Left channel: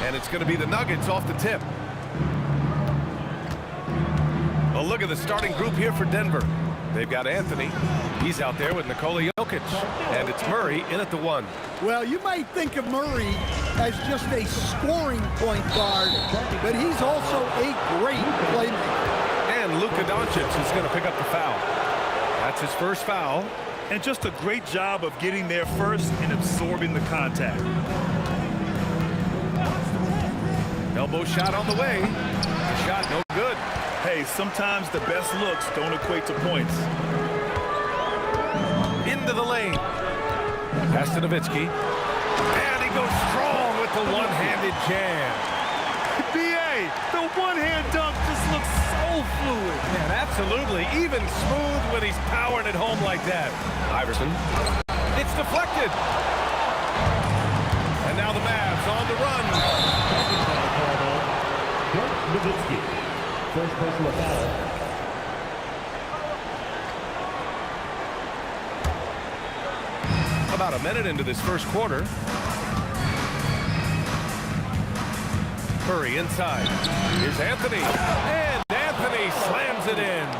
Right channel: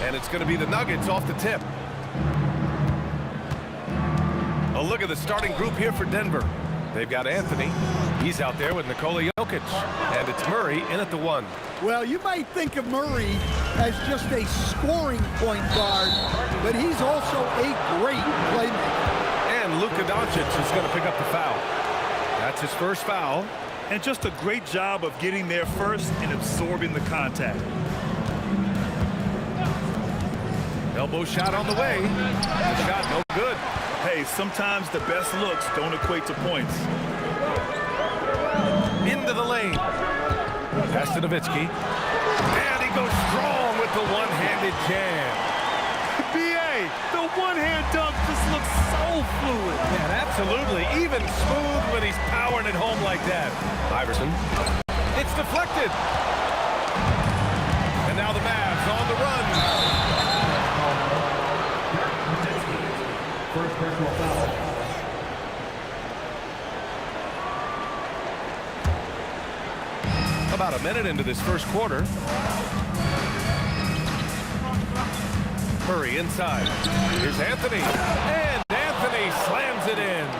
And it's going to be the Nuggets off the tip. A look at the starting group here for Denver. They've got Anthony. He's out there with Nikola Jokic. And it's Murray in at the 1. Well, you might think of Murray as just a scoring point guard, but he's also a great playmaker. And Luka Doncic is going to pick up the foul. That's his first foul. And just a great job of getting there first and absorbing the contact. Elbow shot on the way. The shot no good. Hey, sometimes the best looks don't equate to points. Into the lane. Pass to Nowitzki. And he goes strong with the one-handed jam. B.A., the one-hand dunk just looks so fluid. Yeah, absolutely. Even smooth when he's powering it home like that. Iverson. It's deflected. And now the Mavs on the run. First personal foul. About a minute into this first quarter. Murray inside. Here's Anthony. And Anthony slams it in.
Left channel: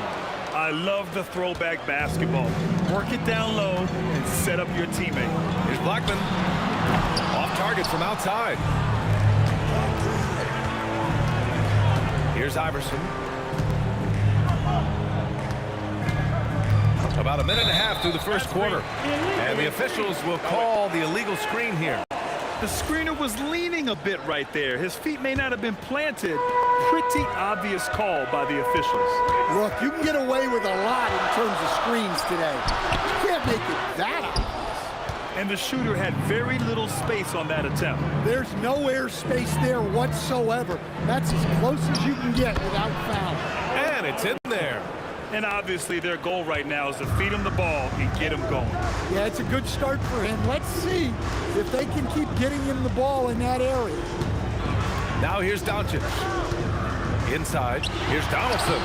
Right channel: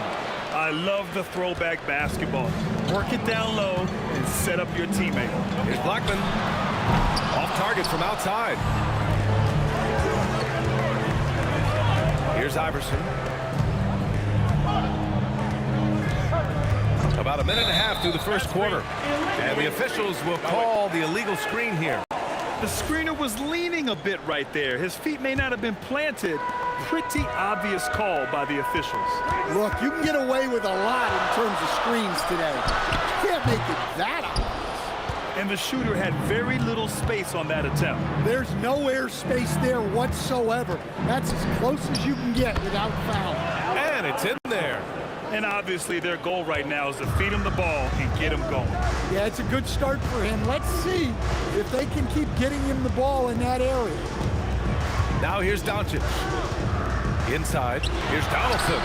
I love the throwback basketball. Work it down low and set up your teammate. Here's Blackman. Off target from outside. Here's Iverson. About a minute and a half through the first quarter. And the officials will call the illegal screen here. The screener was leaning a bit right there. His feet may not have been planted. Pretty obvious call by the officials. Look, you can get away with a lot in terms of screens today. You can't make it that obvious. And the shooter had very little space on that attempt. There's no air space there whatsoever. That's as close as you can get without fouling. And it's in there. And obviously their goal right now is to feed him the ball and get him going. Yeah, it's a good start for him. Let's see if they can keep getting him the ball in that area. Now here's Doncic. Inside, here's Donaldson.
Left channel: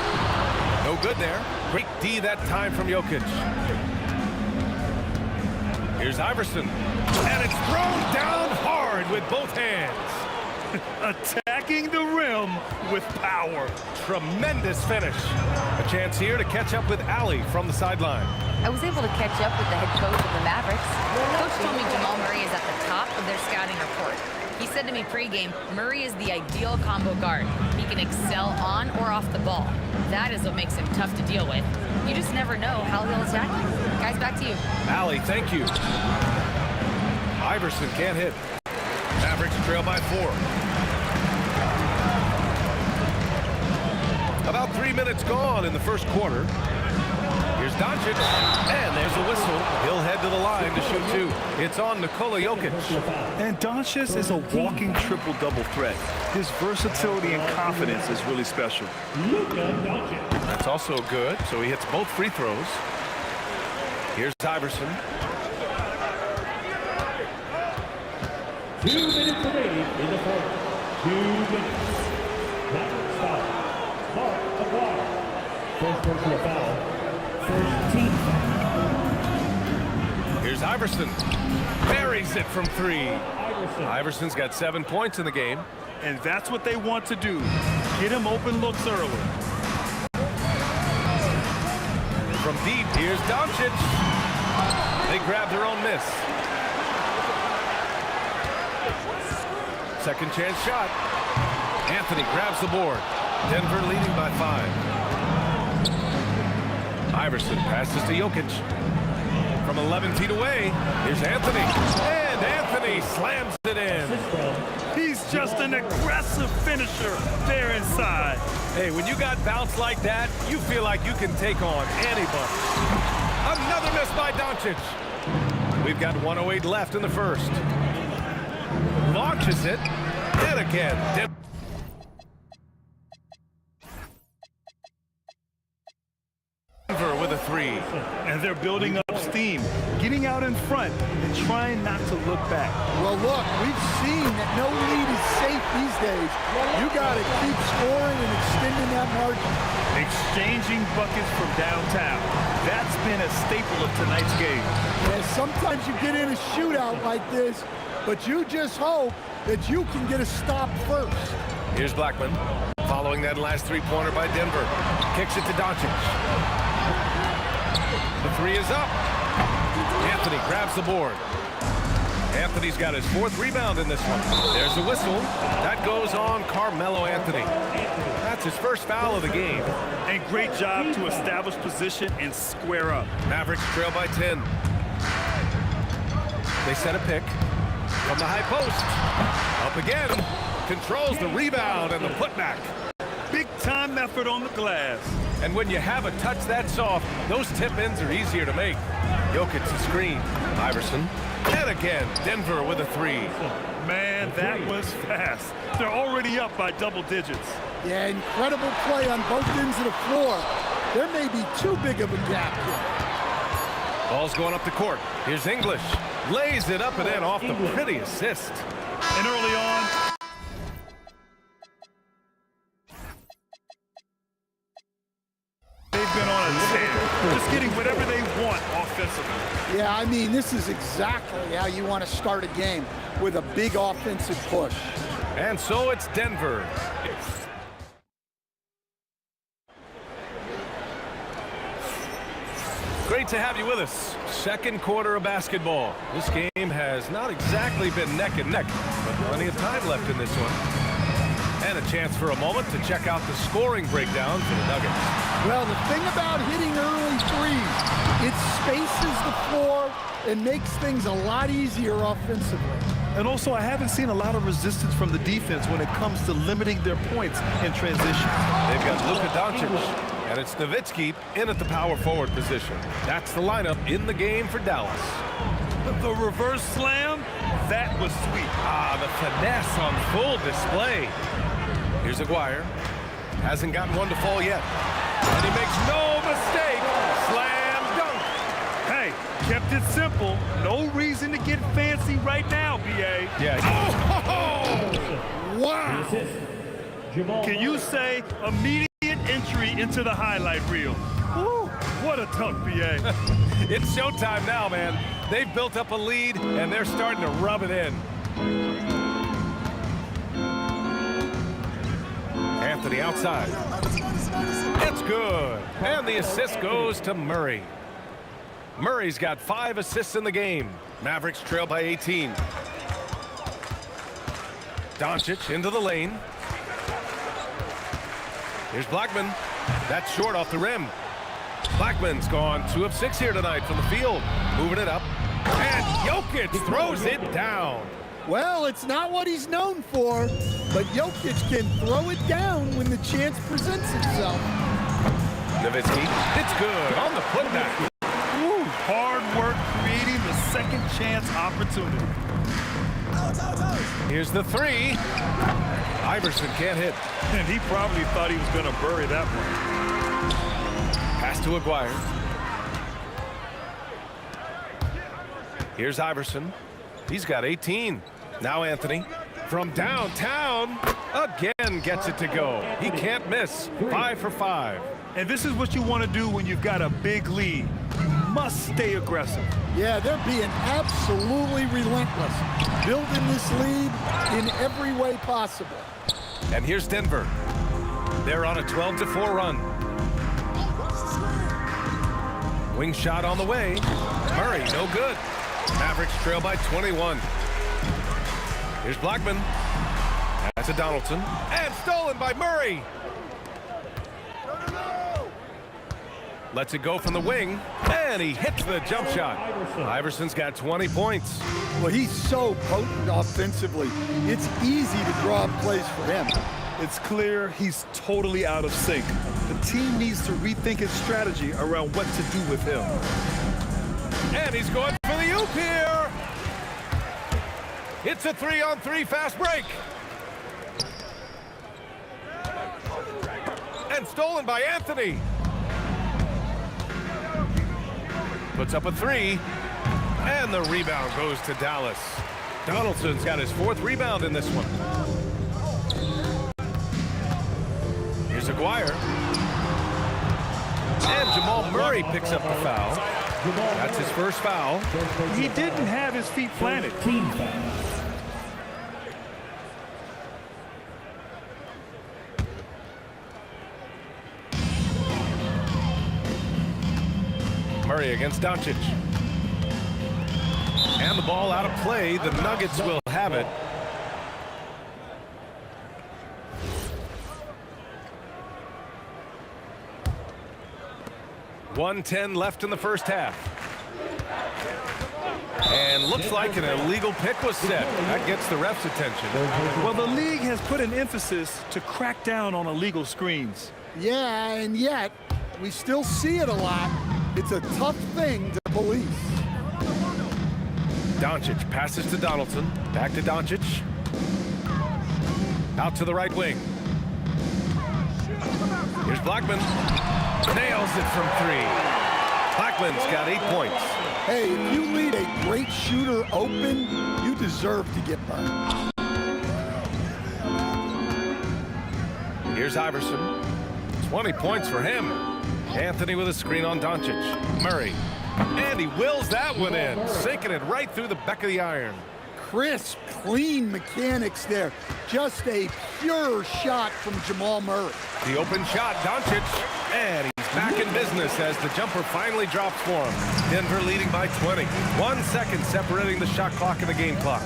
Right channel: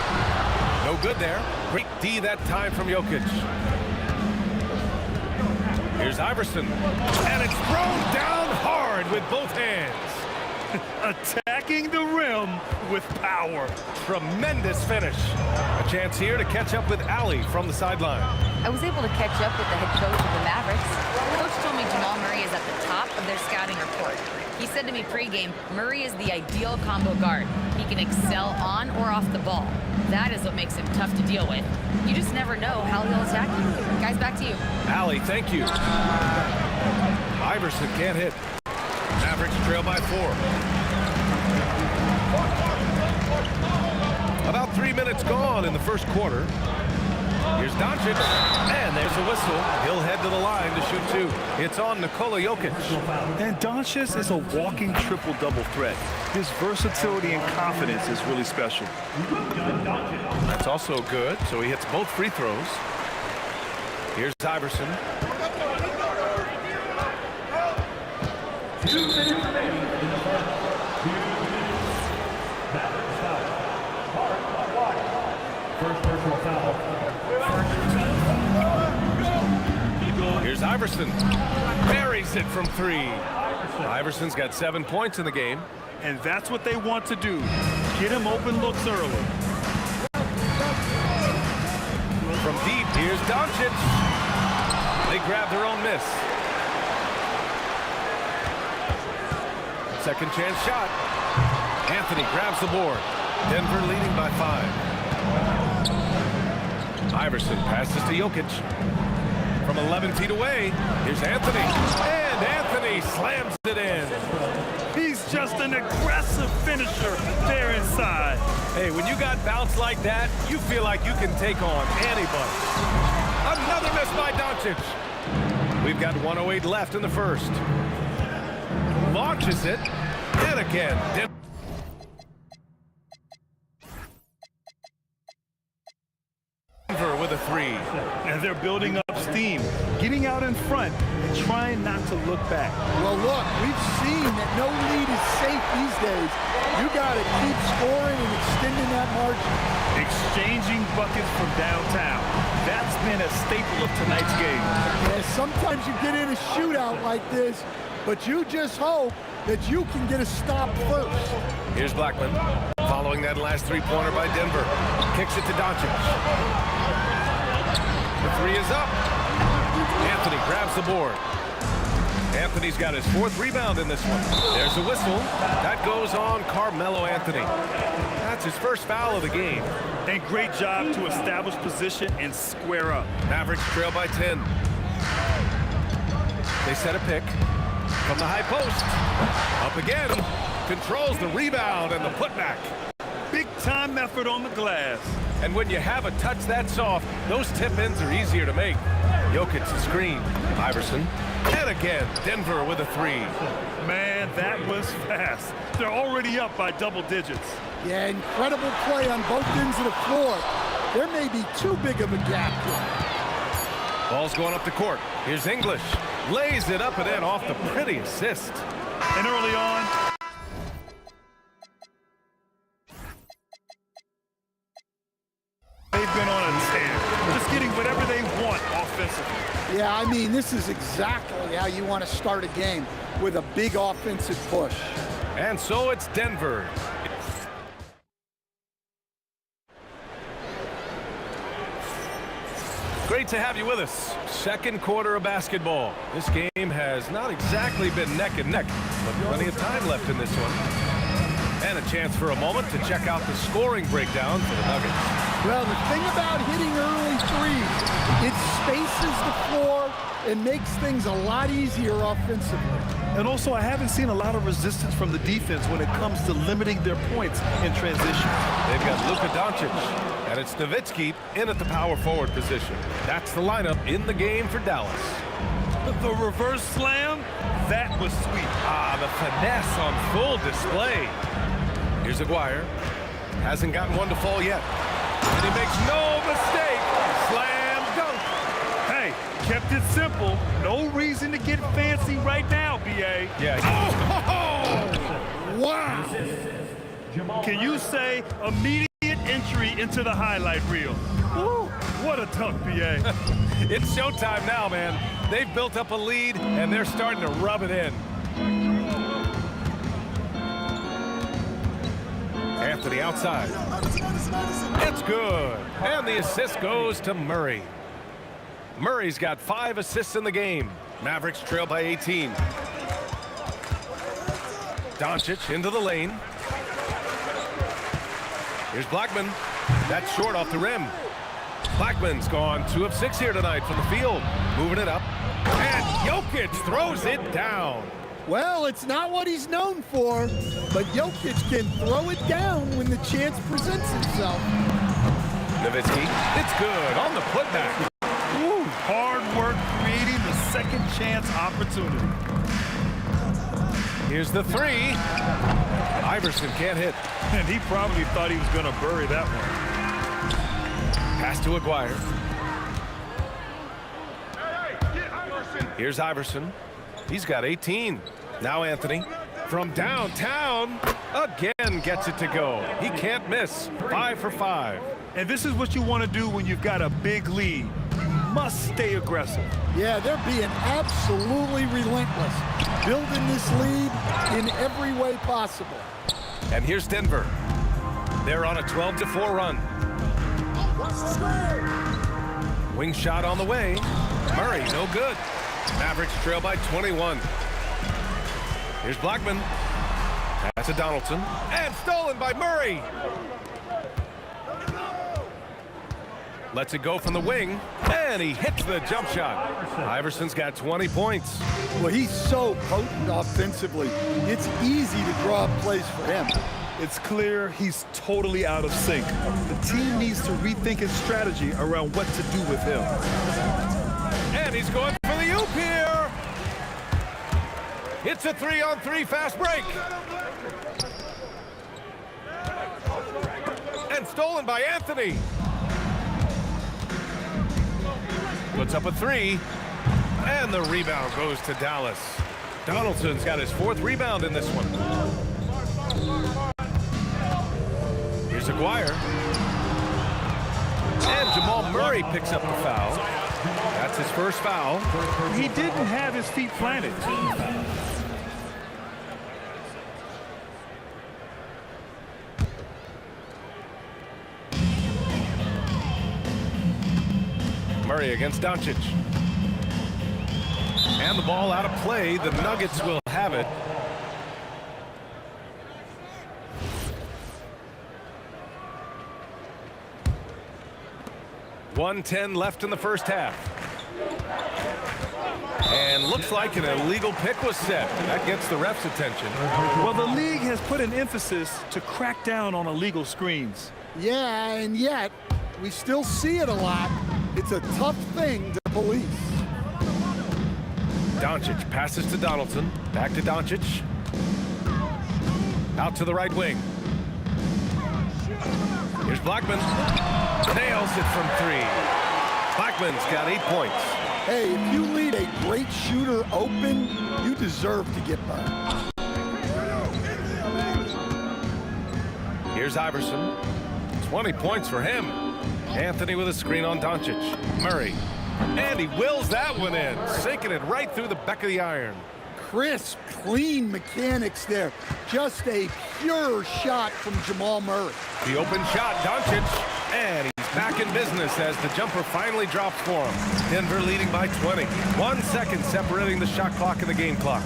No good there. Great D that time from Jokic. Here's Iverson. And it's thrown down hard with both hands. Attacking the rim with power. Tremendous finish. A chance here to catch up with Allie from the sideline. I was able to catch up with the head coach of the Mavericks. Coach told me Jamal Murray is at the top of their scouting report. He said to me pregame, Murray is the ideal combo guard. He can excel on or off the ball. That is what makes him tough to deal with. You just never know how he'll attack you. Guys, back to you. Allie, thank you. Iverson can't hit. Mavericks trail by 4. About 3 minutes gone in the first quarter. Here's Doncic, and there's a whistle. He'll head to the line to shoot 2. It's on Nikola Jokic. And Doncic is a walking triple-double threat. His versatility and confidence is really special. That's also good, so he hits both free throws. Here's Iverson. 2 minutes remaining in the first. 2 minutes. Mavericks foul. Mark Aguirre. First personal foul. First team foul. Here's Iverson. Buries it from 3. Iverson's got 7 points in the game. And that's what they want to do. Get him open looks early. From deep, here's Doncic. They grab their own miss. Second chance shot. Anthony grabs the board. Denver leading by 5. Iverson passes to Jokic. From 11 feet away, here's Anthony. And Anthony slams it in. He's just an aggressive finisher there inside. Hey, when you got bounce like that, you feel like you can take on anybody. Another miss by Doncic. We've got 1:08 left in the first. Launches it. And again. Denver with a 3. And they're building up steam, getting out in front and trying not to look back. Well, look, we've seen that no lead is safe these days. You got to keep scoring and extending that margin. Exchanging buckets from downtown. That's been a staple of tonight's game. Yeah, sometimes you get in a shootout like this, but you just hope that you can get a stop first. Here's Blackman, following that last three-pointer by Denver. Kicks it to Doncic. The three is up. Anthony grabs the board. Anthony's got his fourth rebound in this one. There's a whistle. That goes on Carmelo Anthony. That's his first foul of the game. And great job to establish position and square up. Mavericks trail by 10. They set a pick from the high post. Up again. Controls the rebound and the putback. Big time effort on the glass. And when you have a touch that soft, those tip-ins are easier to make. Jokic the screen. Iverson. And again, Denver with a three. Man, that was fast. They're already up by double digits. Yeah, incredible play on both ends of the floor. There may be too big of a gap here. Ball's going up the court. Here's English. Lays it up and in off the pretty assist. And early on, they've been on a tear, just getting whatever they want offensively. Yeah, I mean, this is exactly how you want to start a game, with a big offensive push. And so it's Denver. Great to have you with us. Second quarter of basketball. This game has not exactly been neck and neck, but plenty of time left in this one. And a chance for a moment to check out the scoring breakdown for the Nuggets. Well, the thing about hitting early threes, it spaces the floor and makes things a lot easier offensively. And also, I haven't seen a lot of resistance from the defense when it comes to limiting their points in transition. They've got Luka Doncic, and it's Nowitzki in at the power forward position. That's the lineup in the game for Dallas. The reverse slam, that was sweet. Ah, the finesse on full display. Here's Aguirre. Hasn't gotten one to fall yet. And he makes no mistake. Slam dunk. Hey, kept it simple. No reason to get fancy right now, B.A. Yeah. Oh! Wow! Can you say immediate entry into the highlight reel? Woo, what a dunk, B.A. It's showtime now, man. They've built up a lead, and they're starting to rub it in. Anthony outside. It's good. And the assist goes to Murray. Murray's got 5 assists in the game. Mavericks trail by 18. Doncic into the lane. Here's Blackman. That's short off the rim. Blackman's gone 2 of 6 here tonight from the field. Moving it up. And Jokic throws it down. Well, it's not what he's known for, but Jokic can throw it down when the chance presents itself. Nowitzki, it's good on the putback. Woo, hard work creating the second chance opportunity. Here's the three. Iverson can't hit. And he probably thought he was going to bury that one. Pass to Aguirre. Here's Iverson. He's got 18. Now Anthony from downtown again gets it to go. He can't miss. 5 for 5. And this is what you want to do when you've got a big lead. You must stay aggressive. Yeah, they're being absolutely relentless, building this lead in every way possible. And here's Denver. They're on a 12-4 run. Wing shot on the way. Murray, no good. Mavericks trail by 21. Here's Blackman. That's a Donaldson. And stolen by Murray. Lets it go from the wing. And he hits the jump shot. Iverson's got 20 points. Well, he's so potent offensively. It's easy to draw up plays for him. It's clear he's totally out of sync. The team needs to rethink its strategy around what to do with him. And he's going for the oop here. It's a 3-on-3 fast break. And stolen by Anthony. Puts up a 3. And the rebound goes to Dallas. Donaldson's got his 4th rebound in this one. Here's Aguirre. And Jamal Murray picks up the foul. That's his first foul. He didn't have his feet planted. Murray against Doncic. And the ball out of play. The Nuggets will have it. .110 left in the first half. And looks like an illegal pick was set. That gets the ref's attention. Well, the league has put an emphasis to crack down on illegal screens. Yeah, and yet we still see it a lot. It's a tough thing to police. Doncic passes to Donaldson. Back to Doncic. Out to the right wing. Here's Blackman. Nails it from 3. Blackman's got 8 points. Hey, if you lead a great shooter open, you deserve to get burned. Here's Iverson. 20 points for him. Anthony with a screen on Doncic. Murray. And he wills that one in, sinking it right through the back of the iron. Crisp, clean mechanics there. Just a pure shot from Jamal Murray. The open shot, Doncic, and he's back in business as the jumper finally drops for him. Denver leading by 20. 1 second separating the shot clock and the game clock.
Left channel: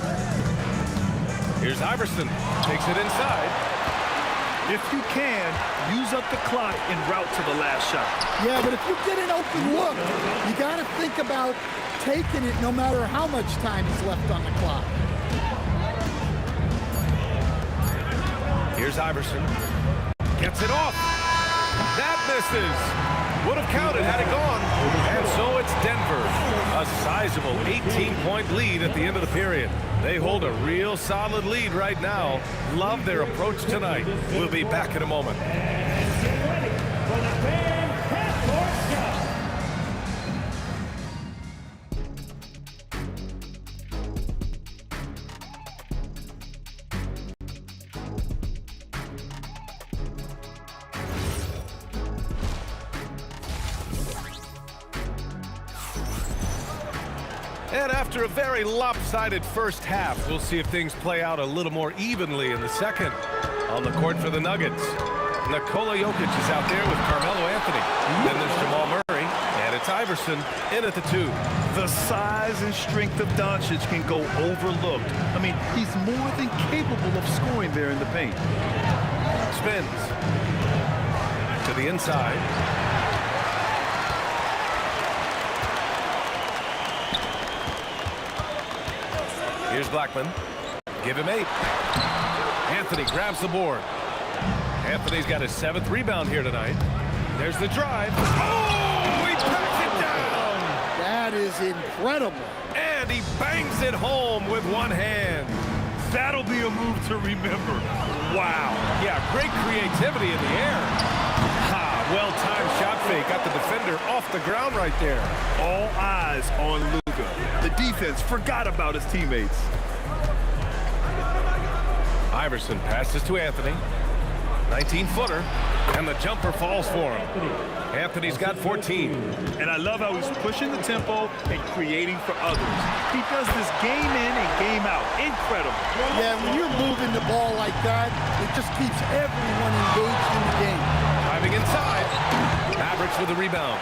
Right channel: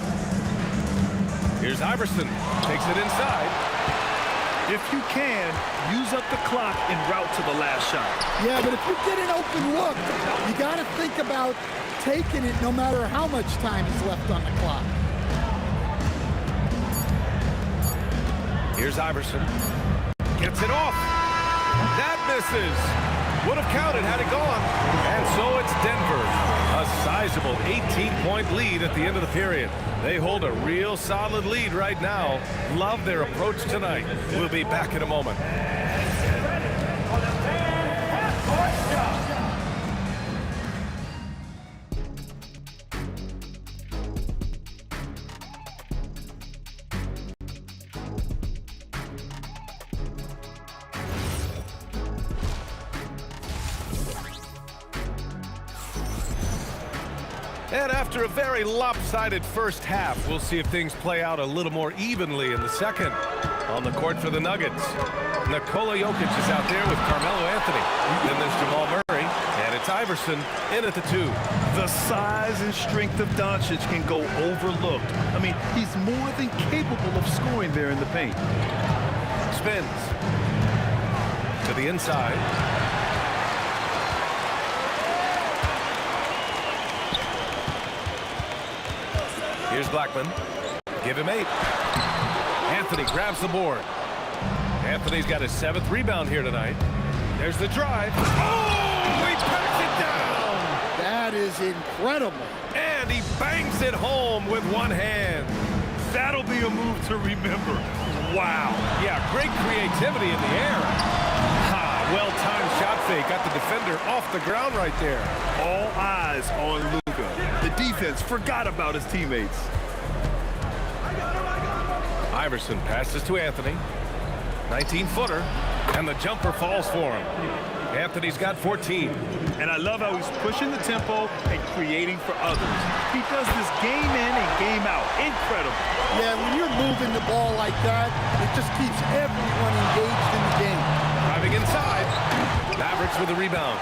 Here's Iverson, takes it inside. If you can, use up the clock en route to the last shot. Yeah, but if you get an open look, you got to think about taking it no matter how much time is left on the clock. Here's Iverson. Gets it off. That misses. Would have counted had it gone. And so it's Denver. A sizable 18-point lead at the end of the period. They hold a real solid lead right now. Love their approach tonight. We'll be back in a moment. And after a very lopsided first half, we'll see if things play out a little more evenly in the second. On the court for the Nuggets, Nikola Jokic is out there with Carmelo Anthony. Then there's Jamal Murray, and it's Iverson in at the 2. The size and strength of Doncic can go overlooked. I mean, he's more than capable of scoring there in the paint. Spins to the inside. Here's Blackman. Give him 8. Anthony grabs the board. Anthony's got his 7th rebound here tonight. There's the drive. Oh, he packs it down. That is incredible. And he bangs it home with one hand. That'll be a move to remember. Wow. Yeah, great creativity in the air. Ha, well-timed shot fake. Got the defender off the ground right there. All eyes on Luka. The defense forgot about his teammates. Iverson passes to Anthony. 19-footer. And the jumper falls for him. Anthony's got 14. And I love how he's pushing the tempo and creating for others. He does this game in and game out. Incredible. Yeah, when you're moving the ball like that, it just keeps everyone engaged in the game. Driving inside. Mavericks with a rebound.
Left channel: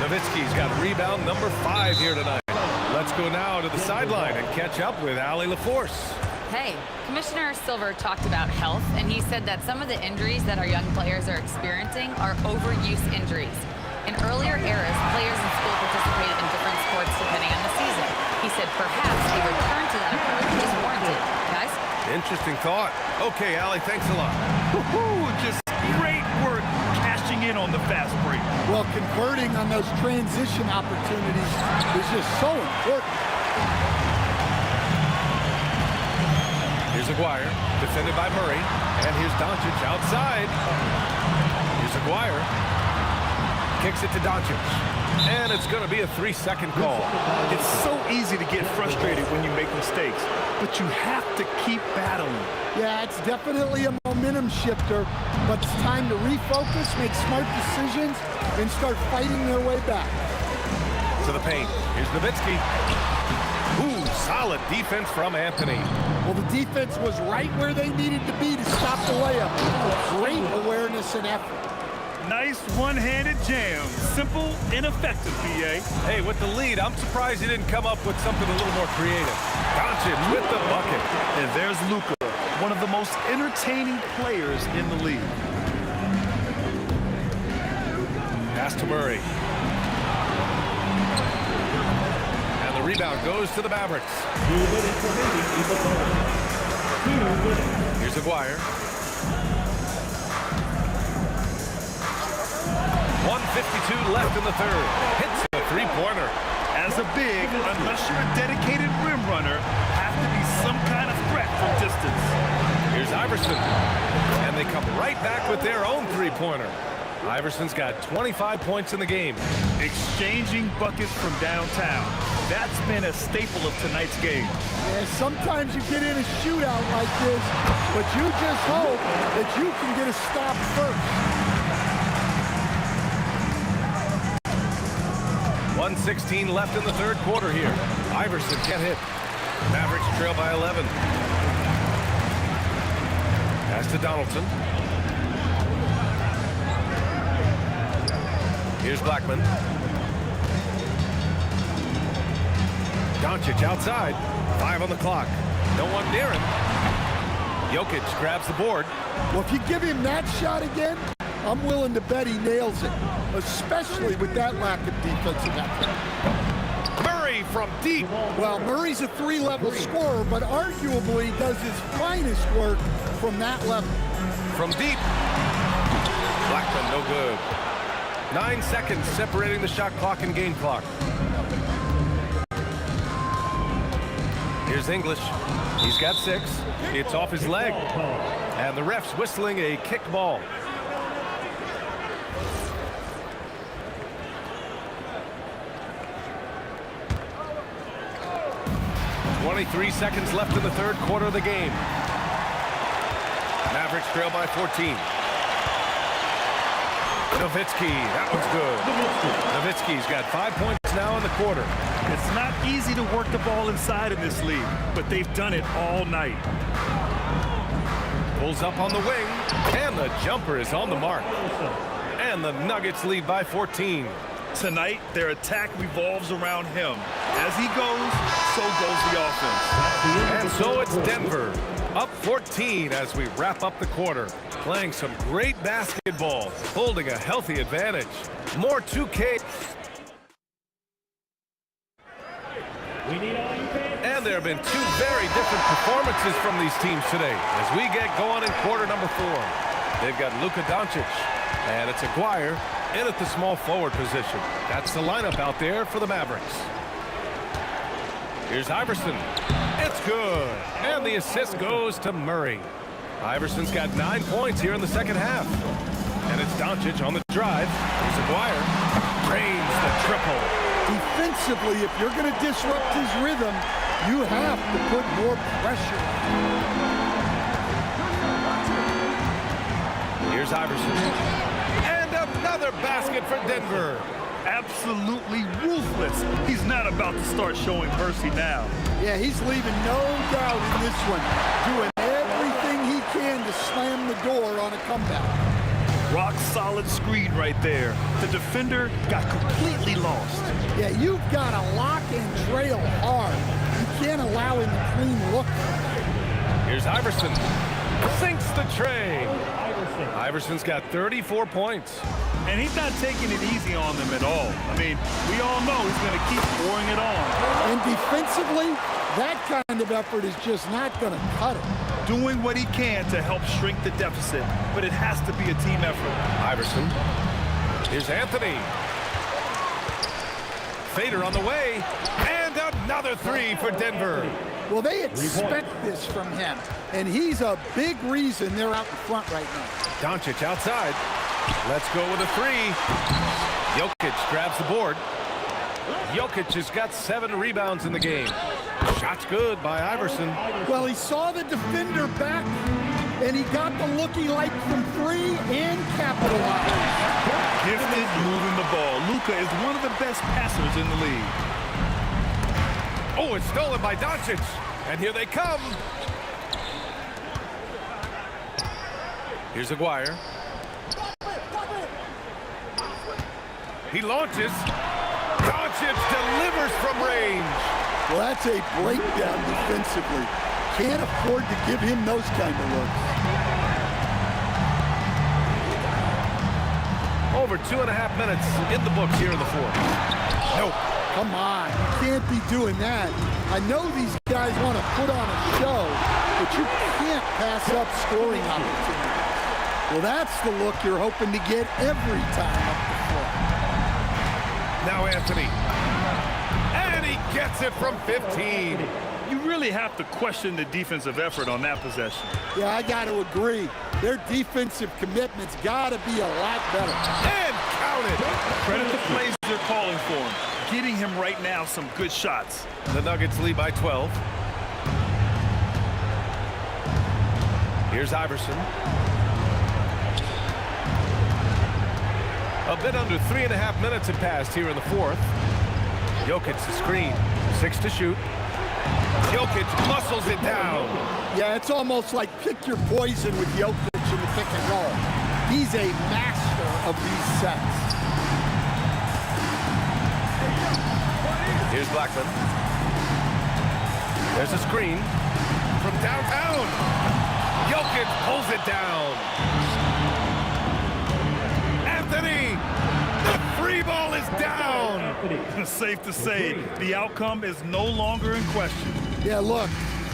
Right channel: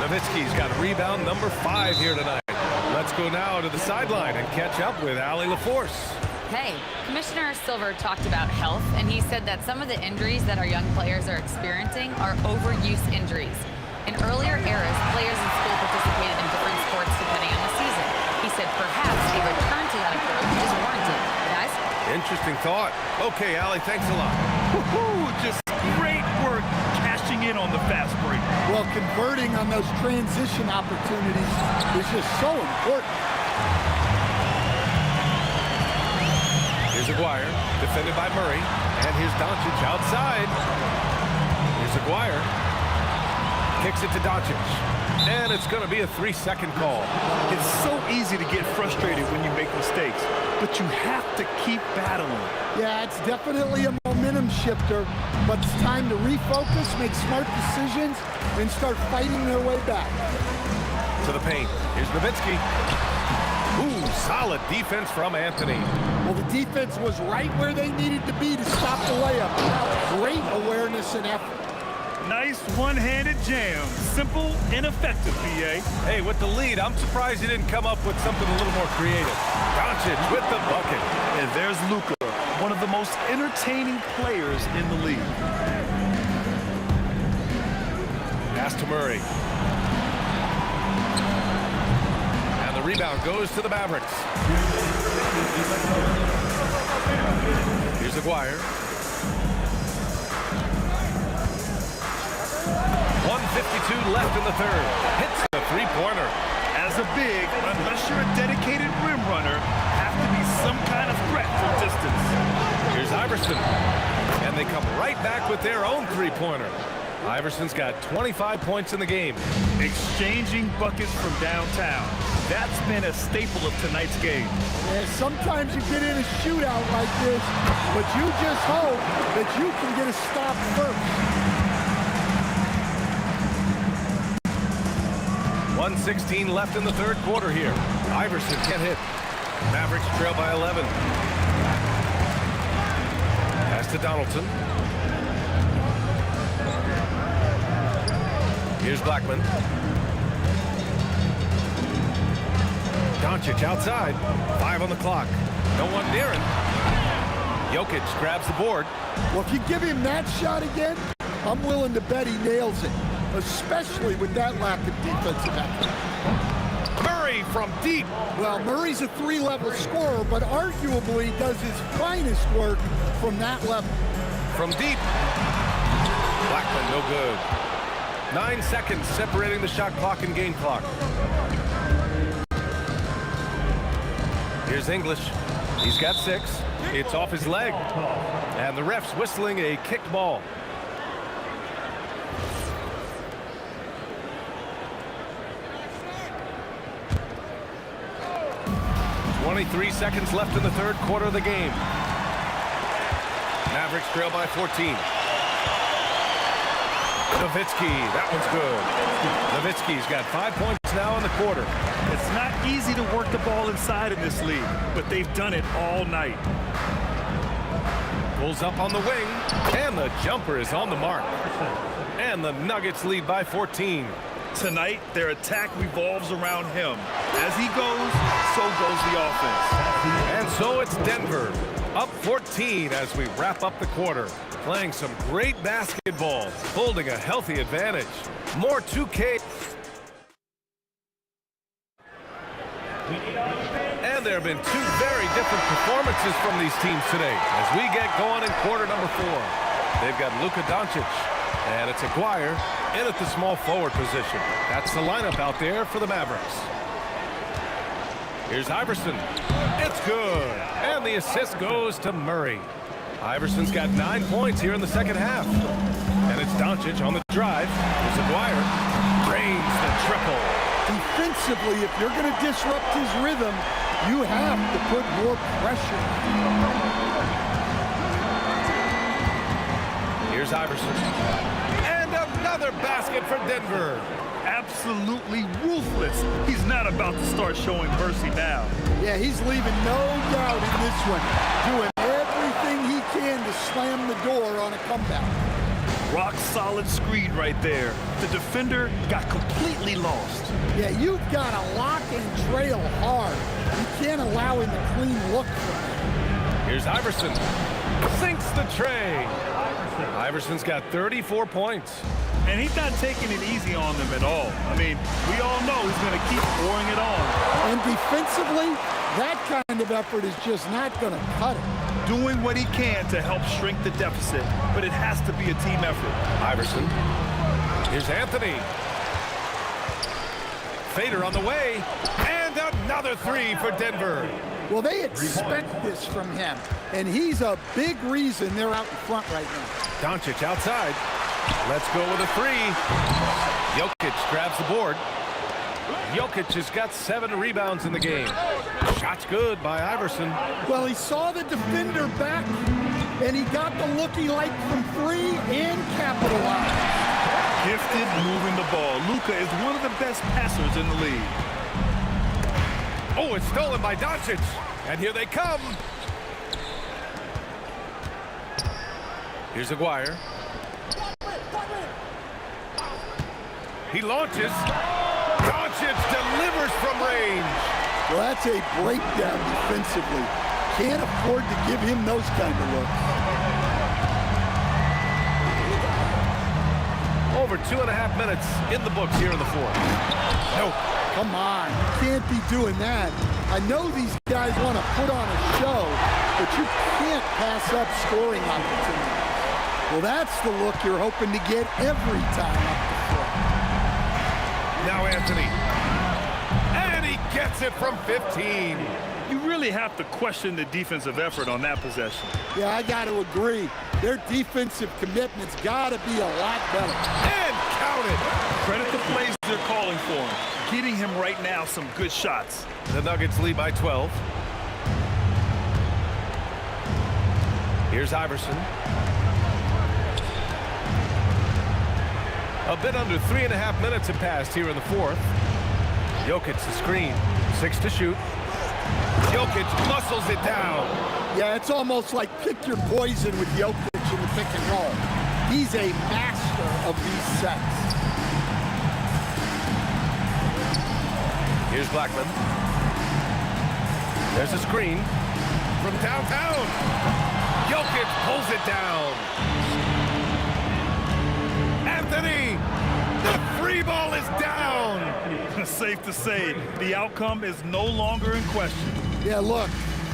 Nowitzki's got rebound number 5 here tonight. Let's go now to the sideline and catch up with Allie LaForce. Hey, Commissioner Silver talked about health, and he said that some of the injuries that our young players are experiencing are overuse injuries. In earlier eras, players in school participated in different sports depending on the season. He said perhaps a return to that approach is warranted. Guys? Interesting thought. Okay, Allie, thanks a lot. Woohoo! Just great work cashing in on the fast break. Well, converting on those transition opportunities is just so important. Here's Aguirre, defended by Murray. And here's Doncic outside. Here's Aguirre. Kicks it to Doncic. And it's going to be a 3-second call. It's so easy to get frustrated when you make mistakes, but you have to keep battling. Yeah, it's definitely a momentum shifter, but it's time to refocus, make smart decisions, and start fighting their way back. To the paint. Here's Nowitzki. Ooh, solid defense from Anthony. Well, the defense was right where they needed to be to stop the layup. Great awareness and effort. Nice one-handed jam. Simple and effective, B.A. Hey, with the lead, I'm surprised he didn't come up with something a little more creative. Doncic with the bucket. And there's Luka, one of the most entertaining players in the league. Pass to Murray. And the rebound goes to the Mavericks. 2 minutes remaining in the third. 2 minutes. Here's Aguirre. 1:52 left in the third. Hits the three-pointer. As a big, unless you're a dedicated rim runner, have to be some kind of threat from distance. Here's Iverson. And they come right back with their own three-pointer. Iverson's got 25 points in the game. Exchanging buckets from downtown. That's been a staple of tonight's game. Yeah, sometimes you get in a shootout like this, but you just hope that you can get a stop first. 1:16 left in the third quarter here. Iverson can't hit. Mavericks trail by 11. Pass to Donaldson. Here's Blackman. Doncic outside. 5 on the clock. No one near him. Jokic grabs the board. Well, if you give him that shot again, I'm willing to bet he nails it, especially with that lack of defensive effort. Murray from deep. Well, Murray's a three-level scorer, but arguably does his finest work from that level. From deep. Blackman no good. 9 seconds separating the shot clock and game clock. Here's English. He's got 6. It's off his leg. And the ref's whistling a kicked ball. .23 seconds left in the third quarter of the game. Mavericks trail by 14. Nowitzki, that one's good. Nowitzki's got 5 points now in the quarter. It's not easy to work the ball inside in this league, but they've done it all night. Pulls up on the wing, and the jumper is on the mark. And the Nuggets lead by 14. Tonight, their attack revolves around him. As he goes, so goes the offense. And so it's Denver, up 14 as we wrap up the quarter. Playing some great basketball, holding a healthy advantage. More 2K. And there have been 2 very different performances from these teams today as we get going in quarter number 4. They've got Luka Doncic, and it's Aguirre in at the small forward position. That's the lineup out there for the Mavericks. Here's Iverson. It's good. And the assist goes to Murray. Iverson's got 9 points here in the second half. And it's Doncic on the drive. Here's Aguirre. Drains the triple. Defensively, if you're going to disrupt his rhythm, you have to put more pressure on him. Here's Iverson. And another basket for Denver. Absolutely ruthless. He's not about to start showing mercy now. Yeah, he's leaving no doubt in this one. Doing everything he can to slam the door on a comeback. Rock solid screen right there. The defender got completely lost. Yeah, you've got to lock and trail hard. You can't allow him a clean look from that. Here's Iverson. Sinks the tray. Iverson's got 34 points. And he's not taking it easy on them at all. I mean, we all know he's going to keep pouring it on. And defensively, that kind of effort is just not going to cut it. Doing what he can to help shrink the deficit, but it has to be a team effort. Iverson. Here's Anthony. Fader on the way. And another 3 for Denver. Well, they expect this from him, and he's a big reason they're out in front right now. Doncic outside. Let's go with a 3. Jokic grabs the board. Jokic has got 7 rebounds in the game. Shot's good by Iverson. Well, he saw the defender back, and he got the look he liked from 3 and capitalized. Gifted moving the ball. Luka is one of the best passers in the league. Oh, it's stolen by Doncic. And here they come. Here's Aguirre. He launches. Doncic delivers from range. Well, that's a breakdown defensively. Can't afford to give him those kind of looks. Over 2.5 minutes in the books here in the fourth. Nope. Come on, you can't be doing that. I know these guys want to put on a show, but you can't pass up scoring opportunities. Well, that's the look you're hoping to get every time up the floor. Now Anthony. And he gets it from 15. You really have to question the defensive effort on that possession. Yeah, I got to agree. Their defensive commitment's got to be a lot better. And count it. Credit the plays they're calling for him. Getting him right now some good shots. The Nuggets lead by 12. Here's Iverson. A bit under 3.5 minutes have passed here in the fourth. Jokic the screen. 6 to shoot. Jokic muscles it down. Yeah, it's almost like pick your poison with Jokic in the pick and roll. He's a master of these sets. Here's Blackman. There's a screen from downtown. Jokic pulls it down. Anthony, the free ball is down. Safe to say, the outcome is no longer in question. Yeah, look,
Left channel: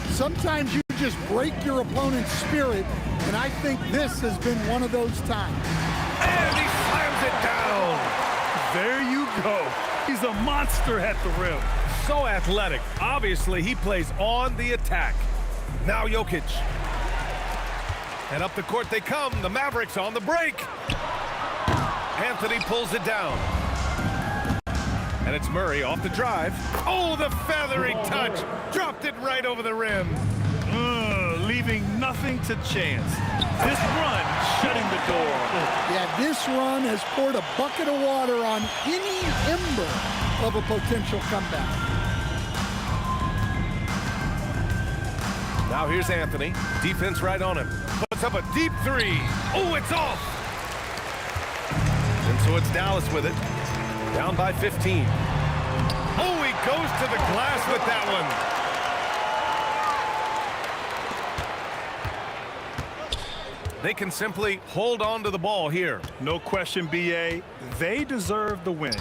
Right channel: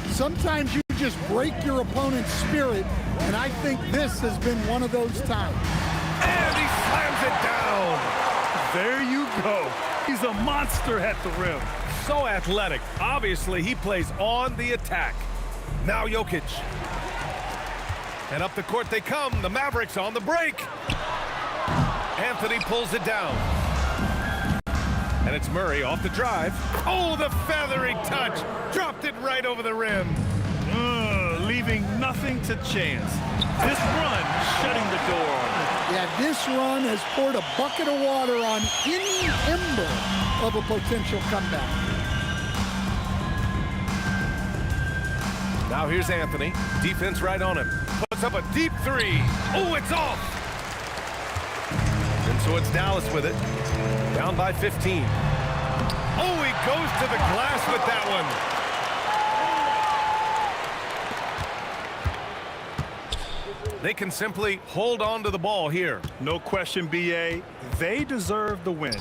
sometimes you just break your opponent's spirit, and I think this has been one of those times. And he slams it down. There you go. He's a monster at the rim. So athletic. Obviously, he plays on the attack. Now Jokic. And up the court they come. The Mavericks on the break. Anthony pulls it down. And it's Murray off the drive. Oh, the feathery touch. Dropped it right over the rim. Leaving nothing to chance. This run shutting the door on him. Yeah, this run has poured a bucket of water on any ember of a potential comeback. Now here's Anthony. Defense right on him. Puts up a deep three. Oh, it's off. And so it's Dallas with it. Down by 15. Oh, he goes to the glass with that one. They can simply hold on to the ball here. No question, B.A. They deserve the win.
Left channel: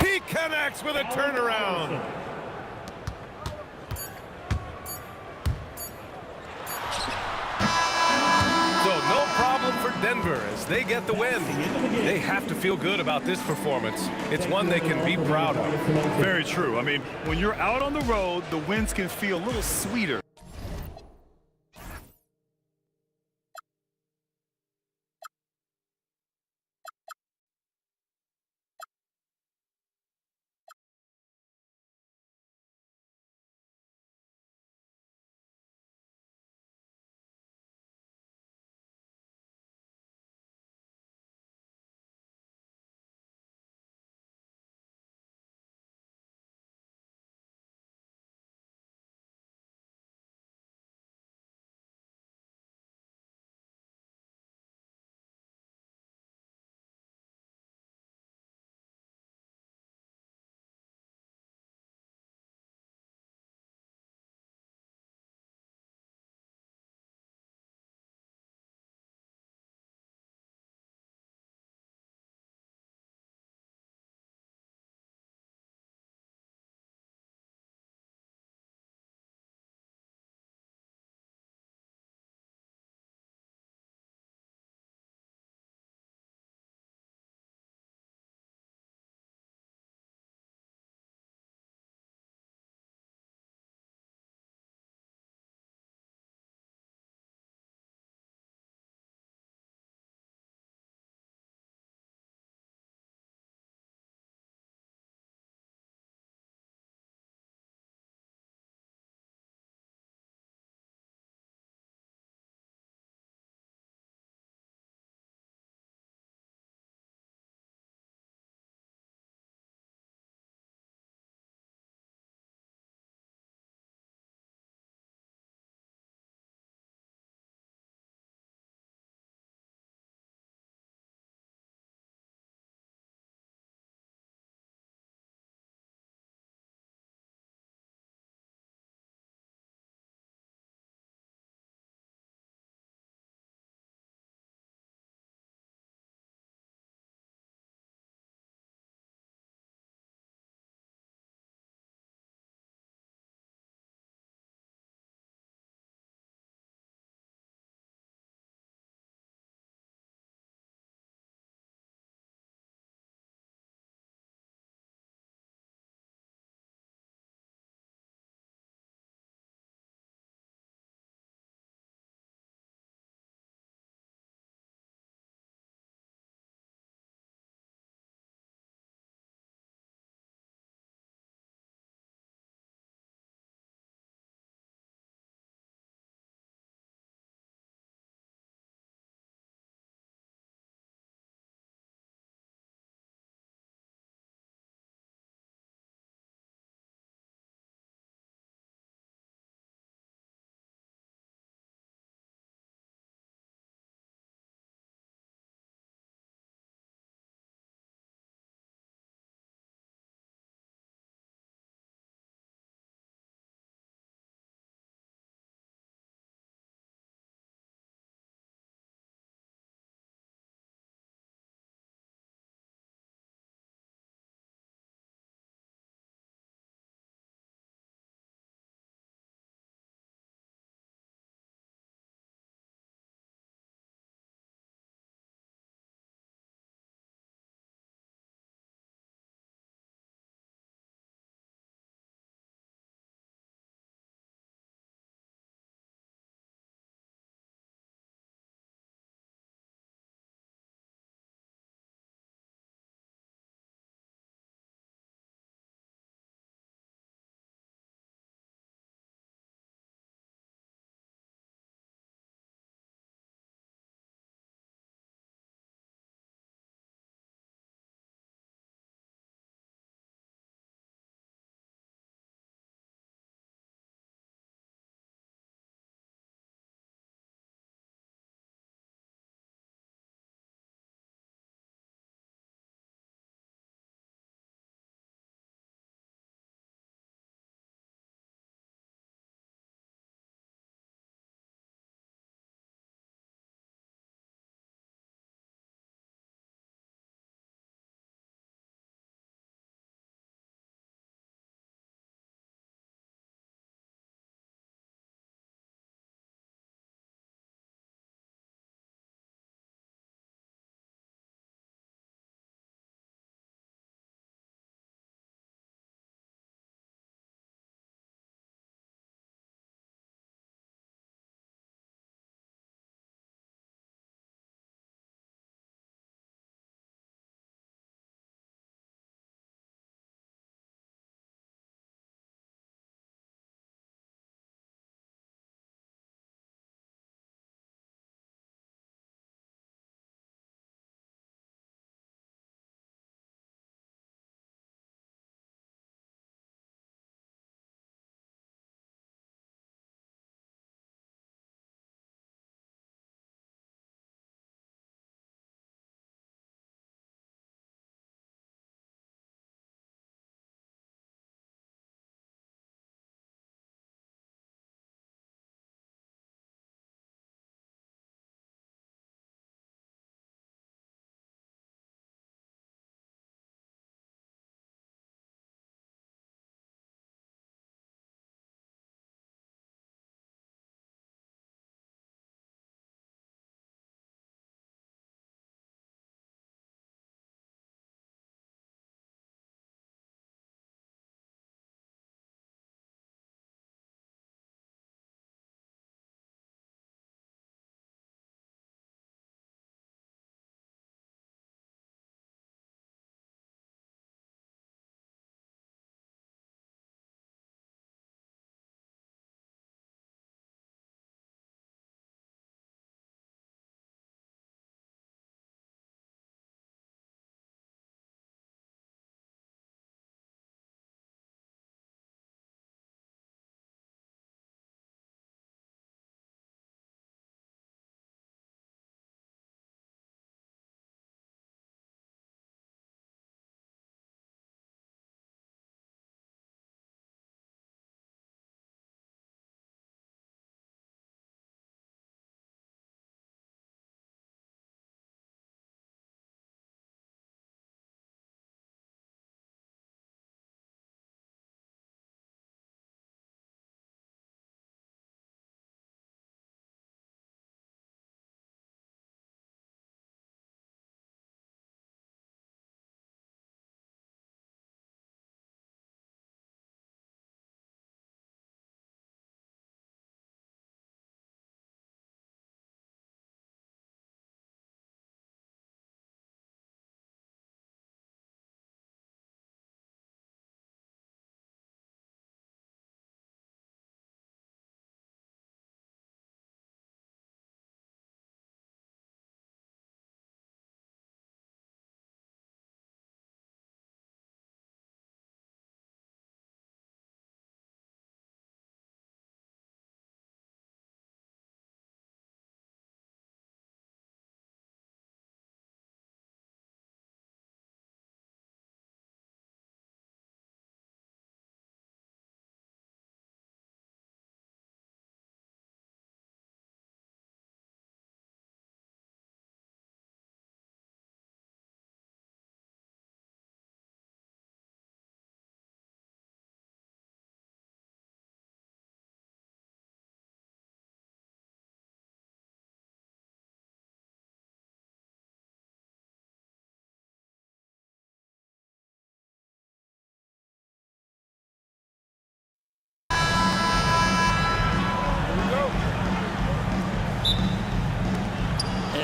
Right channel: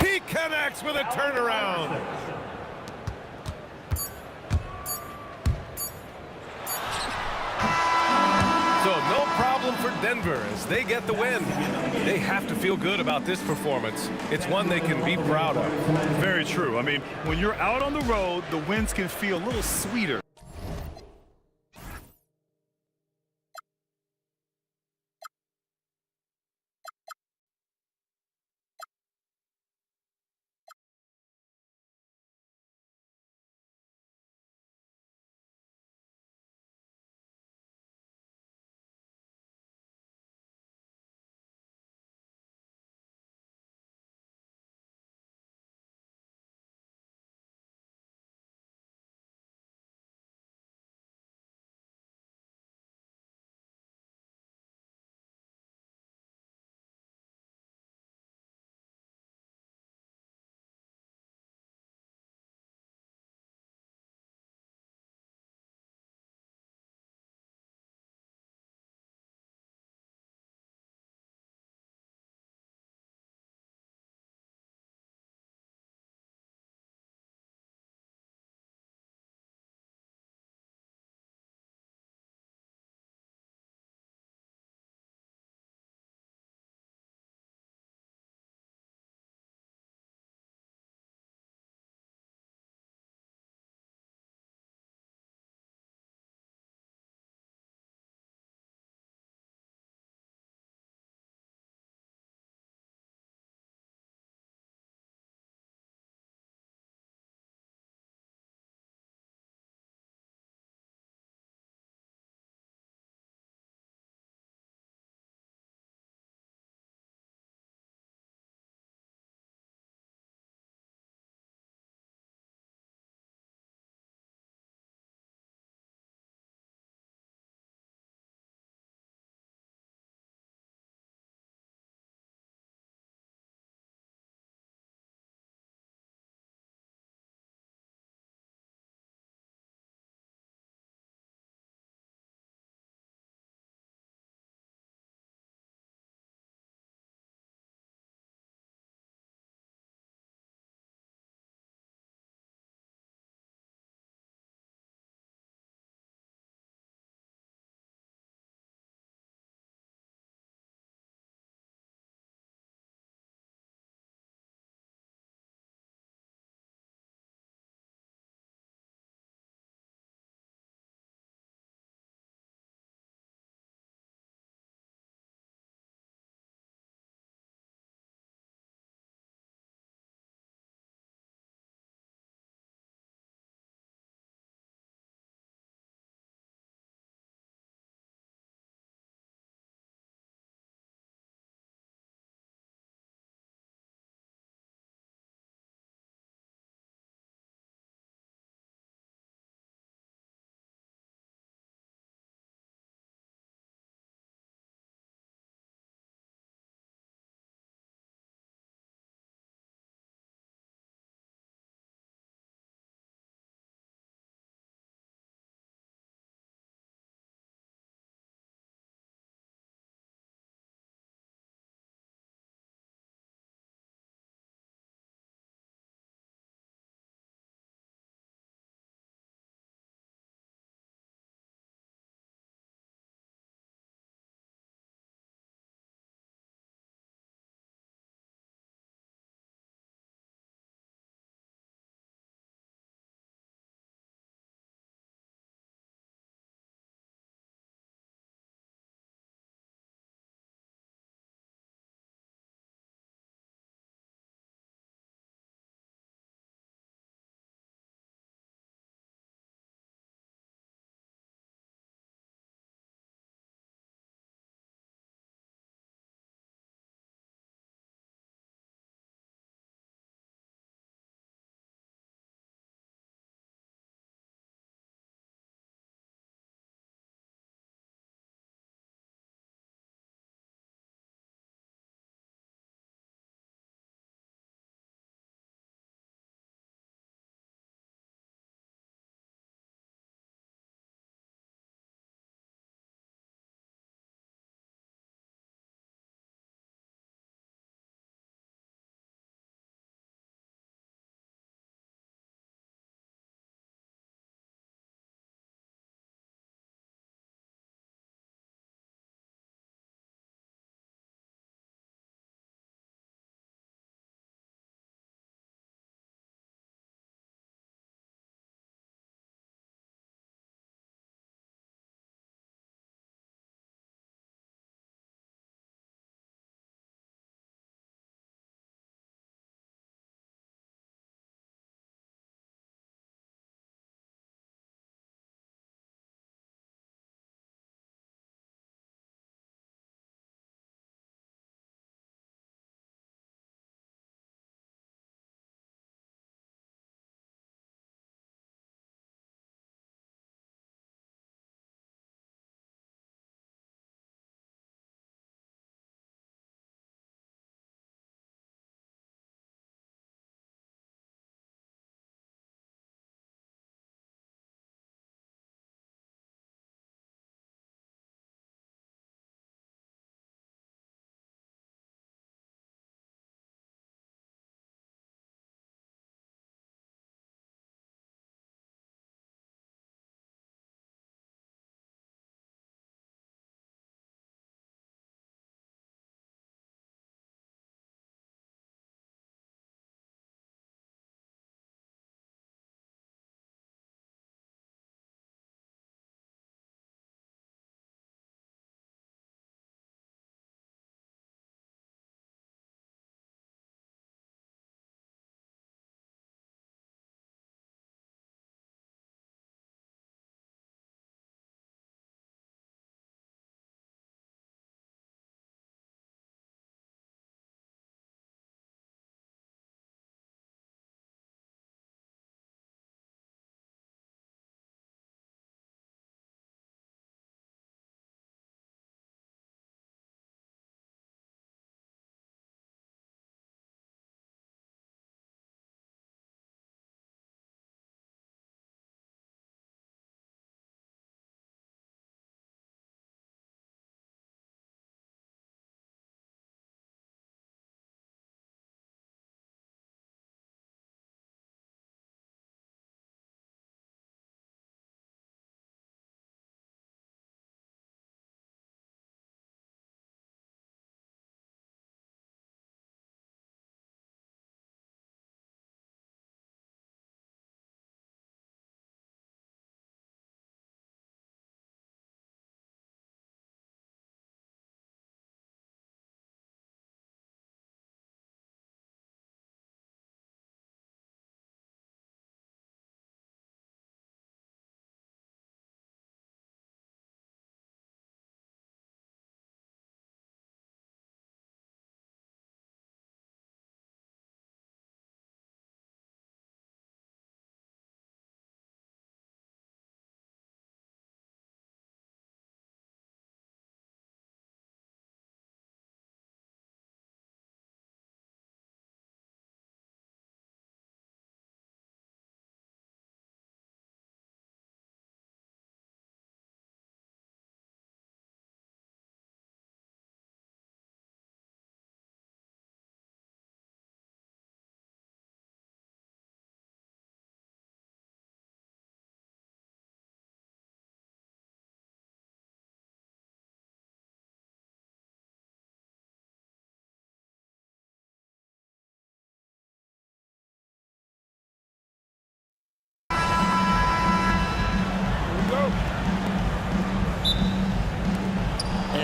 He connects with a turnaround. So no problem for Denver as they get the win. They have to feel good about this performance. It's one they can be proud of. Very true. I mean, when you're out on the road, the wins can feel a little sweeter.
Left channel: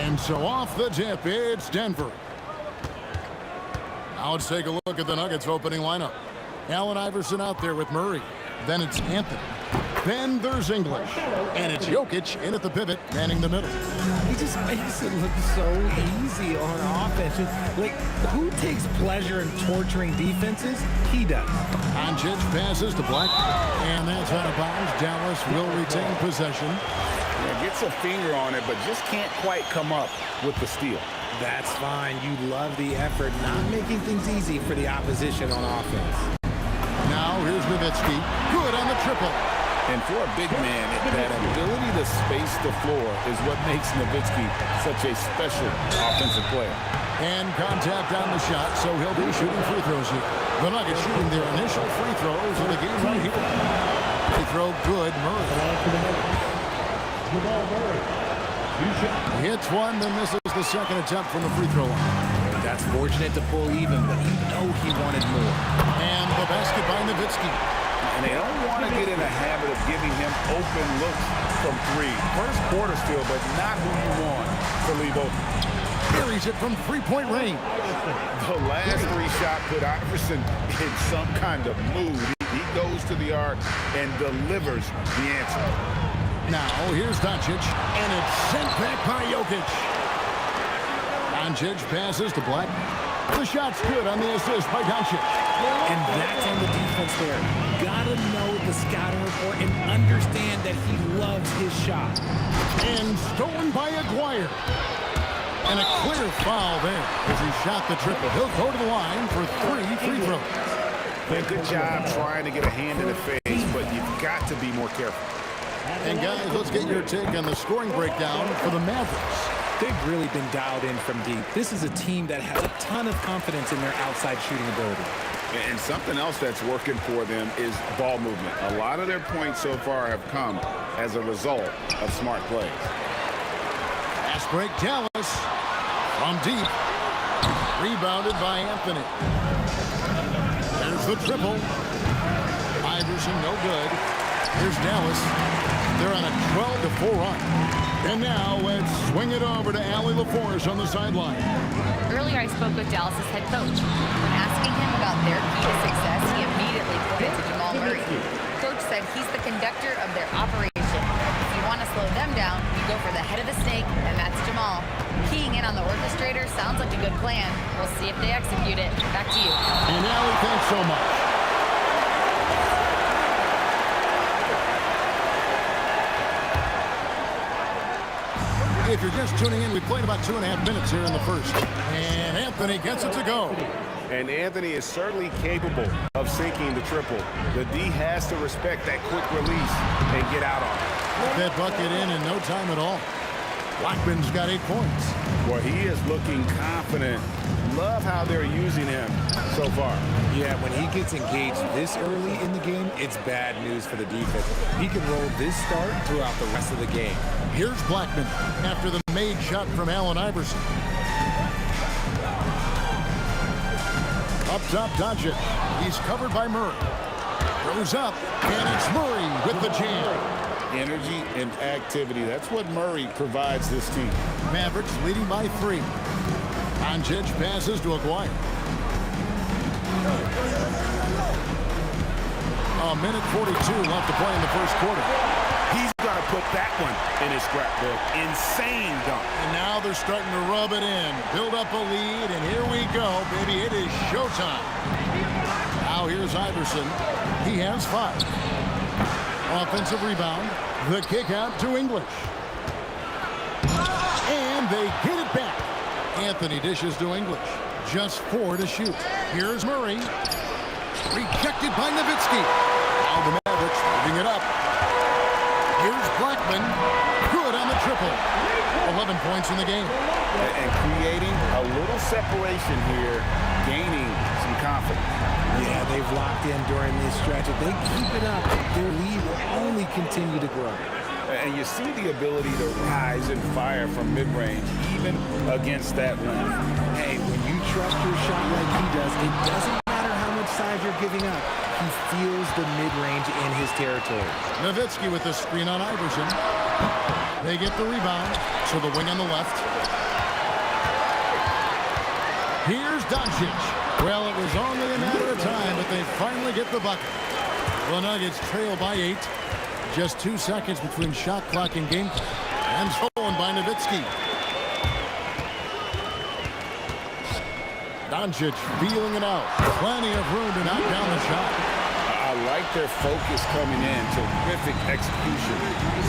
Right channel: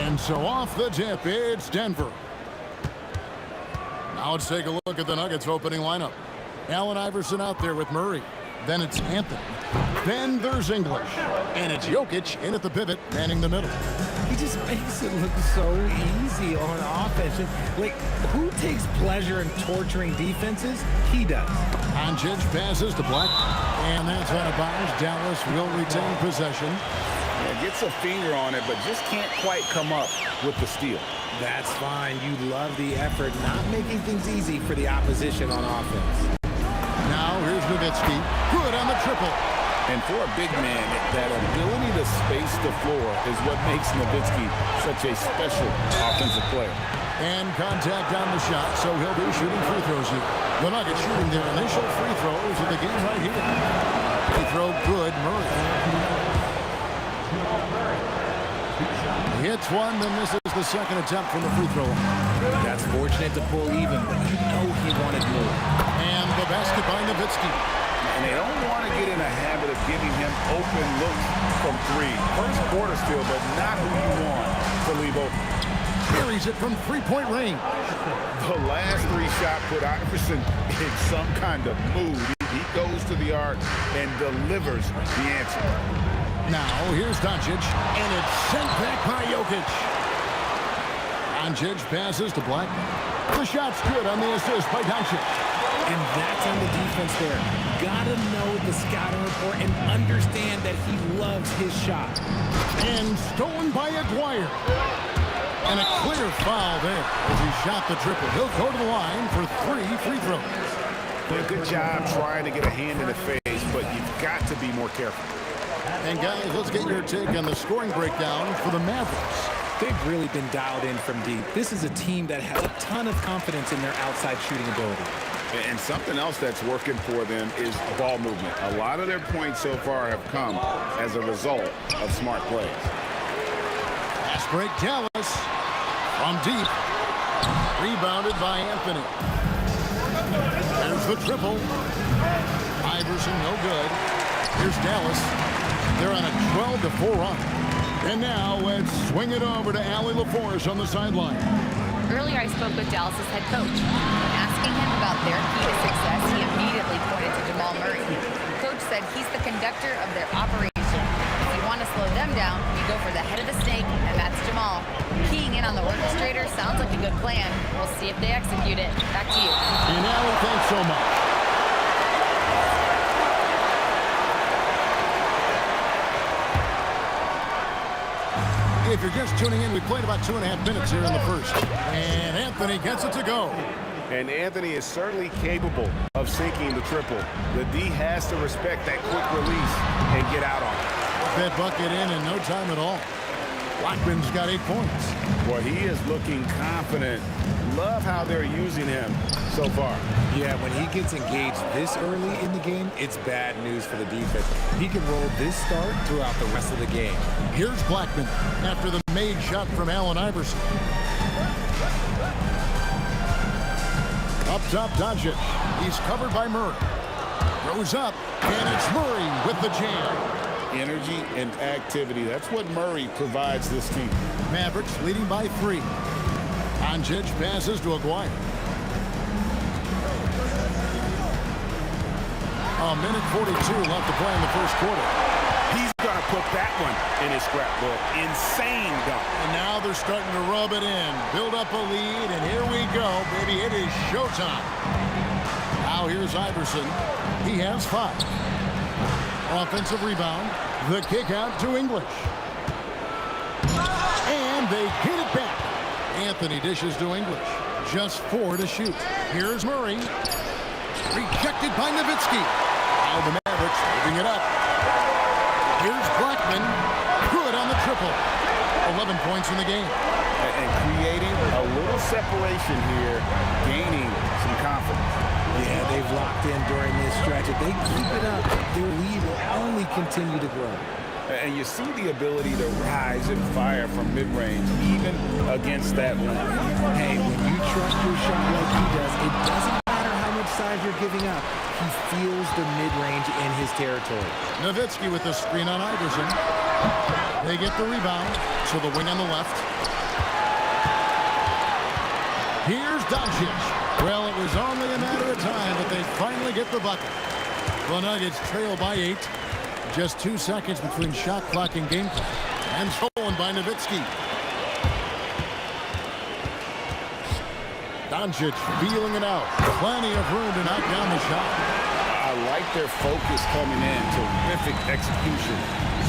And so off the tip, it's Denver. Now let's take a look at the Nuggets opening lineup. Allen Iverson out there with Murray. Then it's Anthony. Then there's English. And it's Jokic in at the pivot, manning the middle. He just makes it look so easy on offense. Like, who takes pleasure in torturing defenses? He does. Doncic passes to Black. And that's out of bounds. Dallas will retain possession. Yeah, gets a finger on it, but just can't quite come up with the steal. That's fine. You love the effort, not making things easy for the opposition on offense. Now here's Nowitzki. Good on the triple. And for a big man, that ability to space the floor is what makes Nowitzki such a special offensive player. And contact on the shot, so he'll be shooting free throws here. The Nuggets shooting their initial free throws of the game right here. Free throw good, Murray. He hits one, then misses the second attempt from the free throw line. That's fortunate to pull even, but you know he wanted more. And the basket by Nowitzki. And they don't want to get in a habit of giving him open looks from three. First quarter still, but not who you want to leave open. Buries it from three-point range. The last three shot put Iverson in some kind of mood. He goes to the arc and delivers the answer. Now here's Doncic, and it's sent back by Jokic. Doncic passes to Black. The shot's good on the assist by Doncic. And that's on the defense there. Gotta know the scouting report and understand that he loves his shot. And stolen by Aguirre. And a clear foul there as he shot the triple. He'll go to the line for 3 free throws. Yeah, good job trying to get a hand in the face, but you've got to be more careful. And guys, let's get your take on the scoring breakdown for the Mavericks. They've really been dialed in from deep. This is a team that has a ton of confidence in their outside shooting ability. And something else that's working for them is ball movement. A lot of their points so far have come as a result of smart plays. Fast break, Dallas. From deep. Rebounded by Anthony. There's the triple. Iverson, no good. Here's Dallas. They're on a 12-4 run. And now let's swing it over to Allie LaForce on the sideline. Earlier, I spoke with Dallas's head coach. When asking him about their key to success, he immediately pointed to Jamal Murray. Coach said he's the conductor of their operation. If you want to slow them down, you go for the head of the snake, and that's Jamal. Keying in on the orchestrator sounds like a good plan. We'll see if they execute it. Back to you. And Allie, thanks so much. If you're just tuning in, we played about 2.5 minutes here in the first. And Anthony gets it to go. And Anthony is certainly capable of sinking the triple. The D has to respect that quick release and get out on it. That bucket in no time at all. Blackman's got 8 points. Boy, he is looking confident. Love how they're using him so far. Yeah, when he gets engaged this early in the game, it's bad news for the defense. He can roll this start throughout the rest of the game. Here's Blackman after the made shot from Allen Iverson. Up top, Doncic. He's covered by Murray. Throws up, and it's Murray with the jam. Energy and activity. That's what Murray provides this team. Mavericks leading by 3. Doncic passes to Aguirre. A minute 42 left to play in the first quarter. He's going to put that one in his scrapbook. Insane dunk. And now they're starting to rub it in. Build up a lead, and here we go, baby. It is showtime. Now here's Iverson. He has 5. Offensive rebound. The kick out to English. And they get it back. Anthony dishes to English. Just 4 to shoot. Here's Murray. Rejected by Nowitzki. Now the Mavericks moving it up. Here's Blackman. Good on the triple. 11 points in the game. And creating a little separation here, gaining some confidence. Yeah, they've locked in during this stretch. If they keep it up, their lead will only continue to grow. And you see the ability to rise and fire from mid-range, even against that length. Hey, when you trust your shot like he does, it doesn't matter how much size you're giving up. He feels the mid-range in his territory. Nowitzki with the screen on Iverson. They get the rebound, so the wing on the left. Here's Doncic. Well, it was only a matter of time, but they finally get the bucket. The Nuggets trail by 8. Just 2 seconds between shot clock and game clock. And stolen by Nowitzki. Doncic feeling it out. Plenty of room to knock down the shot. I like their focus coming in. Terrific execution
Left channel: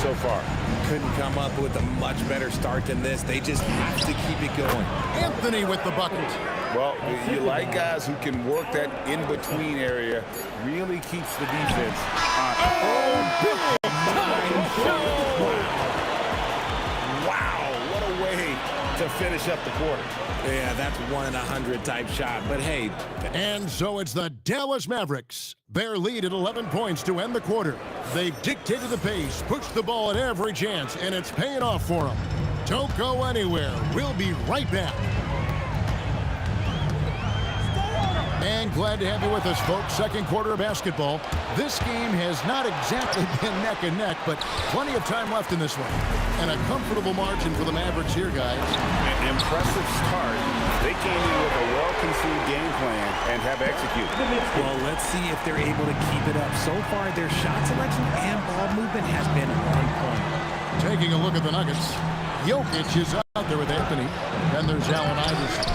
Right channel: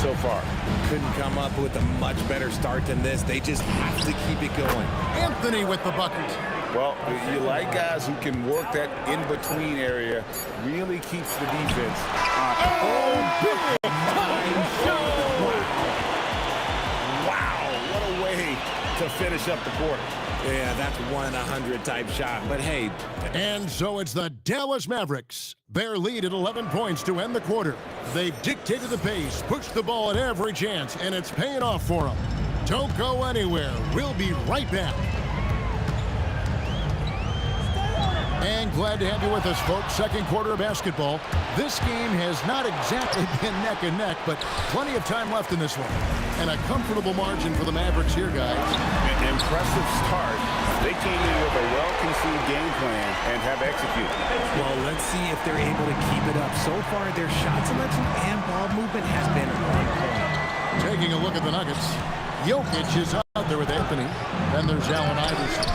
so far. Couldn't come up with a much better start than this. They just have to keep it going. Anthony with the bucket. Well, you like guys who can work that in-between area. Really keeps the defense on. Oh, big time shot. Wow, what a way to finish up the quarter. Yeah, that's 1 in 100 type shot. But hey. And so it's the Dallas Mavericks. Their lead at 11 points to end the quarter. They've dictated the pace, pushed the ball at every chance, and it's paying off for them. Don't go anywhere. We'll be right back. And glad to have you with us, folks. Second quarter of basketball. This game has not exactly been neck and neck, but plenty of time left in this one. And a comfortable margin for the Mavericks here, guys. An impressive start. They came in with a well-conceived game plan and have executed. Well, let's see if they're able to keep it up. So far, their shot selection and ball movement has been on point. Taking a look at the Nuggets. Jokic is out there with Anthony. Then there's Allen Iverson.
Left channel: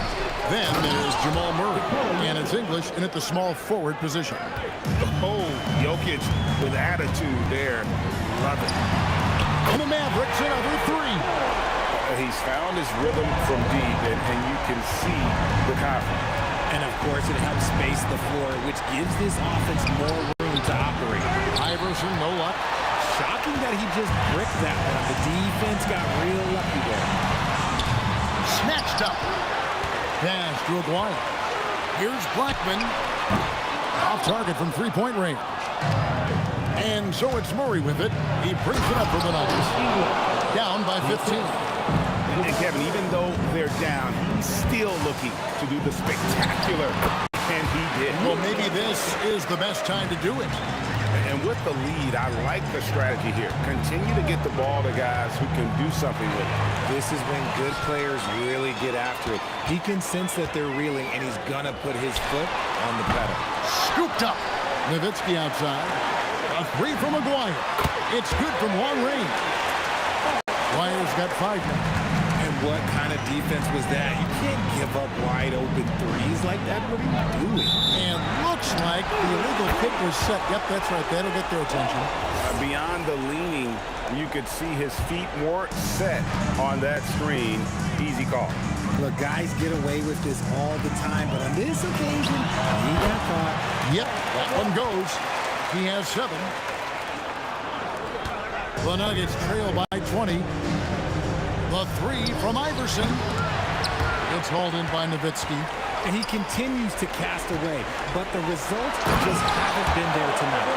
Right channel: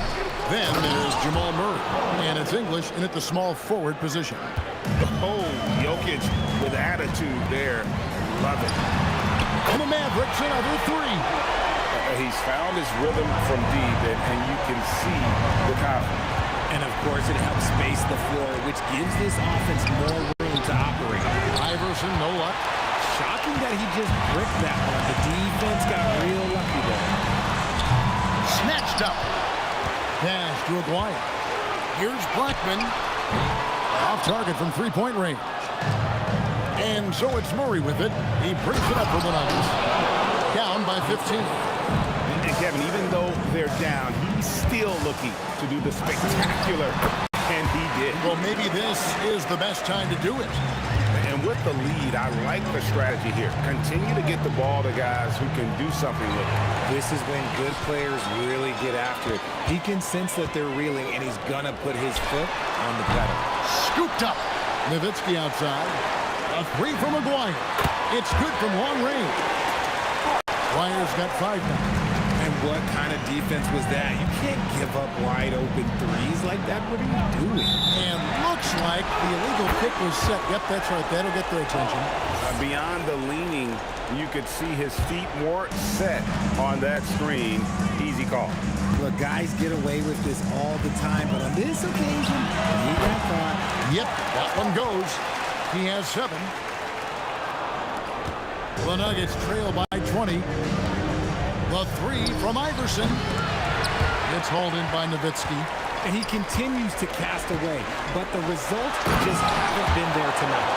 Then there's Jamal Murray. And it's English in at the small forward position. Oh, Jokic with attitude there. Love it. And the Mavericks another 3. He's found his rhythm from deep, and you can see the confidence. And, of course, it helps space the floor, which gives this offense more room to operate. Iverson, no luck. Shocking that he just bricked that one. The defense got real lucky there. Snatched up. Pass to Aguirre. Here's Blackman. Off target from three-point range. And so it's Murray with it. He brings it up for the Nuggets. Down by 15. And Kevin, even though they're down, he's still looking to do the spectacular. And he did. Well, maybe this is the best time to do it. And with the lead, I like the strategy here. Continue to get the ball to guys who can do something with it. This is when good players really get after it. He can sense that they're reeling, and he's going to put his foot on the pedal. Scooped up. Nowitzki outside. A 3 from Aguirre. It's good from long range. Aguirre's got 5 now. And what kind of defense was that? You can't give up wide open threes like that. What are you doing? And looks like the illegal pick was set. Yep, that's right. That'll get their attention. Beyond the leaning, you could see his feet more set on that screen. Easy call. Look, guys get away with this all the time, but on this occasion, he got caught. Yep, that one goes. He has 7. The Nuggets trail by 20. The 3 from Iverson. It's hauled in by Nowitzki. And he continues to cast away, but the results just haven't been there tonight.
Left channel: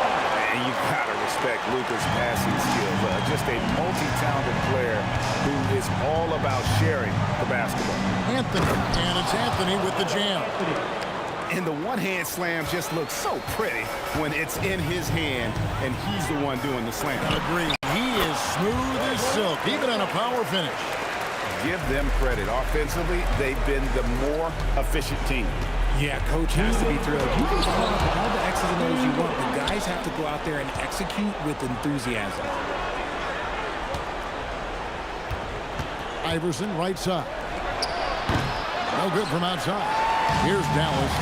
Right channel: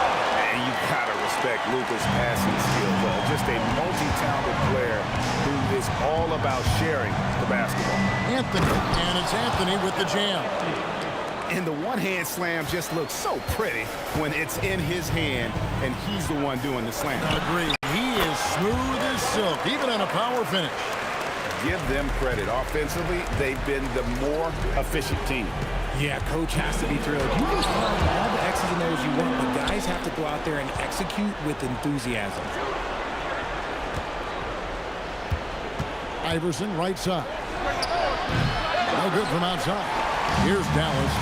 And you gotta respect Luka's passing skills. Just a multi-talented player who is all about sharing the basketball. Anthony, and it's Anthony with the jam. And the one-hand slam just looks so pretty when it's in his hand and he's the one doing the slam. Agreed. He is smooth as silk, even on a power finish. Give them credit. Offensively, they've been the more efficient team. Yeah, coach has to be thrilled. You can call up all the X's and O's you want, but guys have to go out there and execute with enthusiasm. Iverson, right side. No good from outside. Here's Dallas.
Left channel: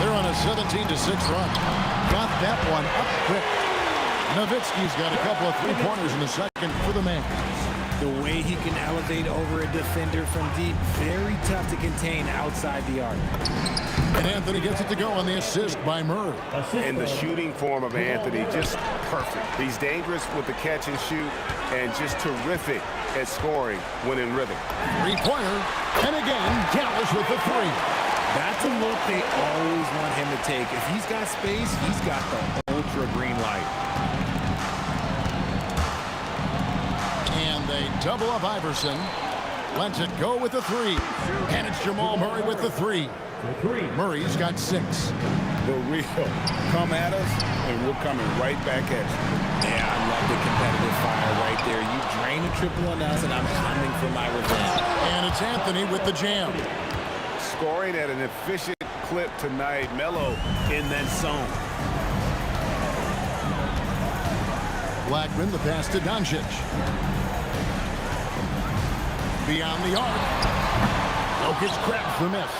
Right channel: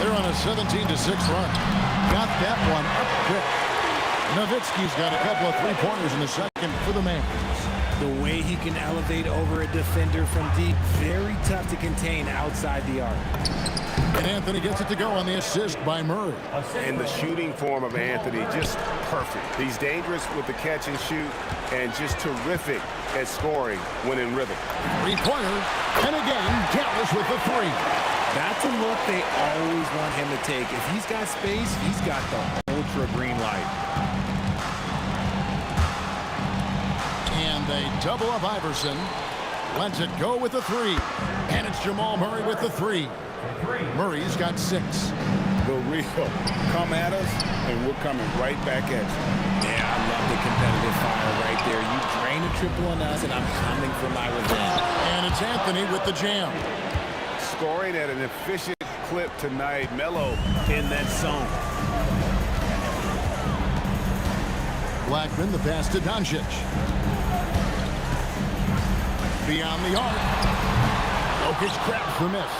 They're on a 17-6 run. Got that one up quick. Nowitzki's got a couple of three-pointers in the second for the Mavs. The way he can elevate over a defender from deep, very tough to contain outside the arc. And Anthony gets it to go on the assist by Murray. And the shooting form of Anthony, just perfect. He's dangerous with the catch and shoot and just terrific at scoring when in rhythm. Three-pointer. And again, Dallas with the 3. That's a look they always want him to take. If he's got space, he's got the ultra green light. And they double up Iverson. Lets it go with the 3. And it's Jamal Murray with the 3. Murray's got 6. The real. Come at us, and we're coming right back at you. Yeah, I love the competitive fire right there. You drain a triple on us, and I'm coming for my revenge. And it's Anthony with the jam. scoring at an efficient clip tonight. Melo in that zone. Blackman, the pass to Doncic. Beyond the arc. Jokic grabs the miss.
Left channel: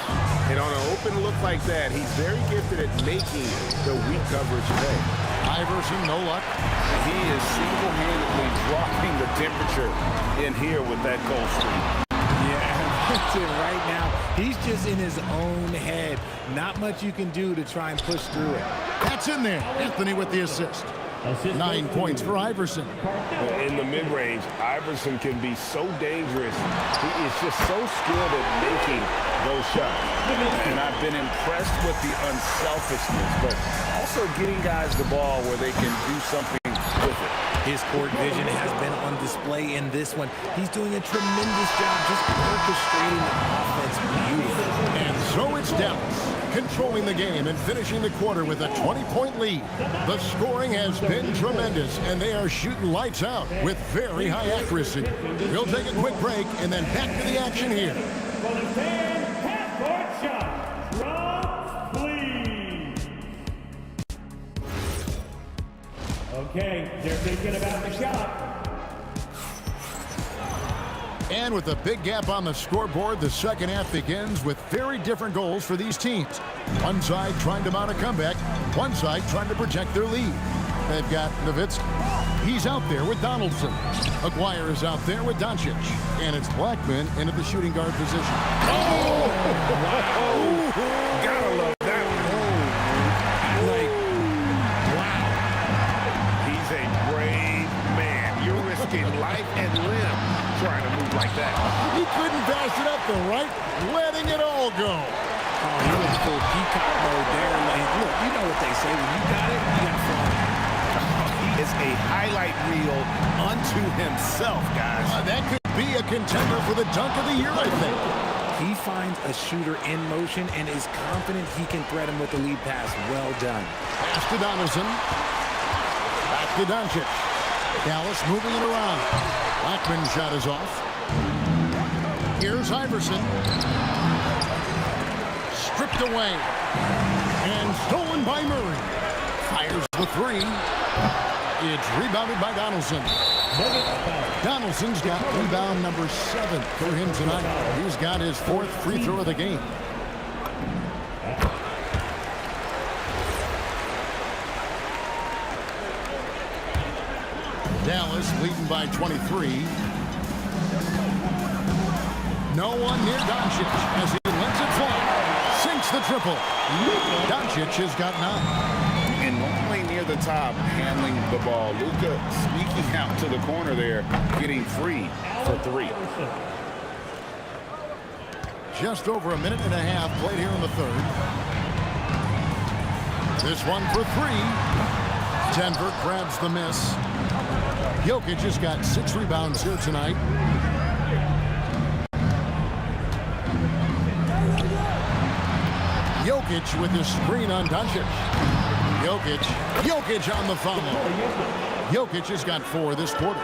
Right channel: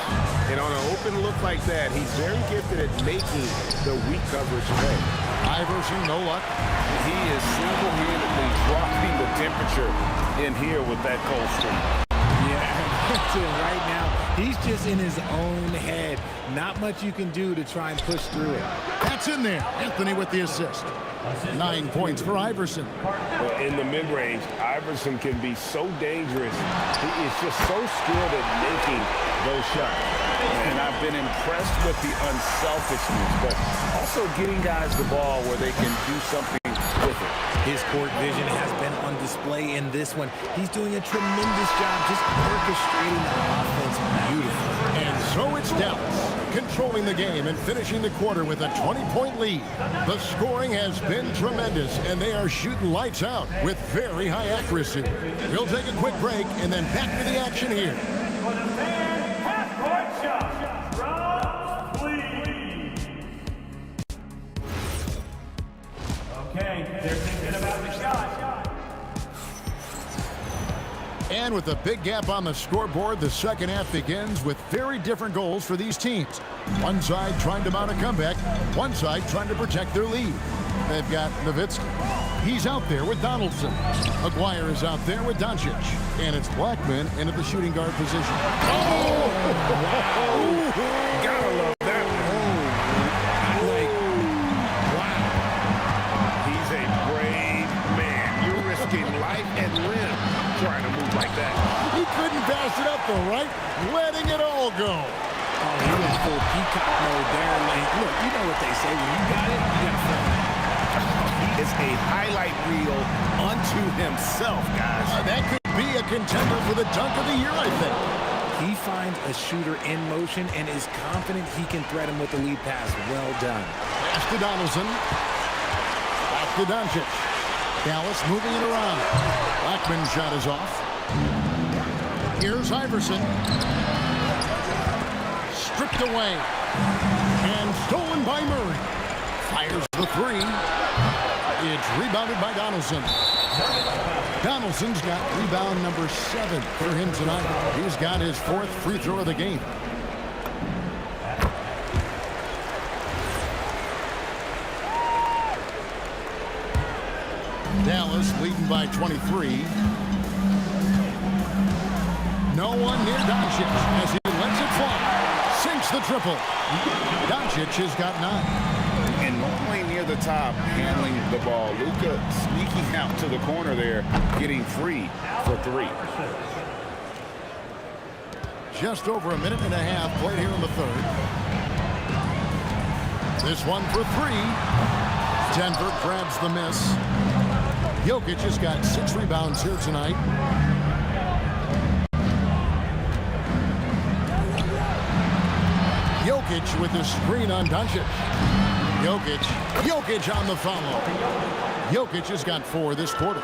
And on an open look like that, he's very gifted at making the weak coverage pay. Iverson, no luck. He is single-handedly dropping the temperature in here with that cold streak. Yeah, that's it right now. He's just in his own head. Not much you can do to try and push through it. That's in there. Anthony with the assist. 9 points for Iverson. In the mid-range, Iverson can be so dangerous. He is just so skilled at making those shots. And I've been impressed with the unselfishness, but also getting guys the ball where they can do something with it. His court vision has been on display in this one. He's doing a tremendous job just orchestrating the offense beautifully. And so it's Dallas, controlling the game and finishing the quarter with a 20-point lead. The scoring has been tremendous, and they are shooting lights out with very high accuracy. We'll take a quick break and then back to the action here. For the fan half-court shot, Rob, please. Okay, they're thinking about the shot. And with a big gap on the scoreboard, the second half begins with very different goals for these teams. One side trying to mount a comeback, one side trying to protect their lead. They've got Nowitzki. He's out there with Donaldson. Aguirre is out there with Doncic. And it's Blackman in at the shooting guard position. Oh! Wow! Gotta love that one. Wow. He's a brave man. You're risking life and limb trying to move like that. He couldn't pass it up the right, letting it all go. Oh, he went full peacock mode there. Like, look, you know what they say. When you got it, you got to flaunt it. He is a highlight reel unto himself, guys. That could be a contender for the dunk of the year, I think. He finds a shooter in motion and is confident he can thread him with the lead pass. Well done. Pass to Donaldson. Back to Doncic. Dallas moving it around. Blackman's shot is off. Here's Iverson. Stripped away. And stolen by Murray. Fires the three. It's rebounded by Donaldson. Donaldson's got rebound number 7 for him tonight. He's got his 4th free throw of the game. Dallas leading by 23. No one near Doncic as he lets it fly. Sinks the triple. Doncic has got 9. And only near the top, handling the ball. Luka sneaking out to the corner there, getting free for 3. Just over a minute and a half played here in the third. This one for 3. Denver grabs the miss. Jokic has got 6 rebounds here tonight. Jokic with the screen on Doncic. Jokic on the follow. Jokic has got 4 this quarter.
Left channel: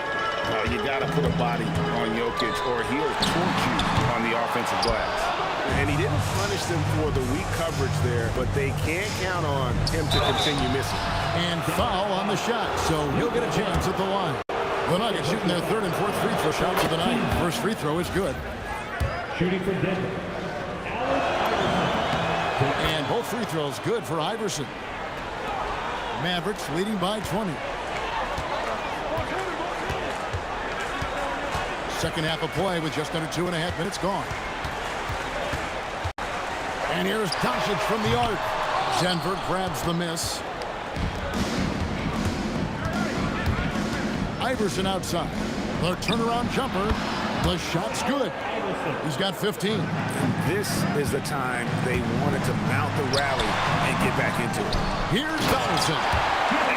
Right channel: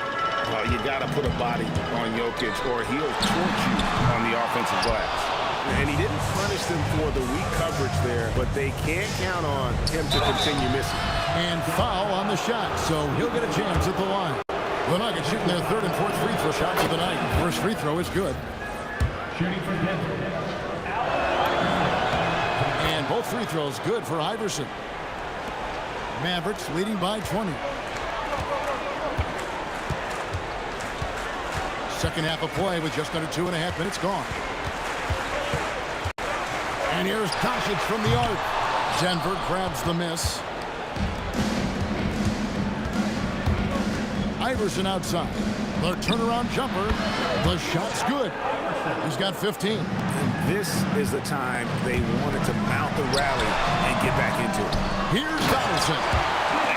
Well, you got to put a body on Jokic or he'll torch you on the offensive glass. And he didn't punish them for the weak coverage there, but they can't count on him to continue missing. And foul on the shot, so he'll get a chance at the line. The Nuggets shooting their 3rd and 4th free throw shots of the night. First free throw is good. Shooting for Denver. And both free throws good for Iverson. Mavericks leading by 20. Second half of play with just under 2.5 minutes gone. And here's Doncic from the arc. Denver grabs the miss. Iverson outside. The turnaround jumper. The shot's good. He's got 15. And this is the time they wanted to mount the rally and get back into it. Here's Donaldson.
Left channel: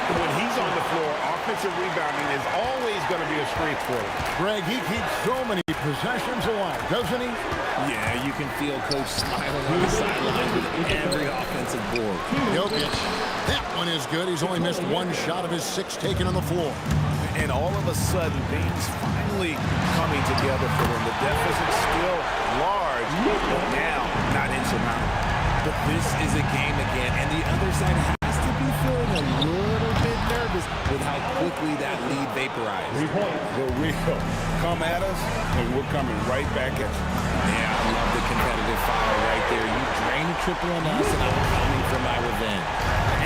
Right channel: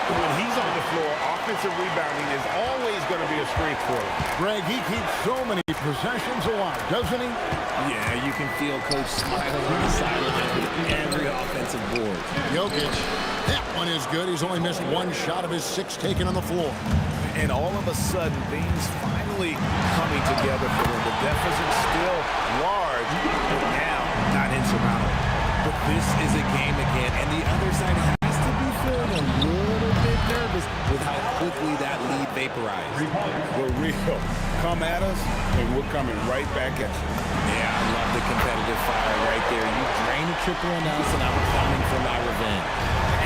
When he's on the floor, offensive rebounding is always going to be a strength for him. Greg, he keeps so many possessions alive, doesn't he? Yeah, you can feel Coach smiling on the sidelines with every offensive board. Jokic. That one is good. He's only missed 1 shot of his 6 taken on the floor. And all of a sudden, things finally coming together for them. The deficit still large, but now not insurmountable. But this is a game again, and the other side has to be feeling a little bit nervous with how quickly that lead vaporized. The real come at us, and we're coming right back at you. Yeah, I love the competitive fire right there. You drain a triple on us, and I'm coming for my revenge.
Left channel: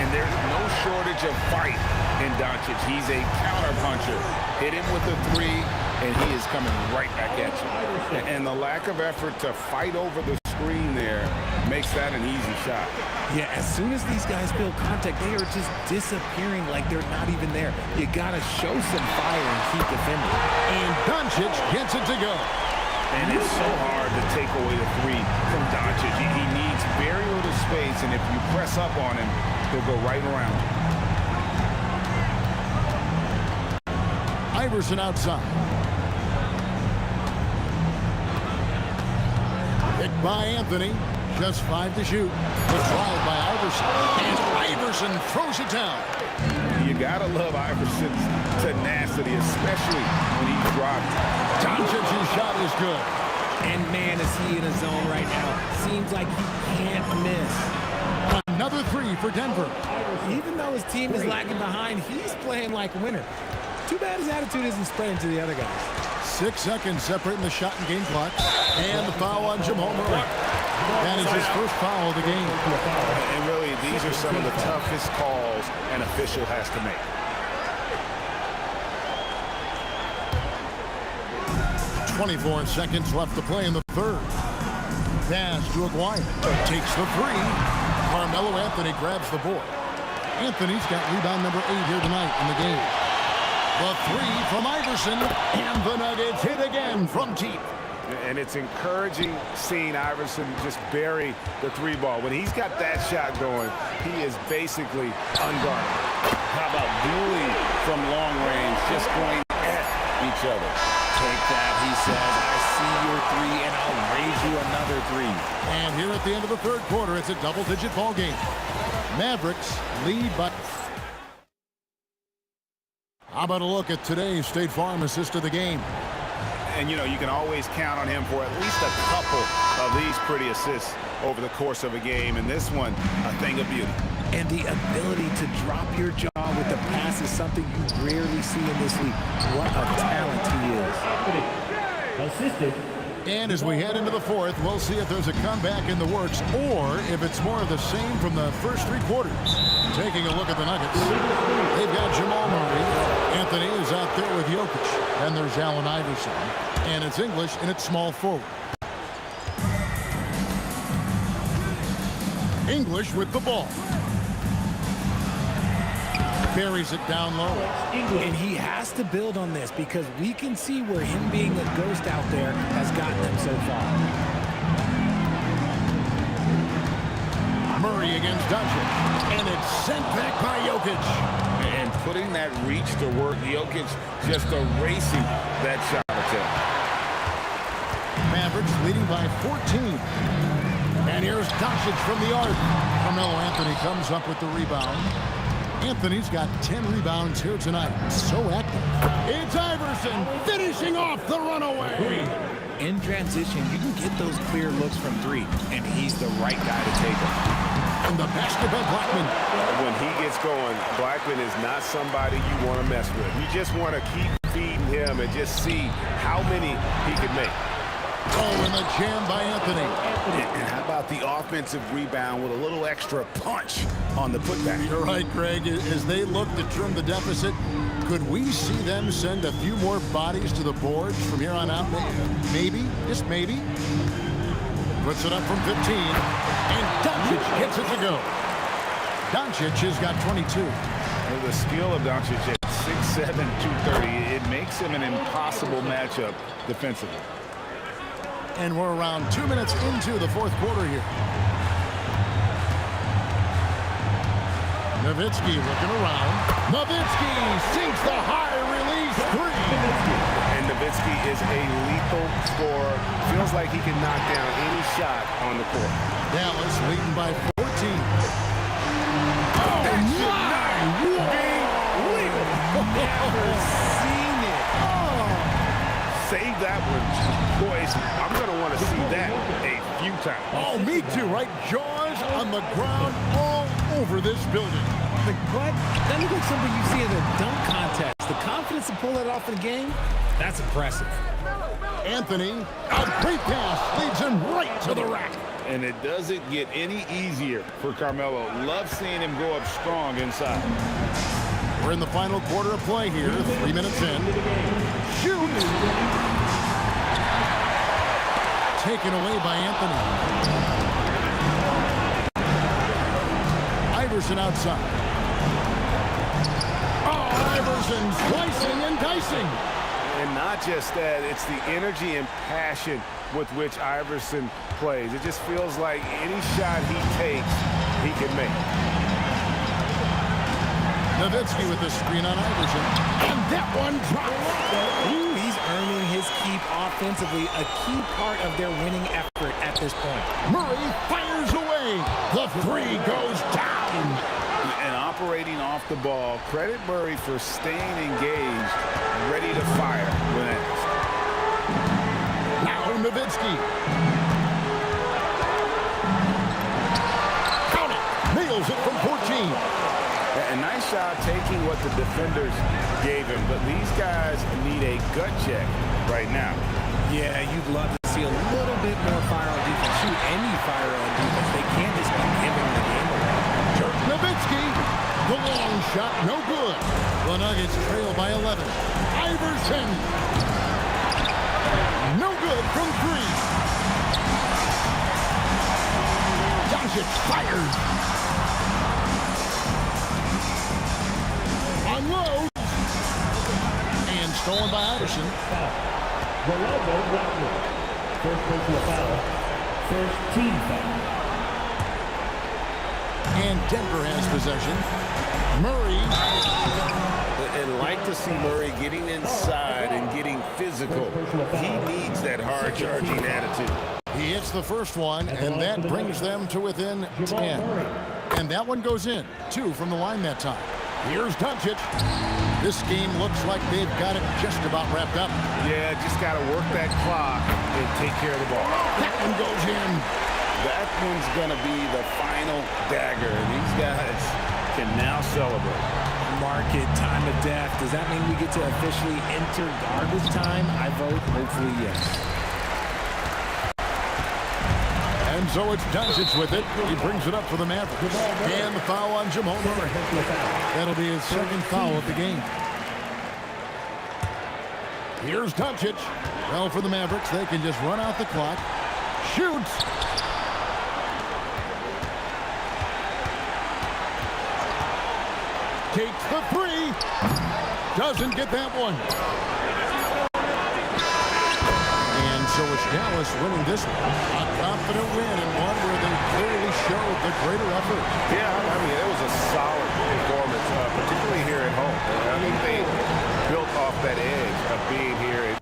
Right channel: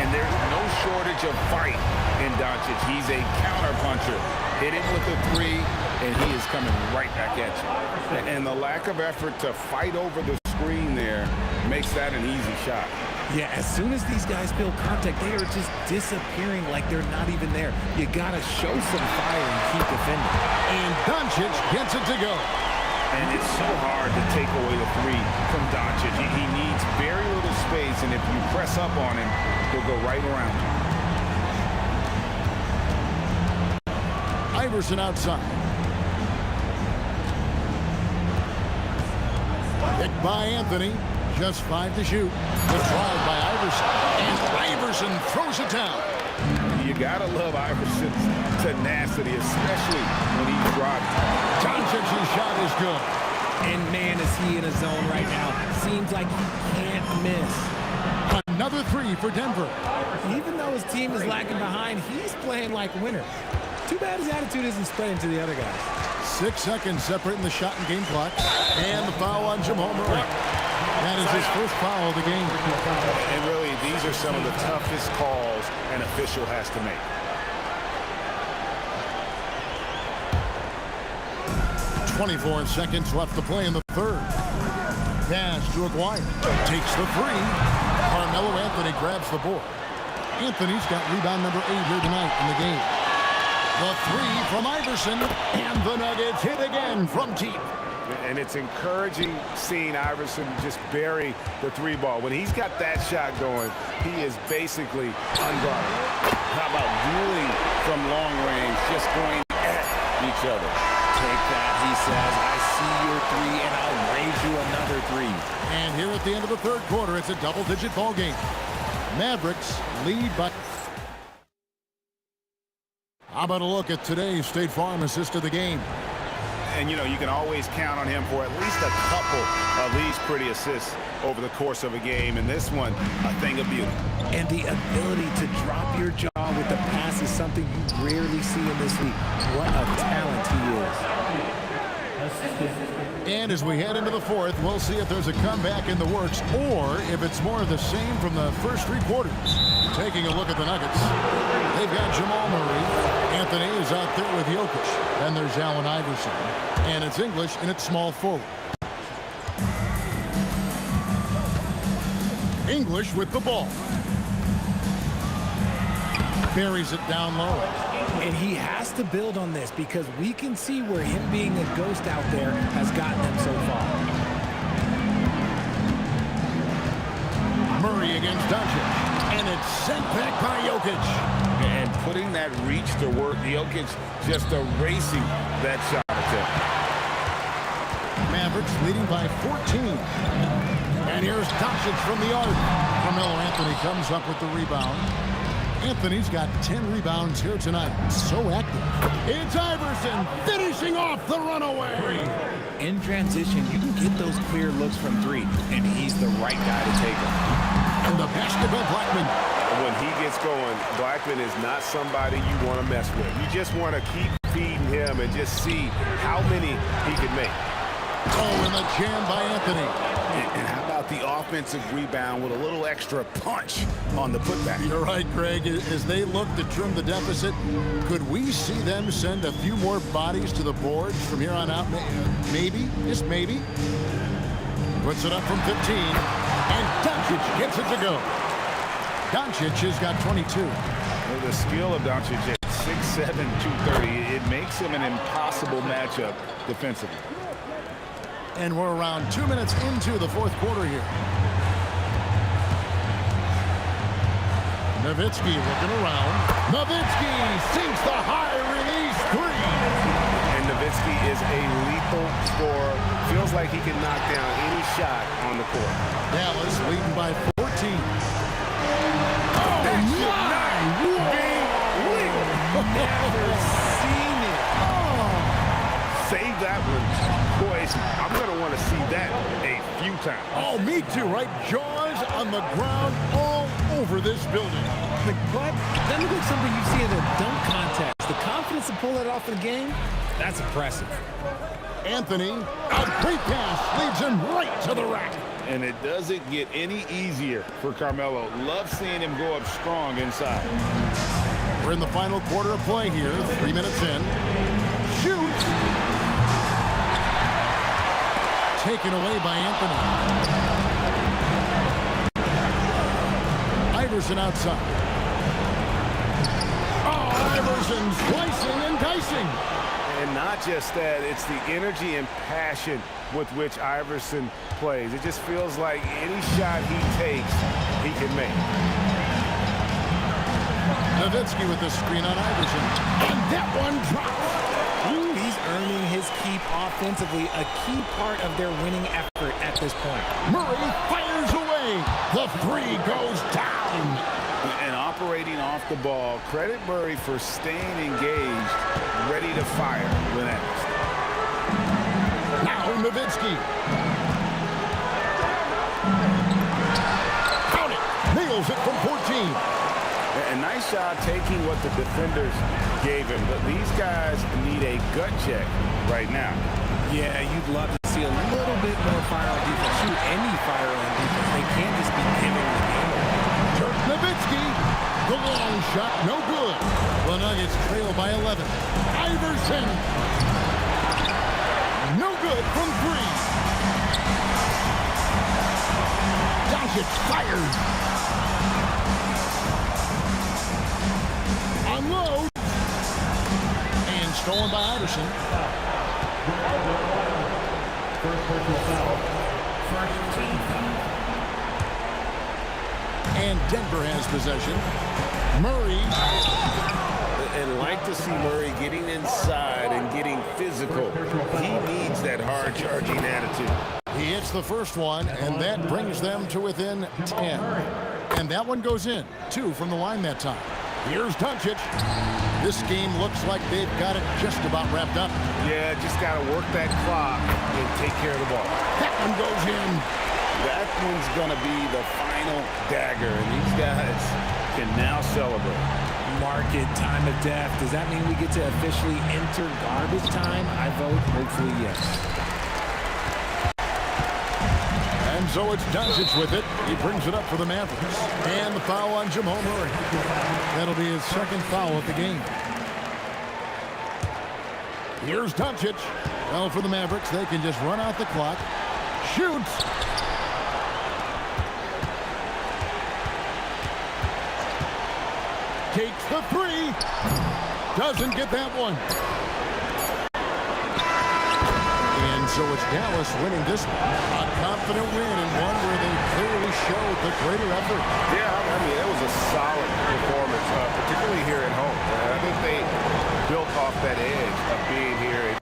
And there's no shortage of fight in Doncic. He's a counterpuncher. Hit him with a three, and he is coming right back at you. And the lack of effort to fight over the screen there makes that an easy shot. Yeah, as soon as these guys feel contact, they are just disappearing like they're not even there. You got to show some fire and keep defending. And Doncic gets it to go. And it's so hard to take away the three from Doncic. He needs very little space, and if you press up on him, he'll go right around you. Iverson outside. Picked by Anthony. Just 5 to shoot. The drive by Iverson. And Iverson throws it down. You gotta love Iverson's tenacity, especially when he's driving. Doncic's shot is good. And man, is he in a zone right now. Seems like he can't miss. Another three for Denver. Even though his team is lagging behind, he's playing like a winner. Too bad his attitude isn't spreading to the other guys. 6 seconds separating the shot and game clock. And the foul on Jamal Murray. That is his first foul of the game. And really, these are some of the toughest calls an official has to make. .24 seconds left to play in the third. Pass to Aguirre. Takes the three. Carmelo Anthony grabs the board. Anthony's got rebound number 8 here tonight in the game. The three from Iverson. And the Nuggets hit again from deep. And it's encouraging seeing Iverson just bury the three ball. When he's got that shot going, he is basically unguardable. How about dueling from long range, just going at each other? Take that, he says. I see your three, and I'll raise you another three. And here at the end of the third quarter, it's a double-digit ball game. Mavericks lead by... How about a look at today's State Farm assist of the game? And, you know, you can always count on him for at least a couple of these pretty assists over the course of a game. And this one, a thing of beauty. And the ability to drop your jaw with the pass is something you rarely see in this league. What a talent he is. Assistant. And as we head into the fourth, we'll see if there's a comeback in the works or if it's more of the same from the first 3 quarters. Taking a look at the Nuggets. They've got Jamal Murray. Anthony is out there with Jokic. And there's Allen Iverson. And it's English, and it's small forward. English with the ball. Buries it down low. And he has to build on this because we can see where him being a ghost out there has gotten them so far. Murray against Doncic. And it's sent back by Jokic. And putting that reach to work, Jokic just erasing that shot attempt. Mavericks leading by 14. And here's Doncic from the arc. Carmelo Anthony comes up with the rebound. Anthony's got 10 rebounds here tonight. So active. It's Iverson finishing off the runaway. In transition, you can get those clear looks from 3, and he's the right guy to take them. And the basket by Blackman. When he gets going, Blackman is not somebody you want to mess with. You just want to keep feeding him and just see how many he can make. Oh, and the jam by Anthony. And how about the offensive rebound with a little extra punch on the putback? You're right, Greg. As they look to trim the deficit, could we see them send a few more bodies to the boards from here on out? Maybe, just maybe. Puts it up from 15, and Doncic gets it to go. Doncic has got 22. The skill of Doncic at 6'7", 230, it makes him an impossible matchup defensively. And we're around 2 minutes into the fourth quarter here. Nowitzki looking around. Nowitzki sinks the high release 3. And Nowitzki is a lethal scorer. Feels like he can knock down any shot on the court. Dallas leading by 14. Never save that one. Boy, I'm going to want to see that a few times. Oh, me too, right? Jaws on the ground all over this building. But that looks like something you see in a dunk contest. The confidence to pull that off in a game, that's impressive. Anthony, a great pass, leads him right to the rack. And it doesn't get any easier for Carmelo. Love seeing him go up strong inside. We're in the final quarter of play here, 3 minutes in. Shoots. Taken away by Anthony. Iverson outside. Oh, Iverson slicing and dicing. And not just that, it's the energy and passion with which Iverson plays. It just feels like any shot he takes, he can make. Nowitzki with the screen on Iverson. And that one drops. Ooh, he's earning his keep offensively, a key part of their winning effort at this point. Murray fires away. The three goes down. And operating off the ball, credit Murray for staying engaged, ready to fire when asked. Now Nowitzki. Count it. Nails it from 14. A nice job taking what the defenders gave him, but these guys need a gut check right now. Yeah, you'd love to see a little bit more fire on defense. Shoot, any fire on defense. They can't just be giving the game away. Dirk Nowitzki. The long shot, no good. The Nuggets trail by 11. Iverson. No good from 3. Doncic fires. Unloads. And stolen by Iverson. Rolando Whitewood. First personal foul. First team foul. And Denver has possession. Murray. And like to see Murray getting inside and getting physical. He needs that hard-charging attitude. He hits the first one, and that brings them to within 10. And that one goes in. 2 from the line that time. Here's Doncic. This game looks like they've got it just about wrapped up. Yeah, just got to work that clock and take care of the ball. That one goes in. That one's going to be the final dagger, and these guys can now celebrate. Market time of death. Does that mean we get to officially enter garbage time? I vote hopefully yes. And so it's Doncic with it. He brings it up for the Mavericks. And the foul on Jamal Murray. That'll be his second foul of the game. Here's Doncic. Well, for the Mavericks, they can just run out the clock. Shoots. Takes the 3. Doesn't get that one. And so it's Dallas winning this one. A confident win and one where they clearly showed the greater effort. Yeah, I mean, it was a solid performance, particularly here at home. I think they built off that edge of being here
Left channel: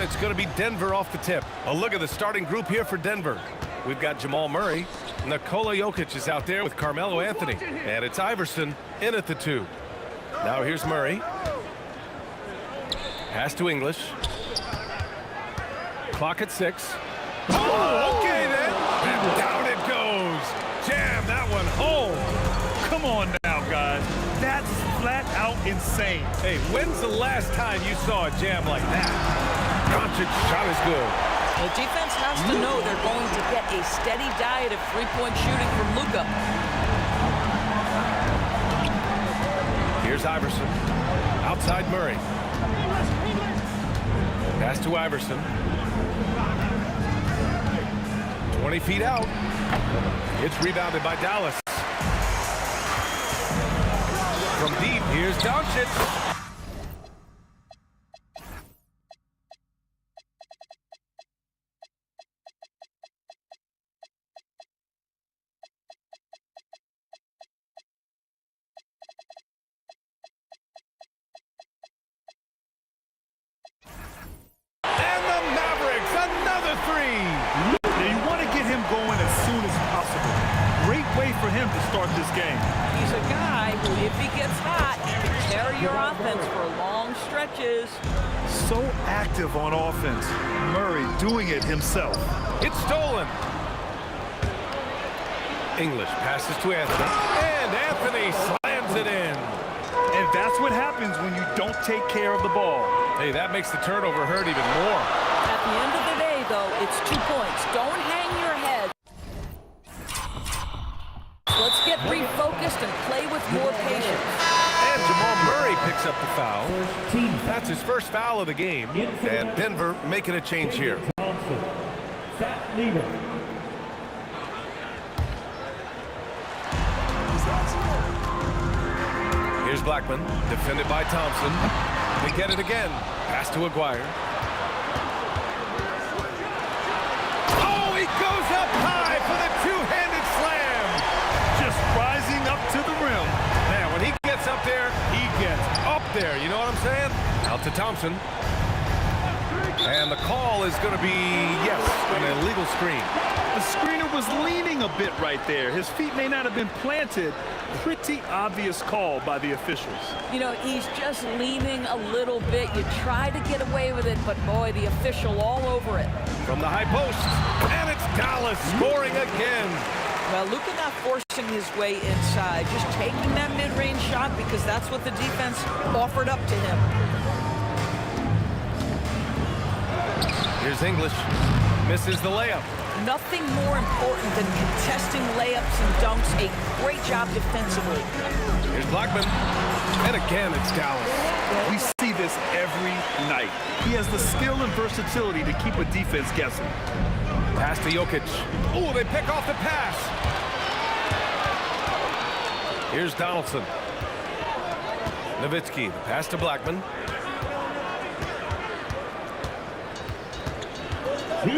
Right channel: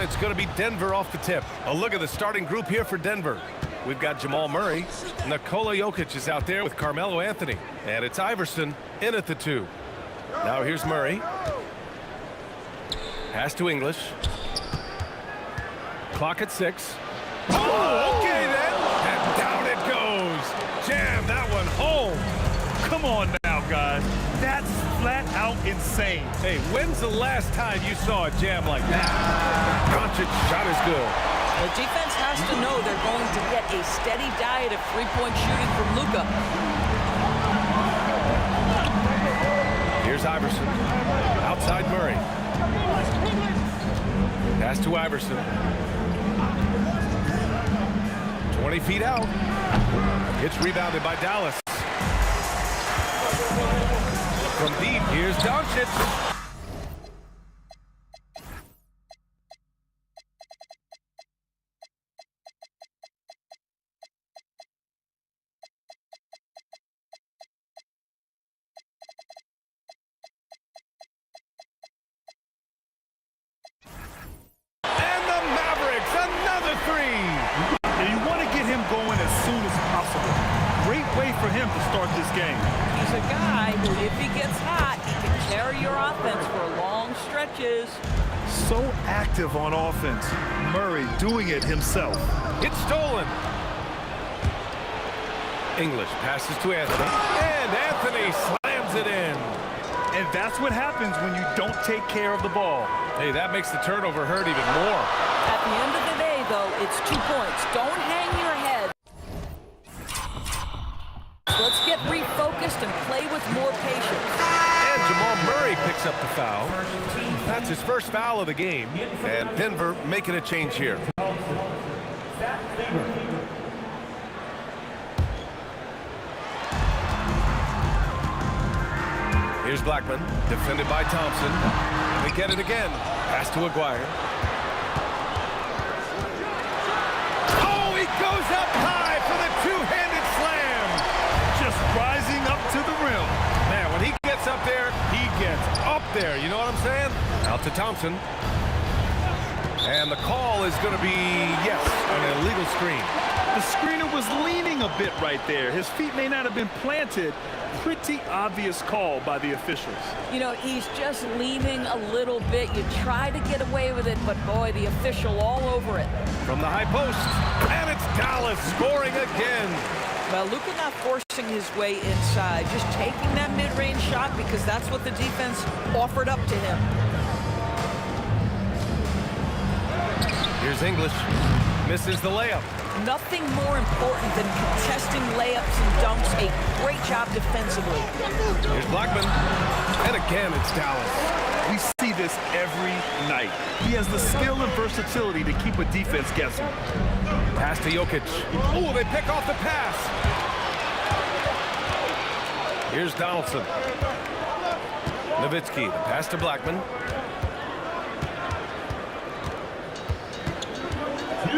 And it's going to be Denver off the tip. A look at the starting group here for Denver. We've got Jamal Murray. Nikola Jokic is out there with Carmelo Anthony. And it's Iverson in at the 2. Now here's Murray. Pass to English. Clock at 6. Oh, okay then. And down it goes. Jam that one home. Come on now, guys. That's flat out insane. Hey, when's the last time you saw a jam like that? Doncic's shot is good. The defense has to know they're going to get a steady diet of three-point shooting from Luka. Here's Iverson. Outside Murray. Pass to Iverson. 20 feet out. It's rebounded by Dallas. From deep, here's Doncic. And the Mavericks, another 3. Now you want to get him going as soon as possible. Great way for him to start this game. He's a guy who, if he gets hot, can carry your offense for long stretches. So active on offense. Murray doing it himself. It's stolen. English passes to Anthony. And Anthony slams it in. And that's what happens when you don't take care of the ball. Hey, that makes the turnover hurt even more. At the end of the day, though, it's 2 points. Don't hang your head. Let's get refocused and play with more patience. And Jamal Murray picks up the foul. That's his first foul of the game. And Denver making a change here. Here's Blackman, defended by Thompson. They get it again. Pass to Aguirre. Oh, he goes up high for the two-handed slam. Just rising up to the rim. Man, when he gets up there, he gets up there. You know what I'm saying? Out to Thompson. And the call is going to be, yes, an illegal screen. The screener was leaning a bit right there. His feet may not have been planted. Pretty obvious call by the officials. You know, he's just leaning a little bit. You try to get away with it, but boy, the official all over it. From the high post, and it's Dallas scoring again. Well, Luka not forcing his way inside, just taking that mid-range shot because that's what the defense offered up to him. Here's English. Misses the layup. Nothing more important than contesting layups and dunks. A great job defensively. Here's Blackman. And again, it's Dallas. We see this every night. He has the skill and versatility to keep a defense guessing. Pass to Jokic. Oh, they pick off the pass. Here's Donaldson. Nowitzki, the pass to Blackman.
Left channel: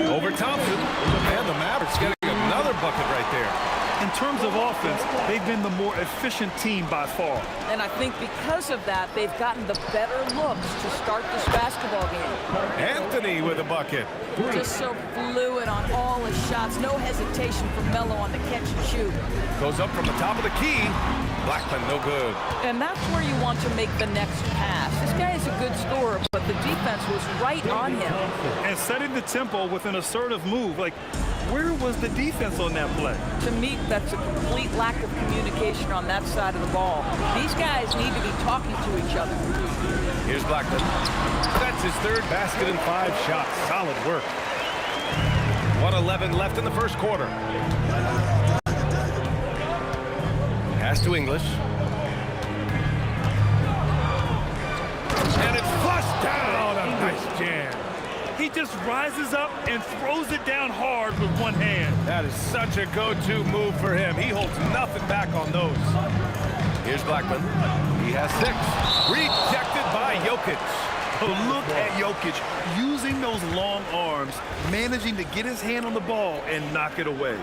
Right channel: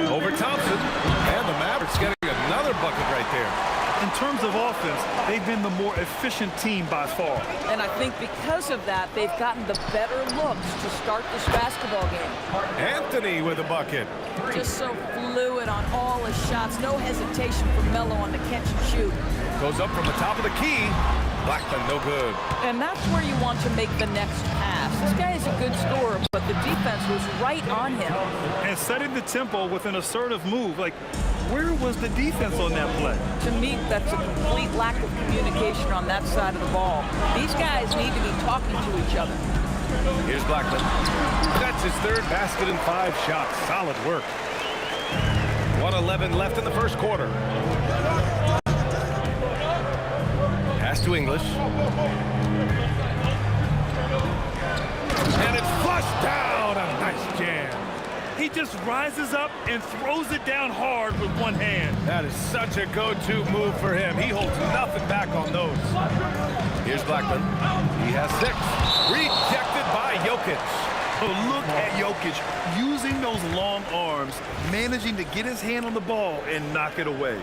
Over Thompson. And the Mavericks getting another bucket right there. In terms of offense, they've been the more efficient team by far. And I think because of that, they've gotten the better looks to start this basketball game. Anthony with a bucket. Just so fluid on all his shots. No hesitation for Melo on the catch and shoot. Goes up from the top of the key. Blackman, no good. And that's where you want to make the next pass. This guy is a good scorer, but the defense was right on him. And setting the tempo with an assertive move. Like, where was the defense on that play? To me, that's a complete lack of communication on that side of the ball. These guys need to be talking to each other. Here's Blackman. That's his third basket in 5 shots. Solid work. 1:11 left in the first quarter. Pass to English. And it's flushed down. A nice jam. He just rises up and throws it down hard with one hand. That is such a go-to move for him. He holds nothing back on those. Here's Blackman. He has 6. Rejected by Jokic. Oh, look at Jokic using those long arms, managing to get his hand on the ball and knock it away.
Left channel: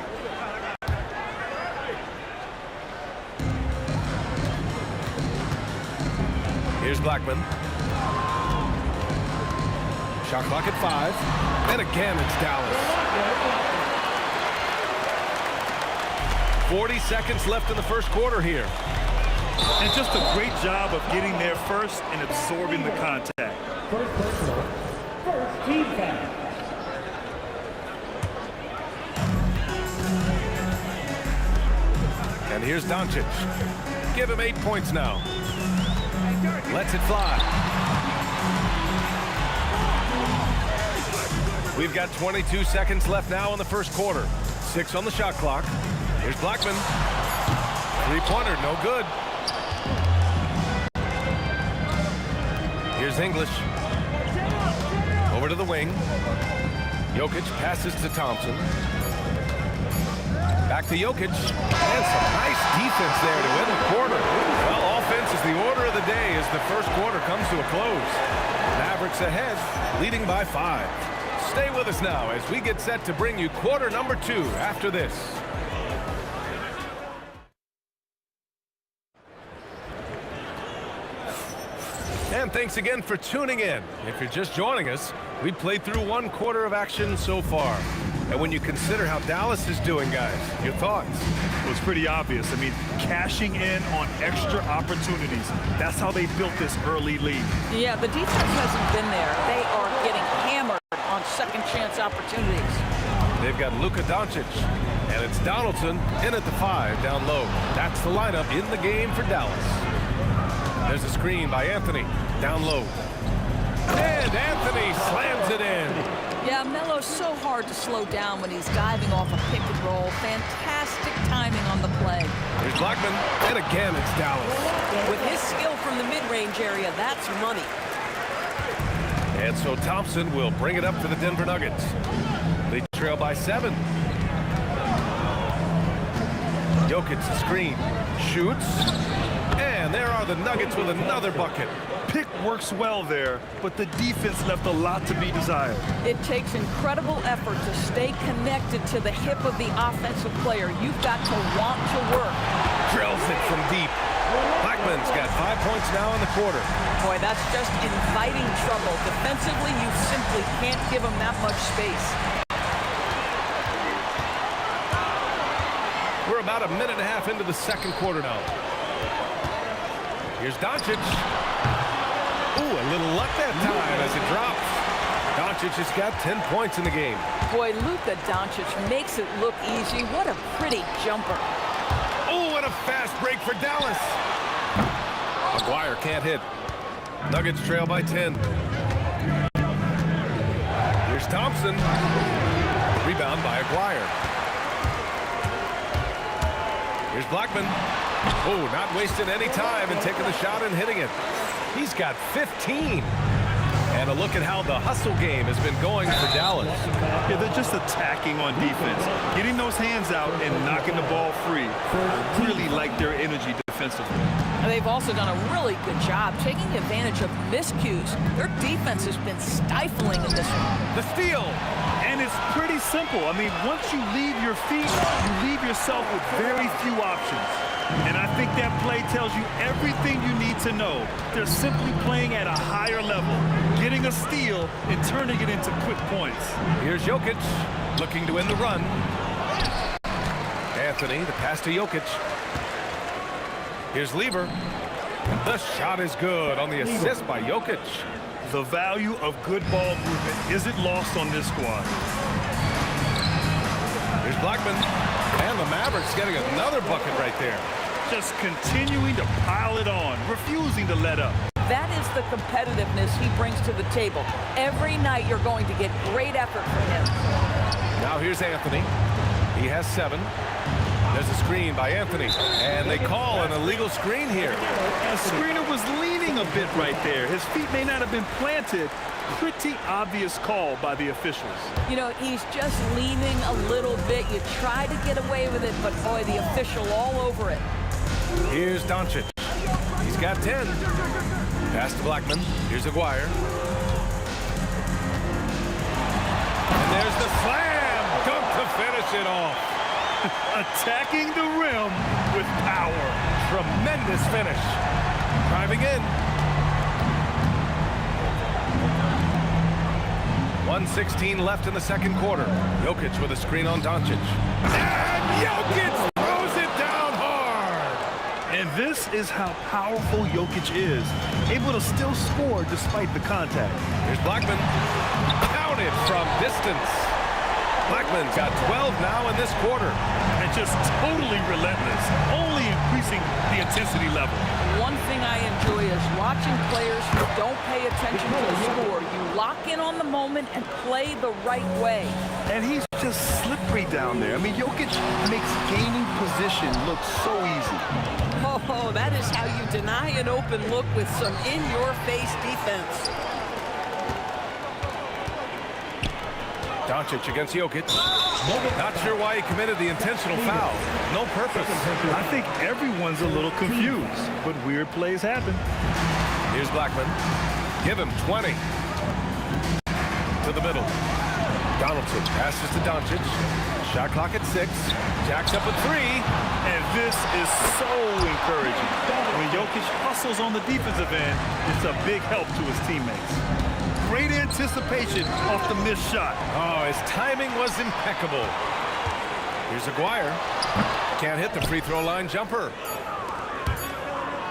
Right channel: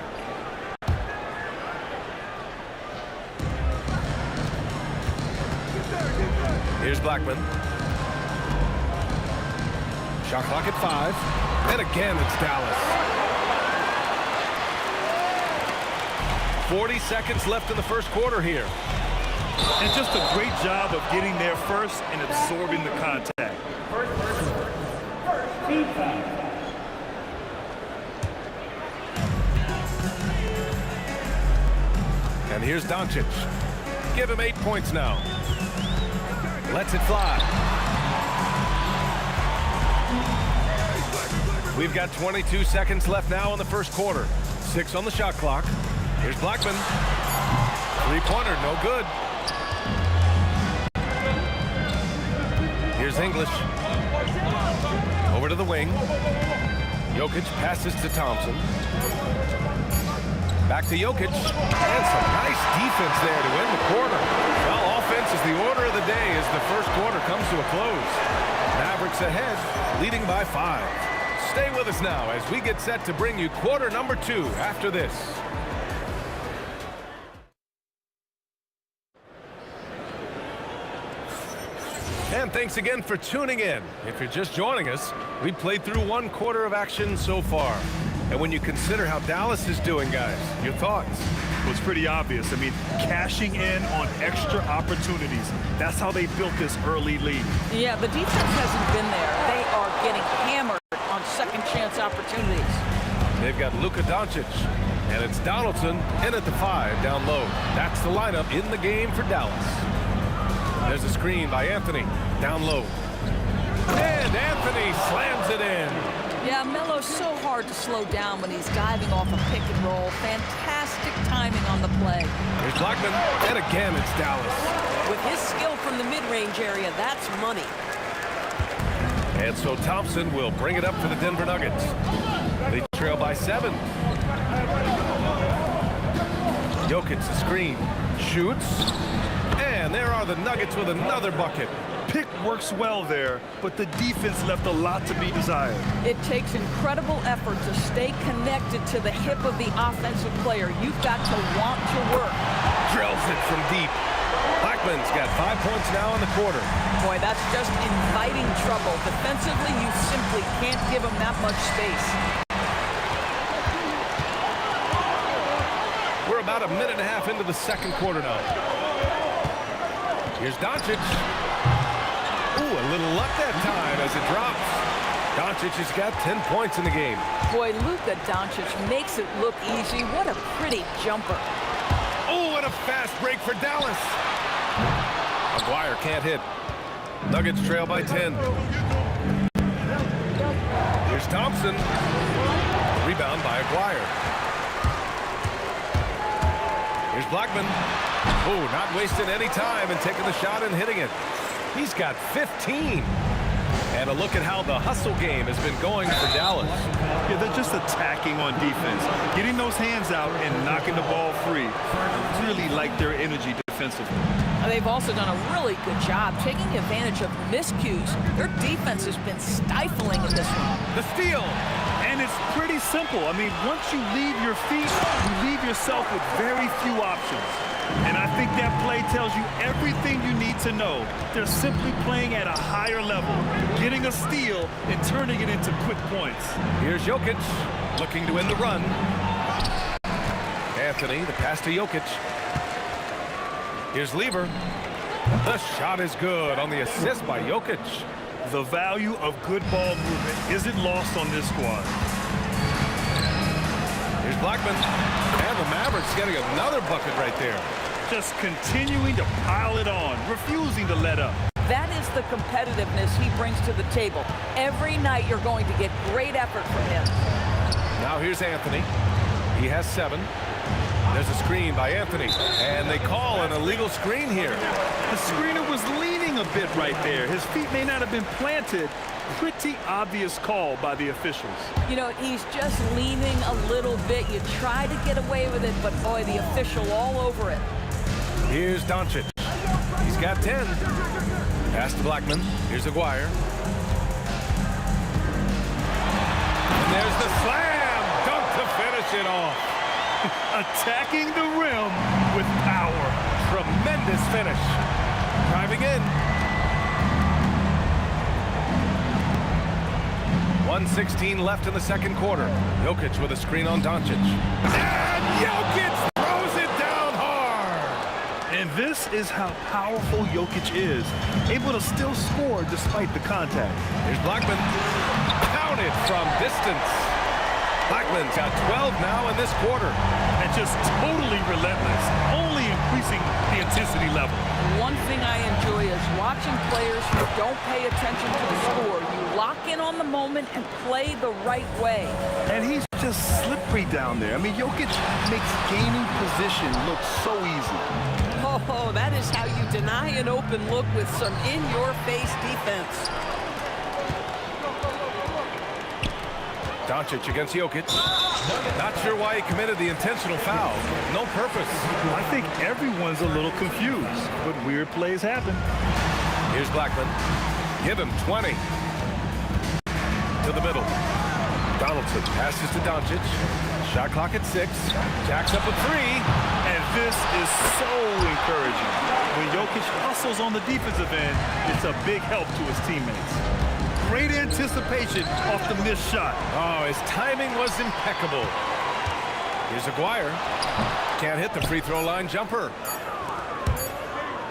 Here's Blackman. Shot clock at 5. And again, it's Dallas. 40 seconds left in the first quarter here. And just a great job of getting there first and absorbing the contact. First personal. First team foul. And here's Doncic. Give him 8 points now. Lets it fly. We've got 22 seconds left now in the first quarter. 6 on the shot clock. Here's Blackman. Three-pointer, no good. Here's English. Over to the wing. Jokic passes to Thompson. Back to Jokic. And some nice defense there to end the quarter. Well, offense is the order of the day as the first quarter comes to a close. Mavericks ahead, leading by 5. Stay with us now as we get set to bring you quarter number 2 after this. And thanks again for tuning in. If you're just joining us, we played through 1 quarter of action so far. And when you consider how Dallas is doing, guys, your thoughts? Well, it's pretty obvious. I mean, cashing in on extra opportunities. That's how they built this early lead. Yeah, the defense hasn't been there. They are getting hammered on second chance opportunities. They've got Luka Doncic, and it's Donaldson in at the 5 down low. That's the lineup in the game for Dallas. There's a screen by Anthony down low. And Anthony slams it in. Yeah, Melo's so hard to slow down when he's diving off a pick and roll. Fantastic timing on the play. Here's Blackman, and again it's Dallas. With his skill from the mid-range area, that's money. And so Thompson will bring it up for the Denver Nuggets. They trail by 7. Jokic the screen, shoots, and there are the Nuggets with another bucket. Pick works well there, but the defense left a lot to be desired. It takes incredible effort to stay connected to the hip of the offensive player. You've got to want to work. Drills it from deep. Blackman's got 5 points now in the quarter. Boy, that's just inviting trouble. Defensively, you simply can't give him that much space. We're about a minute and a half into the second quarter now. Here's Doncic. Ooh, a little luck that time as it drops. Doncic has got 10 points in the game. Boy, Luka Doncic makes it look easy. What a pretty jumper. Oh, and a fast break for Dallas. Maguire can't hit. Nuggets trail by 10. Here's Thompson. Rebound by Maguire. Here's Blackman. Oh, not wasting any time and taking the shot and hitting it. He's got 15. And a look at how the hustle game has been going for Dallas. Yeah, they're just attacking on defense, getting those hands out and knocking the ball free. I really like their energy defensively. They've also done a really good job taking advantage of miscues. Their defense has been stifling in this one. The steal. And it's pretty simple. I mean, once you leave your feet, you leave yourself with very few options. And I think that play tells you everything you need to know. They're simply playing at a higher level, getting a steal and turning it into quick points. Here's Jokic looking to end the run. Anthony, the pass to Jokic. Here's Lieber. The shot is good on the assist by Jokic. The value of good ball movement isn't lost on this squad. Here's Blackman. And the Mavericks getting another bucket right there. Just continuing to pile it on, refusing to let up. That is the competitiveness he brings to the table. Every night you're going to get great effort from him. Now here's Anthony. He has 7. There's a screen by Anthony. And they call an illegal screen here. The screener was leaning a bit right there. His feet may not have been planted. Pretty obvious call by the officials. You know, he's just leaning a little bit. You try to get away with it, but boy, the official all over it. Here's Doncic. He's got 10. Pass to Blackman. Here's Maguire. And there's the slam dunk to finish it off. Attacking the rim with power. Tremendous finish. Driving in. 1:16 left in the second quarter. Jokic with a screen on Doncic. And Jokic throws it down hard. And this is how powerful Jokic is, able to still score despite the contact. Here's Blackman. Counted from distance. Blackman's got 12 now in this quarter. And just totally relentless, only increasing the intensity level. One thing I enjoy is watching players who don't pay attention to the score. You lock in on the moment and play the right way. And he's just slippery down there. I mean, Jokic makes gaining position look so easy. Oh, that is how you deny an open look with some in-your-face defense. Doncic against Jokic. Not sure why he committed the intentional foul. No purpose. I think everyone's a little confused, but weird plays happen. Here's Blackman. Give him 20. To the middle. Donaldson passes to Doncic. Shot clock at 6. Jacks up a 3. And this is so encouraging. When Jokic hustles on the defensive end, it's a big help to his teammates. Great anticipation off the missed shot. Oh, his timing was impeccable. Here's Aguirre. Can't hit the free throw line jumper.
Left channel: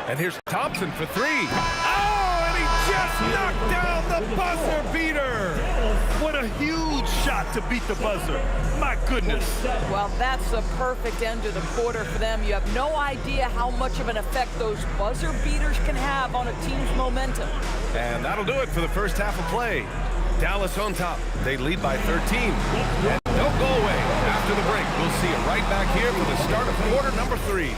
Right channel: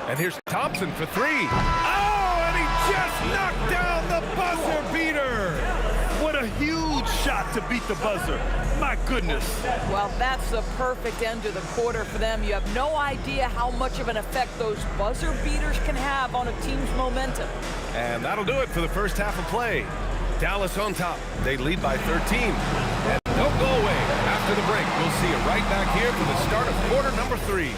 And here's Thompson for 3. Oh, and he just knocked down the buzzer beater. What a huge shot to beat the buzzer. My goodness. Well, that's the perfect end to the quarter for them. You have no idea how much of an effect those buzzer beaters can have on a team's momentum. And that'll do it for the first half of play. Dallas on top. They lead by 13. And don't go away. After the break, we'll see you right back here for the start of quarter number 3.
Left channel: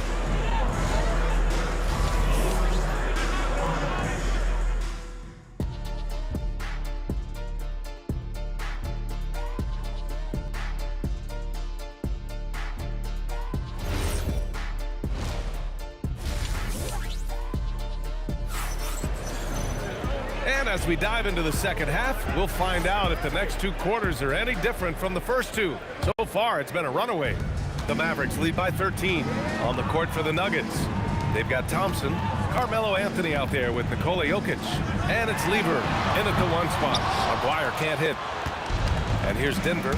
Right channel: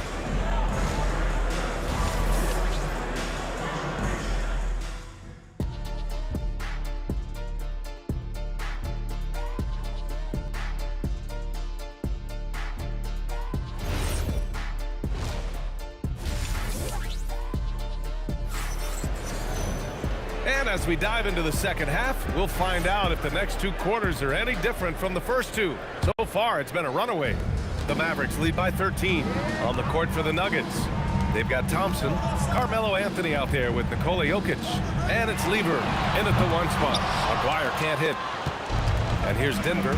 And as we dive into the second half, we'll find out if the next 2 quarters are any different from the first 2. So far, it's been a runaway. The Mavericks lead by 13 on the court for the Nuggets. They've got Thompson, Carmelo Anthony out there with Nikola Jokic. And it's Lever in at the 1 spot. Aguirre can't hit. And here's Denver.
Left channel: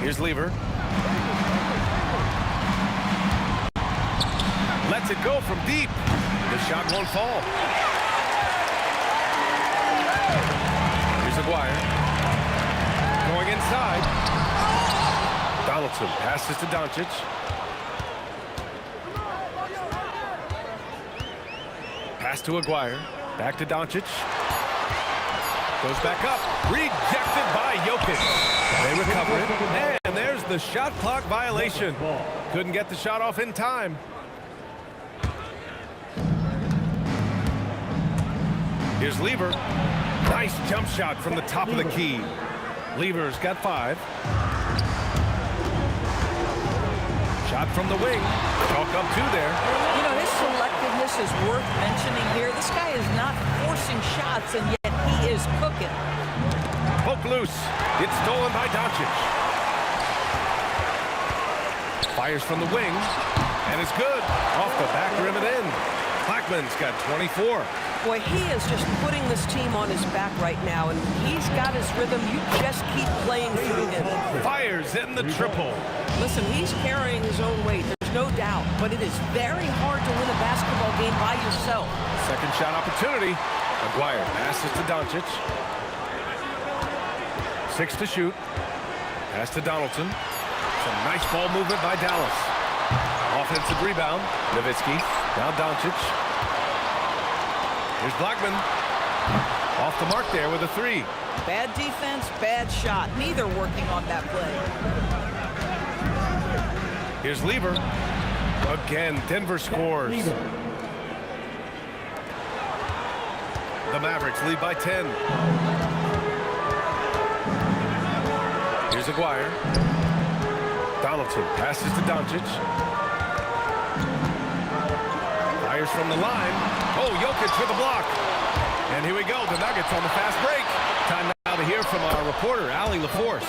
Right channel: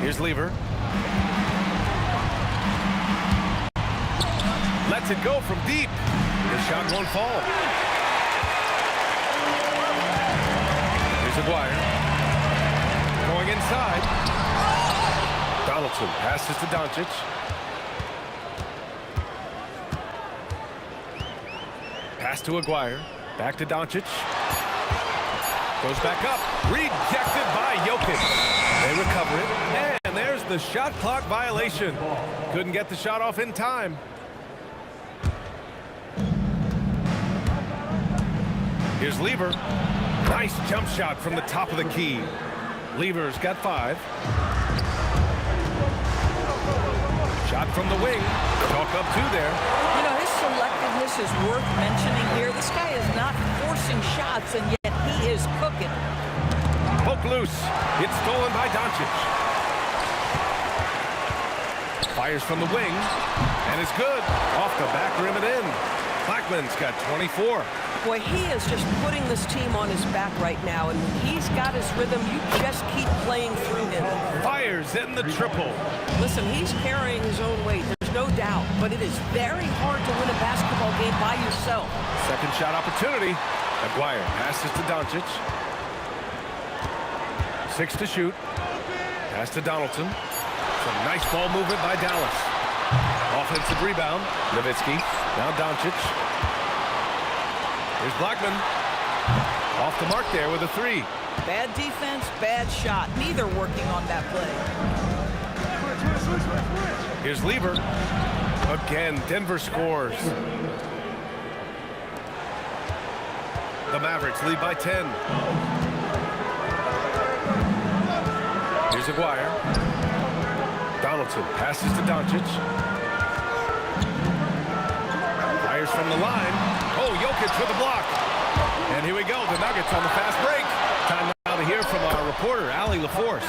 Here's Lever. Lets it go from deep. The shot won't fall. Here's Aguirre. Going inside. Donaldson passes to Doncic. Pass to Aguirre. Back to Doncic. Goes back up. Rejected by Jokic. They recover it. And there's the shot clock violation. Couldn't get the shot off in time. Here's Lever. Nice jump shot from the top of the key. Lever's got 5. Shot from the wing. Chalk up 2 there. You know, his selectiveness is worth mentioning here. This guy is not forcing shots, and yet he is cooking. Poke loose. It's stolen by Doncic. Fires from the wing. And it's good. Off the back rim and in. Blackman's got 24. Boy, he is just putting this team on his back right now, and when he's got his rhythm, you just keep playing through him. Fires in the triple. Listen, he's carrying his own weight, there's no doubt, but it is very hard to win a basketball game by yourself. Second shot opportunity. Aguirre passes to Doncic. 6 to shoot. Pass to Donaldson. Some nice ball movement by Dallas. Offensive rebound. Nowitzki. Now Doncic. Here's Blackman. Off the mark there with a 3. Bad defense, bad shot. Neither working on that play. Here's Lever. Again, Denver scores. The Mavericks lead by 10. Here's Aguirre. Donaldson passes to Doncic. Fires from the line. Oh, Jokic with a block. And here we go, the Nuggets on the fast break. Time now to hear from our reporter, Allie LaForce.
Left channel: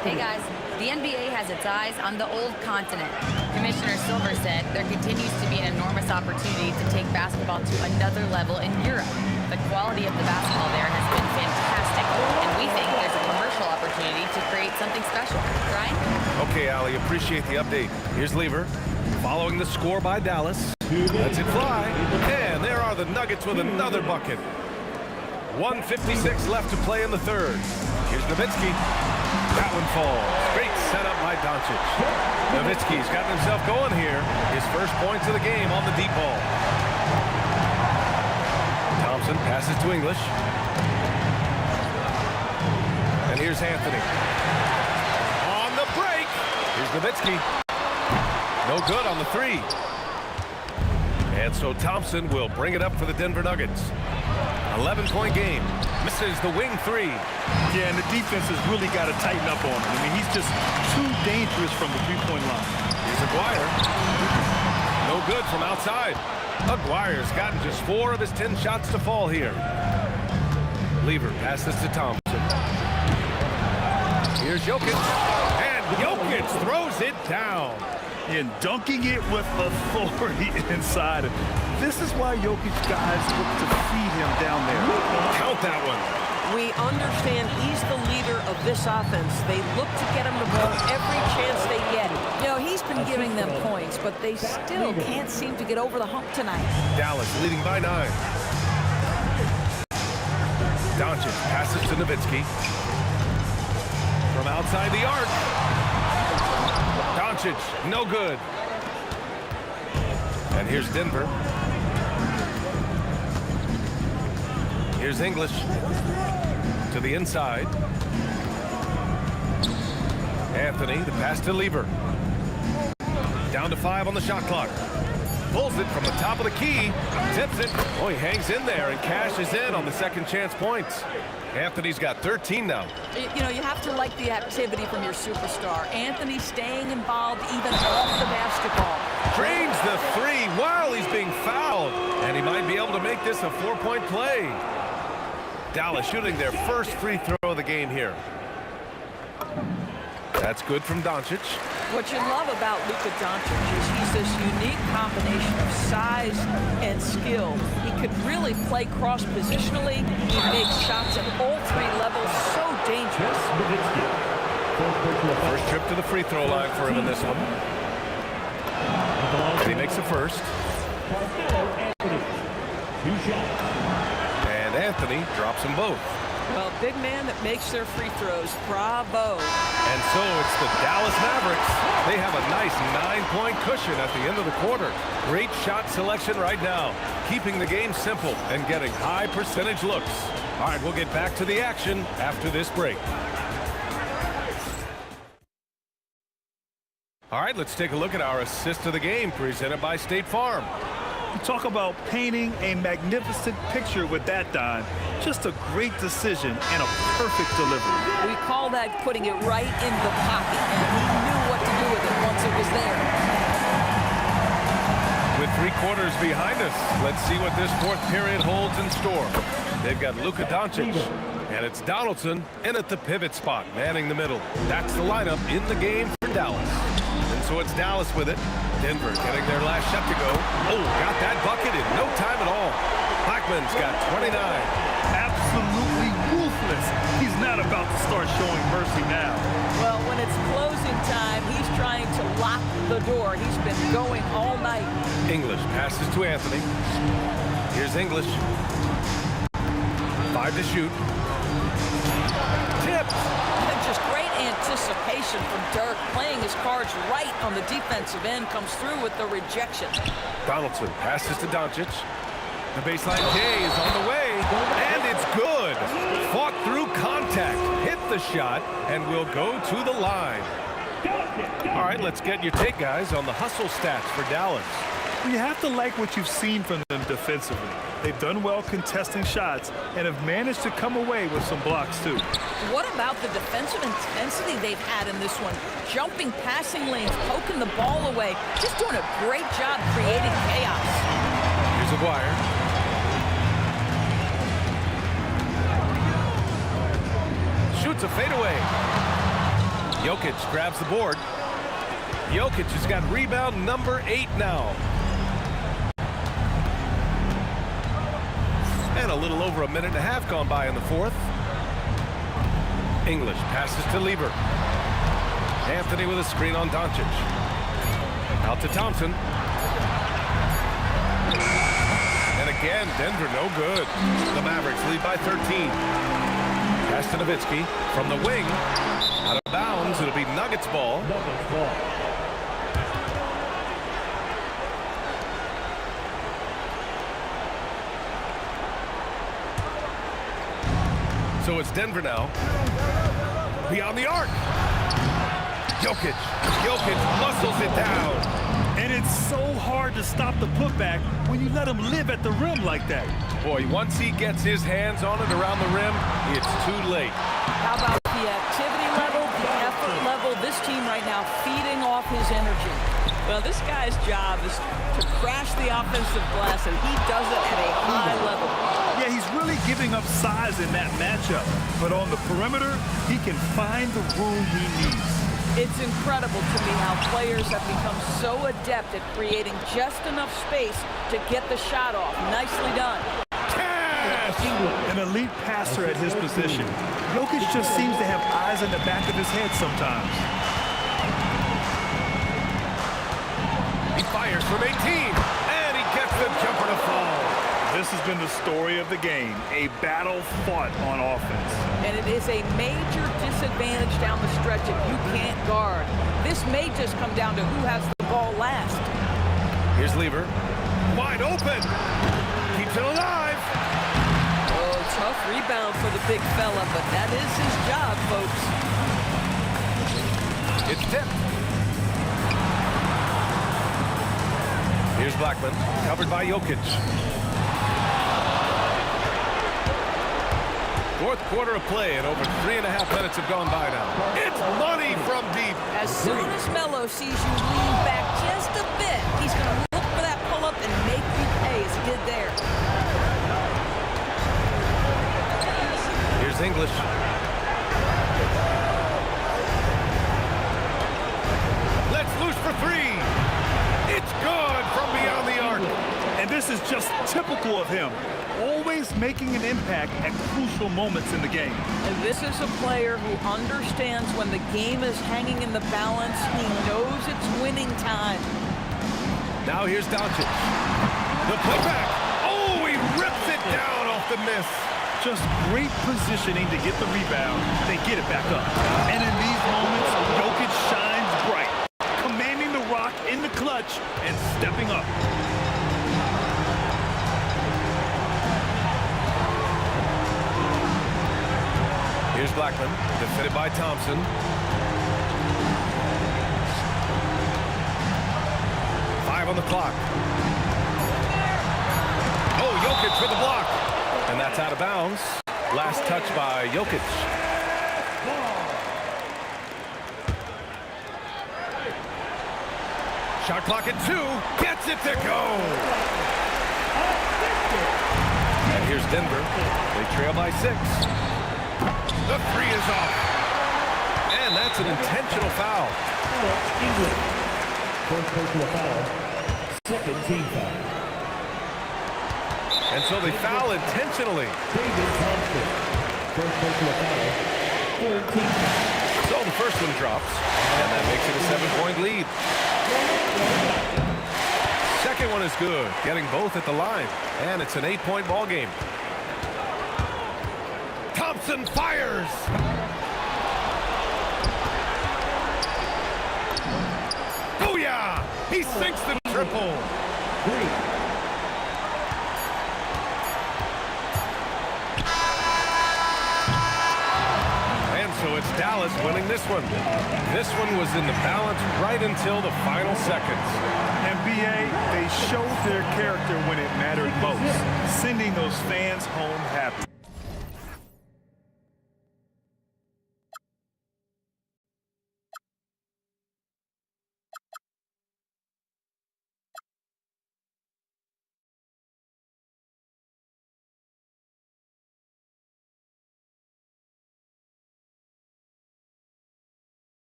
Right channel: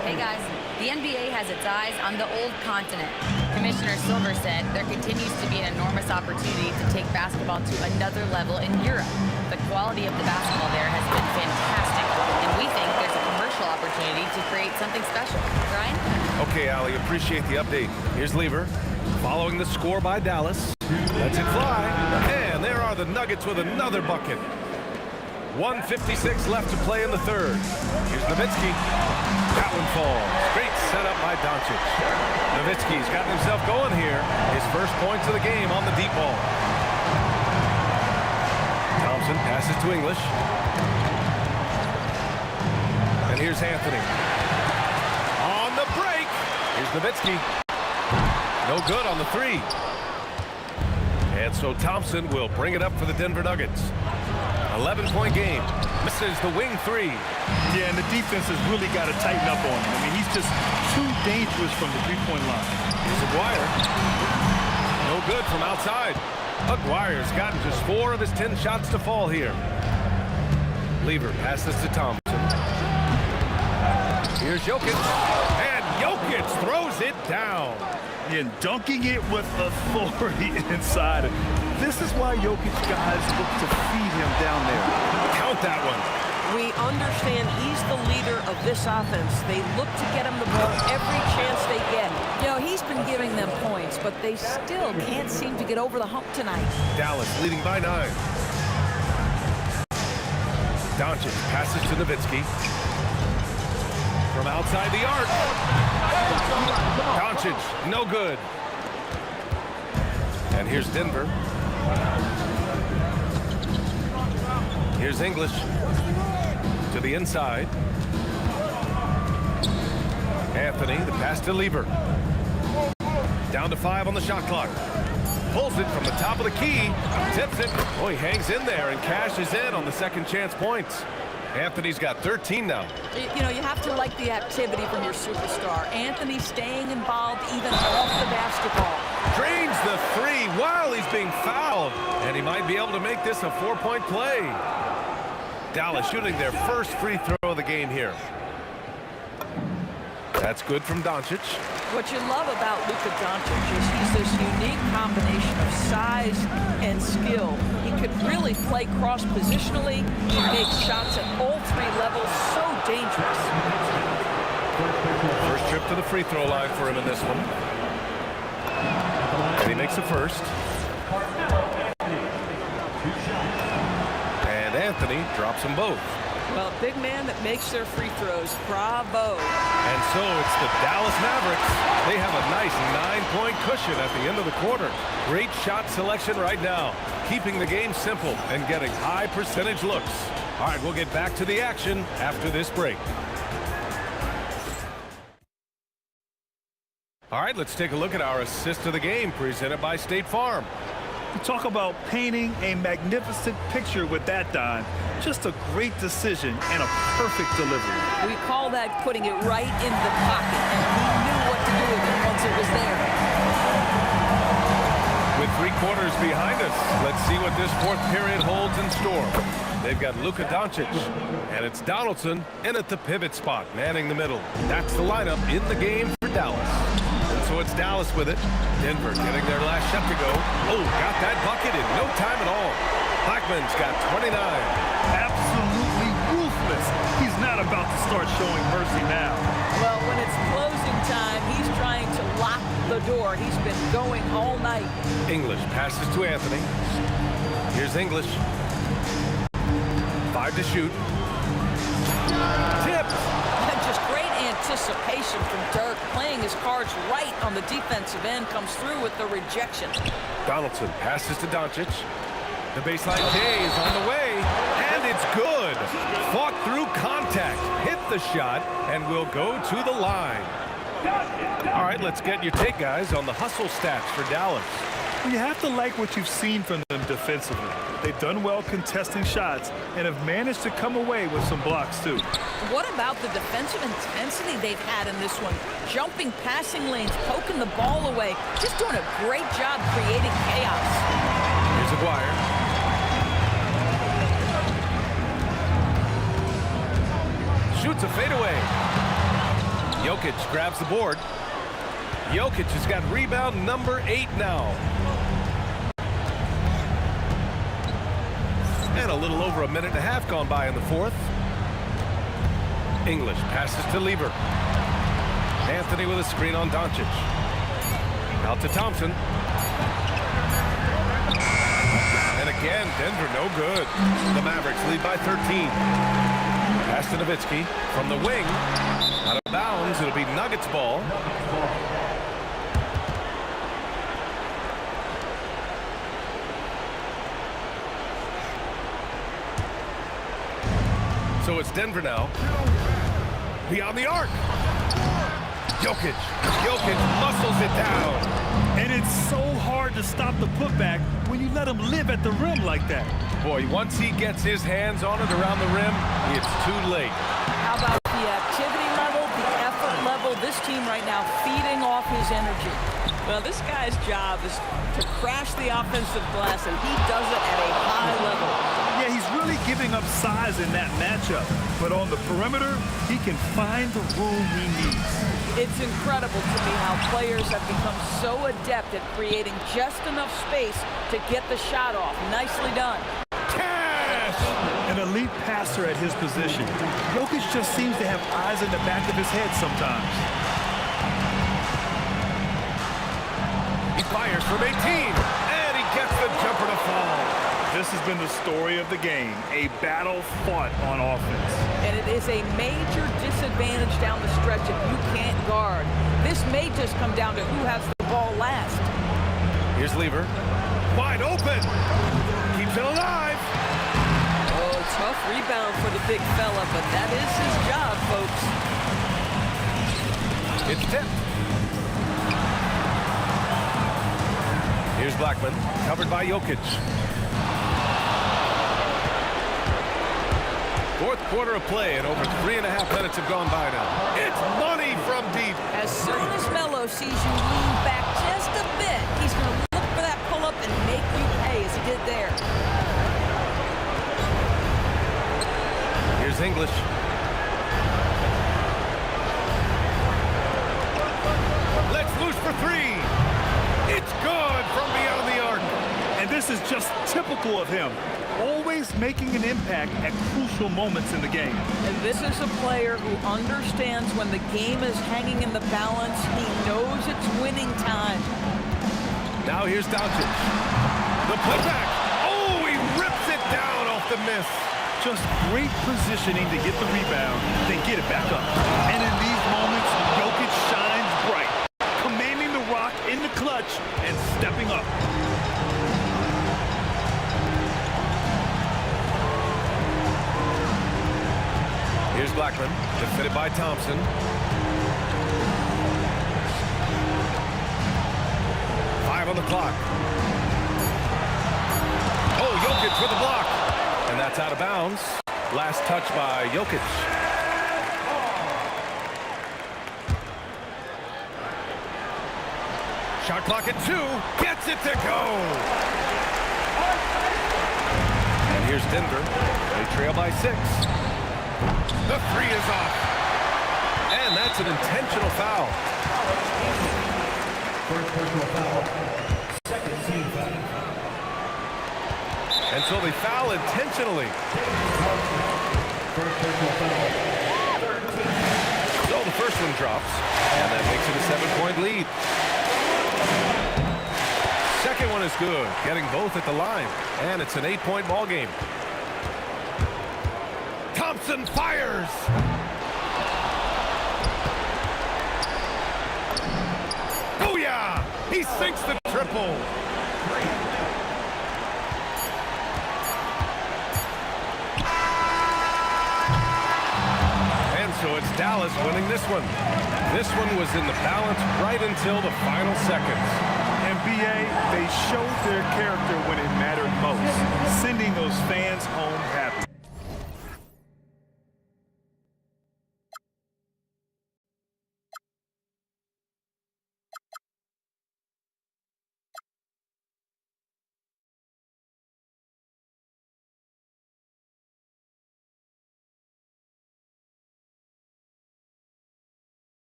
Hey guys, the NBA has its eyes on the old continent. Commissioner Silver said there continues to be an enormous opportunity to take basketball to another level in Europe. The quality of the basketball there has been fantastic, and we think there's a commercial opportunity to create something special. Ryan? Okay, Allie, appreciate the update. Here's Lever, following the score by Dallas. Lets it fly, and there are the Nuggets with another bucket. 1:56 left to play in the third. Here's Nowitzki. That one falls. Great setup by Doncic. Nowitzki's gotten himself going here. His first points of the game on the deep ball. Thompson passes to English. And here's Anthony. On the break. Here's Nowitzki. No good on the three. And so Thompson will bring it up for the Denver Nuggets. 11-point game. Misses the wing three. Yeah, and the defense has really got to tighten up on him. I mean, he's just too dangerous from the three-point line. Here's Aguirre. No good from outside. Aguirre's gotten just 4 of his 10 shots to fall here. Lever passes to Thompson. Here's Jokic. And Jokic throws it down. And dunking it with authority inside. This is why Jokic guys look to feed him down there. Count that one. We understand he's the leader of this offense. They look to get him the ball every chance they get. You know, he's been giving them points, but they still can't seem to get over the hump tonight. Dallas leading by 9. Doncic passes to Nowitzki. From outside the arc. Doncic, no good. And here's Denver. Here's English to the inside. Anthony, the pass to Lever. Down to 5 on the shot clock. Pulls it from the top of the key. Tips it. Oh, he hangs in there and cashes in on the second chance points. Anthony's got 13 now. You know, you have to like the activity from your superstar. Anthony staying involved even off the basketball. Drains the three while he's being fouled. And he might be able to make this a 4-point play. Dallas shooting their first free throw of the game here. That's good from Doncic. What you love about Luka Doncic is he's this unique combination of size and skill. He could really play cross-positionally. He makes shots at all 3 levels. So dangerous. First trip to the free throw line for him in this one. And he makes a first. And Anthony drops them both. Well, big man that makes their free throws. Bravo. And so it's the Dallas Mavericks. They have a nice 9-point cushion at the end of the quarter. Great shot selection right now, keeping the game simple and getting high percentage looks. All right, we'll get back to the action after this break. All right, let's take a look at our assist of the game presented by State Farm. You talk about painting a magnificent picture with that, Don. Just a great decision and a perfect delivery. We call that putting it right in the pocket, and he knew what to do with it once it was there. With 3 quarters behind us, let's see what this 4th period holds in store. They've got Luka Doncic, and it's Donaldson in at the pivot spot, manning the middle. That's the lineup in the game for Dallas. And so it's Dallas with it. Denver getting their last shot to go. Oh, got that bucket in no time at all. Blackman's got 29. Absolutely ruthless. He's not about to start showing mercy now. Well, when it's closing time, he's trying to lock the door. He's been going all night. English passes to Anthony. Here's English. 5 to shoot. Tipped. Just great anticipation from Dirk, playing his cards right on the defensive end, comes through with the rejection. Donaldson passes to Doncic. The baseline J is on the way, and it's good. Fought through contact, hit the shot, and will go to the line. All right, let's get your take, guys, on the hustle stats for Dallas. Well, you have to like what you've seen from them defensively. They've done well contesting shots and have managed to come away with some blocks, too. What about the defensive intensity they've had in this one? Jumping passing lanes, poking the ball away, just doing a great job creating chaos. Here's Aguirre. Shoots a fadeaway. Jokic grabs the board. Jokic has got rebound number 8 now. And a little over a minute and a half gone by in the fourth. English passes to Lieber. Anthony with a screen on Doncic. Out to Thompson. And again, Denver no good. The Mavericks lead by 13. Pass to Nowitzki from the wing. Out of bounds. It'll be Nuggets ball. So it's Denver now. Beyond the arc. Jokic muscles it down. And it's so hard to stop the putback when you let him live at the rim like that. Boy, once he gets his hands on it around the rim, it's too late. How about the activity level, the effort level? This team right now feeding off his energy. Well, this guy's job is to crash the offensive glass, and he does it at a high level. Yeah, he's really giving up size in that matchup. But on the perimeter, he can find the room he needs. It's incredible to me how players have become so adept at creating just enough space to get the shot off. Nicely done. Cash! An elite passer at his position. Jokic just seems to have eyes in the back of his head sometimes. He fires from 18, and he gets the jumper to fall. This has been the story of the game, a battle fought on offense. And it is a major disadvantage down the stretch if you can't guard. This may just come down to who has the ball last. Here's Lieber. Wide open. Keeps it alive. Oh, tough rebound for the big fella, but that is his job, folks. It's tipped. Here's Blackman, covered by Jokic. Fourth quarter of play, and over 3.5 minutes have gone by now. It's money from deep. As soon as Melo sees you lean back just a bit, he's going to look for that pull-up and make you pay, as he did there. Here's English. Let's loose for three. It's good from beyond the arc. And this is just typical of him. Always making an impact at crucial moments in the game. And this is a player who understands when the game is hanging in the balance. He knows it's winning time. Now here's Doncic. The putback. Oh, he rips it down off the miss. Just great positioning to get the rebound, then get it back up. And in these moments, Jokic shines bright, commanding the rock in the clutch and stepping up. Here's Blackman, defended by Thompson. Five on the clock. Oh, Jokic with the block. And that's out of bounds. Last touch by Jokic. Shot clock at 2. Gets it to go. And here's Denver. They trail by 6. The 3 is off. And that's an intentional foul. First personal foul. Second team foul. And so they foul intentionally. David Thompson. First personal foul. Third team foul. So the first one drops, and that makes it a 7-point lead. Second one is good, getting both at the line, and it's an 8-point ball game. Thompson fires. Booyah! He sinks the triple. And so it's Dallas winning this one. This one was in the balance right until the final seconds. And BA, they showed their character when it mattered most, sending those fans home happy.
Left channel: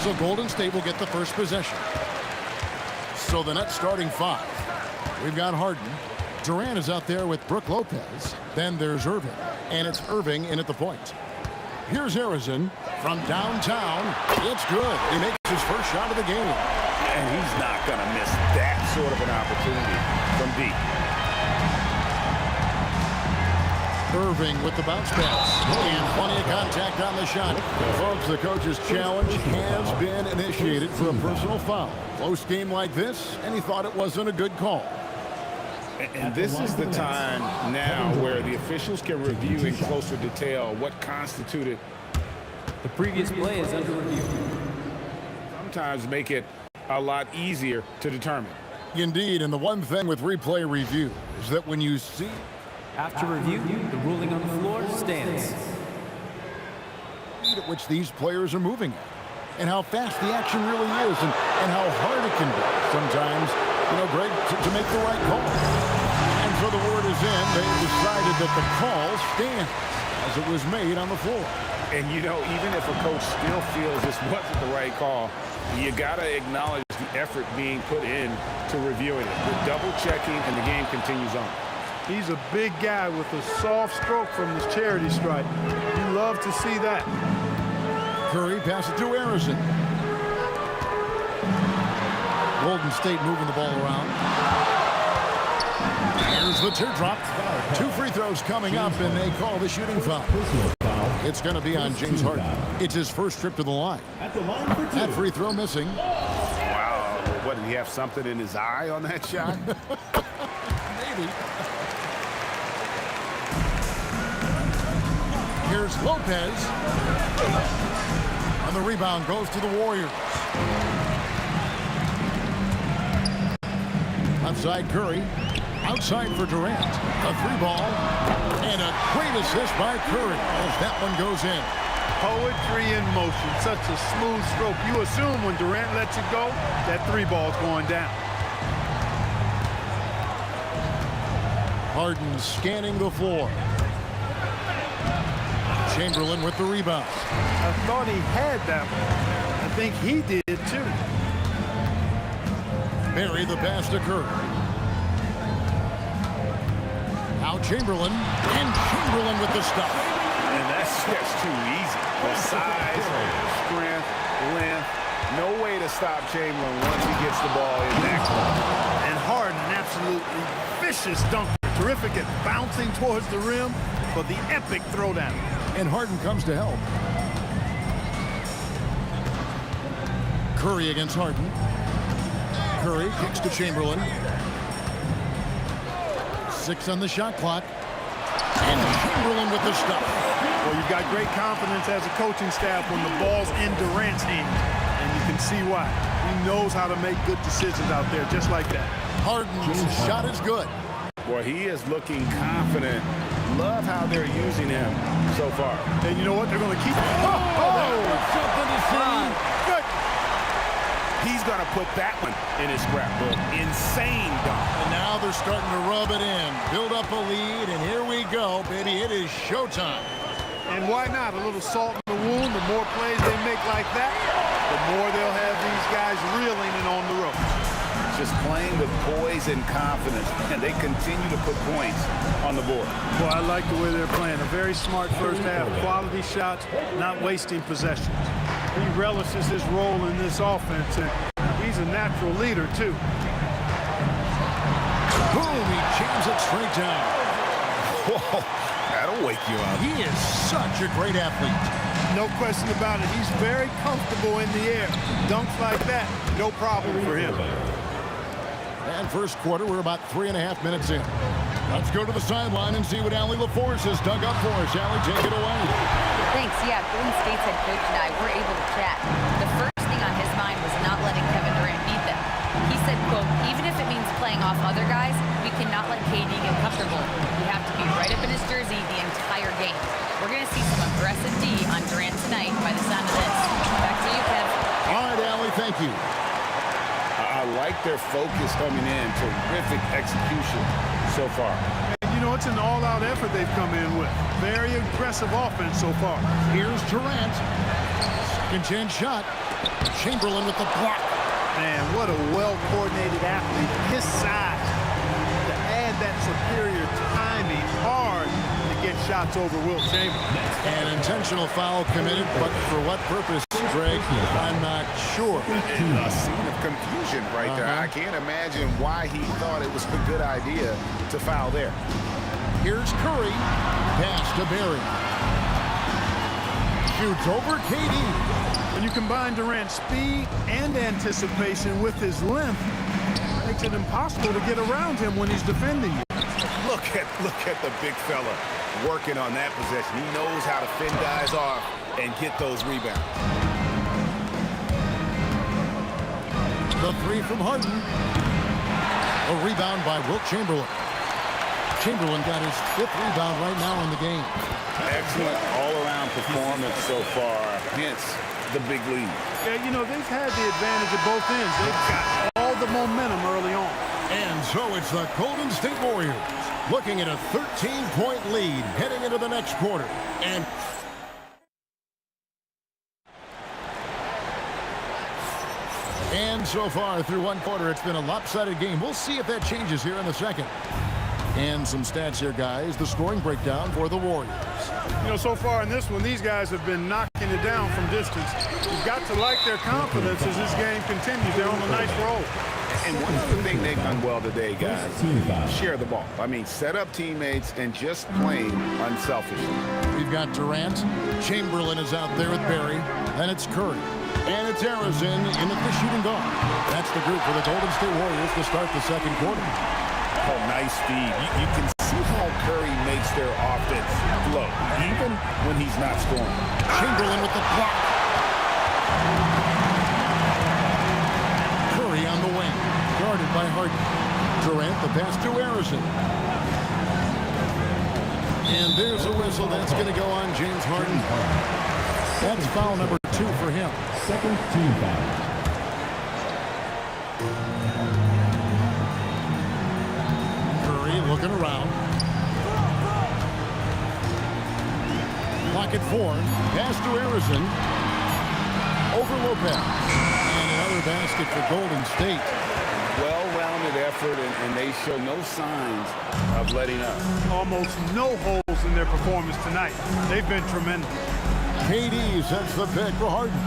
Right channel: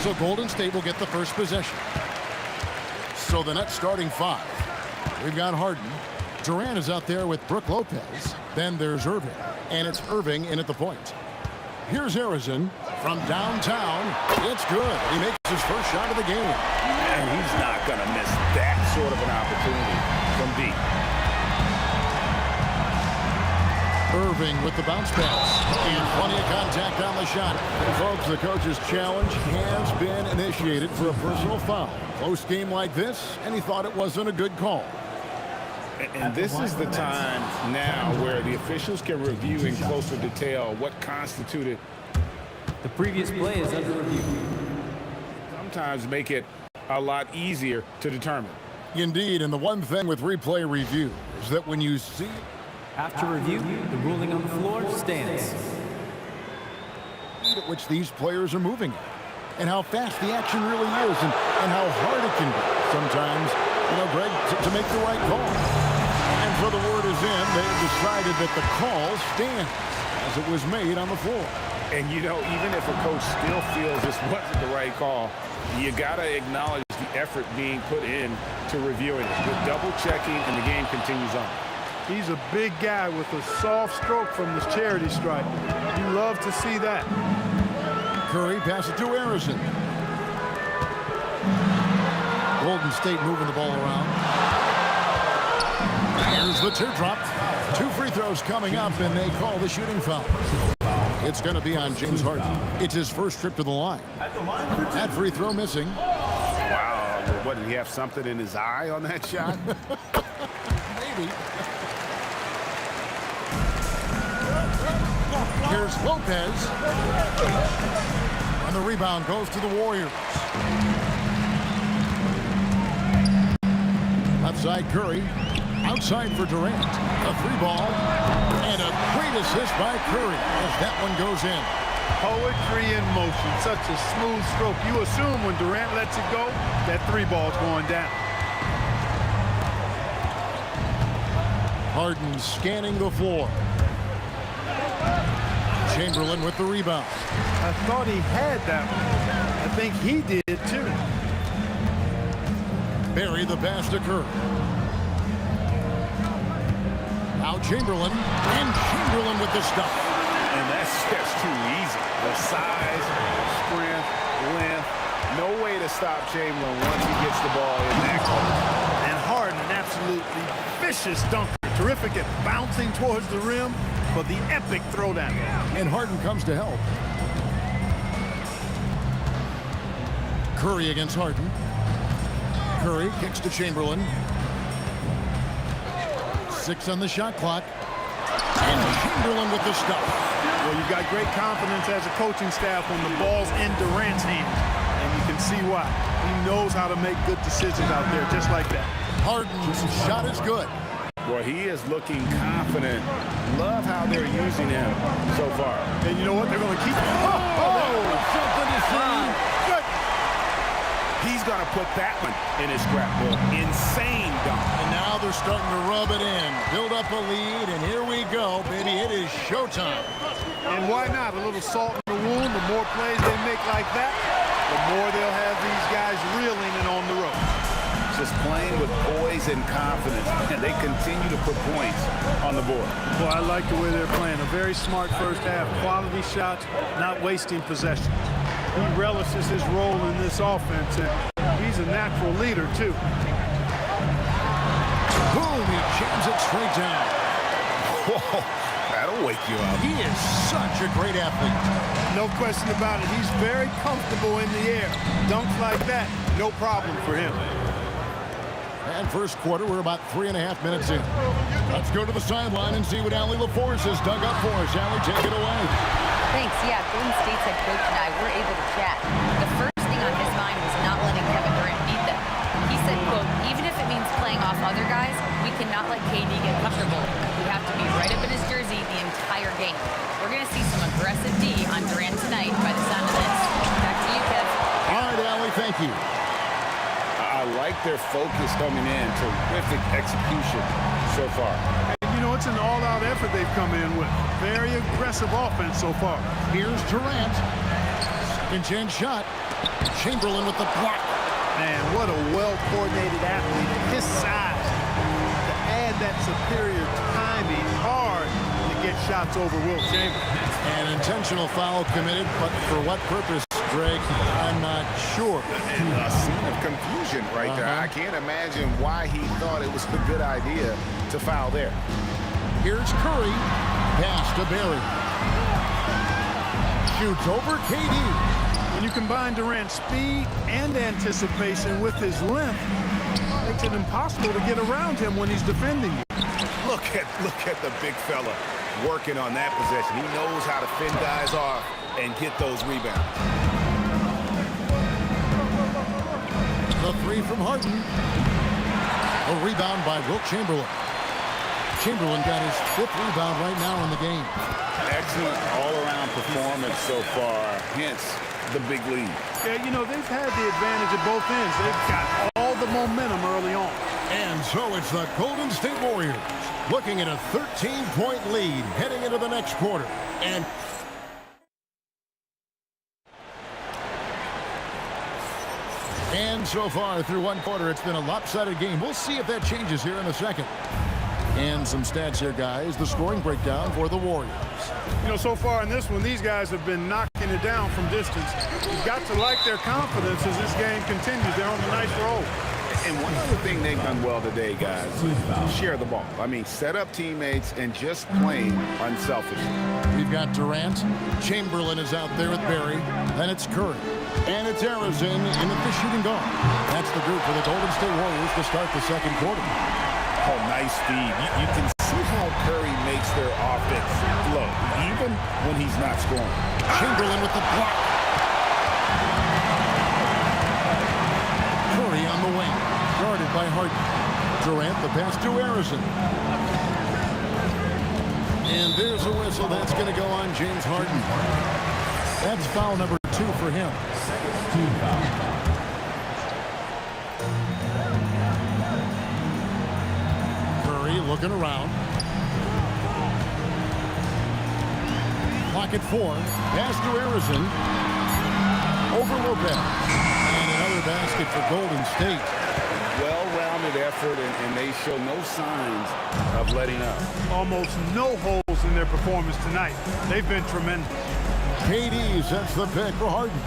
So Golden State will get the first possession. So the Nets starting 5. We've got Harden. Durant is out there with Brook Lopez. Then there's Irving. And it's Irving in at the point. Here's Harrison from downtown. It's good. He makes his first shot of the game. And he's not going to miss that sort of an opportunity from deep. Irving with the bounce pass. And plenty of contact on the shot. Folks, the coach's challenge has been initiated for a personal foul. Close game like this, and he thought it wasn't a good call. And this is the time now where the officials can review in closer detail what constituted. The previous play is under review. Sometimes make it a lot easier to determine. Indeed, and the one thing with replay review is that when you see... After review, the ruling on the floor stands. ...at which these players are moving at, and how fast the action really is, and how hard it can be sometimes, you know, Greg, to make the right call. And so the word is in. They've decided that the call stands as it was made on the floor. And, you know, even if a coach still feels this wasn't the right call, you got to acknowledge the effort being put in to reviewing it. The double checking, and the game continues on. He's a big guy with a soft stroke from the charity stripe. You love to see that. Curry passes it to Harrison. Golden State moving the ball around. Here's the teardrop. 2 free throws coming up, and they call the shooting foul. It's going to be on James Harden. It's his first trip to the line. That free throw missing. Wow. What, did he have something in his eye on that shot? Maybe. Here's Lopez. And the rebound goes to the Warriors. Left side, Curry. Outside for Durant. A 3-ball. And a great assist by Curry as that one goes in. Poetry in motion. Such a smooth stroke. You assume when Durant lets it go, that 3-ball's going down. Harden scanning the floor. Chamberlain with the rebound. I thought he had that one. I think he did too. Barry the pass to Curry. Now Chamberlain, and Chamberlain with the stuff. And that's just too easy. The size, strength, length. No way to stop Chamberlain once he gets the ball in that close. And Harden, an absolutely vicious dunker. Terrific at bouncing towards the rim for the epic throwdown. And Harden comes to help. Curry against Harden. Curry kicks to Chamberlain. 6 on the shot clock. And Chamberlain with the stuff. Well, you've got great confidence as a coaching staff when the ball's in Durant's hands. And you can see why. He knows how to make good decisions out there, just like that. Harden's shot is good. Boy, he is looking confident. Love how they're using him so far. And you know what? They're going to keep... That was something to see. Good. He's going to put that one in his scrapbook. Insane dunk. And now they're starting to rub it in. Build up a lead, and here we go, baby. It is showtime. And why not? A little salt in the wound. The more plays they make like that, the more they'll have these guys reeling and on the ropes. Just playing with poise and confidence, and they continue to put points on the board. Well, I like the way they're playing. A very smart first half. Quality shots, not wasting possessions. He relishes his role in this offense, and he's a natural leader, too. Boom, he jams it straight down. Whoa, that'll wake you up. He is such a great athlete. No question about it. He's very comfortable in the air. Dunks like that, no problem for him. And first quarter, we're about 3.5 minutes in. Let's go to the sideline and see what Allie LaForce has dug up for us. Allie, take it away. Thanks. Yeah, Golden State's head coach and I were able to chat. The first thing on his mind was not letting Kevin Durant beat them. He said, quote, even if it means playing off other guys, we cannot let KD get comfortable. We have to be right up in his jersey the entire game. We're going to see some aggressive D on Durant tonight by the sound of this. Back to you, Kev. All right, Allie, thank you. I like their focus coming in. Terrific execution so far. And, you know, it's an all-out effort they've come in with. Very aggressive offense so far. Here's Durant. Second chance shot. Chamberlain with the block. Man, what a well-coordinated athlete at his size to add that superior timing hard to get shots over Wilt Chamberlain. An intentional foul committed, but for what purpose, Greg? I'm not sure. A scene of confusion right there. I can't imagine why he thought it was a good idea to foul there. Here's Curry. Pass to Barry. Shoots over KD. When you combine Durant's speed and anticipation with his length, it makes it impossible to get around him when he's defending you. Look at the big fella working on that possession. He knows how to fend guys off and get those rebounds. The three from Harden. A rebound by Wilt Chamberlain. Chamberlain got his 5th rebound right now in the game. Excellent all-around performance so far, hence the big lead. Yeah, you know, they've had the advantage at both ends. They've got all the momentum early on. And so it's the Golden State Warriors looking at a 13-point lead heading into the next quarter. And so far through one quarter, it's been a lopsided game. We'll see if that changes here in the second. And some stats here, guys. The scoring breakdown for the Warriors. You know, so far in this one, these guys have been knocking it down from distance. You've got to like their confidence as this game continues. They're on a nice roll. And one other thing they've done well today, guys, share the ball. I mean, set up teammates and just playing unselfishly. We've got Durant. Chamberlain is out there with Barry. Then it's Curry. And it's Arizin in the shooting guard. That's the group for the Golden State Warriors to start the second quarter. Oh, nice feed. You can see how Curry makes their offense flow, even when he's not scoring. Chamberlain with the block. Curry on the wing, guarded by Harden. Durant, the pass to Arizin. And there's a whistle. That's going to go on James Harden. That's foul number 2 for him. Second team foul. Curry looking around. Clock at 4. Pass to Arizin. Over Lopez. And another basket for Golden State. Well-rounded effort, and they show no signs of letting up. Almost no holes in their performance tonight. They've been tremendous. KD sets the pick for Harden.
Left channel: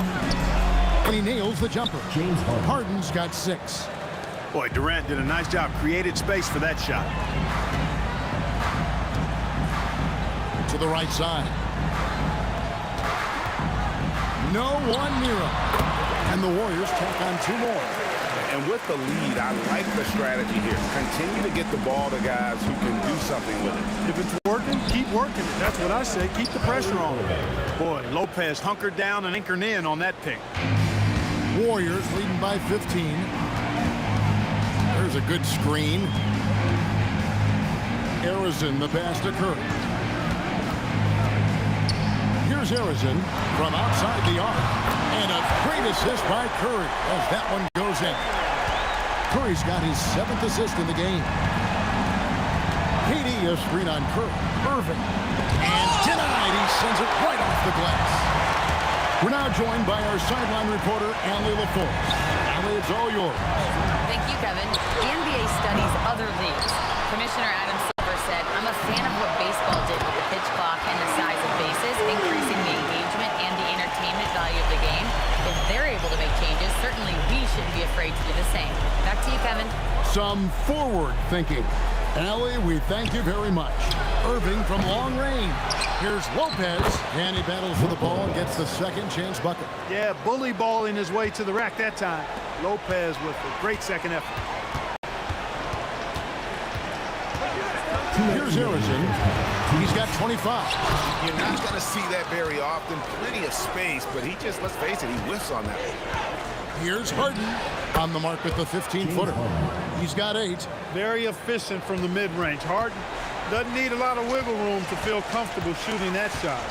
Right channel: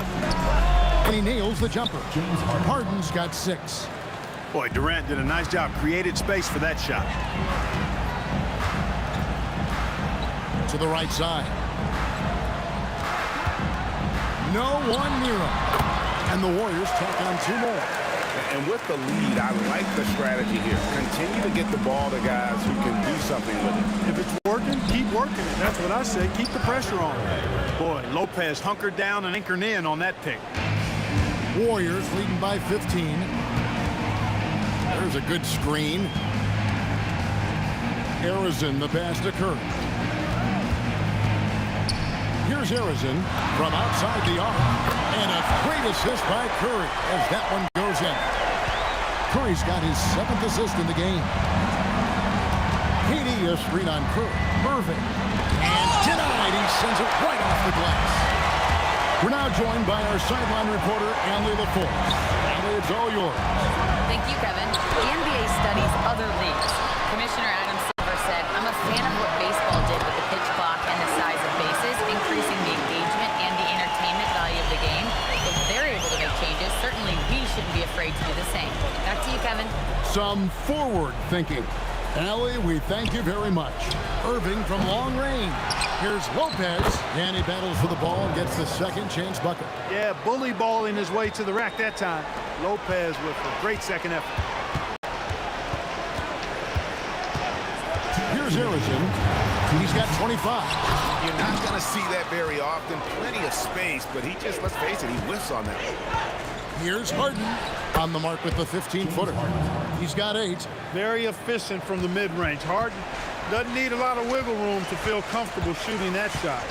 And he nails the jumper. James Harden. Harden's got 6. Boy, Durant did a nice job, created space for that shot. To the right side. No one near him. And the Warriors tack on 2 more. And with the lead, I like the strategy here. Continue to get the ball to guys who can do something with it. If it's working, keep working it. That's what I say. Keep the pressure on him. Boy, Lopez hunkered down and anchored in on that pick. Warriors leading by 15. There's a good screen. Arizin, the pass to Curry. Here's Arizin from outside the arc. And a great assist by Curry as that one goes in. Curry's got his 7th assist in the game. KD a screen on Curry. Irving. And denied. He sends it right off the glass. We're now joined by our sideline reporter, Allie LaForce. Allie, it's all yours. Thank you, Kevin. The NBA studies other leagues. Commissioner Adam Silver said, "I'm a fan of what baseball did with the pitch clock and the size of bases, increasing the engagement and the entertainment value of the game. If they're able to make changes, certainly we shouldn't be afraid to do the same." Back to you, Kevin. Some forward thinking. Allie, we thank you very much. Irving from long range. Here's Lopez, and he battles for the ball and gets the second chance bucket. Yeah, bully balling his way to the rack that time. Lopez with a great second effort. Here's Arizin. He's got 25. You're not going to see that very often. Plenty of space, but he just, let's face it, he whiffs on that one. Here's Harden on the mark with the 15-footer. He's got 8. Very efficient from the mid-range. Harden doesn't need a lot of wiggle room to feel comfortable shooting that shot.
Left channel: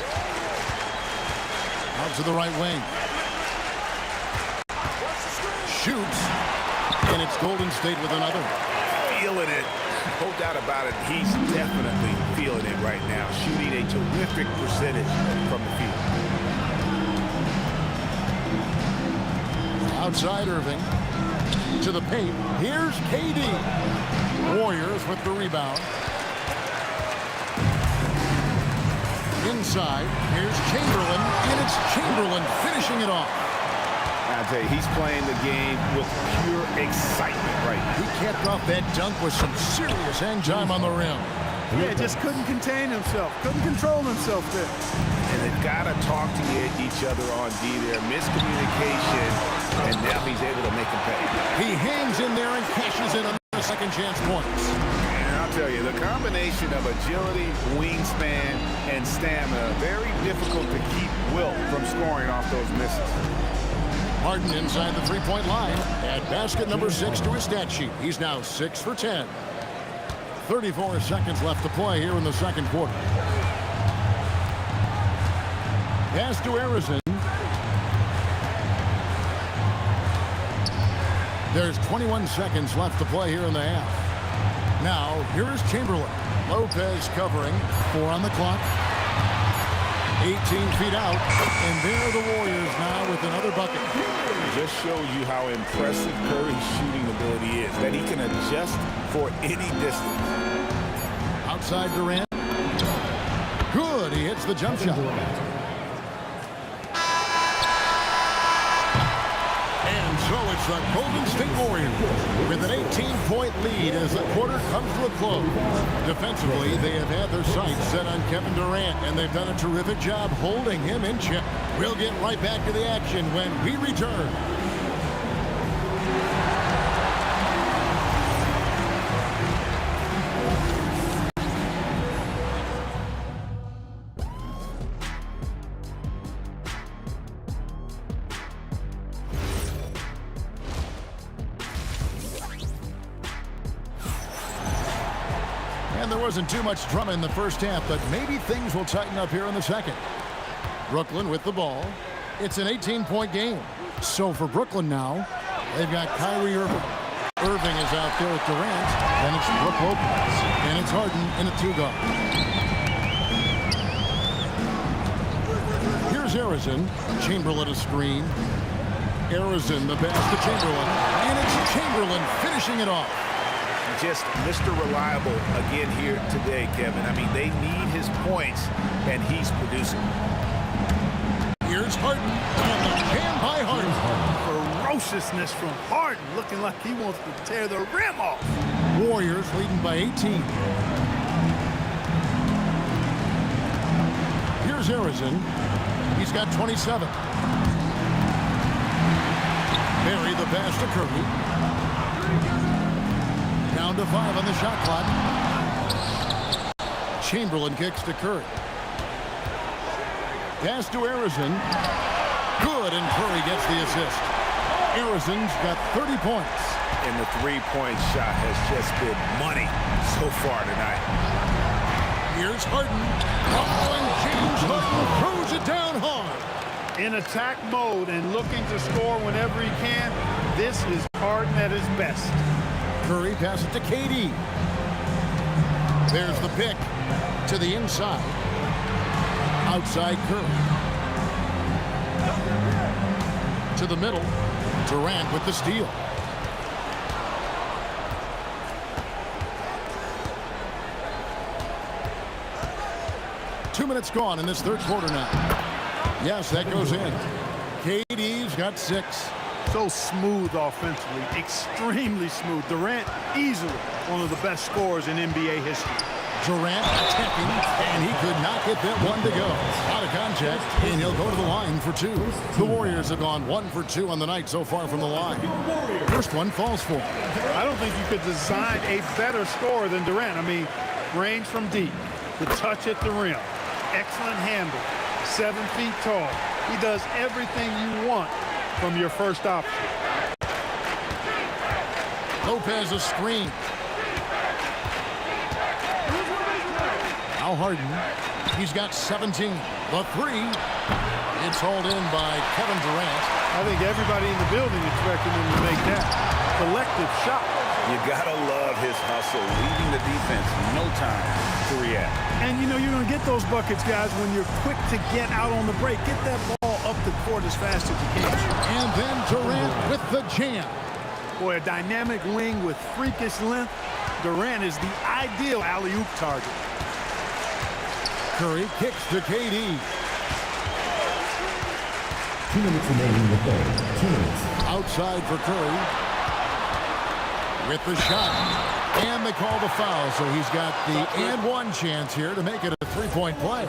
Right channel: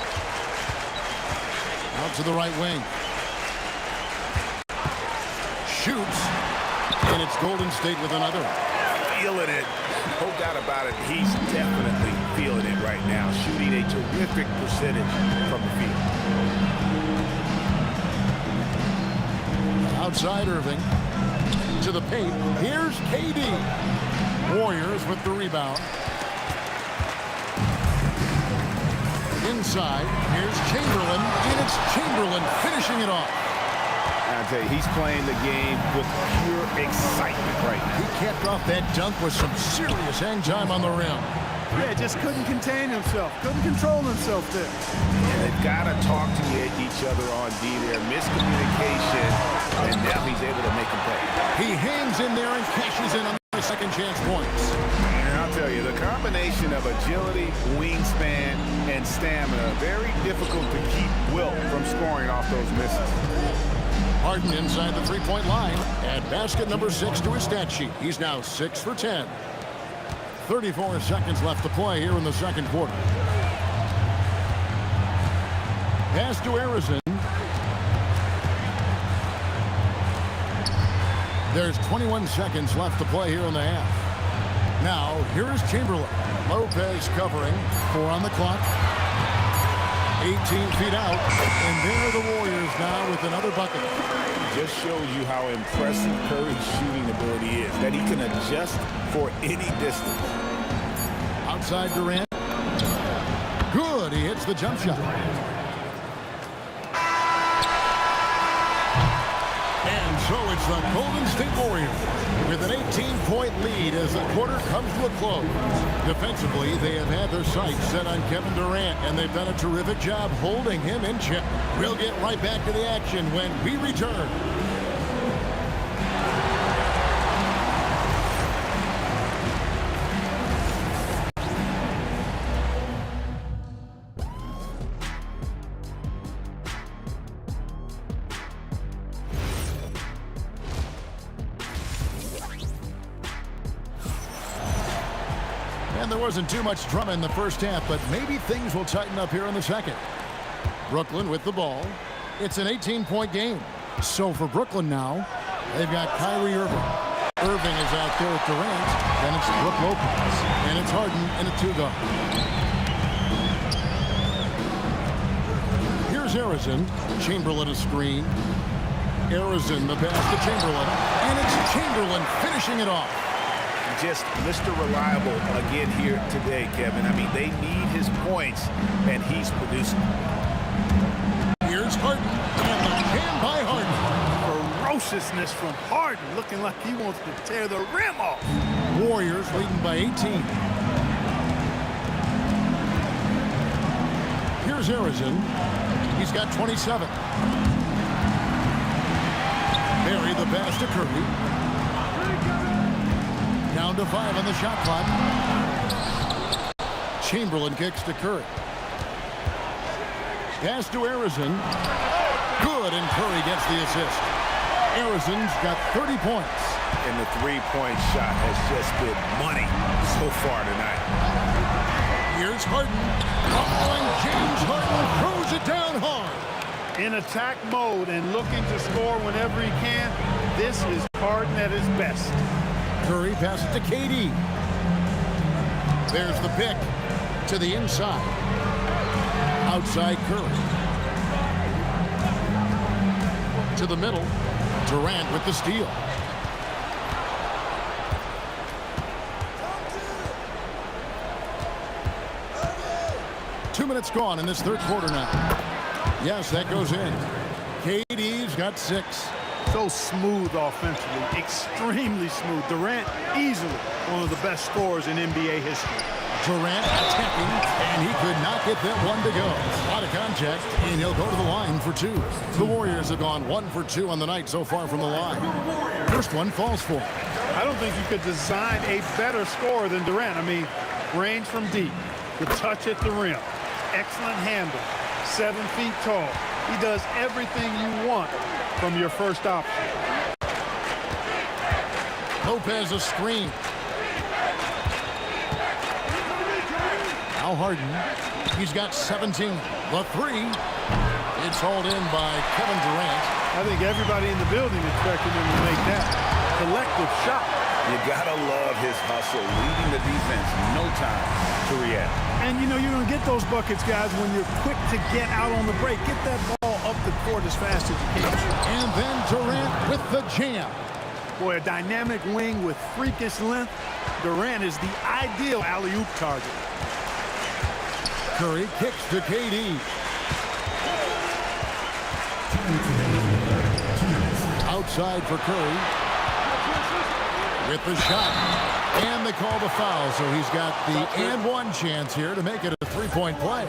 Out to the right wing. Shoots. And it's Golden State with another. Feeling it. No doubt about it. He's definitely feeling it right now. Shooting a terrific percentage from the field. Outside Irving. To the paint. Here's KD. Warriors with the rebound. Inside. Here's Chamberlain. And it's Chamberlain finishing it off. I tell you, he's playing the game with pure excitement right now. He capped off that dunk with some serious hang time on the rim. Yeah, just couldn't contain himself. Couldn't control himself there. And they've got to talk to each other on D there. Miscommunication, and now he's able to make them pay. He hangs in there and cashes in on the second chance points. And I'll tell you, the combination of agility, wingspan, and stamina, very difficult to keep Wilt from scoring off those misses. Harden inside the three-point line. Add basket number 6 to his stat sheet. He's now 6 for 10. 34 seconds left to play here in the second quarter. Pass to Arizon. There's 21 seconds left to play here in the half. Now, here's Chamberlain. Lopez covering. 4 on the clock. 18 feet out. And there are the Warriors now with another bucket. Just shows you how impressive Curry's shooting ability is, that he can adjust for any distance. Outside Durant. Good. He hits the jump shot. And so it's the Golden State Warriors with an 18-point lead as the quarter comes to a close. Defensively, they have had their sights set on Kevin Durant, and they've done a terrific job holding him in check. We'll get right back to the action when we return. And there wasn't too much drama in the first half, but maybe things will tighten up here in the second. Brooklyn with the ball. It's an 18-point game. So for Brooklyn now, they've got Kyrie Irving. Irving is out there with Durant. Then it's Brook Lopez. And it's Harden in a 2-guard. Here's Arizon. Chamberlain a screen. Arizon the pass to Chamberlain. And it's Chamberlain finishing it off. Just Mr. Reliable again here today, Kevin. I mean, they need his points, and he's producing. Here's Harden, and the jam by Harden. Ferociousness from Harden, looking like he wants to tear the rim off. Warriors leading by 18. Here's Arizon. He's got 27. Barry the pass to Curry. Down to 5 on the shot clock. Chamberlain kicks to Curry. Pass to Arizon. Good, and Curry gets the assist. Arizon's got 30 points. And the three-point shot has just been money so far tonight. Here's Harden. Oh, and James Harden throws it down hard. In attack mode and looking to score whenever he can, this is Harden at his best. Curry passes to KD. There's the pick to the inside. Outside Curry. To the middle. Durant with the steal. Two minutes gone in this third quarter now. Yes, that goes in. KD's got 6. So smooth offensively, extremely smooth. Durant, easily one of the best scorers in NBA history. Durant attacking, and he could not get that one to go. Out of contact, and he'll go to the line for 2. The Warriors have gone 1 for 2 on the night so far from the line. First one falls for him. I don't think you could design a better scorer than Durant. I mean, range from deep, the touch at the rim, excellent handle, 7 feet tall. He does everything you want from your first option. Lopez a screen. Now Harden. He's got 17. The 3. It's hauled in by Kevin Durant. I think everybody in the building expected him to make that collective shot. You gotta love his hustle, leaving the defense no time to react. And you know you're gonna get those buckets, guys, when you're quick to get out on the break. Get that ball up the court as fast as you can. And then Durant with the jam. Boy, a dynamic wing with freakish length. Durant is the ideal alley-oop target. Curry kicks to KD. 2 minutes remaining in the third. 2 minutes. Outside for Curry. With the shot. And they call the foul, so he's got the and one chance here to make it a three-point play.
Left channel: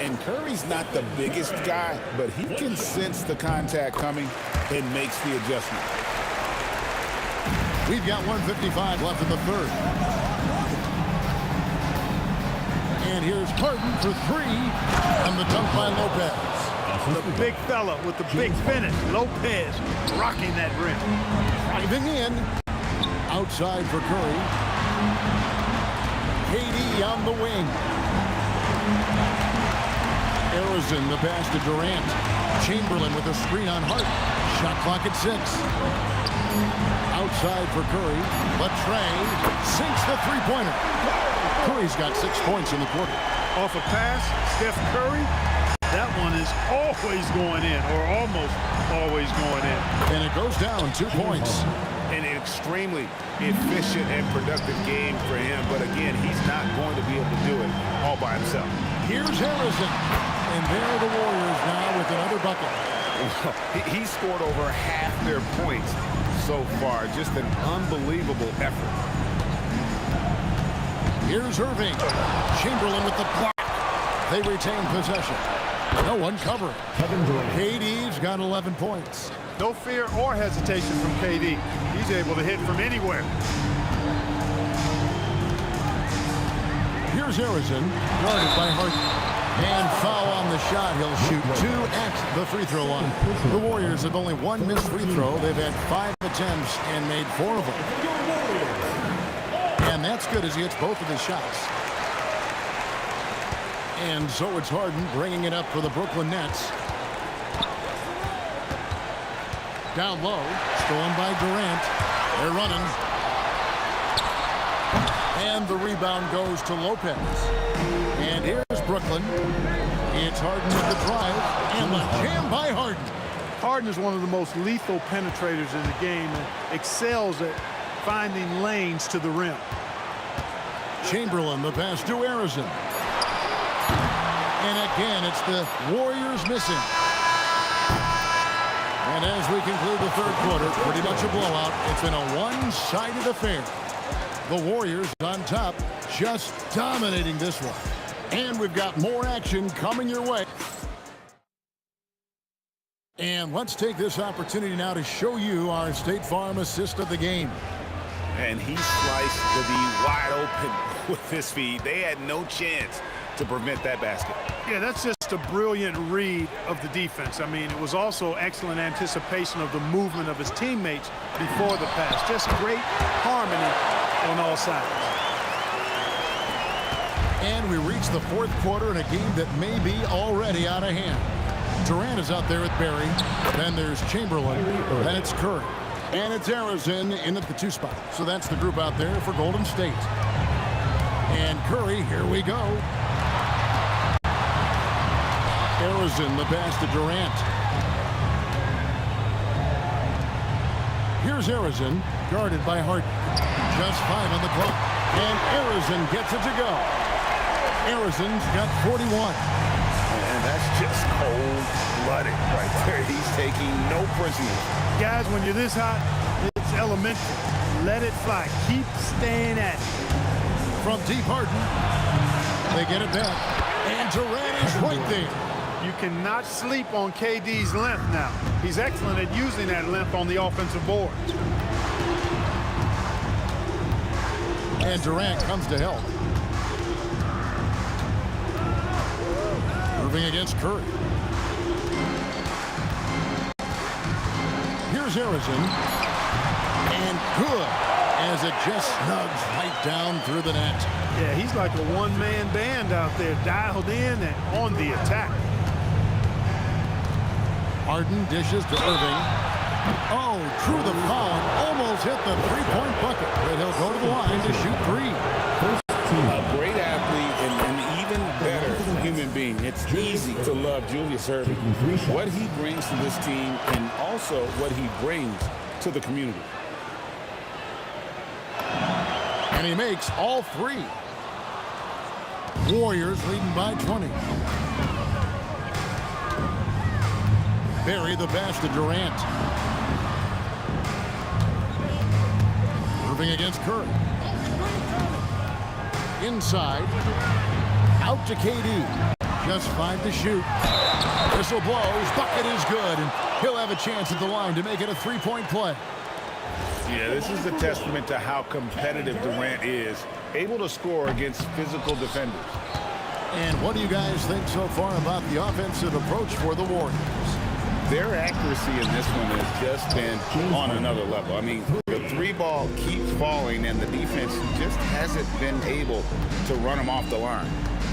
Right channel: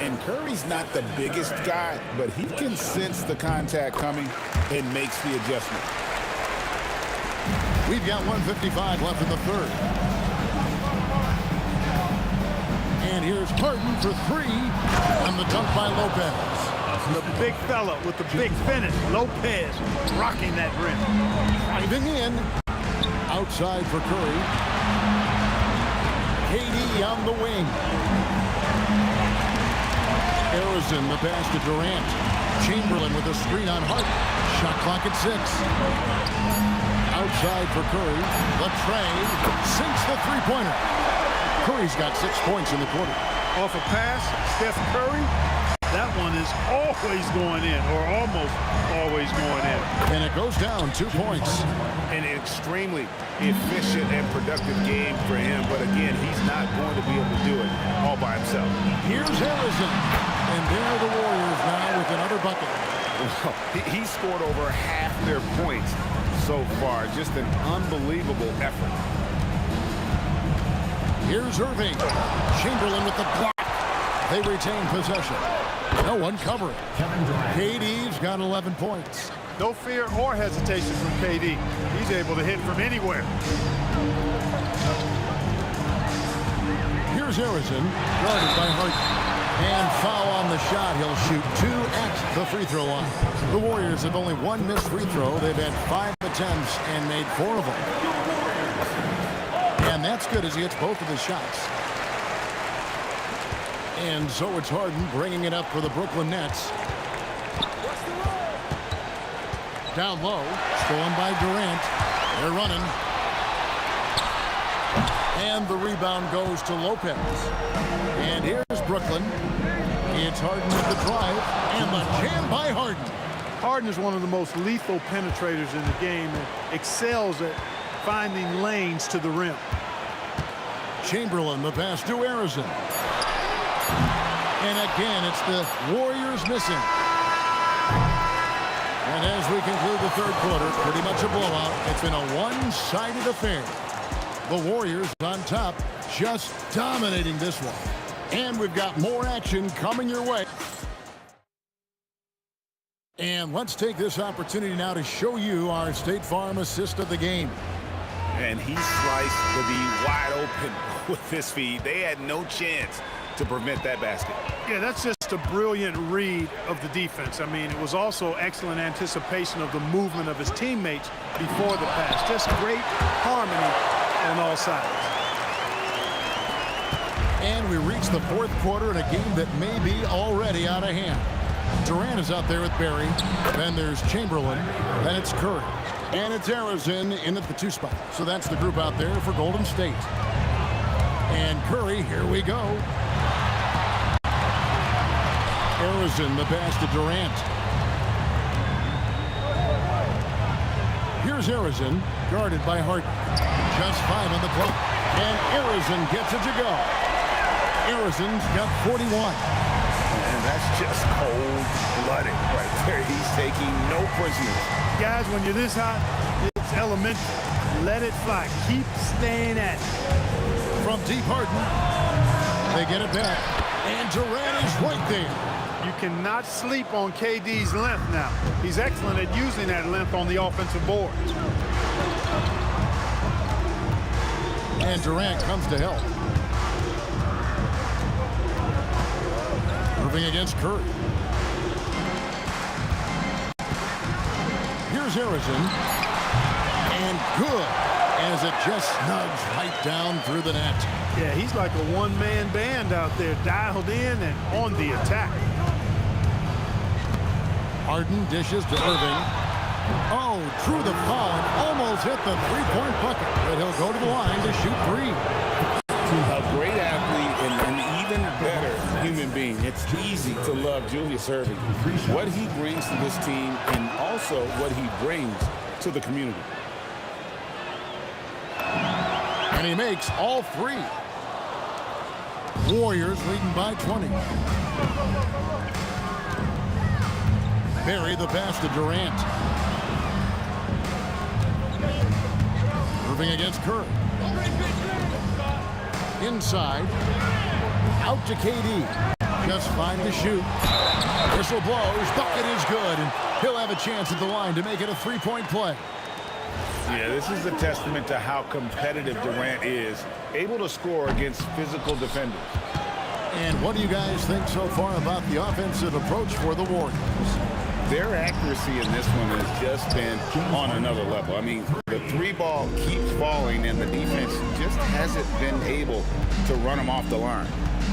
And Curry's not the biggest guy, but he can sense the contact coming and makes the adjustment. We've got 1:55 left in the third. And here's Harden for three on the dunk by Lopez. The big fella with the big finish. Lopez rocking that rim. Driving in. Outside for Curry. KD on the wing. Arizon the pass to Durant. Chamberlain with a screen on Hart. Shot clock at 6. Outside for Curry. Latrey sinks the three-pointer. Curry's got 6 points in the quarter. Off a pass, Steph Curry. That one is always going in, or almost always going in. And it goes down 2 points. An extremely efficient and productive game for him, but again, he's not going to be able to do it all by himself. Here's Arizon. And there are the Warriors now with another bucket. Well, he scored over half their points so far. Just an unbelievable effort. Here's Irving. Chamberlain with the block. They retain possession. No one covering. KD's got 11 points. No fear or hesitation from KD. He's able to hit from anywhere. Here's Arizon, guarded by Harden. And foul on the shot. He'll shoot 2 at the free throw line. The Warriors have only 1 missed free throw. They've had 5 attempts and made 4 of them. And that's good as he hits both of his shots. And so it's Harden bringing it up for the Brooklyn Nets. Down low, stolen by Durant. They're running. And the rebound goes to Lopez. And here's Brooklyn. It's Harden with the drive. And the jam by Harden. Harden is one of the most lethal penetrators in the game and excels at finding lanes to the rim. Chamberlain, the pass to Arizon. And again, it's the Warriors missing. And as we conclude the third quarter, pretty much a blowout. It's been a one-sided affair. The Warriors on top, just dominating this one. And we've got more action coming your way. And let's take this opportunity now to show you our State Farm assist of the game. And he sliced the D wide open with his feet. They had no chance to prevent that basket. Yeah, that's just a brilliant read of the defense. I mean, it was also excellent anticipation of the movement of his teammates before the pass. Just great harmony on all sides. And we reach the fourth quarter in a game that may be already out of hand. Durant is out there with Barry. Then there's Chamberlain. Then it's Curry. And it's Arizon in at the 2 spot. So that's the group out there for Golden State. And Curry, here we go. Arizon, the pass to Durant. Here's Arizon, guarded by Harden. Just 5 on the clock. And Arizon gets it to go. Arizon's got 41. And that's just cold-blooded right there. He's taking no prisoners. Guys, when you're this hot, it's elementary. Let it fly. Keep staying at it. From deep Harden, they get it back. And Durant is right there. You cannot sleep on KD's length now. He's excellent at using that length on the offensive boards. And Durant comes to help. Irving against Curry. Here's Arizon. And good, as it just snugs right down through the net. Yeah, he's like a one-man band out there, dialed in and on the attack. Harden dishes to Irving. Oh, drew the foul and almost hit the three-point bucket. But he'll go to the line to shoot 3. A great athlete and an even better human being. It's easy to love Julius Erving. What he brings to this team and also what he brings to the community. And he makes all three. Warriors leading by 20. Bury the pass to Durant. Irving against Curry. Inside. Out to KD. Just 5 to shoot. Whistle blows. Bucket is good. And he'll have a chance at the line to make it a three-point play. Yeah, this is a testament to how competitive Durant is, able to score against physical defenders. And what do you guys think so far about the offensive approach for the Warriors? Their accuracy in this one has just been on another level. I mean, the three ball keeps falling, and the defense just hasn't been able to run them off the line.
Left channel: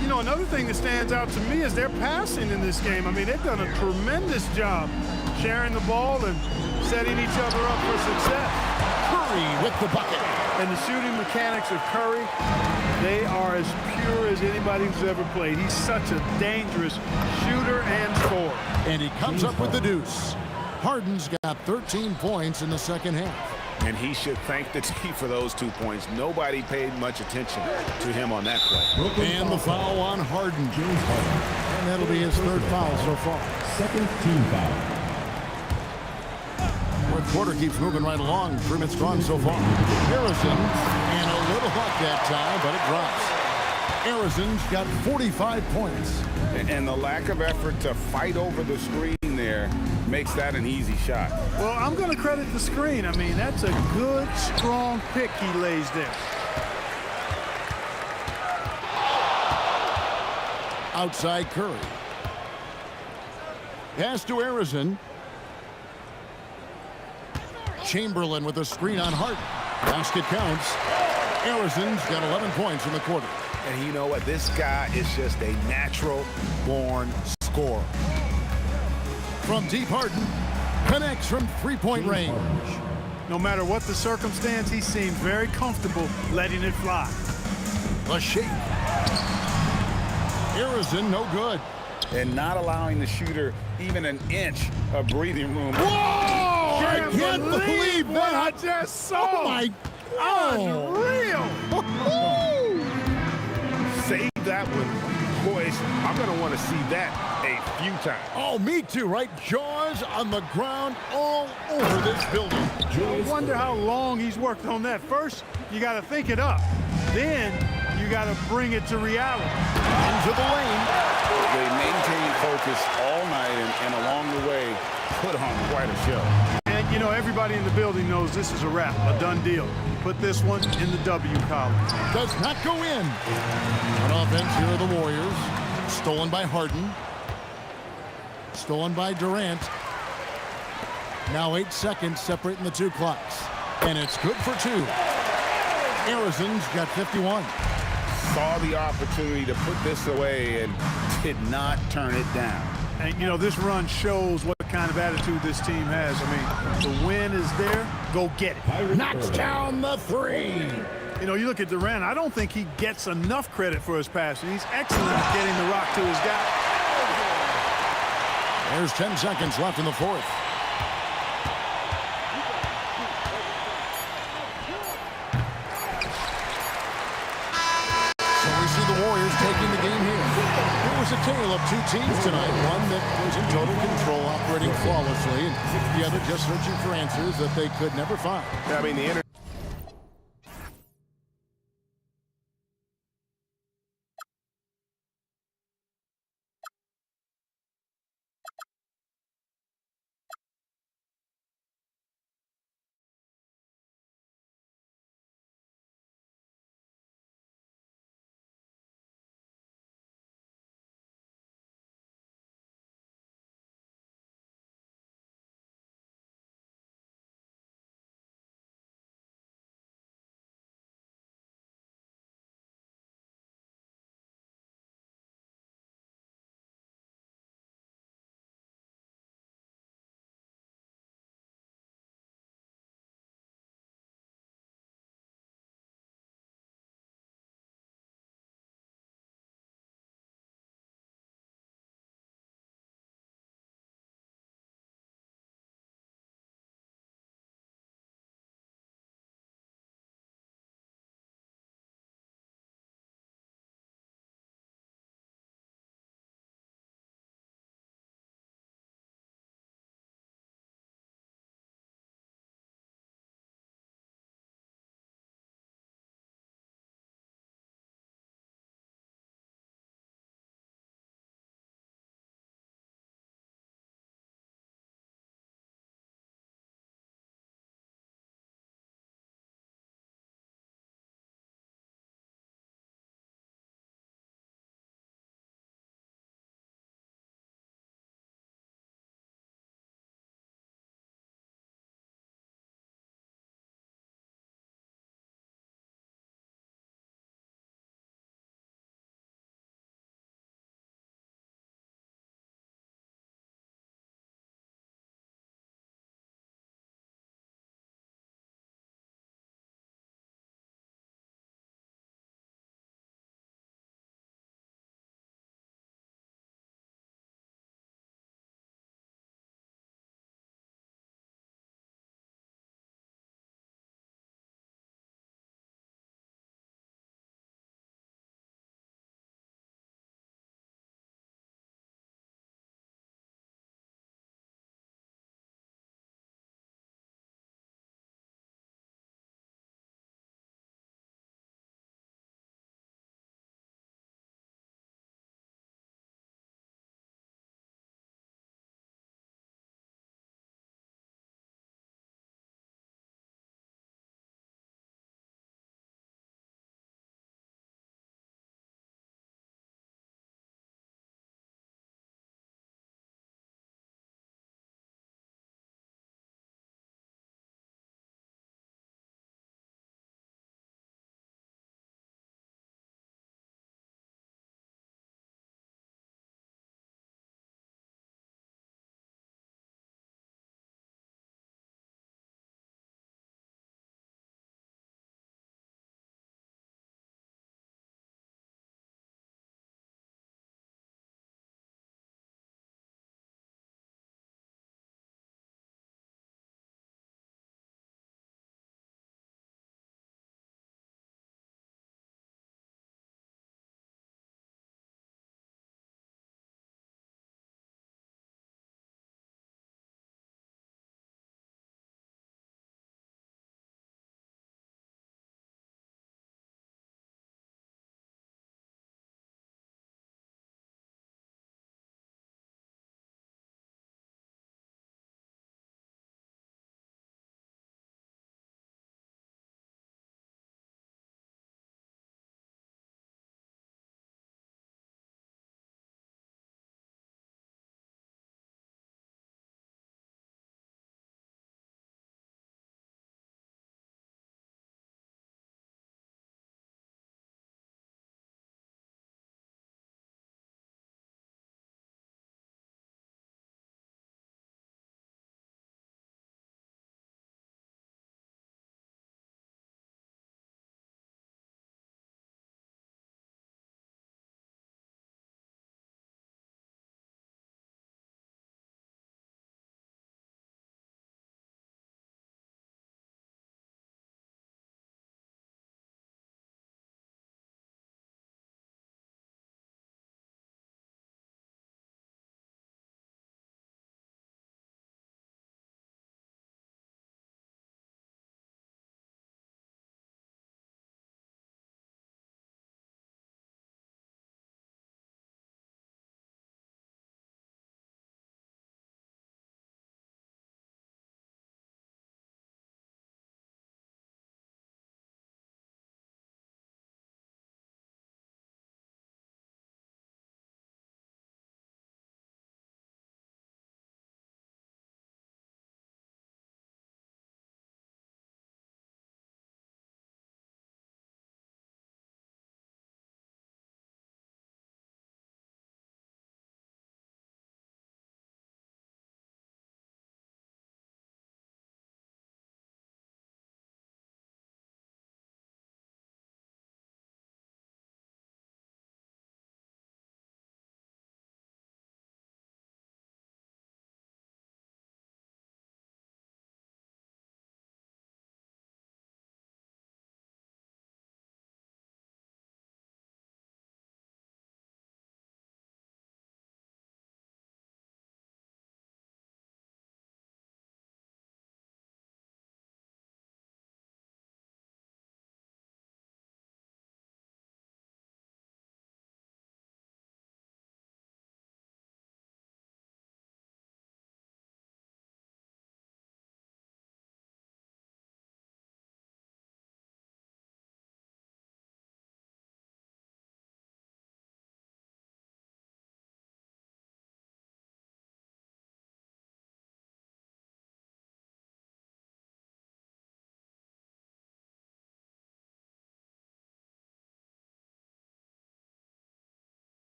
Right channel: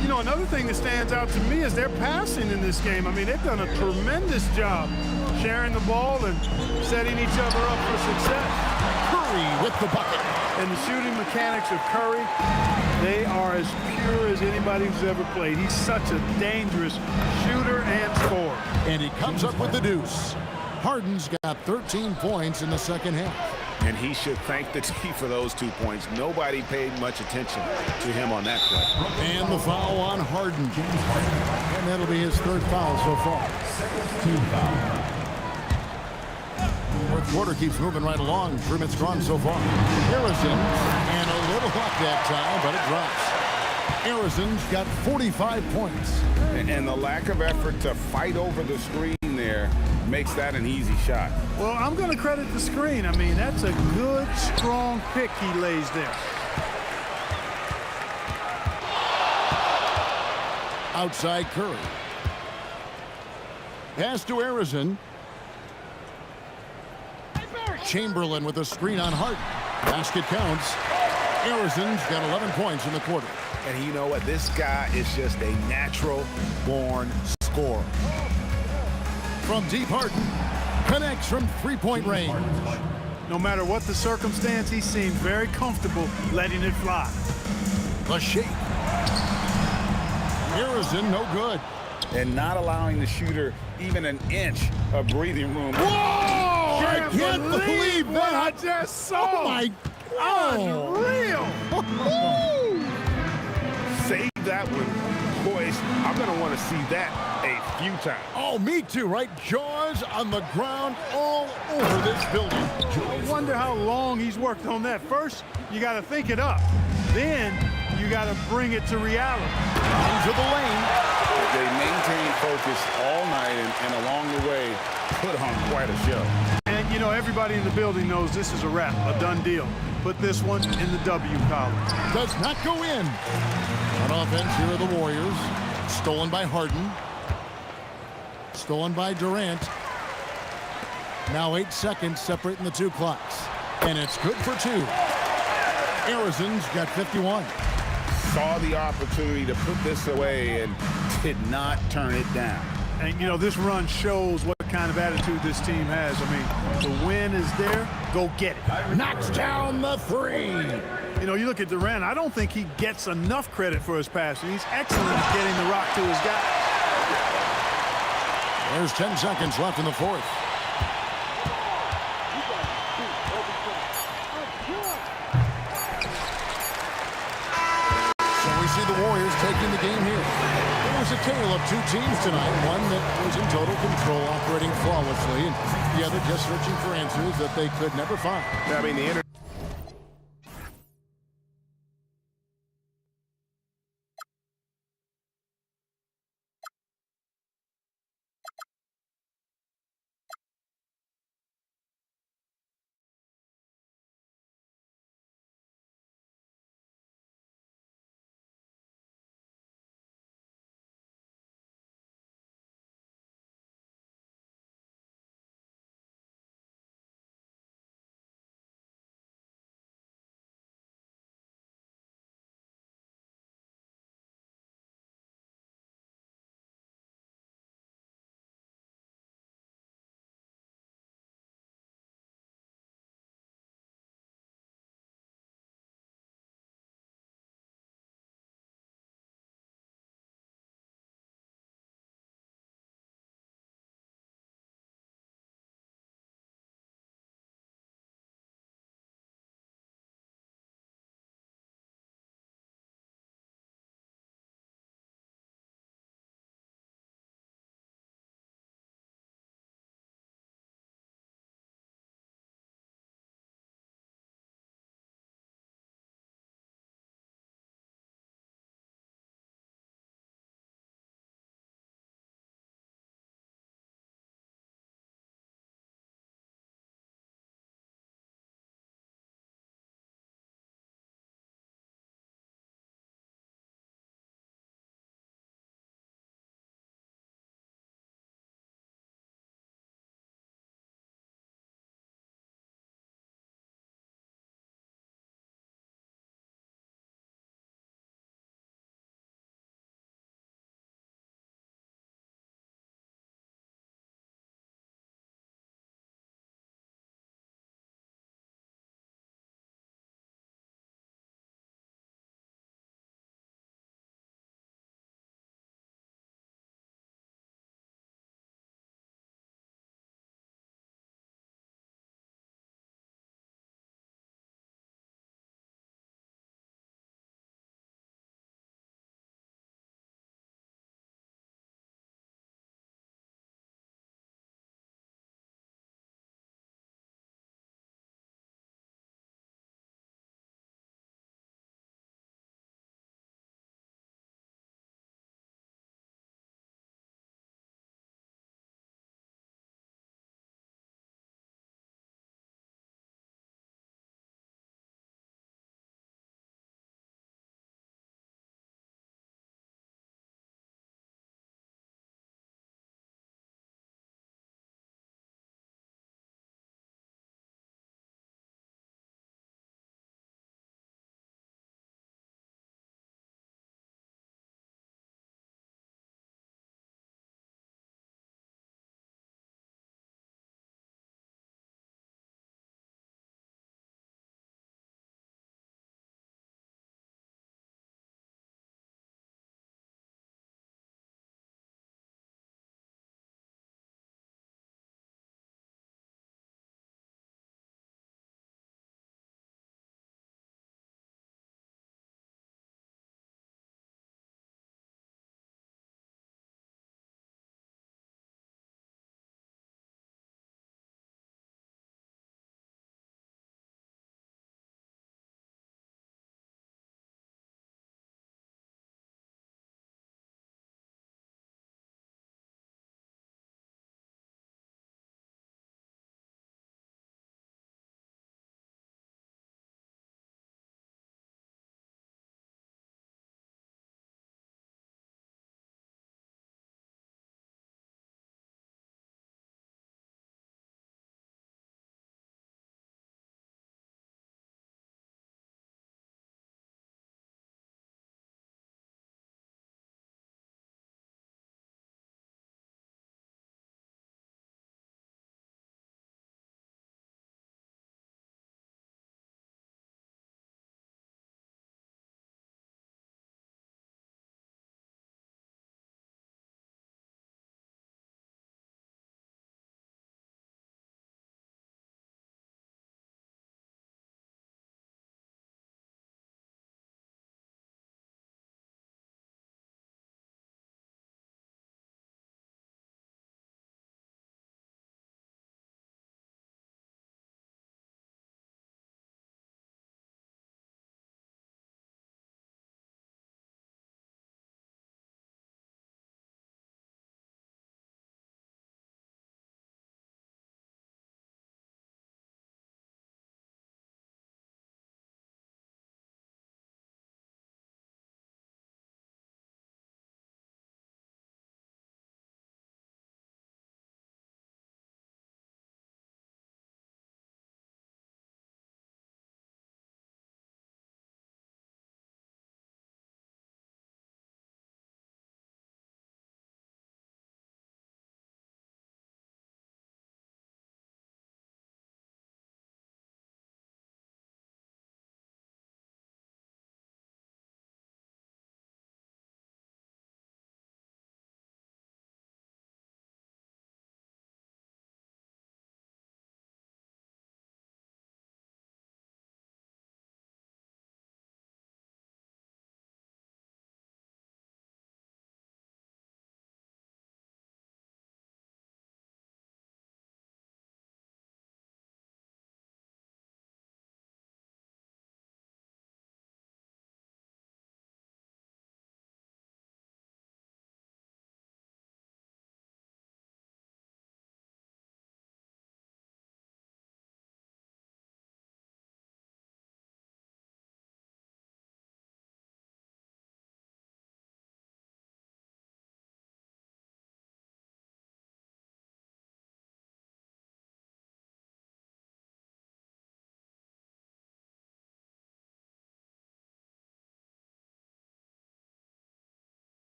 You know, another thing that stands out to me is their passing in this game. I mean, they've done a tremendous job sharing the ball and setting each other up for success. Curry with the bucket. And the shooting mechanics of Curry, they are as pure as anybody who's ever played. He's such a dangerous shooter and scorer. And he comes up with the deuce. Harden's got 13 points in the second half. And he should thank the team for those 2 points. Nobody paid much attention to him on that play. And the foul on Harden. And that'll be his third foul so far. Second team foul. Fourth quarter keeps moving right along. 3 minutes gone so far. Harrison, and a little luck that time, but it drops. Harrison's got 45 points. And the lack of effort to fight over the screen there makes that an easy shot. Well, I'm going to credit the screen. I mean, that's a good, strong pick he lays there. Outside Curry. Pass to Harrison. Chamberlain with a screen on Harden. Basket counts. Harrison's got 11 points in the quarter. And you know what? This guy is just a natural-born scorer. From deep, Harden connects from three-point range. No matter what the circumstance, he seems very comfortable letting it fly. The shake. Harrison, no good. And not allowing the shooter even an inch of breathing room. Whoa! I can't believe what I that. just saw. Oh, my God. Unreal. Save that one. Boys, I'm going to want to see that a few times. Oh, me too, right? Jaws on the ground all over this building. I wonder how long he's worked on that. First, you got to think it up. Then you got to bring it to reality. Into the lane. They maintained focus all night and along the way put on quite a show. And, you know, everybody in the building knows this is a wrap, a done deal. Put this one in the W column. Does not go in. On offense, here are the Warriors. Stolen by Harden. Stolen by Durant. Now 8 seconds separating the two clocks. And it's good for 2. Harrison's got 51. Saw the opportunity to put this away and did not turn it down. And, you know, this run shows what kind of attitude this team has. I mean, the win is there. Go get it. Knocks down the 3. You know, you look at Durant, I don't think he gets enough credit for his passing. He's excellent at getting the rock to his guy. There's 10 seconds left in the fourth. So we see the Warriors taking the game here. It was a tale of 2 teams tonight. One that was in total control, operating flawlessly, and the other just searching for answers that they could never find. I mean, the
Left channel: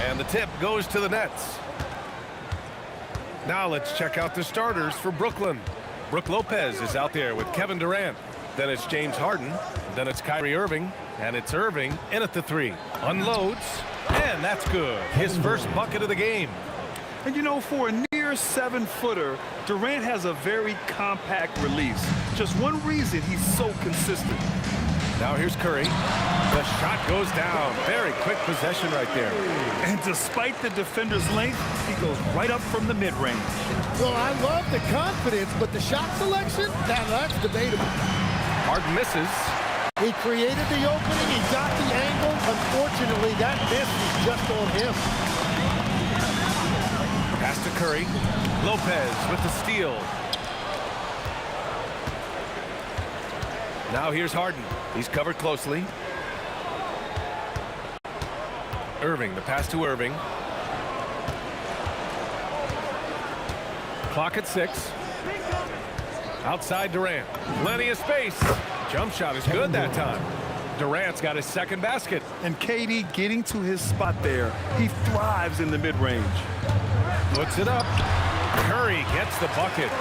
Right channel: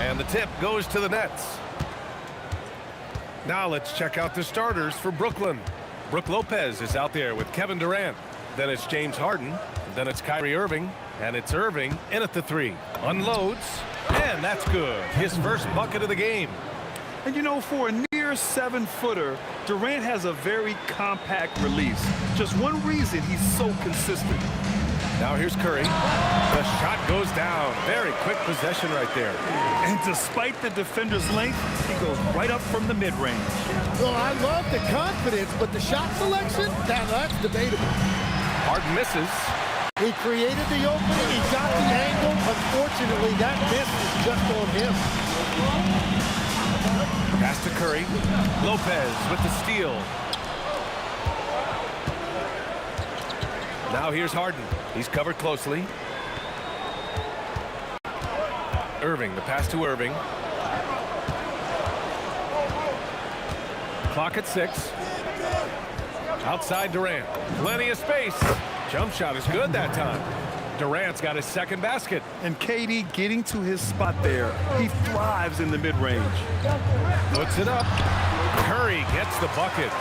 And the tip goes to the Nets. Now let's check out the starters for Brooklyn. Brook Lopez is out there with Kevin Durant. Then it's James Harden. Then it's Kyrie Irving. And it's Irving in at the 3. Unloads. And that's good. His first bucket of the game. And you know, for a near 7-footer, Durant has a very compact release. Just one reason he's so consistent. Now here's Curry. The shot goes down. Very quick possession right there. And despite the defender's length, he goes right up from the mid-range. Well, I love the confidence, but the shot selection, now that's debatable. Harden misses. He created the opening. He got the angle. Unfortunately, that miss is just on him. Pass to Curry. Lopez with the steal. Now here's Harden. He's covered closely. Irving, the pass to Irving. Clock at 6. Outside Durant. Plenty of space. Jump shot is good that time. Durant's got his second basket. And KD getting to his spot there. He thrives in the mid-range. Puts it up. Curry gets the bucket.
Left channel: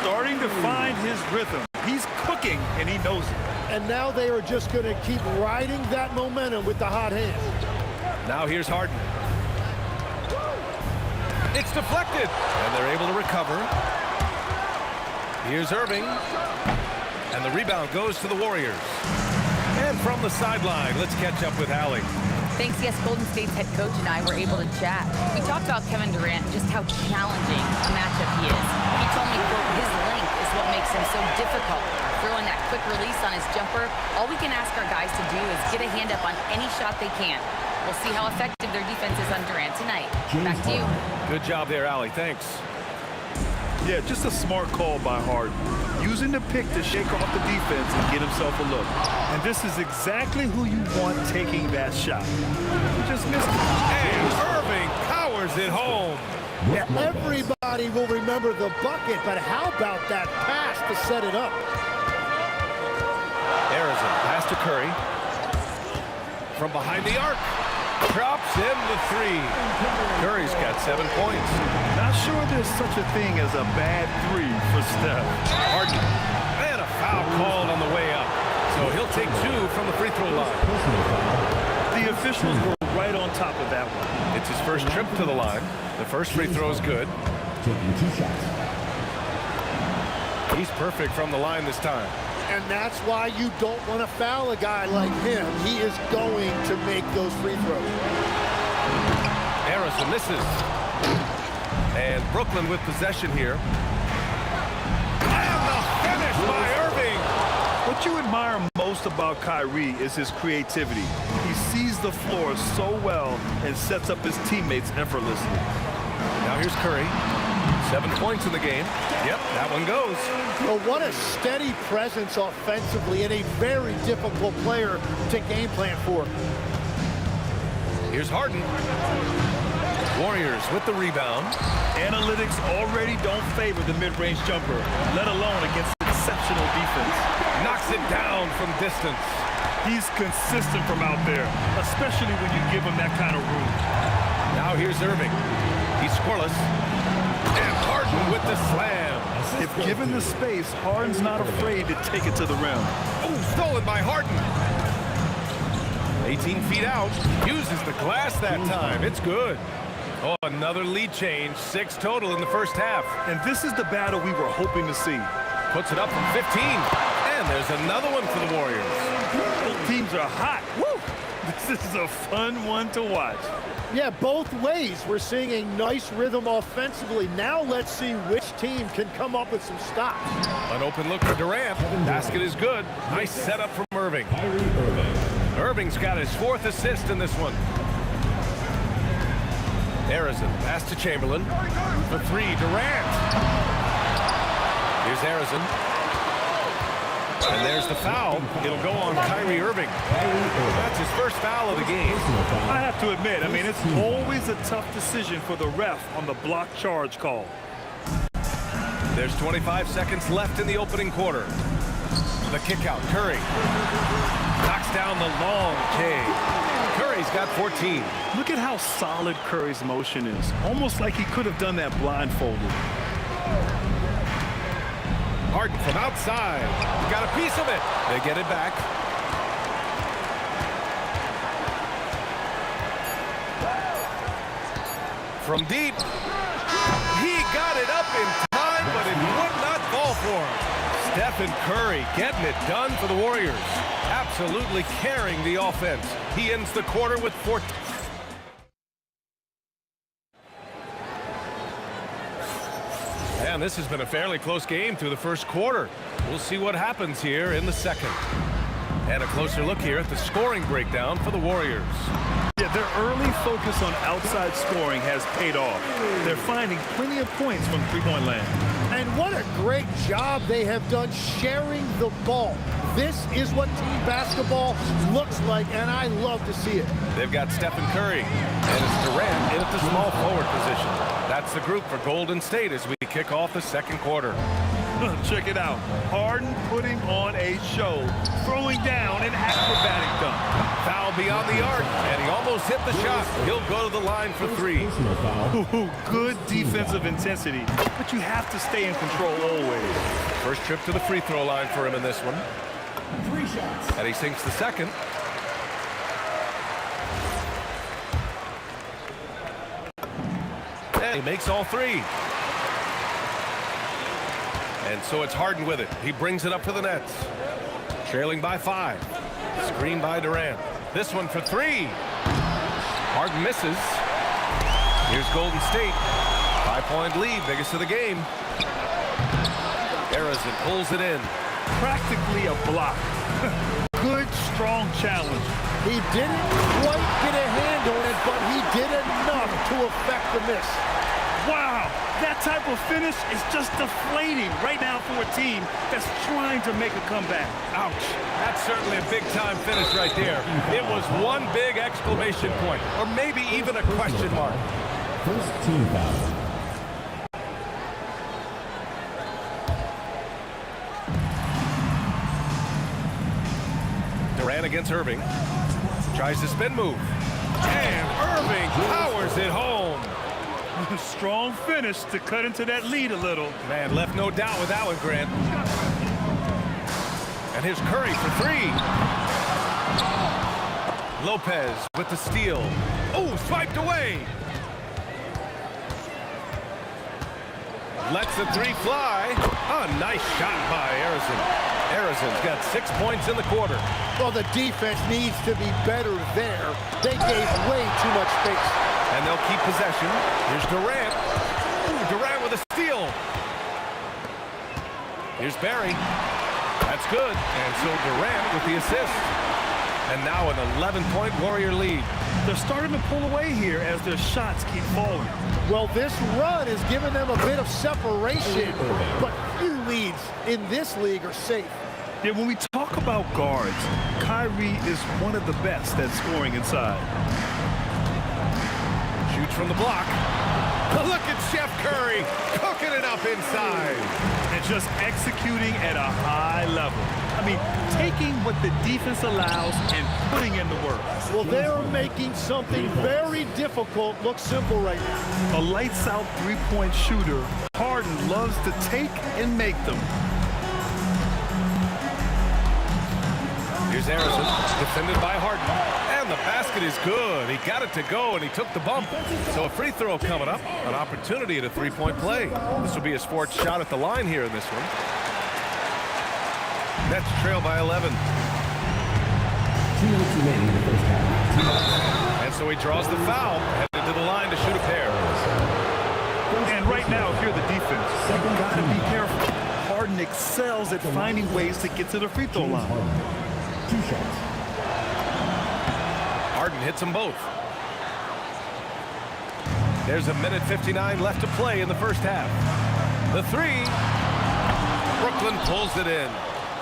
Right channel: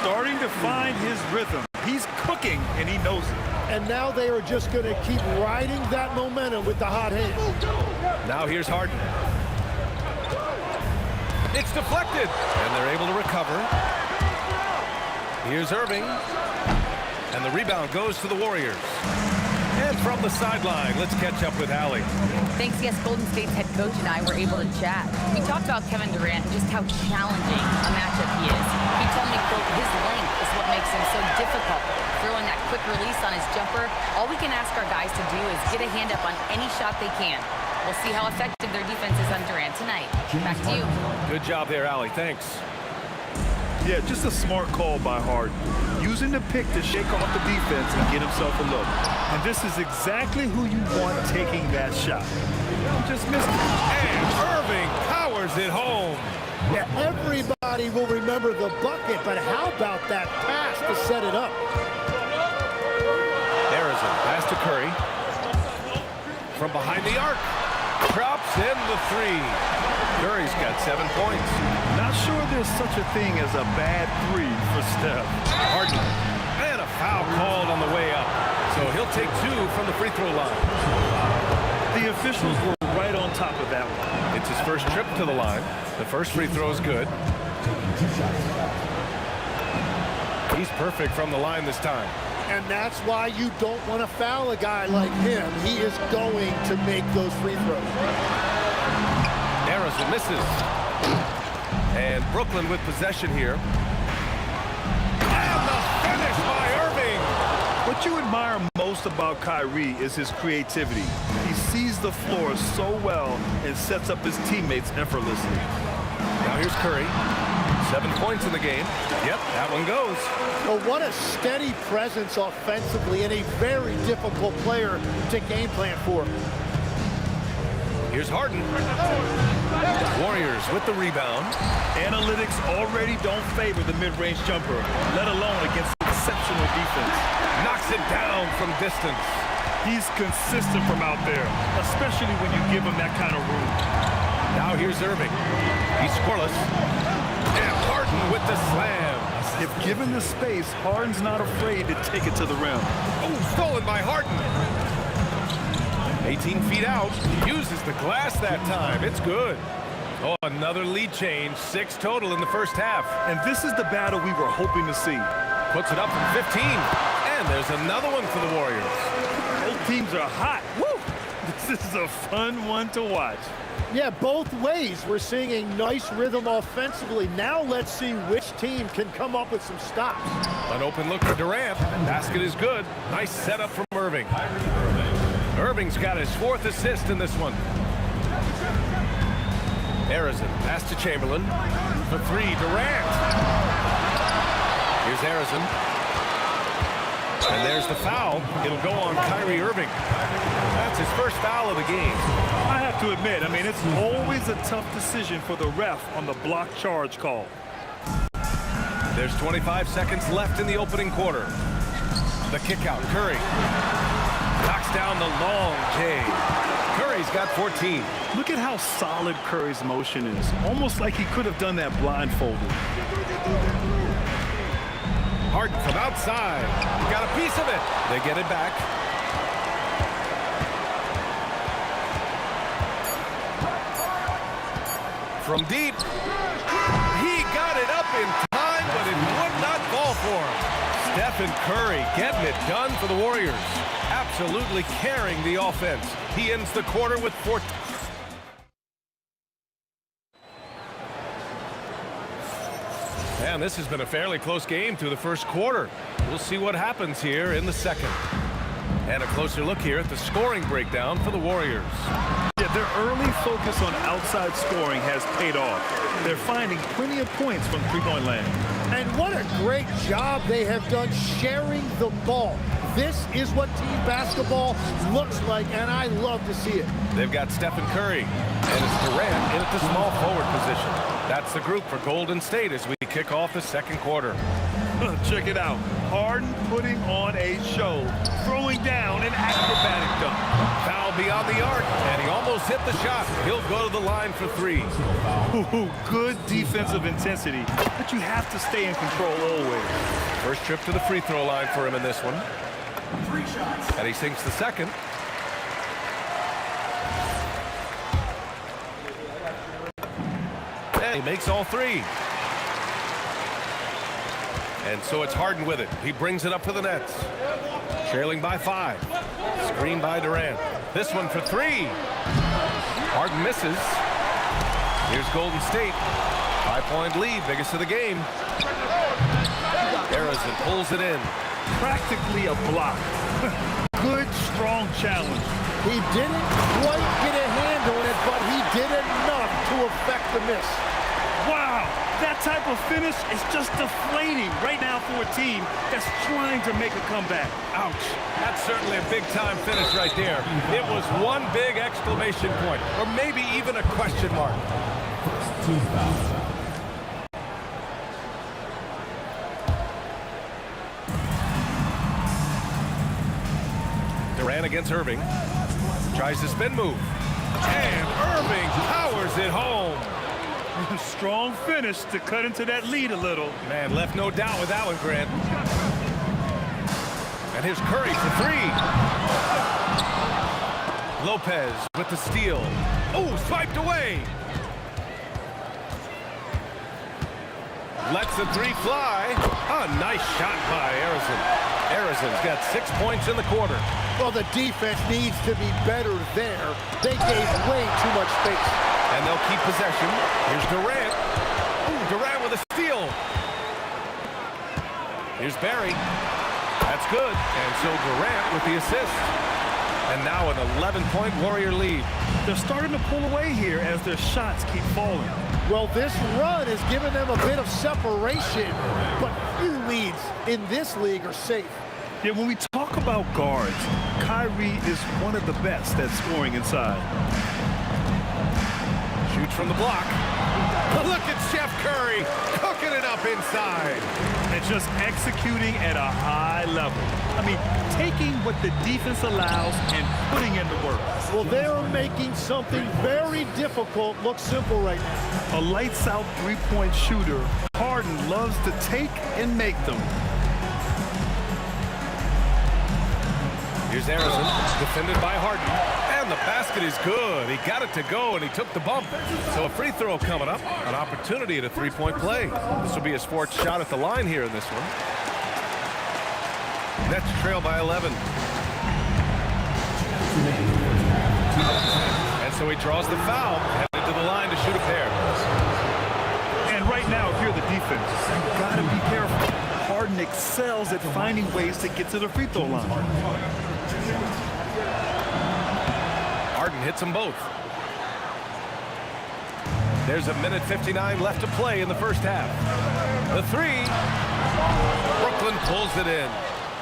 Starting to find his rhythm. He's cooking, and he knows it. And now they are just going to keep riding that momentum with the hot hand. Now here's Harden. It's deflected, and they're able to recover. Here's Irving. And the rebound goes to the Warriors. And from the sideline, let's catch up with Allie. Thanks, yes, Golden State's head coach and I were able to chat. We talked about Kevin Durant and just how challenging a matchup he is. He told me, quote, his length is what makes him so difficult. Throwing that quick release on his jumper, all we can ask our guys to do is get a hand up on any shot they can. We'll see how effective their defense is on Durant tonight. Back to you. Good job there, Allie. Thanks. Yeah, just a smart call by Harden. Using the pick to shake off the defense and get himself a look. And this is exactly who you want taking that shot. He just missed it. And Irving powers it home. Yeah, everybody will remember the bucket, but how about that pass to set it up? Arizona pass to Curry. From behind the arc. Drops in the 3. Curry's got 7 points. Not sure there's such a thing as a bad 3 for Steph. Harden. And a foul called on the way up. So he'll take 2 from the free throw line. The officials were right on top of that one. It's his first trip to the line. The first free throw is good. He's perfect from the line this time. And that's why you don't want to foul a guy like him. He is going to make those free throws. Arizona misses. And Brooklyn with possession here. And the finish by Irving. What you admire most about Kyrie is his creativity. He sees the floor so well and sets up his teammates effortlessly. Now here's Curry. 7 points in the game. Yep, that one goes. Well, what a steady presence offensively and a very difficult player to game plan for. Here's Harden. Warriors with the rebound. Analytics already don't favor the mid-range jumper, let alone against exceptional defense. Knocks it down from distance. He's consistent from out there, especially when you give him that kind of room. Now here's Irving. He's scoreless. And Harden with the slam. If given the space, Harden's not afraid to take it to the rim. Oh, stolen by Harden. 18 feet out. Uses the glass that time. It's good. Oh, another lead change. 6 total in the first half. And this is the battle we were hoping to see. Puts it up from 15. And there's another one for the Warriors. Both teams are hot. Woo! This is a fun one to watch. Yeah, both ways. We're seeing a nice rhythm offensively. Now let's see which team can come up with some stops. An open look for Durant. Basket is good. Nice setup from Irving. Irving's got his 4th assist in this one. Arizona pass to Chamberlain. For 3, Durant. Here's Arizona. And there's the foul. It'll go on Kyrie Irving. That's his first foul of the game. I have to admit, I mean, it's always a tough decision for the ref on the block charge call. There's 25 seconds left in the opening quarter. The kick out, Curry. Knocks down the long J. Curry's got 14. Look at how solid Curry's motion is. Almost like he could have done that blindfolded. Harden from outside. He got a piece of it. They get it back. From deep. He got it up in time, but it would not fall for him. Stephen Curry getting it done for the Warriors. Absolutely carrying the offense. He ends the quarter with 14. And this has been a fairly close game through the first quarter. We'll see what happens here in the second. And a closer look here at the scoring breakdown for the Warriors. Yeah, their early focus on outside scoring has paid off. They're finding plenty of points from three-point land. And what a great job they have done sharing the ball. This is what team basketball looks like, and I love to see it. They've got Stephen Curry, and it's Durant in at the small forward position. That's the group for Golden State as we kick off the second quarter. Check it out. Harden putting on a show, throwing down an acrobatic dunk. Foul beyond the arc, and he almost hit the shot. He'll go to the line for three. Ooh, good defensive intensity, but you have to stay in control always. First trip to the free throw line for him in this one. 3 shots. And he sinks the second. And he makes all three. And so it's Harden with it. He brings it up to the Nets. Trailing by 5. Screen by Durant. This one for 3. Harden misses. Here's Golden State. 5-point lead, biggest of the game. Arizin pulls it in. Practically a block. Good, strong challenge. He didn't quite get a hand on it, but he did enough to affect the miss. Wow, that type of finish is just deflating right now for a team that's trying to make a comeback. Ouch. That's certainly a big-time finish right there. It was one big exclamation point, or maybe even a question mark. First team foul. Durant against Irving. Tries the spin move. And Irving powers it home. Strong finish to cut into that lead a little. Man, left no doubt with that one, Grant. And here's Curry for 3. Lopez with the steal. Oh, swiped away. Lets the 3 fly. A nice shot by Arizin. Arizin's got 6 points in the quarter. Well, the defense needs to be better there. They gave way too much space. And they'll keep possession. Here's Durant. Ooh, Durant with a steal. Here's Barry. That's good. And so Durant with the assist. And now an 11-point Warrior lead. They're starting to pull away here as their shots keep falling. Well, this run has given them a bit of separation, but few leads in this league are safe. Yeah, when we talk about guards, Kyrie is one of the best at scoring inside. Shoots from the block. Look at Chef Curry cooking it up inside. And just executing at a high level. I mean, taking what the defense allows and putting in the work. Well, they're making something very difficult look simple right now. A lights-out three-point shooter, Harden loves to take and make them. Here's Arizin, defended by Harden. And the basket is good. He got it to go, and he took the bump. So a free throw coming up, an opportunity at a three-point play. This will be his 4th shot at the line here in this one. Nets trail by 11. 2 minutes remaining in the first half. And so he draws the foul, headed to the line to shoot a pair. And right now, if you're the defense, you've got to be careful. Harden excels at finding ways to get to the free throw line. Harden hits them both. There's 1:59 left to play in the first half. The 3. Brooklyn pulls it in.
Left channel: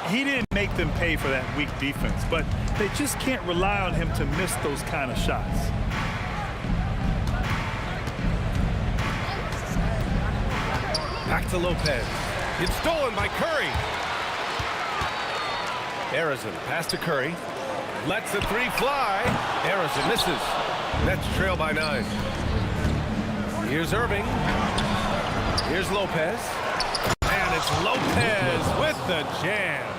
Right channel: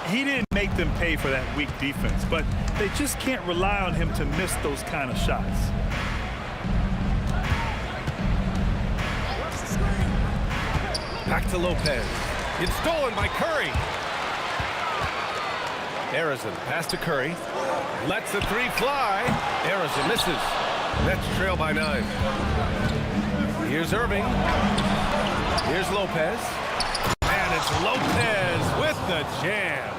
He didn't make them pay for that weak defense, but they just can't rely on him to miss those kind of shots. Back to Lopez. It's stolen by Curry. Arizin pass to Curry. Lets the three fly. Harrison misses. Nets trail by 9. Here's Irving. Here's Lopez. And it's Lopez with the jam.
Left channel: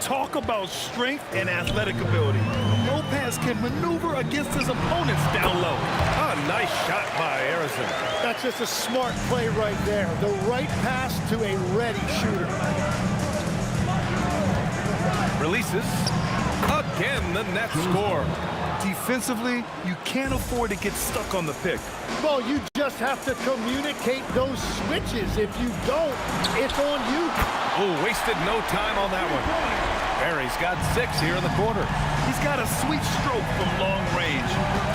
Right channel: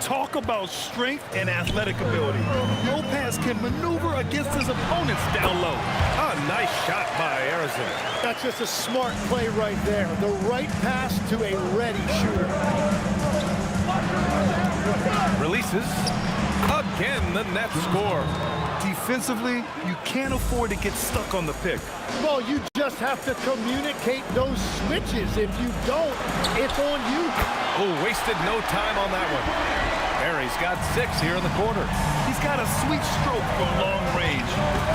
Talk about strength and athletic ability. Lopez can maneuver against his opponents down low. A nice shot by Harrison. That's just a smart play right there. The right pass to a ready shooter. Releases. Again, the Nets score. Defensively, you can't afford to get stuck on the pick. Well, you just have to communicate those switches. If you don't, it's on you. Oh, wasted no time on that one. Barry's got 6 here in the quarter. He's got a sweet stroke from long range.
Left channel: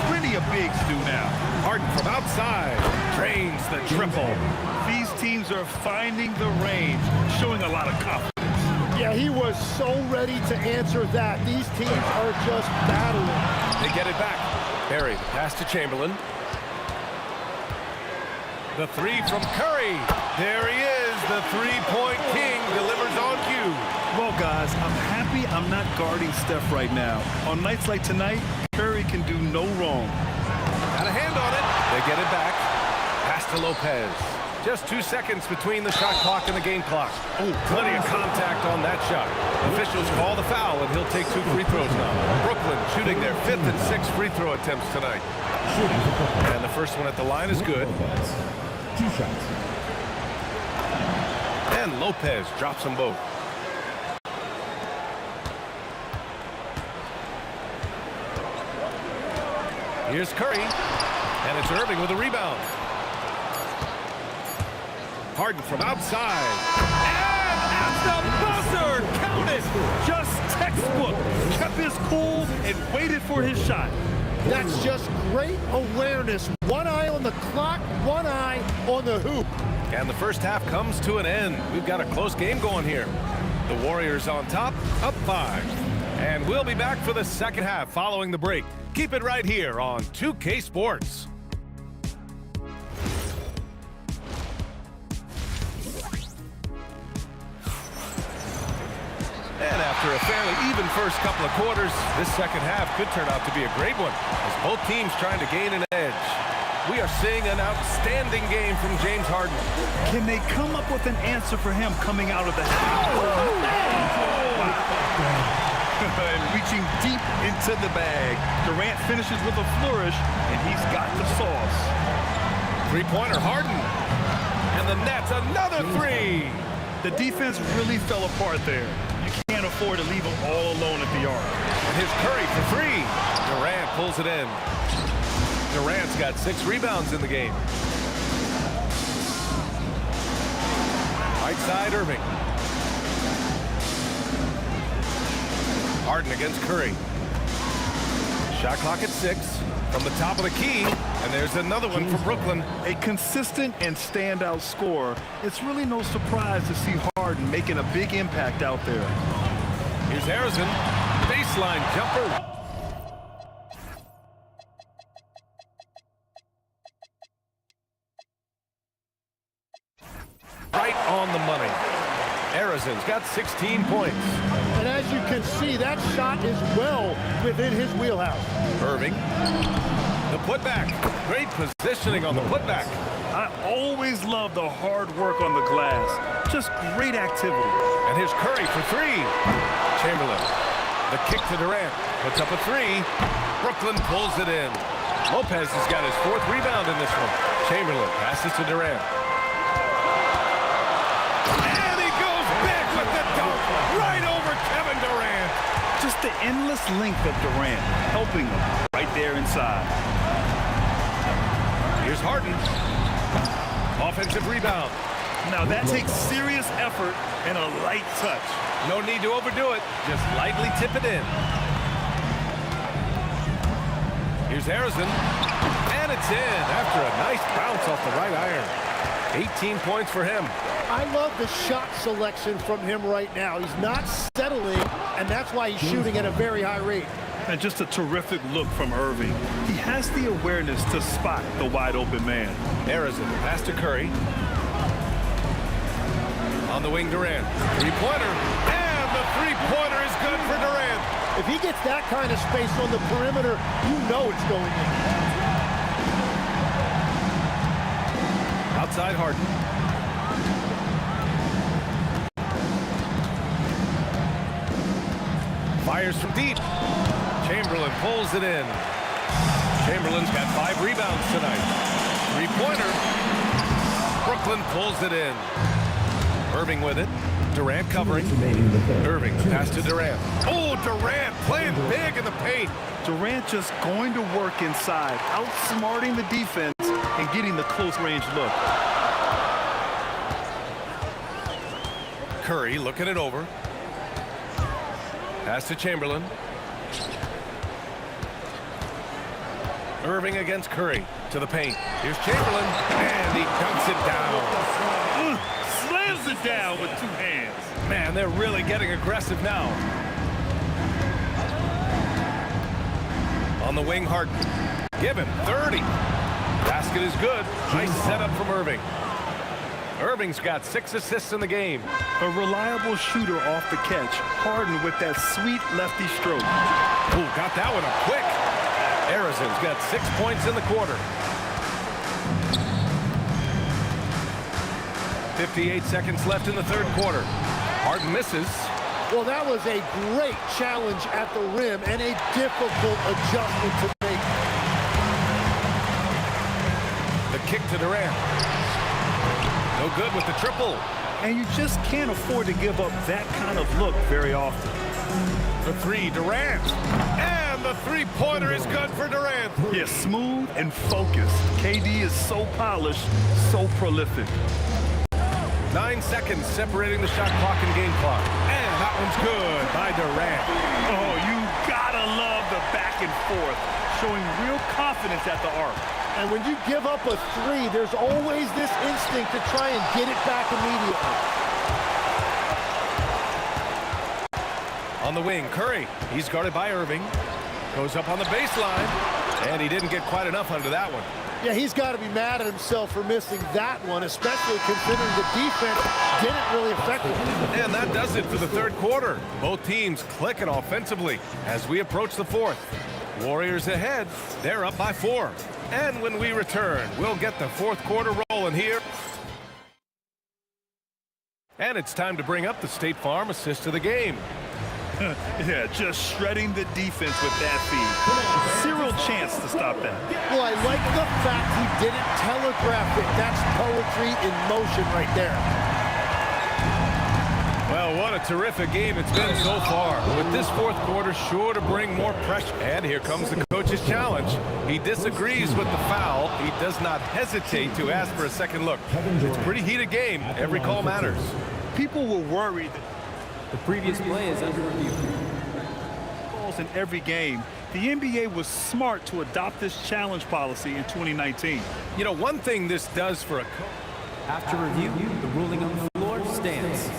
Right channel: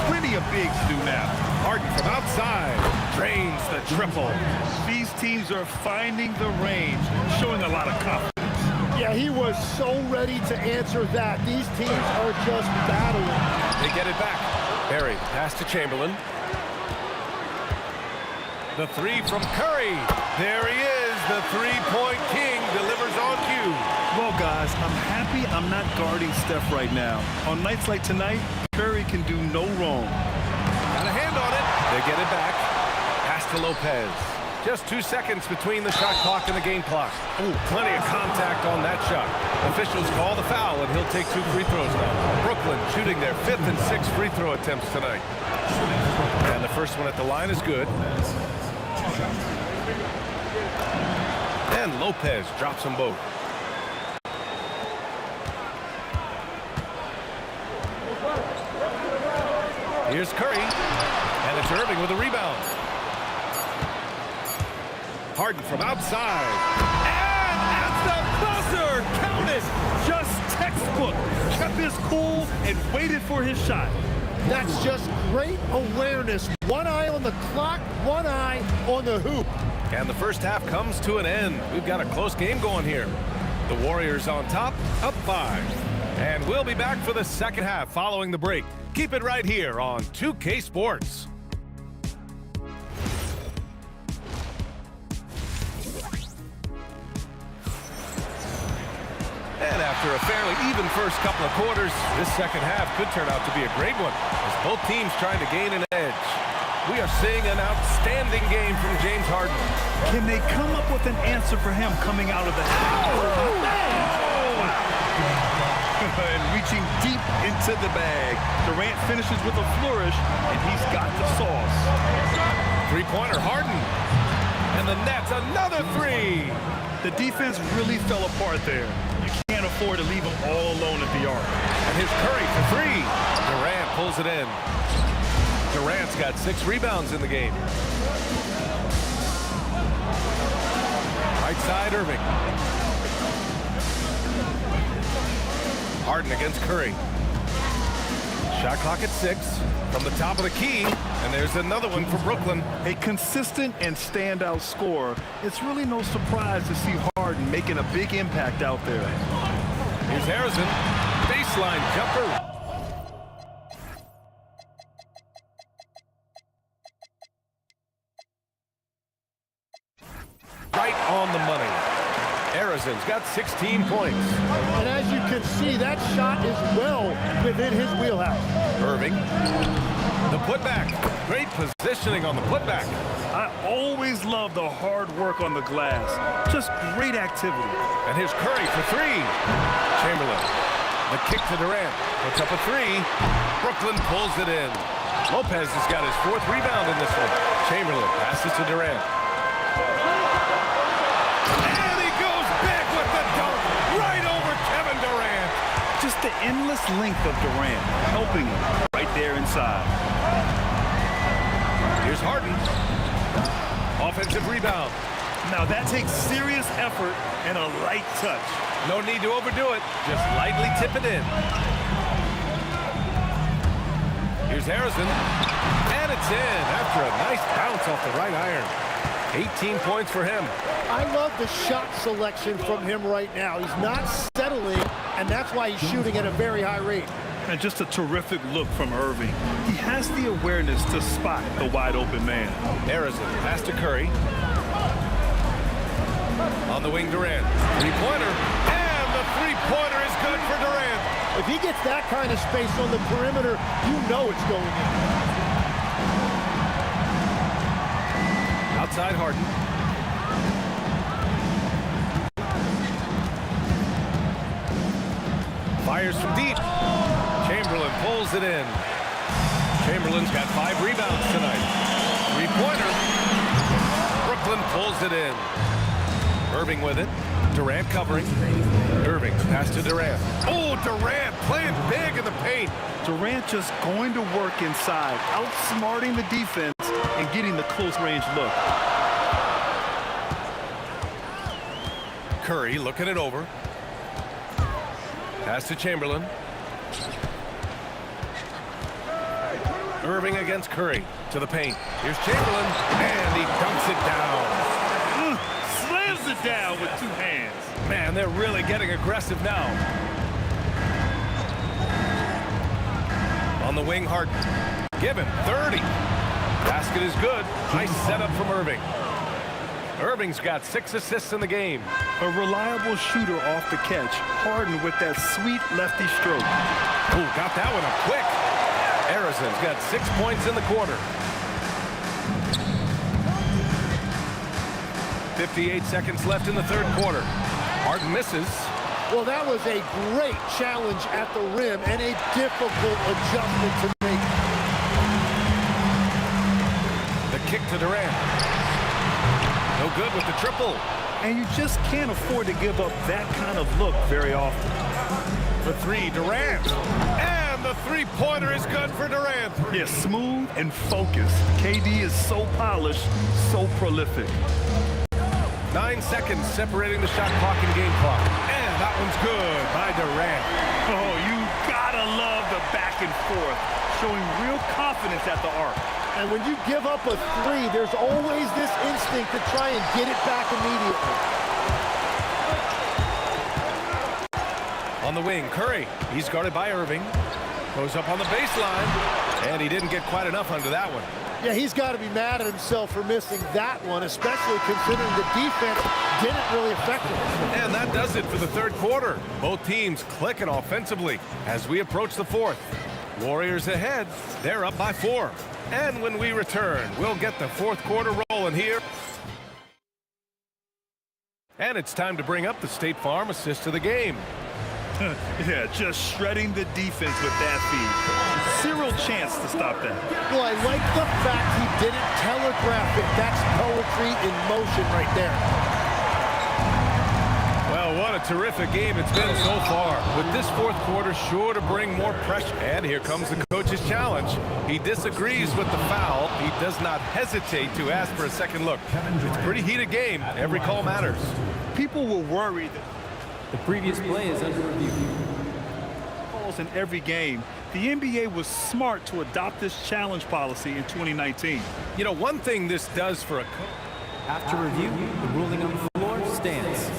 Plenty of bigs do now. Harden from outside. Drains the triple. These teams are finding the range, showing a lot of confidence. Yeah, he was so ready to answer that. These teams are just battling. They get it back. Barry, the pass to Chamberlain. The 3 from Curry. There he is. The three-point king delivers on cue. Well, guys, I'm happy I'm not guarding Steph right now. On nights like tonight, Curry can do no wrong. Got a hand on it. They get it back. Pass to Lopez. Just 2 seconds between the shot clock and the game clock. Oh, plenty of contact on that shot. Officials call the foul, and he'll take 2 free throws now. Brooklyn shooting their 5th and 6th free throw attempts tonight. And the first one at the line is good. 2 shots. And Lopez drops them both. Here's Curry, and it's Irving with a rebound. Harden from outside. And at the buzzer, count it. Just textbook. Kept his cool and waited for his shot. That's just great awareness. One eye on the clock, one eye on the hoop. And the first half comes to an end. We've got a close game going here. The Warriors on top, up 5. And we'll be back for the second half following the break. Keep it right here on 2K Sports. And after a fairly even first couple of quarters, this second half could turn out to be a great one as both teams trying to gain an edge. We are seeing an outstanding game from James Harden. Can they come up with an answer for him coming out of the half? Oh, man! And reaching deep into the bag. Durant finishes with a flourish, and he's got the sauce. Three-pointer, Harden. And the Nets, another 3. The defense really fell apart there. You can't afford to leave him all alone at the arc. And here's Curry for 3. Durant pulls it in. Durant's got 6 rebounds in the game. Right side, Irving. Harden against Curry. Shot clock at 6 from the top of the key, and there's another one for Brooklyn. A consistent and standout scorer. It's really no surprise to see Harden making a big impact out there. Here's Harrison, baseline jumper. Right on the money. Harrison's got 16 points. And as you can see, that shot is well within his wheelhouse. Irving, the putback. Great positioning on the putback. I always love the hard work on the glass. Just great activity. And here's Curry for 3. Chamberlain, the kick to Durant. Puts up a 3. Brooklyn pulls it in. Lopez has got his 4th rebound in this one. Chamberlain passes to Durant. And he goes big with the dunk right over Kevin Durant. Just the endless length of Durant, helping him right there inside. Here's Harden. Offensive rebound. Now that takes serious effort and a light touch. No need to overdo it. Just lightly tip it in. Here's Harrison. And it's in after a nice bounce off the right iron. 18 points for him. I love the shot selection from him right now. He's not settling, and that's why he's shooting at a very high rate. And just a terrific look from Irving. He has the awareness to spot the wide open man. Harrison, pass to Curry. On the wing, Durant. Three-pointer. And And the three-pointer is good for Durant. If he gets that kind of space on the perimeter, you know it's going in. Outside Harden. Fires from deep. Chamberlain pulls it in. Chamberlain's got 5 rebounds tonight. Three-pointer. Brooklyn pulls it in. Irving with it. Durant covering. Irving, the pass to Durant. Oh, Durant playing big in the paint. Durant just going to work inside, outsmarting the defense and getting the close-range look. Curry looking it over. Pass to Chamberlain. Irving against Curry to the paint. Here's Chamberlain, and he dunks it down. Slams it down with 2 hands. Man, they're really getting aggressive now. On the wing, Harden. Give him 30. Basket is good. Nice setup from Irving. Irving's got 6 assists in the game. A reliable shooter off the catch. Harden with that sweet lefty stroke. Oh, got that one up quick. Arizon's got 6 points in the quarter. 58 seconds left in the third quarter. Harden misses. Well, that was a great challenge at the rim and a difficult adjustment to make. The kick to Durant. No good with the triple. And you just can't afford to give up that kind of look very often. For 3, Durant. And the three-pointer is good for Durant. Yeah, smooth and focused. KD is so polished, so prolific. 9 seconds separating the shot clock and game clock. And that one's good by Durant. Oh, you gotta love the back and forth, showing real confidence at the arc. And when you give up a 3, there's always this instinct to try and get it back immediately. On the wing, Curry. He's guarded by Irving. Goes up on the baseline. And he didn't get quite enough under that one. Yeah, he's got to be mad at himself for missing that one, especially considering the defense didn't really affect him. And that does it for the third quarter. Both teams clicking offensively as we approach the fourth. Warriors ahead. They're up by 4. And when we return, we'll get the fourth quarter rolling here. And it's time to bring up the State Farm assist of the game. Yeah, just shredding the defense with that feed. Zero chance to stop that. Well, I like the fact he didn't telegraph it. That's poetry in motion right there. Well, what a terrific game it's been so far. With this fourth quarter sure to bring more pressure. And here comes the coach's challenge. He disagrees with the foul. He does not hesitate to ask for a second look. It's a pretty heated game. Every call matters. People were worried that The previous play is under review. calls in every game. The NBA was smart to adopt this challenge policy in 2019. You know, one thing this does for a coach. After review, the ruling on the floor stands.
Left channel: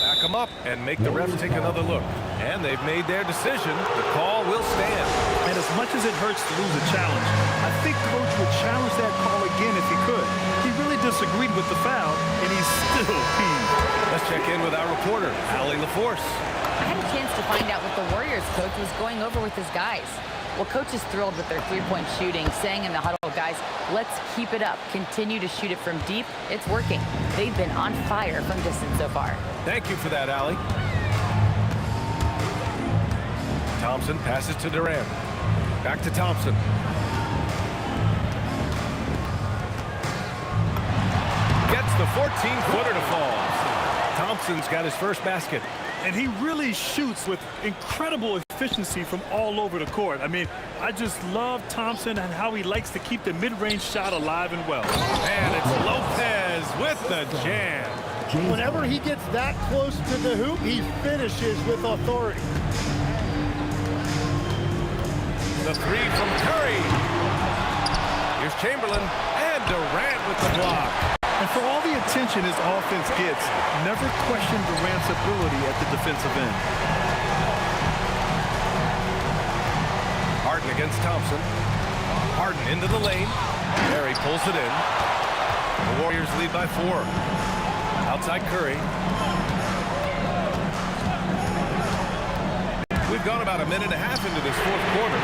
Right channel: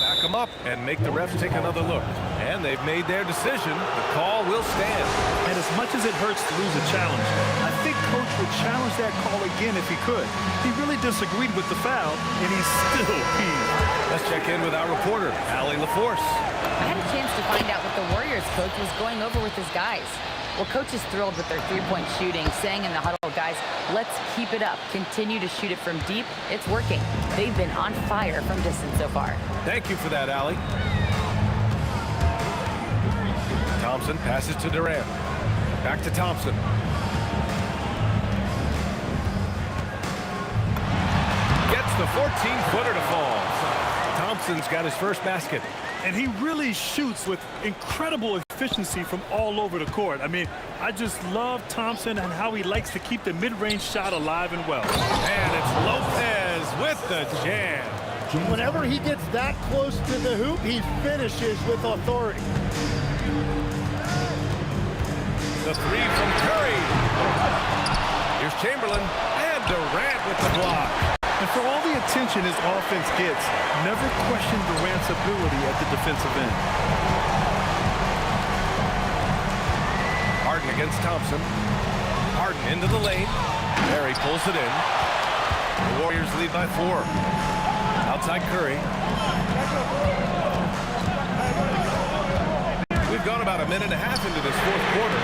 Back them up and make the refs take another look. And they've made their decision. The call will stand. And as much as it hurts to lose a challenge, I think Coach would challenge that call again if he could. He really disagreed with the foul, and he's still peeved. Let's check in with our reporter, Allie LaForce. I had a chance to find out what the Warriors coach was going over with his guys. Well, coach is thrilled with their three-point shooting, saying in the huddle, guys, let's keep it up. Continue to shoot it from deep. It's working. They've been on fire from distance so far. Thank you for that, Allie. Thompson passes to Durant. Back to Thompson. Gets the 14-footer to fall. Thompson's got his first basket. And he really shoots with incredible efficiency from all over the court. I mean, I just love Thompson and how he likes to keep the mid-range shot alive and well. And it's Lopez with the jam. Whenever he gets that close to the hoop, he finishes with authority. The three from Curry. Here's Chamberlain and Durant with the block. And for all the attention his offense gets, never question Durant's ability at the defensive end. Harden against Thompson. Harden into the lane. Barry pulls it in. The Warriors lead by 4. Outside Curry. We've gone about a minute and a half into this fourth quarter.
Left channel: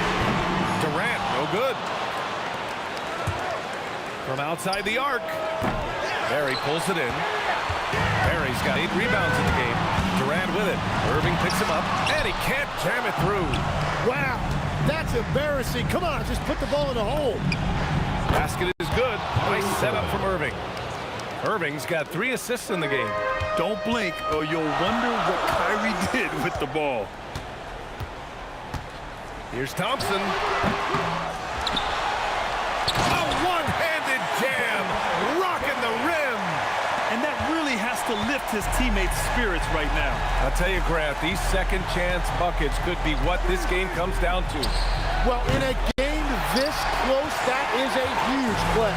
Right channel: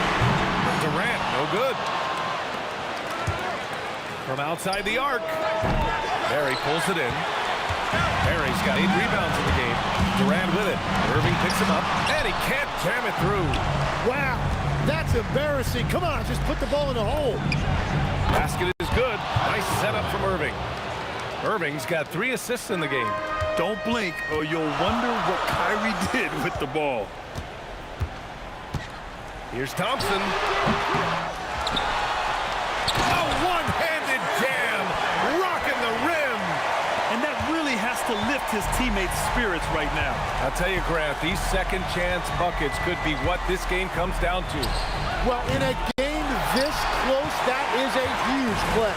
Durant, no good. From outside the arc. Barry pulls it in. Barry's got 8 rebounds in the game. Durant with it. Irving picks him up, and he can't jam it through. Wow, that's embarrassing. Come on, just put the ball in the hole. Basket is good. Nice setup from Irving. Irving's got 3 assists in the game. Don't blink or you'll wonder what Kyrie did with the ball. Here's Thompson. A one-handed jam, rocking the rim. And that really has to lift his teammates' spirits right now. I'll tell you, Grant, these second-chance buckets could be what this game comes down to. Well, in a game this close, that is a huge play.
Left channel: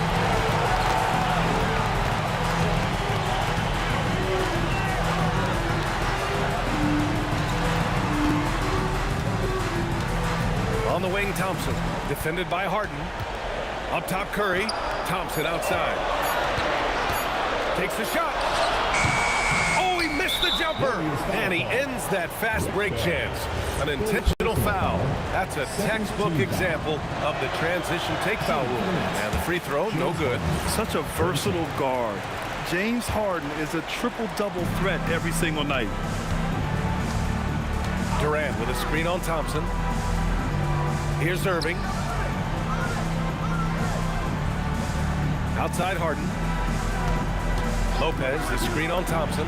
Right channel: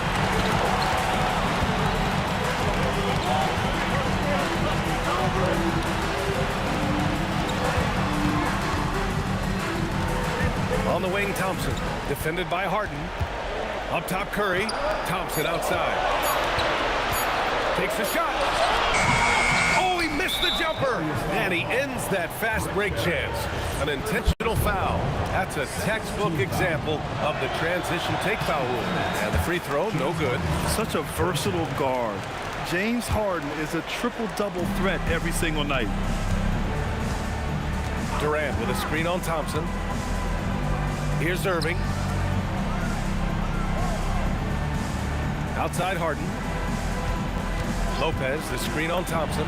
On the wing, Thompson, defended by Harden. Up top, Curry. Thompson outside. Takes a shot. Oh, he missed the jumper. And he ends that fast break chance. An intentional foul. That's a textbook example of the transition take foul rule. And the free throw, no good. Such a versatile guard. James Harden is a triple-double threat every single night. Durant with a screen on Thompson. Here's Irving. Outside Harden. Lopez, the screen on Thompson.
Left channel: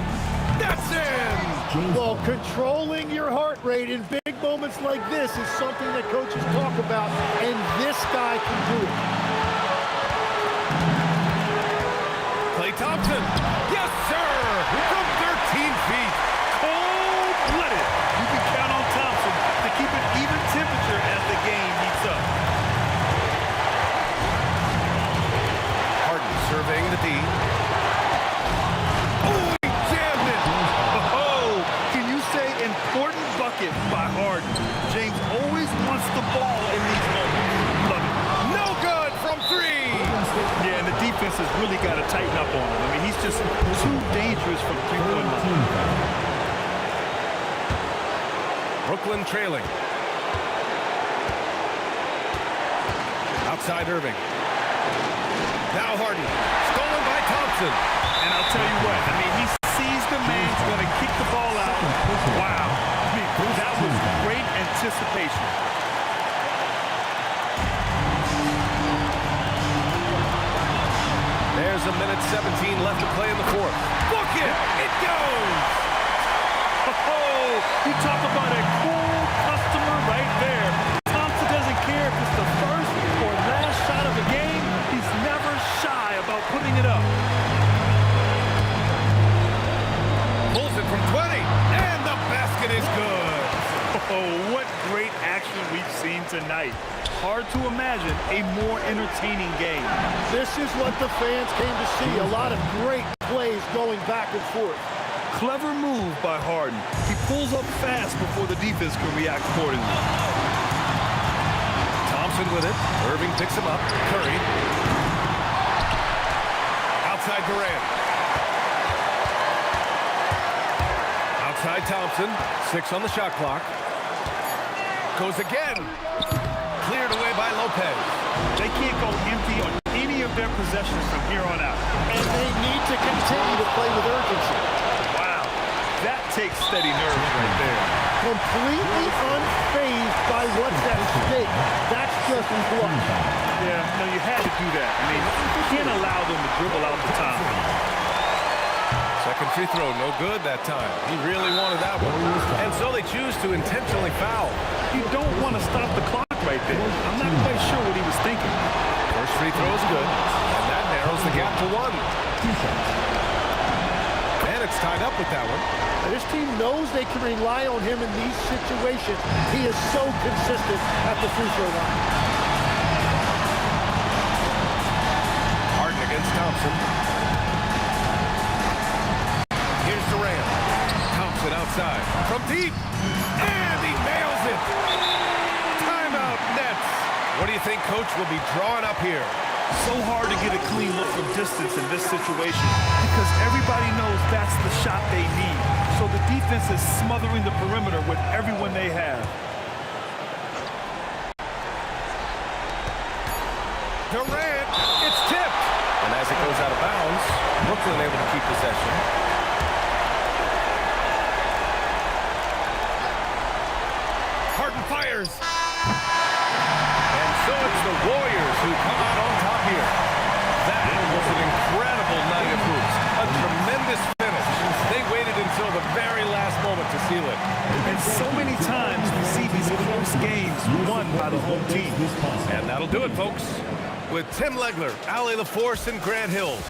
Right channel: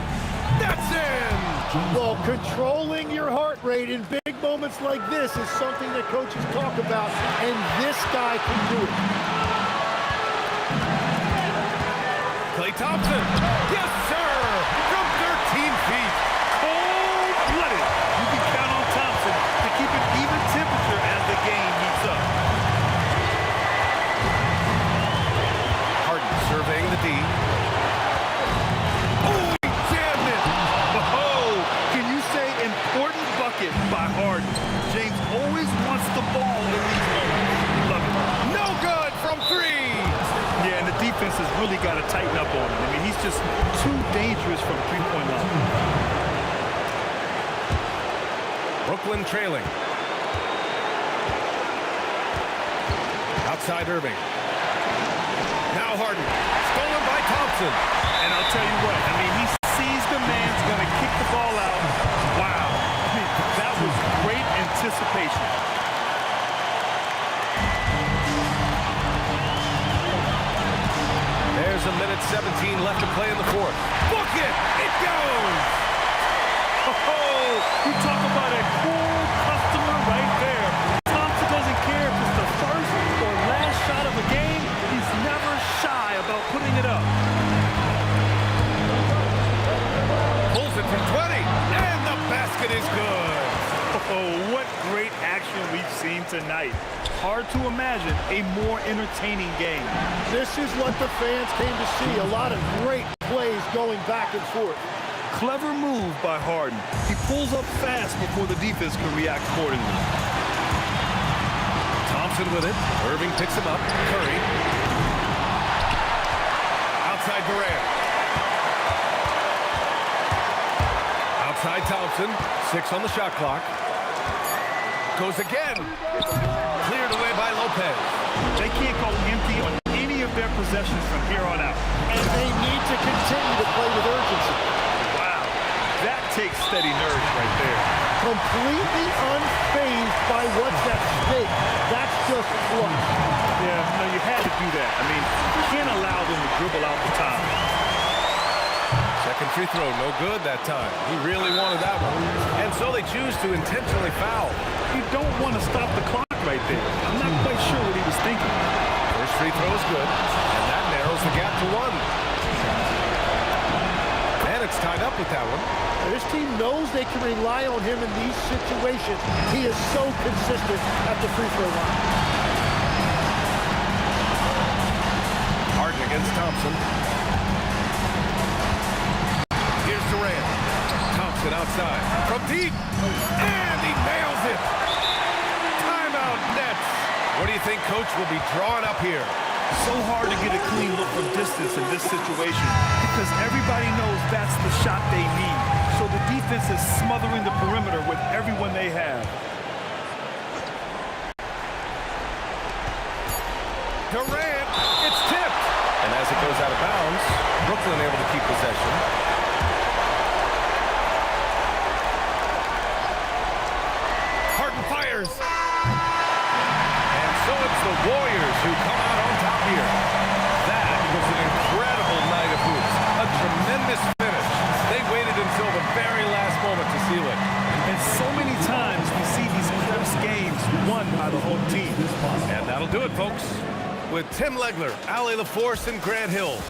That's in! Well, controlling your heart rate in big moments like this is something that coaches talk about, and this guy can do it. Klay Thompson. Yes, sir! From 13 feet. Cold-blooded. You can count on Thompson to keep an even temperature as the game heats up. Harden surveying the D. Oh, he jammed it! Oh, can you say important bucket by Harden? James always wants the ball in these moments. Love it. No good from 3! Yeah, and the defense has really got to tighten up on him. I mean, he's just too dangerous from three-point line. Brooklyn trailing. Outside Irving. Now Harden. Stolen by Thompson. And I'll tell you what, I mean, he sees the man's going to kick the ball out. Wow. I mean, that was great anticipation. There's a minute 17 left to play in the fourth. Book it! It goes! Oh, you talk about a cool customer right there. Thompson doesn't care if it's the first or last shot of the game. He's never shy about putting it up. Pulls it from 20, and the basket is good. Oh, what great action we've seen tonight. Hard to imagine a more entertaining game. This is what the fans came to see. A lot of great plays going back and forth. Clever move by Harden. He pulls up fast before the defense can react accordingly. Thompson with it. Irving picks him up. Curry. Outside Durant. Outside Thompson. 6 on the shot clock. Goes again. Cleared away by Lopez. They can't go empty on any of their possessions from here on out. And they need to continue to play with urgency. Wow, that takes steady nerves right there. Completely unfazed by what's at stake. That's just clutch. Yeah, no, you had to do that. I mean, you can't allow them to dribble out the time. Second free throw, no good that time. He really wanted that one. And so they choose to intentionally foul. You don't want to stop the clock right there. I'm not quite sure what he was thinking. First free throw is good, and that narrows the gap to 1. And it's tied up with that one. Now, this team knows they can rely on him in these situations. He is so consistent at the free throw line. Harden against Thompson. Here's Durant. Thompson outside. From deep. And he nails it. Timeout Nets. What do you think Coach will be drawing up here? So hard to get a clean look from distance in this situation because everybody knows that's the shot they need. So the defense is smothering the perimeter with everyone they have. Durant, it's tipped. And as it goes out of bounds, Brooklyn able to keep possession. Harden fires. And so it's the Warriors who come out on top here. That was an incredible night of hoops. A tremendous finish. They waited until the very last moment to seal it. And so many times we see these close games won by the home team. And that'll do it, folks. With Tim Legler, Allie LaForce, and Grant Hill.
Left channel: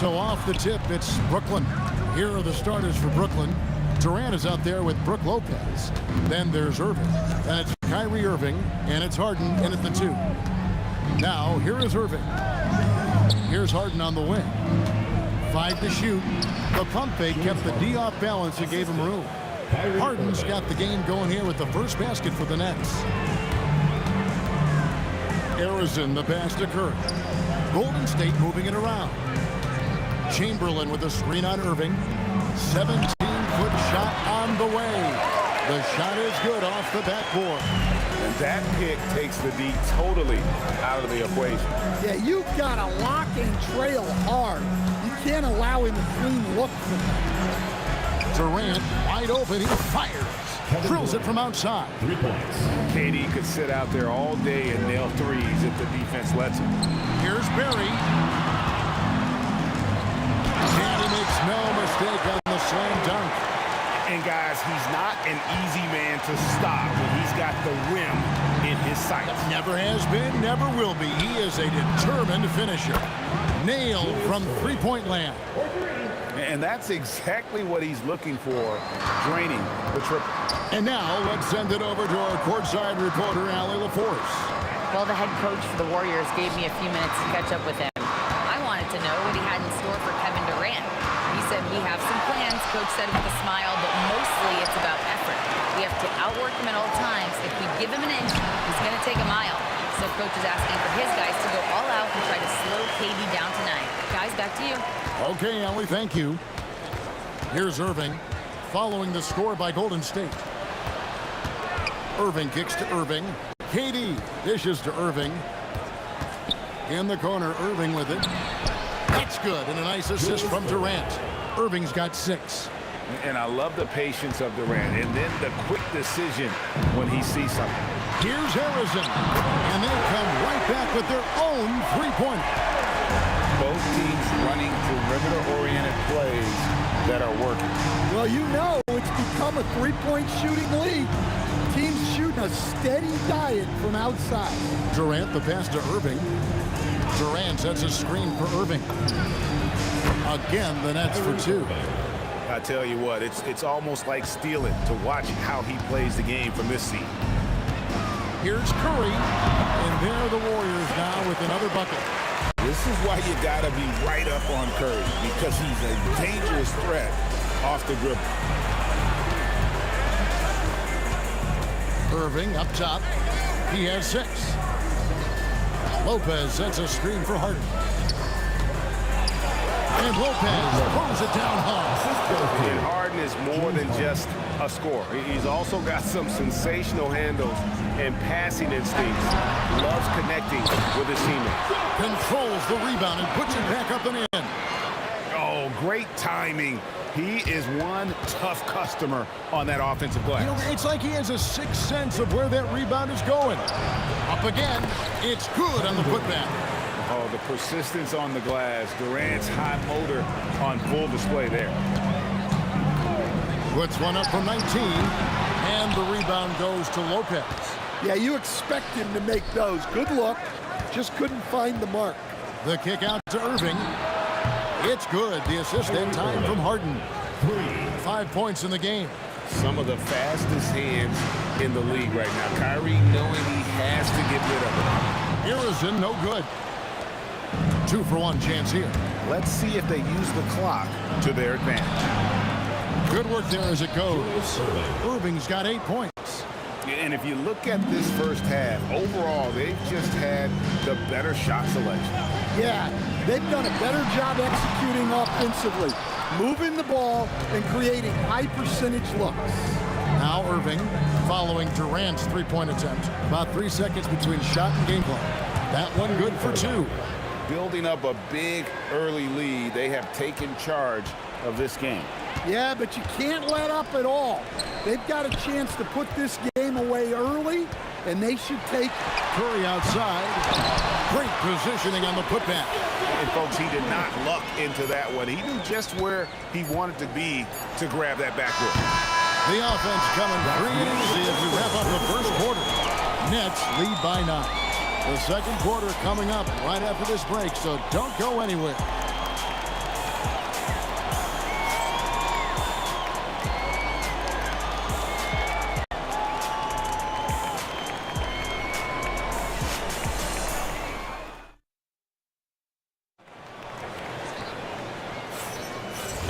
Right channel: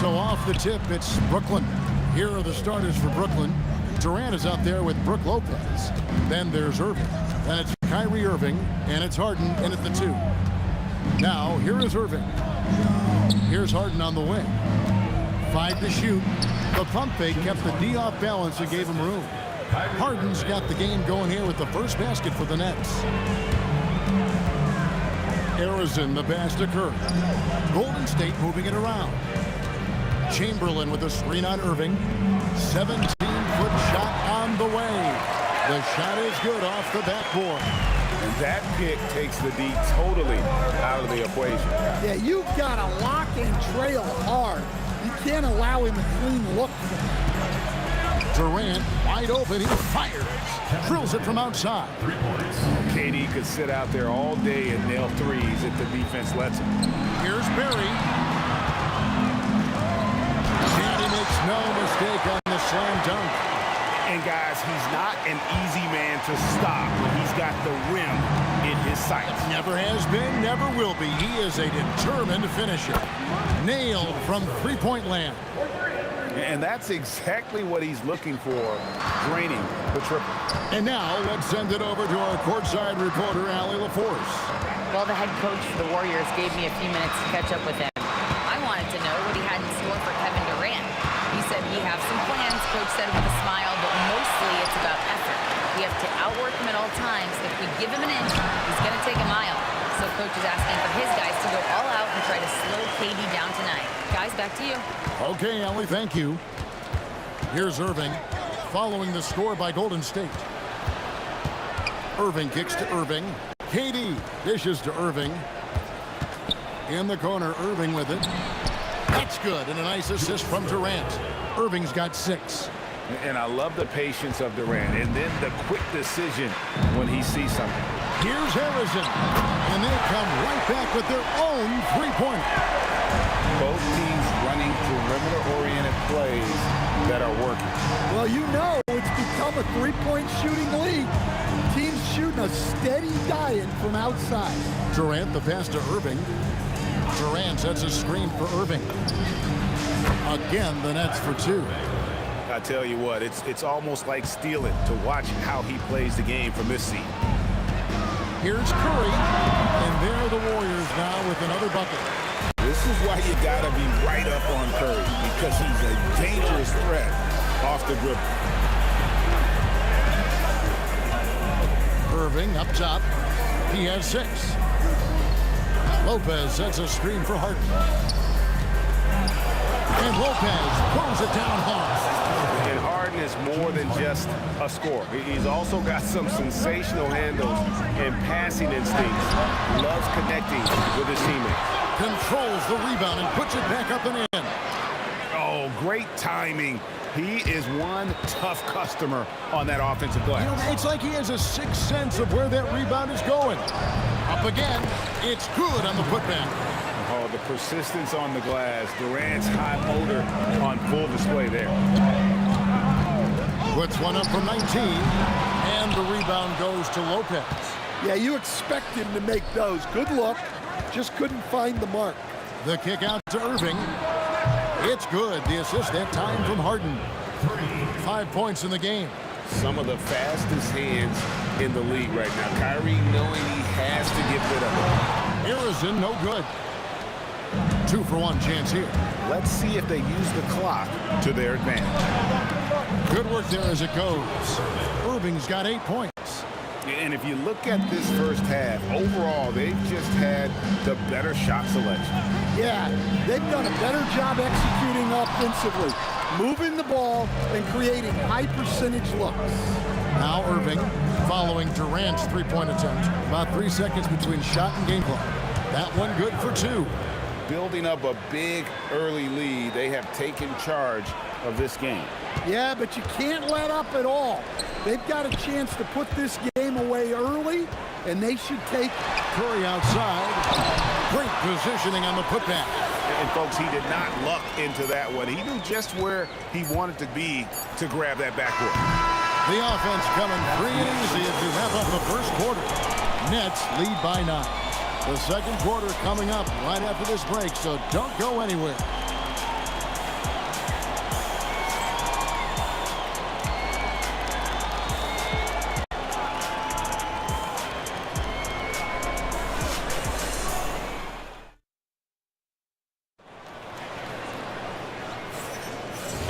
So off the tip, it's Brooklyn. Here are the starters for Brooklyn. Durant is out there with Brook Lopez. Then there's Irving. Then it's Kyrie Irving, and it's Harden in at the 2. Now, here is Irving. Here's Harden on the wing. 5 to shoot. The pump fake kept the D off balance and gave him room. Harden's got the game going here with the first basket for the Nets. Arizona, the pass to Curry. Golden State moving it around. Chamberlain with a screen on Irving. 17-foot shot on the way. The shot is good off the backboard. And that pick takes the D totally out of the equation. Yeah, you've got to lock and trail hard. You can't allow him a clean look from that. Durant wide open. He fires. Drills it from outside. 3 points. KD could sit out there all day and nail threes if the defense lets him. Here's Barry. And he makes no mistake on the slam dunk. And guys, he's not an easy man to stop when he's got the rim in his sights. Never has been, never will be. He is a determined finisher. Nailed from three-point land. And that's exactly what he's looking for, draining the triple. And now let's send it over to our courtside reporter, Allie LaForce. Well, the head coach for the Warriors gave me a few minutes to catch up with him. I wanted to know what he had in store for Kevin Durant. He said we have some plans, Coach said with a smile, but mostly it's about effort. We have to outwork him at all times. If we give him an inch, he's going to take a mile. So Coach is asking for his guys to go all out and try to slow KD down tonight. Guys, back to you. Okay, Allie, thank you. Here's Irving, following the score by Golden State. Irving kicks to Irving. KD dishes to Irving. In the corner, Irving with it. That's good, and a nice assist from Durant. Irving's got 6. And I love the patience of Durant, and then the quick decision when he sees something. Here's Harrison, and they come right back with their own three-pointer. Both teams running perimeter-oriented plays that are working. Well, you know it's become a three-point shooting league. Teams shooting a steady diet from outside. Durant, the pass to Irving. Durant sets a screen for Irving. Again, the Nets for 2. I tell you what, it's almost like stealing to watch how he plays the game from this seat. Here's Curry, and there are the Warriors now with another bucket. This is why you gotta be right up on Curry, because he's a dangerous threat off the dribble. Irving up top. He has 6. Lopez sets a screen for Harden. And Lopez throws it down hard. And Harden is more than just a scorer. He's also got some sensational handles and passing instincts. Loves connecting with his teammates. Controls the rebound and puts it back up and in. Oh, great timing. He is one tough customer on that offensive glass. You know, it's like he has a sixth sense of where that rebound is going. Up again. It's good on the putback. Oh, the persistence on the glass. Durant's high motor on full display there. Puts one up from 19, and the rebound goes to Lopez. Yeah, you expect him to make those. Good look. Just couldn't find the mark. The kick out to Irving. It's good. The assist that time from Harden. 5 points in the game. Some of the fastest hands in the league right now. Kyrie knowing he has to get rid of it. Harrison, no good. 2-for-1 chance here. Let's see if they use the clock to their advantage. Good work there as it goes. Irving's got 8 points. And if you look at this first half, overall, they've just had the better shot selection. Yeah, they've done a better job executing offensively, moving the ball and creating high percentage looks. Now Irving following Durant's three-point attempt. About 3 seconds between shot and game clock. That one good for 2. Building up a big early lead, they have taken charge of this game. Yeah, but you can't let up at all. They've got a chance to put this game away early, and they should take it. Curry outside. Great positioning on the putback. And folks, he did not luck into that one. He knew just where he wanted to be to grab that backboard. The offense coming free and easy as we wrap up the first quarter. Nets lead by 9. The second quarter coming up right after this break, so don't go anywhere.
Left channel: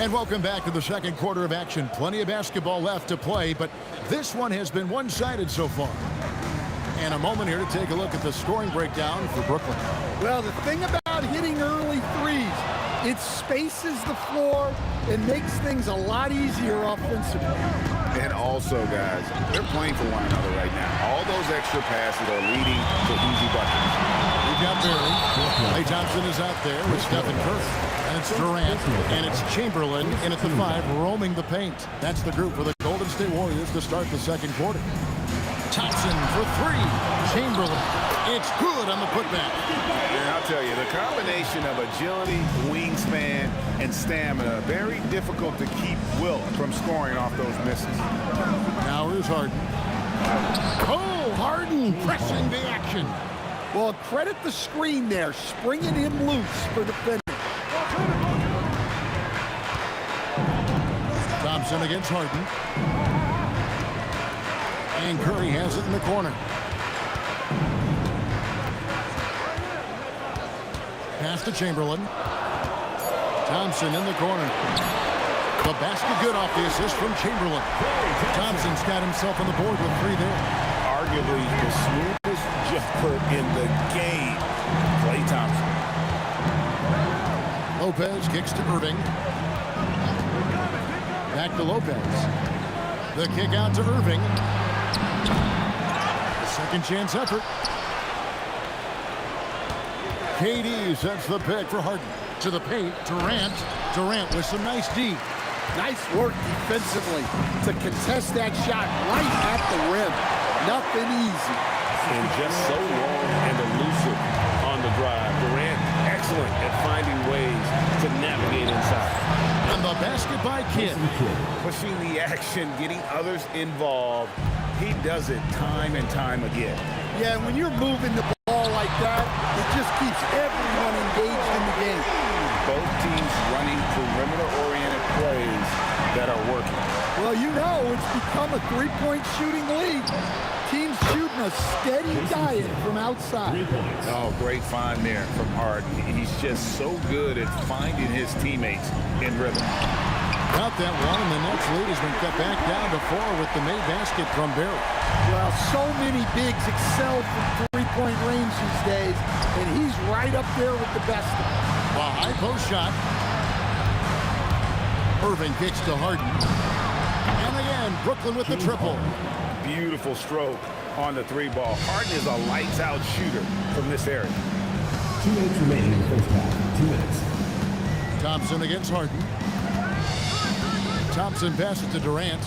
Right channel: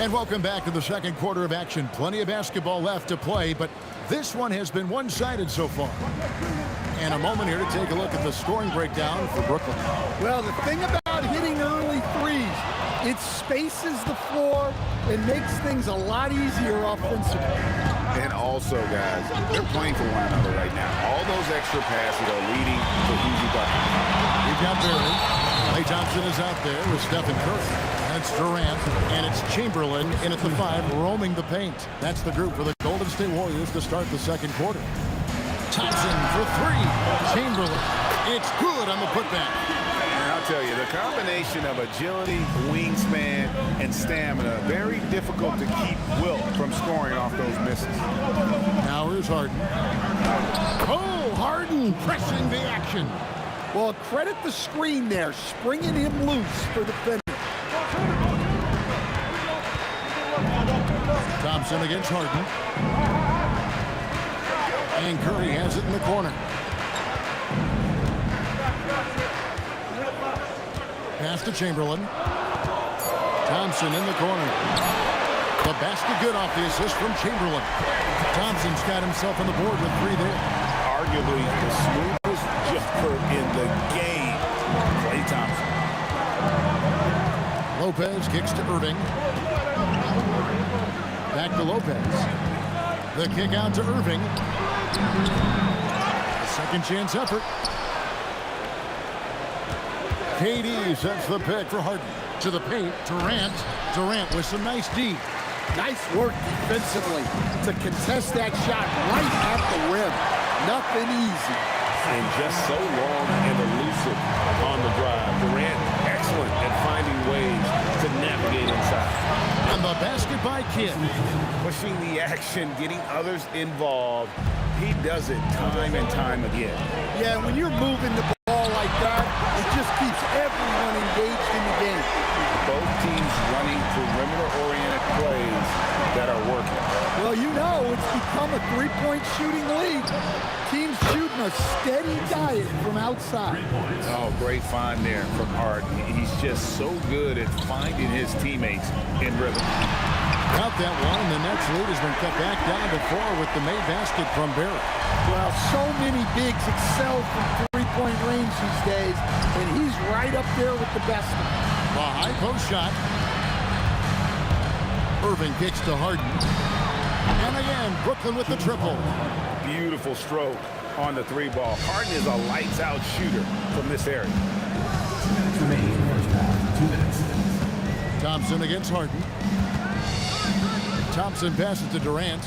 And welcome back to the second quarter of action. Plenty of basketball left to play, but this one has been one-sided so far. And a moment here to take a look at the scoring breakdown for Brooklyn. Well, the thing about hitting early threes, it spaces the floor and makes things a lot easier offensively. And also, guys, they're playing for one another right now. All those extra passes are leading to easy buckets. We've got Barry. Klay Thompson is out there with Stephen Curry. And it's Durant, and it's Chamberlain in at the 5, roaming the paint. That's the group for the Golden State Warriors to start the second quarter. Thompson for 3. Chamberlain. It's good on the putback. And I'll tell you, the combination of agility, wingspan, and stamina, very difficult to keep Wilt from scoring off those misses. Now here's Harden. Oh, Harden pressing the action. Well, credit the screen there, springing him loose for the finish. Thompson against Harden. And Curry has it in the corner. Pass to Chamberlain. Thompson in the corner. The basket good off the assist from Chamberlain. Thompson's got himself on the board with 3 there. Arguably the smoothest jumper in the game, Klay Thompson. Lopez kicks to Irving. Back to Lopez. The kick out to Irving. The second chance effort. KD sets the pick for Harden. To the paint, Durant. Durant with some nice D. Nice work defensively to contest that shot right at the rim. Nothing easy. And just so long and elusive on the drive. Durant, excellent at finding ways to navigate inside. And the basket by Kidd. Pushing the action, getting others involved. He does it time and time again. Yeah, when you're moving the ball like that, it just keeps everyone engaged in the game. Both teams running perimeter-oriented plays that are working. Well, you know, it's become a three-point shooting league. Teams shooting a steady diet from outside. Oh, great find there from Harden. He's just so good at finding his teammates in rhythm. Got that one, and the Nets lead has been cut back down to 4 with the made basket from Barry. Well, so many bigs excel from three-point range these days, and he's right up there with the best of them. A high post shot. Irving kicks to Harden. And again, Brooklyn with the triple. Beautiful stroke on the 3 ball. Harden is a lights-out shooter from this area. 2 minutes remaining in the first half. 2 minutes. Thompson against Harden. Thompson passes to Durant.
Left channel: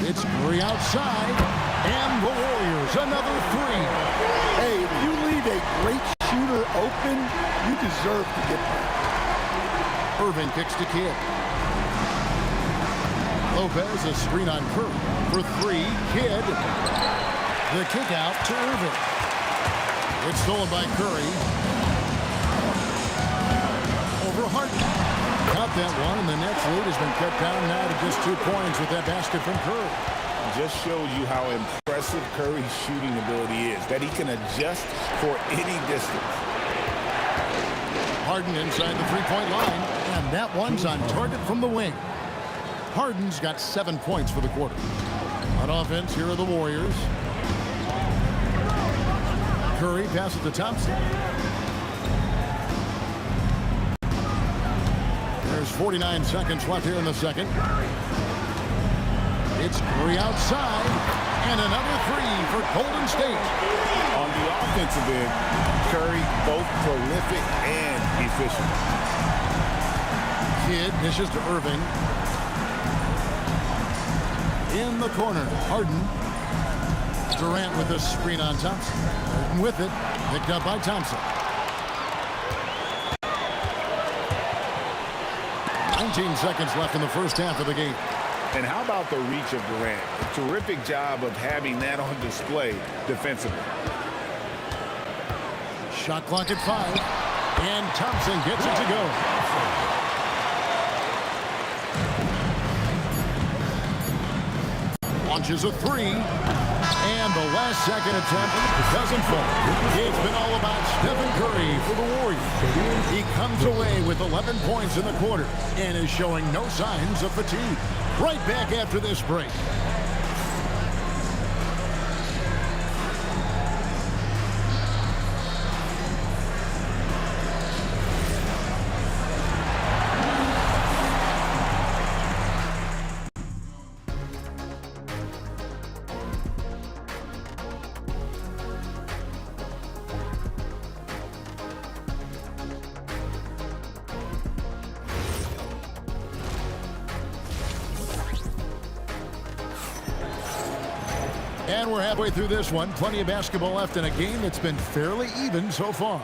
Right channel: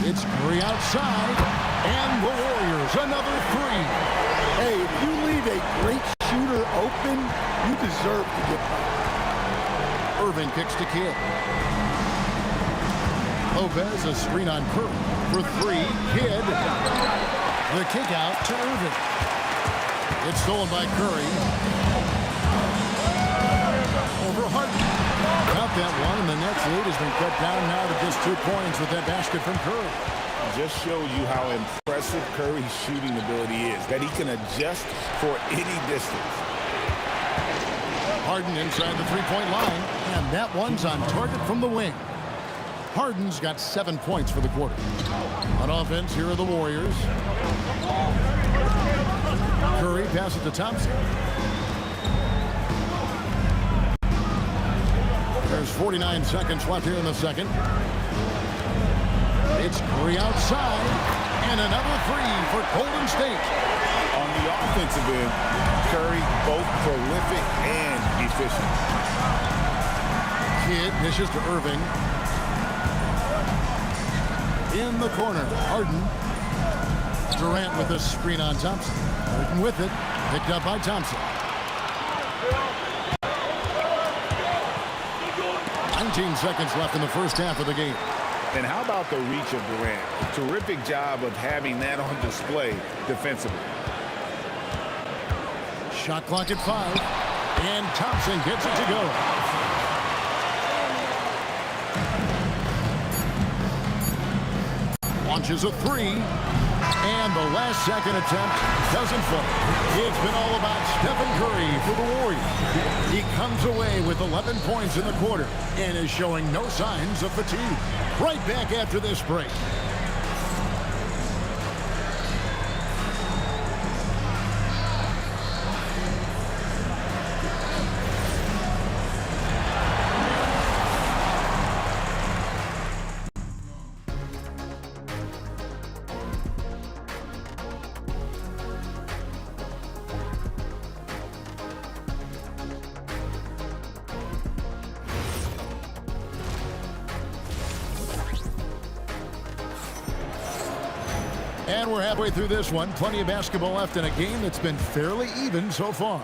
It's Curry outside. And the Warriors, another 3. Hey, if you leave a great shooter open, you deserve to get by. Irving kicks to Kidd. Lopez, a screen on Curry for 3. Kidd. The kick out to Irving. It's stolen by Curry. Over Harden. Got that one, and the Nets lead has been cut down now to just 2 points with that basket from Curry. Just shows you how impressive Curry's shooting ability is, that he can adjust for any distance. Harden inside the 3-point line, and that one's on target from the wing. Harden's got 7 points for the quarter. On offense, here are the Warriors. Curry passes to Thompson. There's 49 seconds left here in the second. It's Curry outside, and another 3 for Golden State. On the offensive end, Curry both prolific and efficient. Kidd dishes to Irving. In the corner, Harden. Durant with a screen on Thompson. Harden with it, picked up by Thompson. 19 seconds left in the first half of the game. And how about the reach of Durant? A terrific job of having that on display defensively. Shot clock at 5, and Thompson gets it to go. Launches a 3. And the last second attempt doesn't fall. It's been all about Stephen Curry for the Warriors. He comes away with 11 points in the quarter and is showing no signs of fatigue. Right back after this break. And we're halfway through this one. Plenty of basketball left in a game that's been fairly even so far.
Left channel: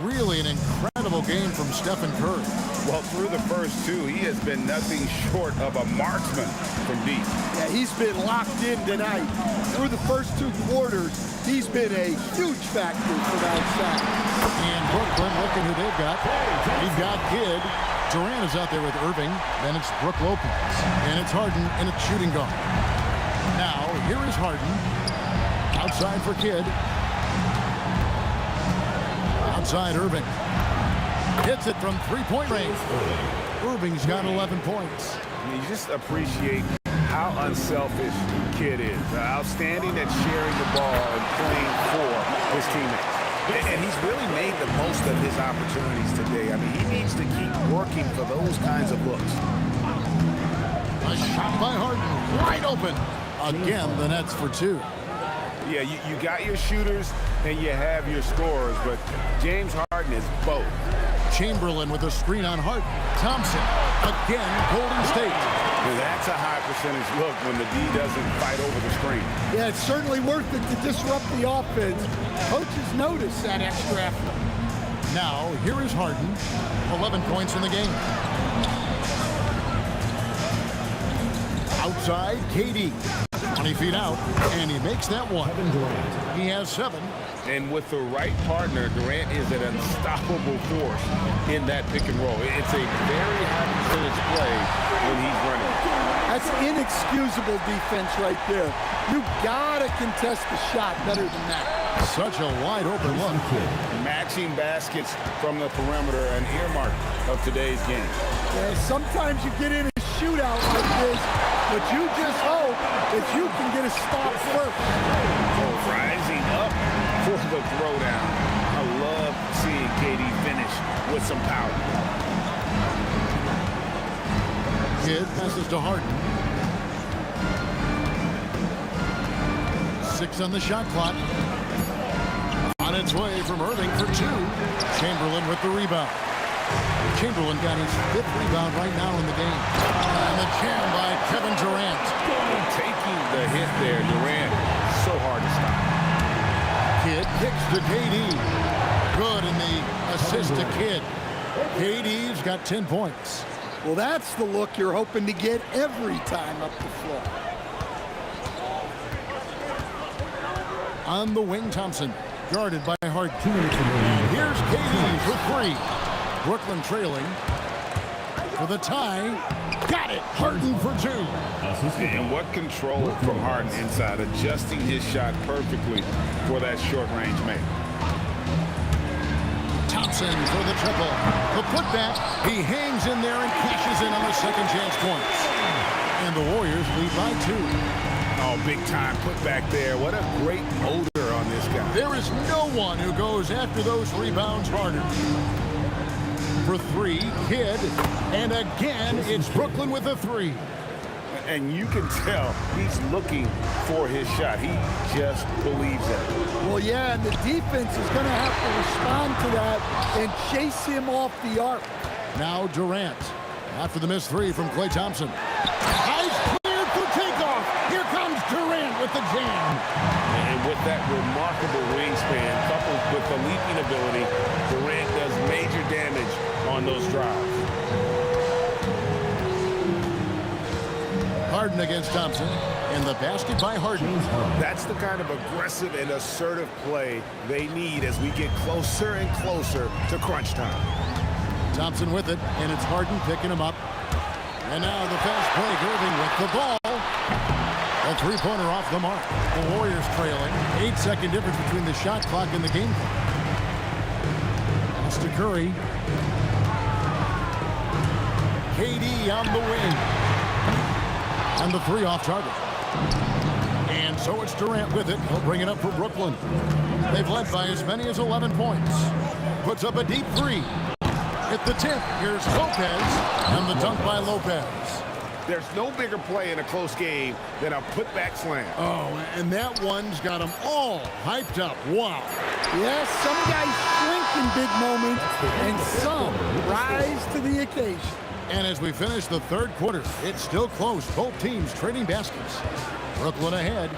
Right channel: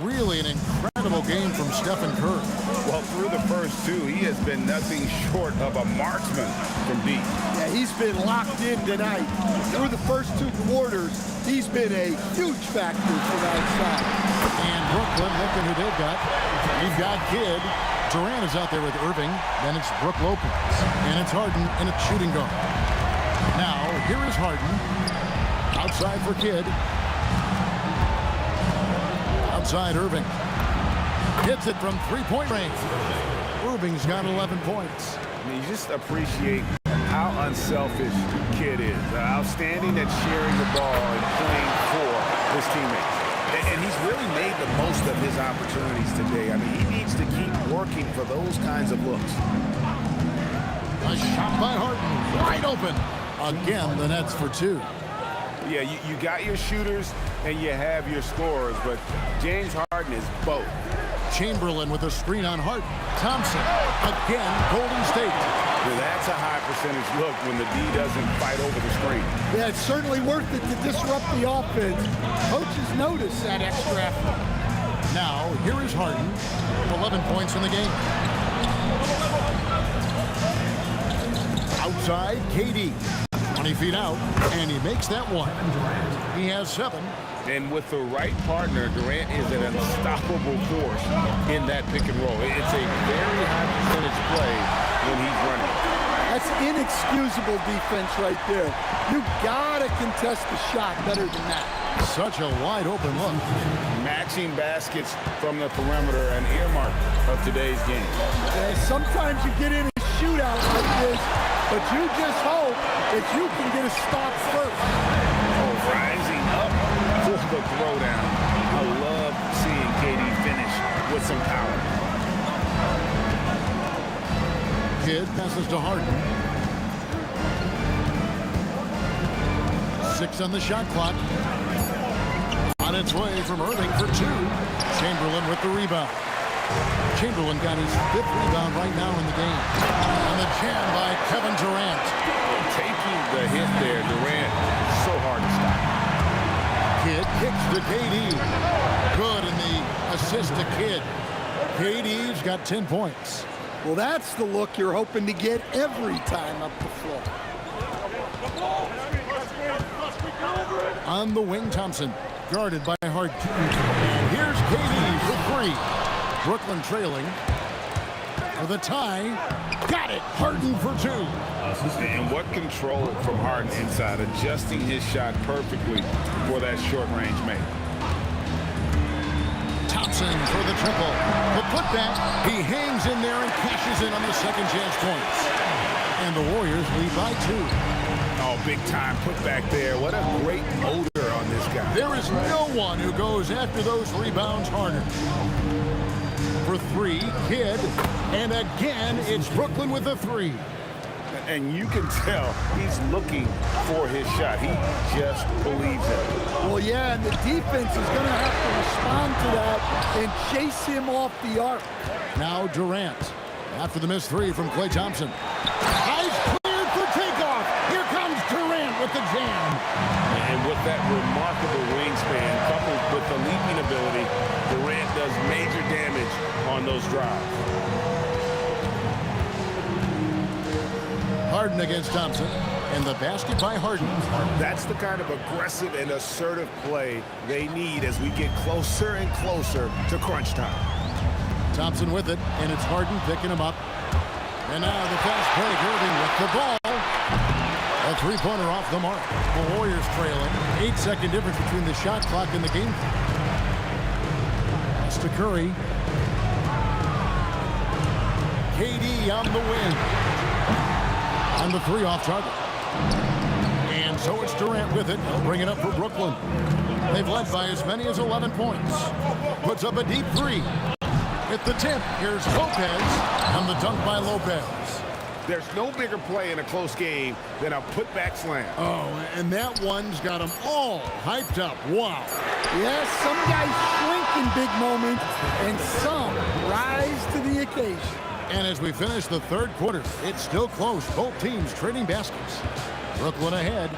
Really an incredible game from Stephen Curry. Well, through the first two, he has been nothing short of a marksman from deep. Yeah, he's been locked in tonight. Through the first two quarters, he's been a huge factor from outside. And Brooklyn, looking who they've got. You've got Kidd. Durant is out there with Irving. Then it's Brook Lopez. And it's Harden in a shooting guard. Now, here is Harden. Outside for Kidd. Outside Irving. Hits it from three-point range. Irving's got 11 points. I mean, you just appreciate how unselfish Kidd is. Outstanding at sharing the ball and playing for his teammates. And he's really made the most of his opportunities today. I mean, he needs to keep working for those kinds of looks. A shot by Harden. Wide open. Again, the Nets for two. Yeah, you got your shooters and you have your scorers, but James Harden is both. Chamberlain with a screen on Harden. Thompson, again, Golden State. Yeah, that's a high percentage look when the D doesn't fight over the screen. Yeah, it's certainly worth it to disrupt the offense. Coaches notice that extra effort. Now, here is Harden, 11 points in the game. Outside, KD, 20 feet out, and he makes that one. He has 7. And with the right partner, Durant is an unstoppable force in that pick and roll. It's a very high percentage play when he's running. That's inexcusable defense right there. You gotta contest the shot better than that. Such a wide open look. Matching baskets from the perimeter, an earmark of today's game. Yeah, sometimes you get in a shootout like this, but you just hope that you can get a stop first. Oh, rising up for the throwdown. I love seeing KD finish with some power. Kidd passes to Harden. 6 on the shot clock. On its way from Irving for 2. Chamberlain with the rebound. Chamberlain got his 5th rebound right now in the game. And the jam by Kevin Durant. And taking the hit there, Durant, so hard to stop. Kidd kicks to KD. Good in the assist to Kidd. KD's got 10 points. Well, that's the look you're hoping to get every time up the floor. On the wing, Thompson, guarded by Harden. And here's KD for 3. Brooklyn trailing for the tie. Got it. Harden for 2. And what control from Harden inside, adjusting his shot perfectly for that short-range make. Thompson for the triple. The putback. He hangs in there and cashes in on the second chance points. And the Warriors lead by 2. Oh, big time putback there. What a great motor on this guy. There is no one who goes after those rebounds harder. For 3, Kidd. And again, it's Brooklyn with a 3. And you can tell he's looking for his shot. He just believes it. Well, yeah, and the defense is going to have to respond to that and chase him off the arc. Now Durant. After the missed 3 from Klay Thompson. Eyes cleared for takeoff. Here comes Durant with the jam. And with that remarkable wingspan, coupled with the leaping ability, Durant does major damage on those drives. Harden against Thompson, and the basket by Harden. That's the kind of aggressive and assertive play they need as we get closer and closer to crunch time. Thompson with it, and it's Harden picking him up. And now the fast break, Irving with the ball. A three-pointer off the mark. The Warriors trailing. 8-second difference between the shot clock and the game clock. Pass to Curry. KD on the wing. And the three off target. And so it's Durant with it. He'll bring it up for Brooklyn. They've led by as many as 11 points. Puts up a deep three. At the tip, here's Lopez. And the dunk by Lopez. There's no bigger play in a close game than a putback slam. Oh, and that one's got them all hyped up. Wow. Yes, some guys shrink in big moments, and some rise to the occasion. And as we finish the third quarter, it's still close. Both teams trading baskets. Brooklyn ahead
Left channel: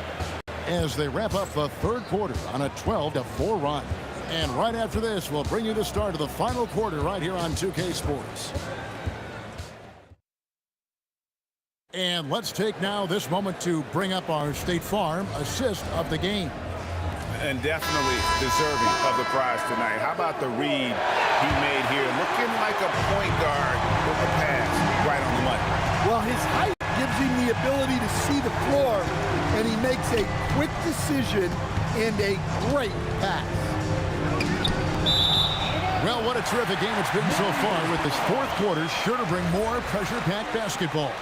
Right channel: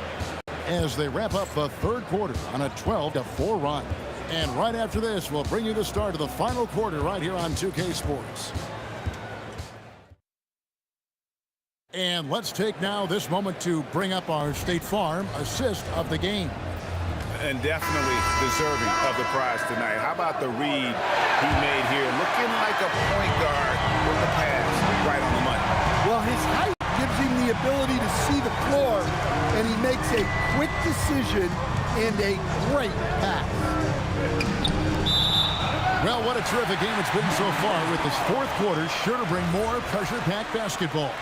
as they wrap up the third quarter on a 12-4 run. And right after this, we'll bring you the start of the final quarter right here on 2K Sports. And let's take now this moment to bring up our State Farm assist of the game. And definitely deserving of the prize tonight. How about the read he made here? Looking like a point guard with the pass right on the money. Well, his height gives him the ability to see the floor, and he makes a quick decision and a great pass. Well, what a terrific game it's been so far, with this fourth quarter sure to bring more pressure-packed basketball.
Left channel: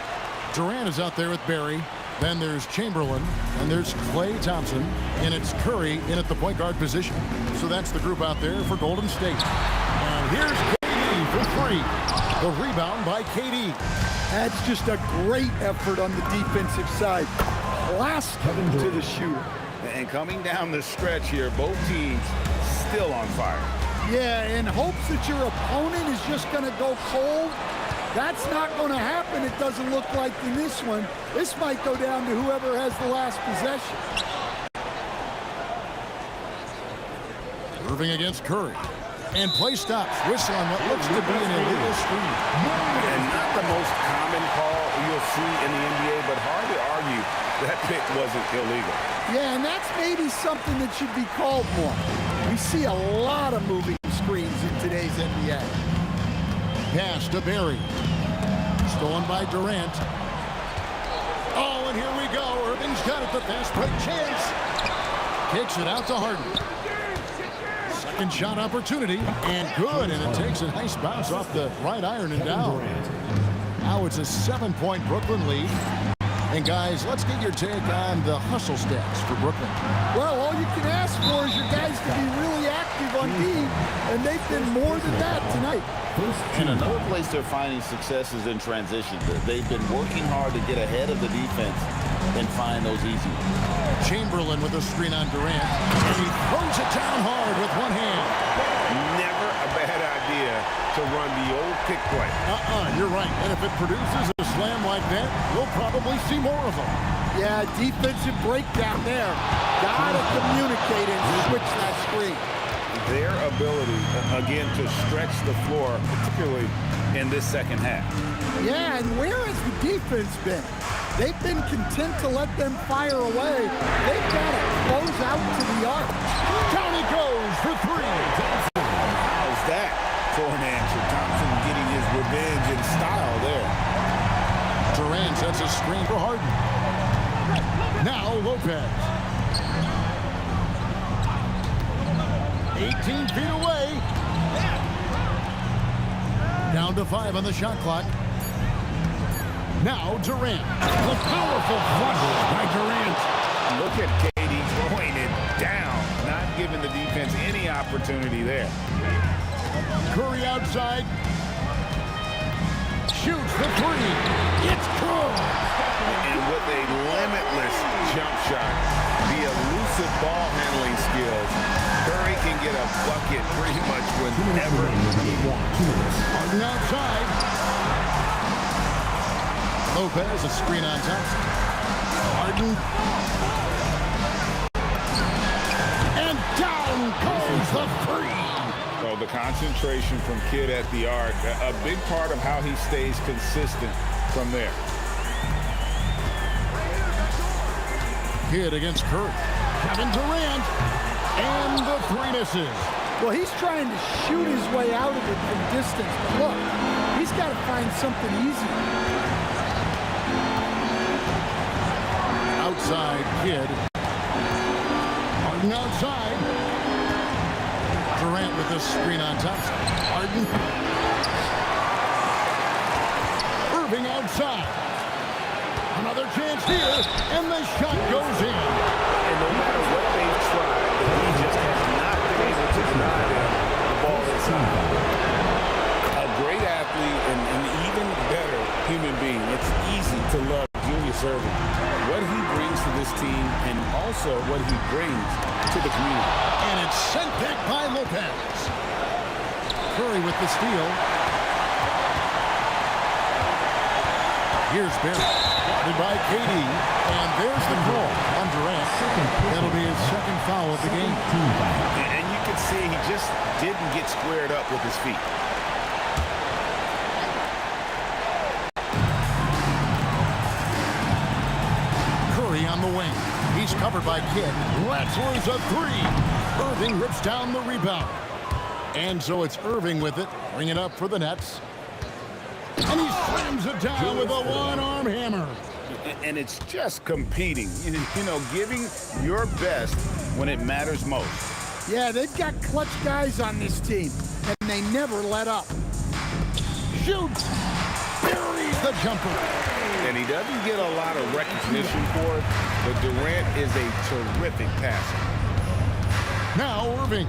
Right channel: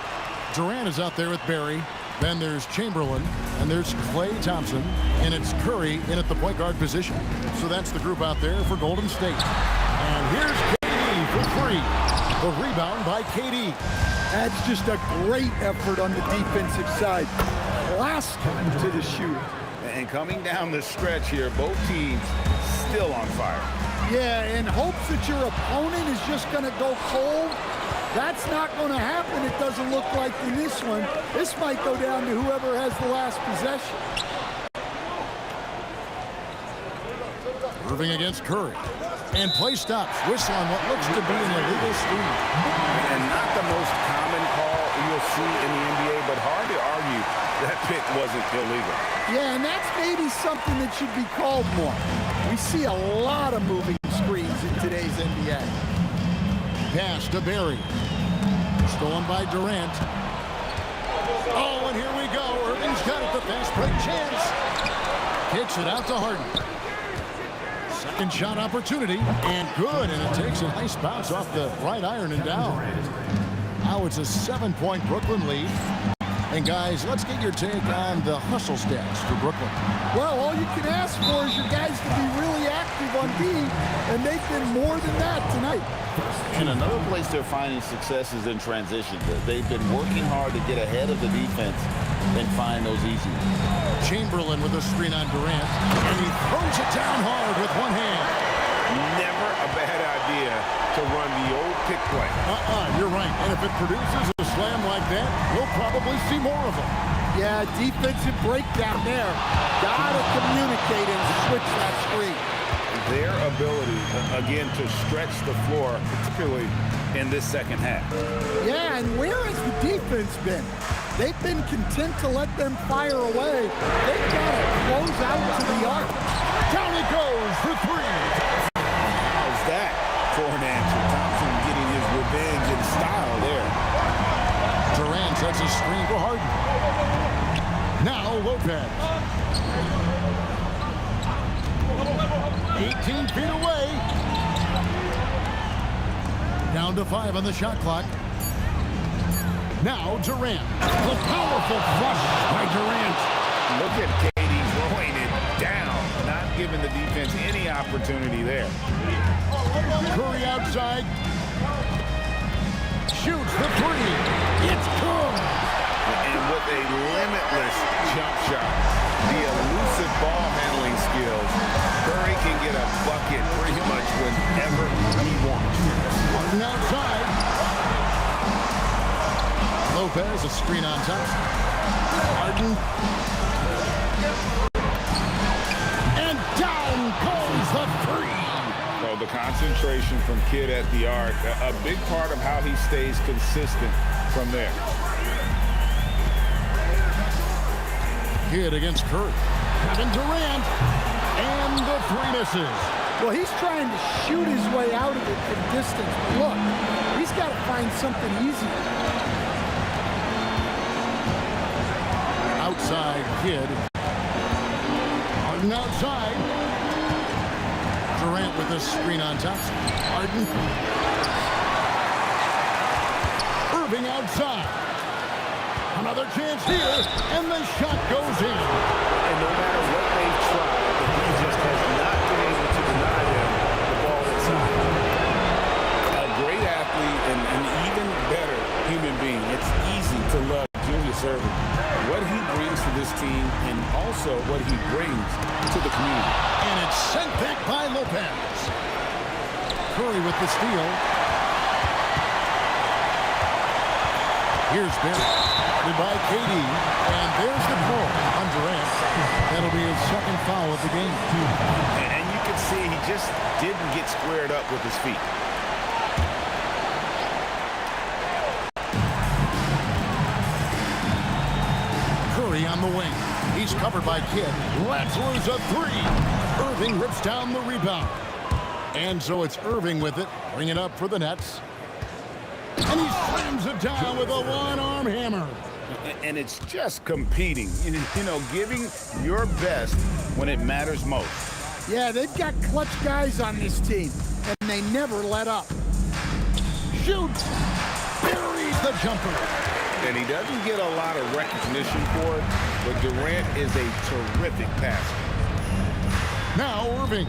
Durant is out there with Barry. Then there's Chamberlain, and there's Klay Thompson, and it's Curry in at the point guard position. So that's the group out there for Golden State. And here's KD for three. The rebound by KD. That's just a great effort on the defensive side. Plastered to the shooter. And coming down the stretch here, both teams still on fire. Yeah, in hopes that your opponent is just going to go cold. That's not going to happen, it doesn't look like, in this one. This might go down to whoever has the last possession. Irving against Curry. And play stops. Whistle on what looks to be an illegal screen. And not the most common call you'll see in the NBA, but hard to argue that pick wasn't illegal. Yeah, and that's maybe something that should be called more. We see a lot of moving screens in today's NBA. Pass to Barry. Stolen by Durant. Oh, and here we go. Irving's got it. The fast break chance. Kicks it out to Harden. Second shot opportunity. And good. And it takes a nice bounce off the right iron and down. Now it's a 7-point Brooklyn lead. And guys, let's get your take on the hustle stats for Brooklyn. Well, all you can ask for is your guys to be really active on D, and they've been more than that tonight. And another place they're finding success is in transition. They've been working hard to get ahead of the defense and find those easy ones. Chamberlain with a screen on Durant, and he throws it down hard with one hand. Never a bad idea to run the old pick play. You're right. And if it produces a slam like that, you'll probably see more of them. Yeah, defensive breakdown there. Gotta communicate and switch that screen. Their ability, again, to stretch the floor, particularly in this second half. Yeah, and where has the defense been? They've been content to let them fire away. They've got to close out to the arc. Down he goes for three. And how's that for an answer? Thompson getting his revenge in style there. Durant sets a screen for Harden. Now Lopez. 18 feet away. Down to 5 on the shot clock. Now Durant. The powerful flush by Durant. Look at KD throwing it down, not giving the defense any opportunity there. Curry outside. Shoots the three. It's good. And with a limitless jump shot, the elusive ball handling skills, Curry can get a bucket pretty much whenever he wants. Harden outside. Lopez, a screen on Thompson. Harden. And down goes the three. So the concentration from Kidd at the arc, a big part of how he stays consistent from there. Kidd against Curry. Kevin Durant. And the three misses. Well, he's trying to shoot his way out of it from distance. But look, he's got to find something easier. Outside Kidd. Harden outside. Durant with the screen on Thompson. Harden. Irving outside. Another chance here, and the shot goes in. And no matter what they've tried, the D just has not been able to deny them the ball inside. A great athlete and an even better human being. It's easy to love Julius Irving. What he brings to this team and also what he brings to the community. And it's sent back by Lopez. Curry with the steal. Here's Barry. Guarded by KD. And there's the call on Durant. That'll be his second foul of the game. And you can see he just didn't get squared up with his feet. Curry on the wing. He's covered by Kidd. Lets loose a three. Irving rips down the rebound. And so it's Irving with it. Bring it up for the Nets. And he slams it down with a one-arm hammer. And it's just competing, you know, giving your best when it matters most. Yeah, they've got clutch guys on this team, and they never let up. Shoots. Buries the jumper. And he doesn't get a lot of recognition for it, but Durant is a terrific passer. Now Irving.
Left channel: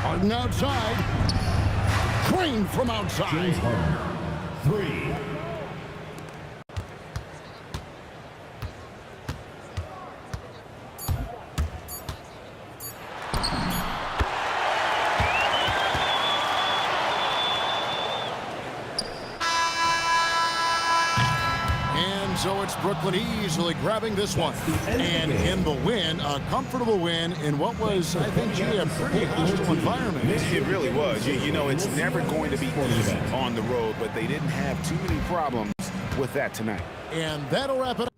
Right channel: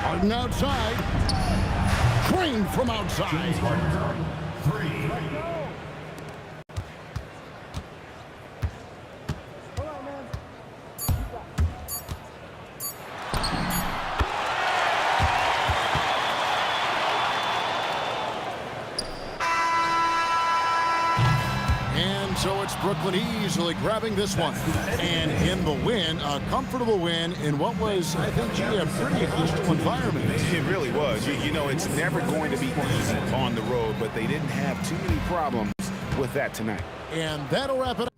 Harden outside. Trained from outside. Three. And so it's Brooklyn easily grabbing this one. And in the win, a comfortable win in what was, I think, a pretty hostile environment. It really was. You know, it's never going to be easy on the road, but they didn't have too many problems with that tonight. And that'll wrap it up.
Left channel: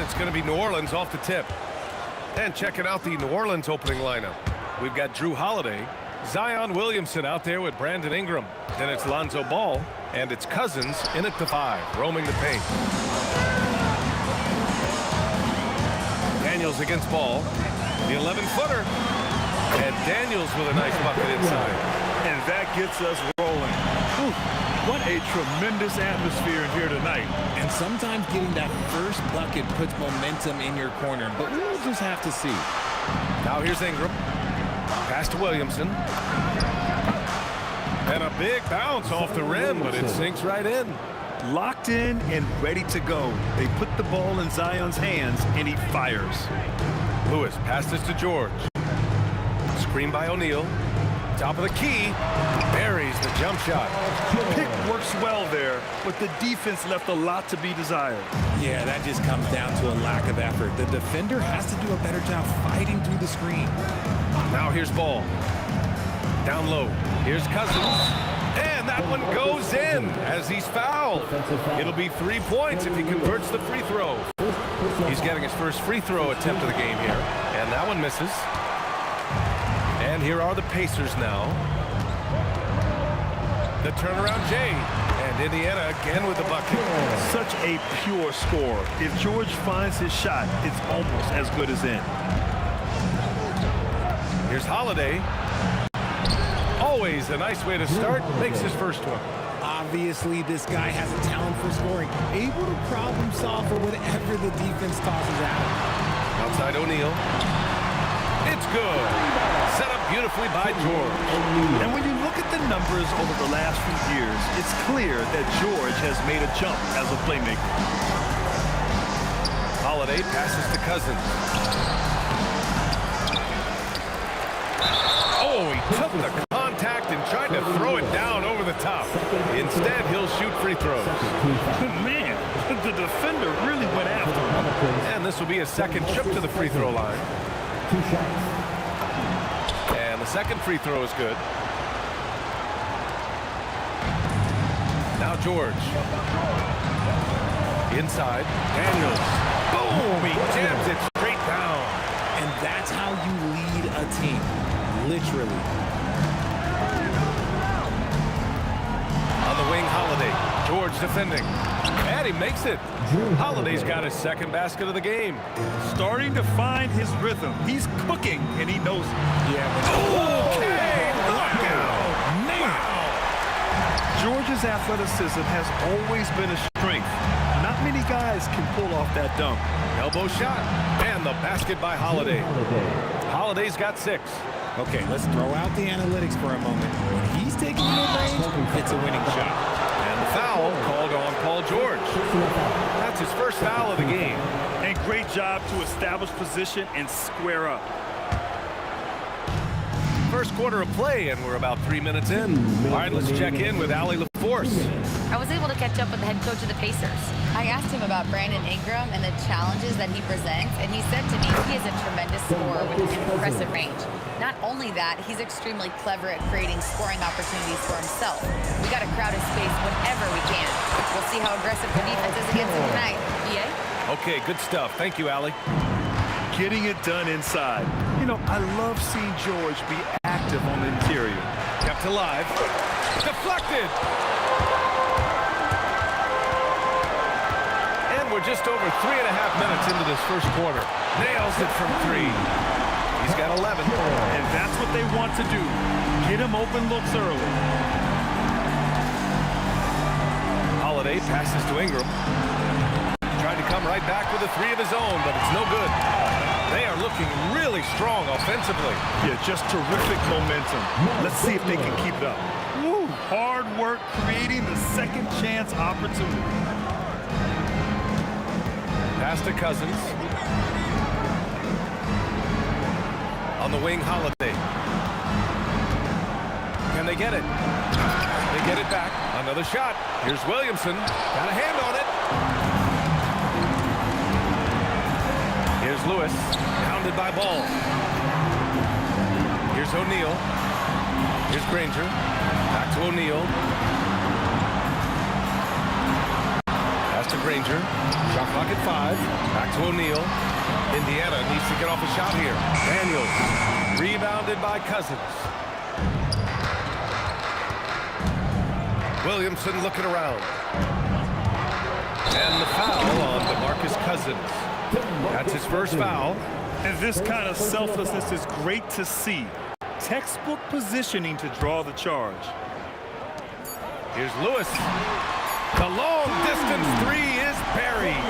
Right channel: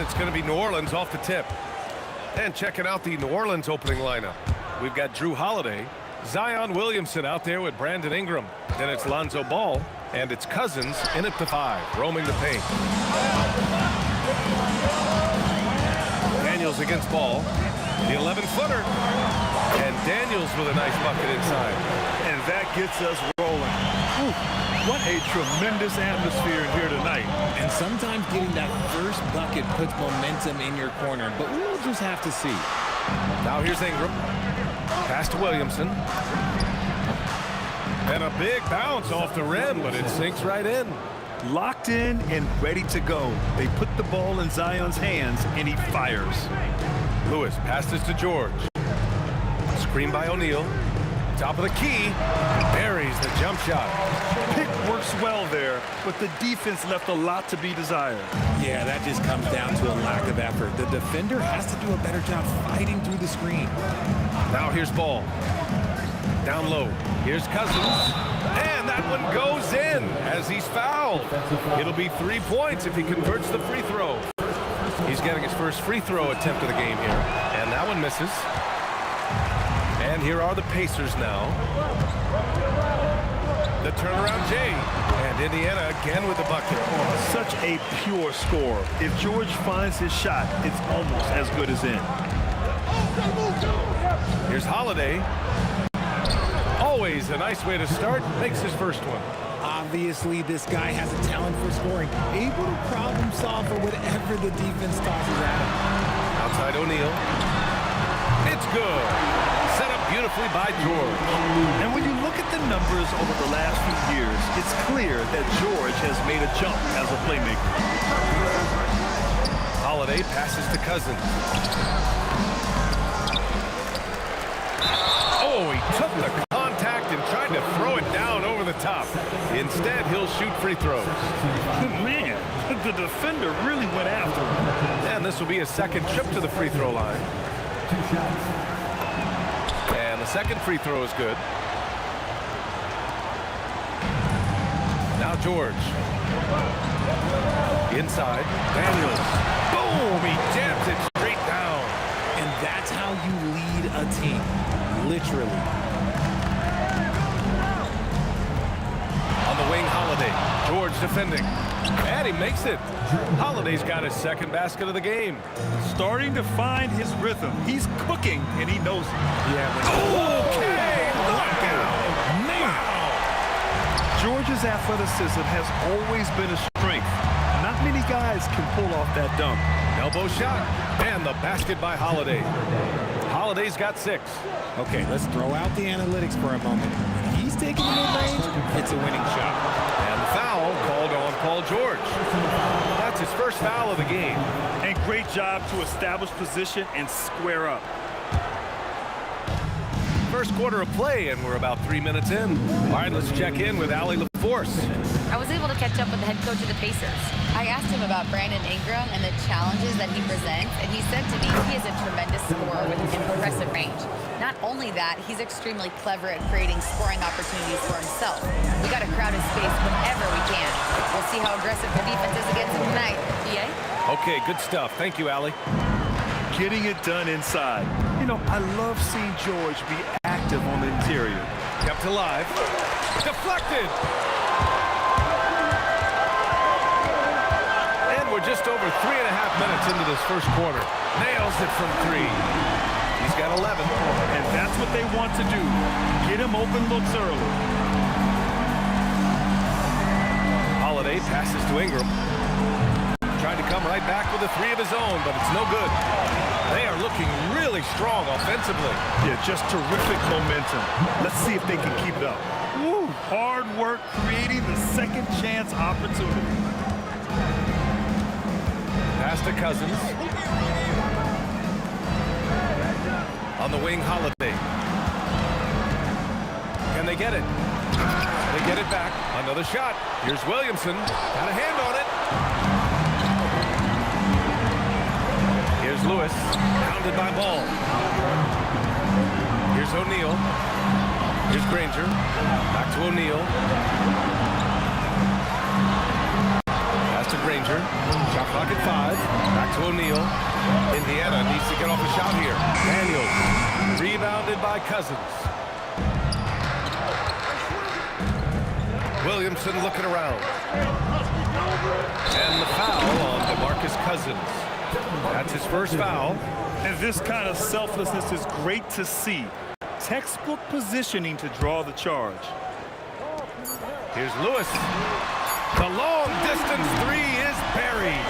And it's going to be New Orleans off the tip. And checking out the New Orleans opening lineup. We've got Drew Holiday, Zion Williamson out there with Brandon Ingram. Then it's Lonzo Ball, and it's Cousins in at the 5, roaming the paint. Daniels against Ball, the 11-footer. And Daniels with a nice bucket inside. And that gets us rolling. Whew. What a tremendous atmosphere in here tonight. And sometimes getting that first bucket puts momentum in your corner, but we'll just have to see. Now here's Ingram. Pass to Williamson. And a big bounce off the rim, but it sinks right in. Locked in and ready to go. They put the ball in Zion's hands, and he fires. Lewis passes to George. Screen by O'Neal. Top of the key. Buries the jump shot. Pick works well there, but the defense left a lot to be desired. Yeah, that just comes down to a lack of effort. The defender has to do a better job fighting through the screen. Now here's Ball. Down low. Here's Cousins. And that one goes in as he's fouled. It'll be 3 points if he converts the free throw. He's getting his first free throw attempt of the game here. And that one misses. And here are the Pacers now. The turnaround Jay. And Indiana again with the bucket. Such a pure score. If George finds his shot, it's almost as good as in. Here's Holiday. Always a nice way to start. Makes his first one. Obviously, this guy has a talent for scoring. Able to problem solve for whatever the defense tosses at him. Outside O'Neal. It's good. Set up beautifully by George. And when you look at the numbers over the last few years, it's clear that George has made a jump as a playmaker. Holiday passes to Cousins. Oh, he took the contact and tried to throw it down over the top. Instead, he'll shoot free throws. Man, the defender really went after him. And this will be his second trip to the free throw line. And the second free throw is good. Now George. Inside. Daniels. Boom! He jams it straight down. And that's how you lead a team. Literally. On the wing, Holiday. George defending. And he makes it. Holiday's got his second basket of the game. Starting to find his rhythm. He's cooking, and he knows it. Yeah, when okay, knockout. Wow. George's athleticism has always been a strength. Not many guys can pull off that dunk. Elbow shot. And the basket by Holiday. Holiday's got 6. Okay, let's throw out the analytics for a moment. When he's taking the mid-range, it's a winning shot. And the foul called on Paul George. That's his first foul of the game. And great job to establish position and square up. First quarter of play, and we're about 3 minutes in. All right, let's check in with Allie LaForce. I was able to catch up with the head coach of the Pacers. I asked him about Brandon Ingram and the challenges that he presents, and he said to me he is a tremendous scorer with impressive range. Not only that, he's extremely clever at creating scoring opportunities for himself. We got to crowd his space whenever we can. We'll see how aggressive the defense is against him tonight. BA? Okay, good stuff. Thank you, Allie. Getting it done inside. You know, I love seeing George be active on the interior. Kept alive. Deflected. And we're just over 3.5 minutes into this first quarter. Nails it from 3. He's got 11. And that's what they want to do. Get him open looks early. Holiday passes to Ingram. Trying to come right back with a 3 of his own, but it's no good. They are looking really strong offensively. Yeah, just terrific momentum. Let's see if they can keep it up. Woo, hard work creating the second chance opportunity. Pass to Cousins. On the wing, Holiday. Can they get it? They get it back. Another shot. Here's Williamson. Got a hand on it. Here's Lewis. Pounded by Ball. Here's O'Neal. Here's Granger. Back to O'Neal. Pass to Granger. Shot clock at 5. Back to O'Neal. Indiana needs to get off a shot here. Daniels. Rebounded by Cousins. Williamson looking around. And the foul on DeMarcus Cousins. That's his first foul. And this kind of selflessness is great to see. Textbook positioning to draw the charge. Here's Lewis. The long distance three is buried.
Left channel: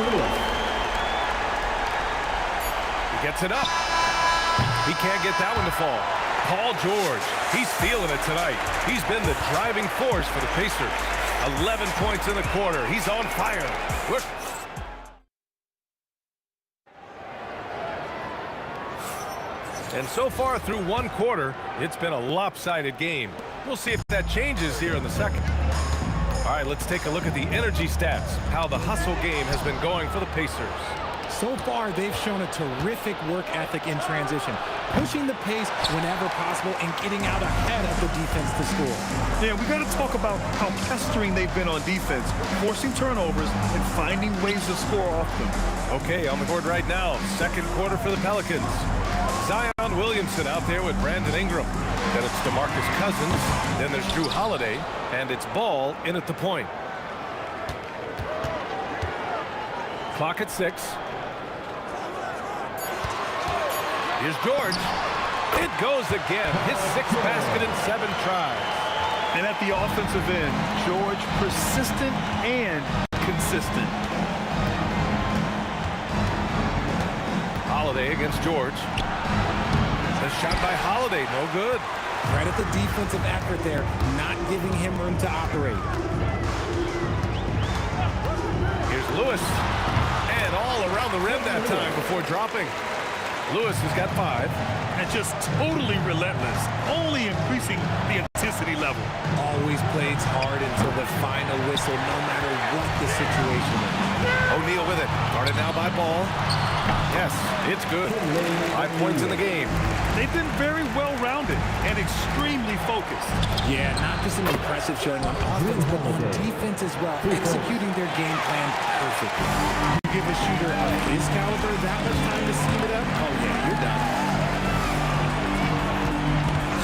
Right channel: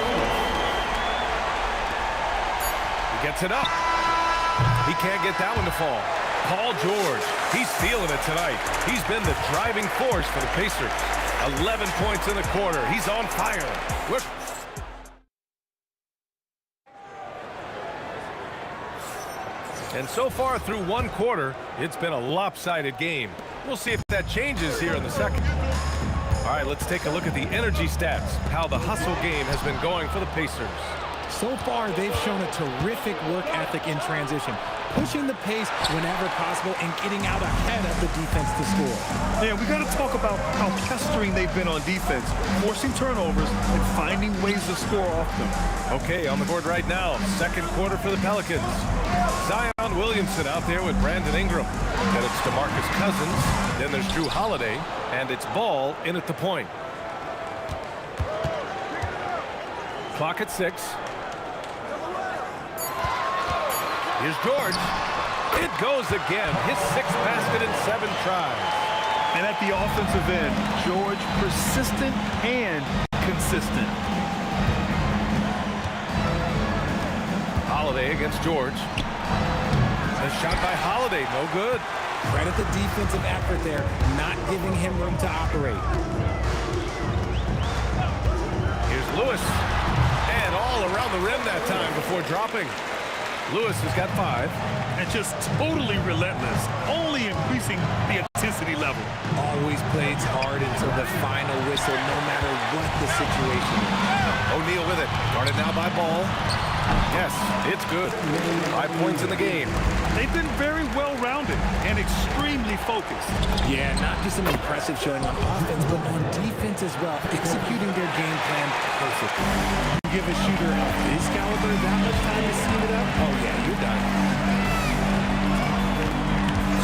He gets it up. He can't get that one to fall. Paul George, he's feeling it tonight. He's been the driving force for the Pacers. 11 points in the quarter. He's on fire. And so far through one quarter, it's been a lopsided game. We'll see if that changes here in the second. All right, let's take a look at the energy stats, how the hustle game has been going for the Pacers. So far, they've shown a terrific work ethic in transition, pushing the pace whenever possible and getting out ahead of the defense to score. Yeah, we got to talk about how pestering they've been on defense, forcing turnovers and finding ways to score off them. Okay, on the board right now, second quarter for the Pelicans. Zion Williamson out there with Brandon Ingram. Then it's DeMarcus Cousins. Then there's Drew Holiday. And it's Ball in at the point. Clock at 6. Here's George. It goes again. His 6th basket in 7 tries. And at the offensive end, George persistent and consistent. Holiday against George. The shot by Holiday, no good. Credit the defensive effort there, not giving him room to operate. Here's Lewis. And all around the rim that time before dropping. Lewis has got 5. And just totally relentless, only increasing the intensity level. Always plays hard until the final whistle, no matter what the situation is. O'Neal with it. Guarded now by Ball. Yes, it's good. 5 points in the game. They've been very well-rounded and extremely focused. Yeah, not just an impressive showing on offense, but on defense as well, executing their game plan perfectly. You give a shooter of his caliber that much time to seam it up, oh yeah, you're done.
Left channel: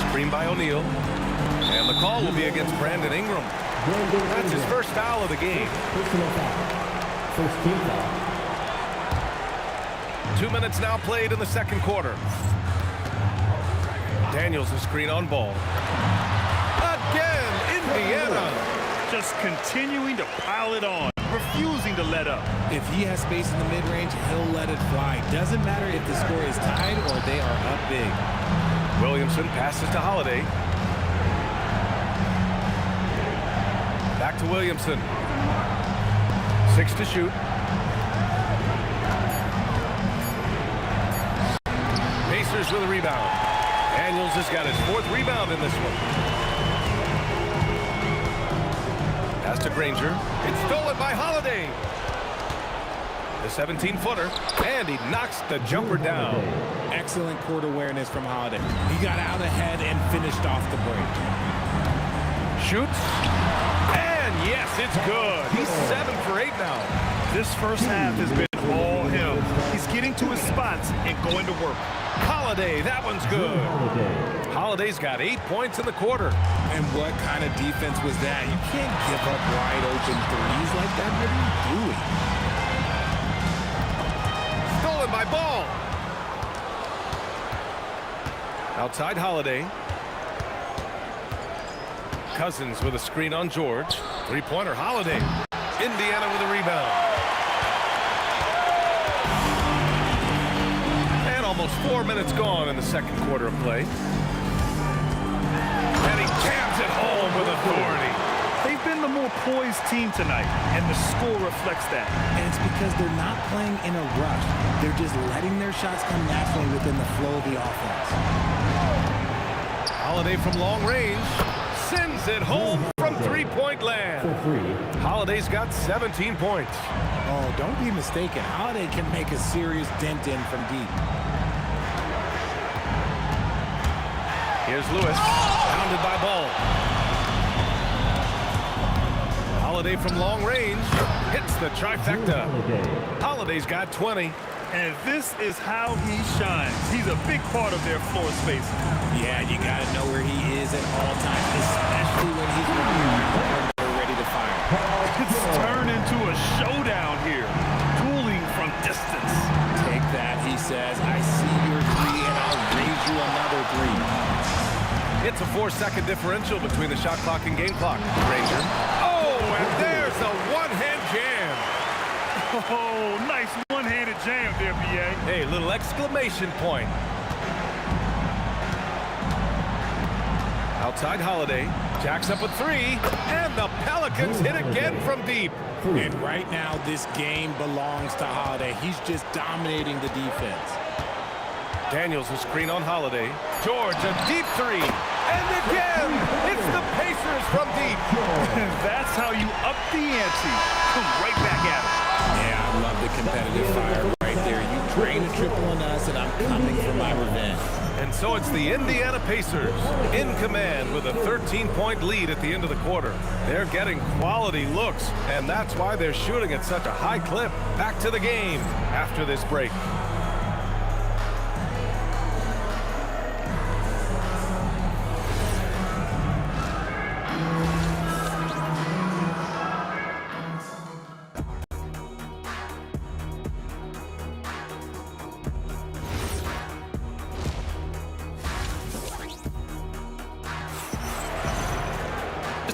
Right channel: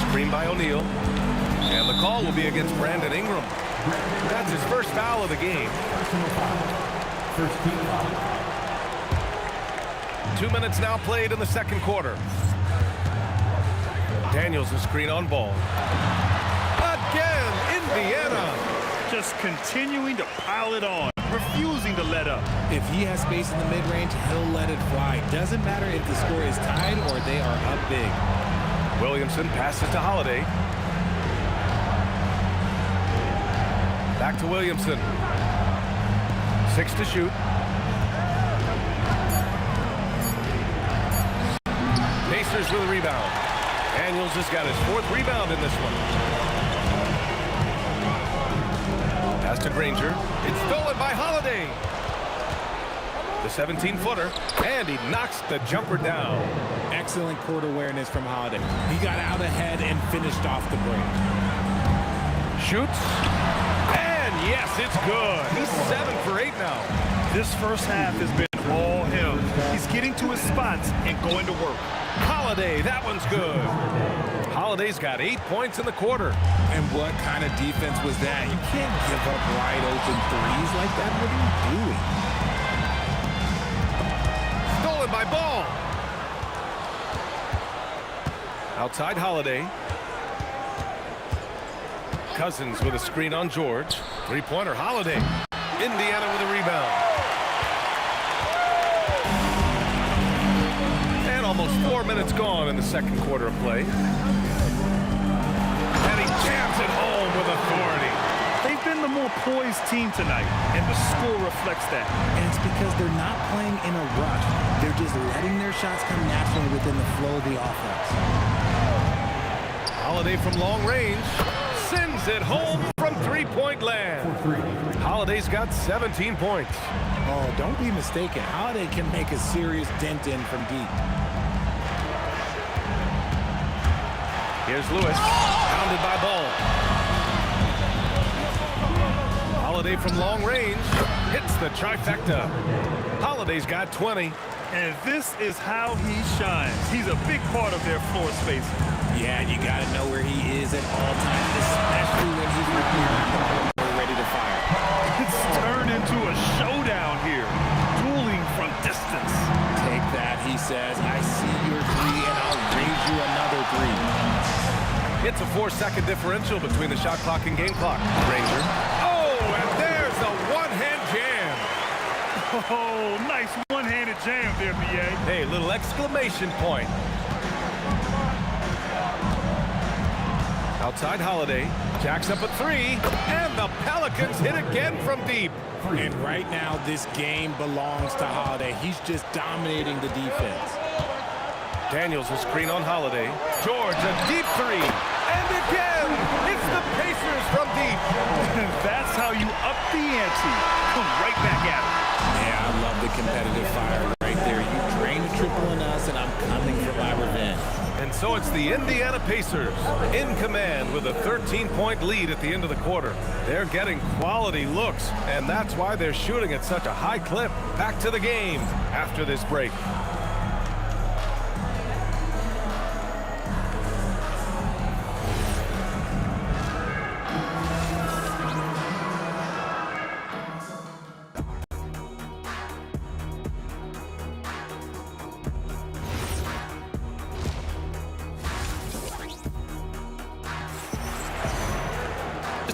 Screen by O'Neal. And the call will be against Brandon Ingram. That's his first foul of the game. Personal foul. First team foul. 2 minutes now played in the second quarter. Daniels a screen on Ball. Again, Indiana. Just continuing to pile it on, refusing to let up. If he has space in the mid-range, he'll let it fly. Doesn't matter if the score is tied or they are up big. Williamson passes to Holiday. Back to Williamson. 6 to shoot. Pacers with a rebound. Daniels has got his 4th rebound in this one. Pass to Granger. It's stolen by Holiday. The 17-footer, and he knocks the jumper down. Excellent court awareness from Holiday. He got out ahead and finished off the break. Shoots. And yes, it's good. He's 7 for 8 now. This first half has been all him. He's getting to his spots and going to work. Holiday, that one's good. Holiday's got 8 points in the quarter. And what kind of defense was that? You can't give up wide open threes like that. What are you doing? Stolen by Ball. Outside Holiday. Cousins with a screen on George. 3-pointer Holiday. Indiana with a rebound. And almost 4 minutes gone in the second quarter of play. And he jams it home with authority. They've been the more poised team tonight, and the score reflects that. And it's because they're not playing in a rush. They're just letting their shots come naturally within the flow of the offense. Holiday from long range. Sends it home from 3-point land. Holiday's got 17 points. Oh, don't be mistaken. Holiday can make a serious dent in from deep. Here's Lewis. Pounded by Ball. Holiday from long range hits the trifecta. Holiday's got 20. And this is how he shines. He's a big part of their floor spacing. Yeah, you got to know where he is at all times, especially when he's working around the perimeter ready to fire. It's turned into a showdown here. Dueling from distance. Take that, he says. I see your three, and I'll raise you another three. It's a 4-second differential between the shot clock and game clock. Ranger. Oh, and there's a one-hand jam. Oh, nice one-handed jam there, B.A. Hey, little exclamation point. Outside Holiday, jacks up a three, and the Pelicans hit again from deep. And right now, this game belongs to Holiday. He's just dominating the defense. Daniels will screen on Holiday. George, a deep three. And again, it's the Pacers from deep. That's how you up the ante. Come right back at him. Yeah, I love the competitive fire right there. You drain a triple on us, and I'm coming for my revenge. And so it's the Indiana Pacers in command with a 13-point lead at the end of the quarter. They're getting quality looks, and that's why they're shooting at such a high clip. Back to the game after this break.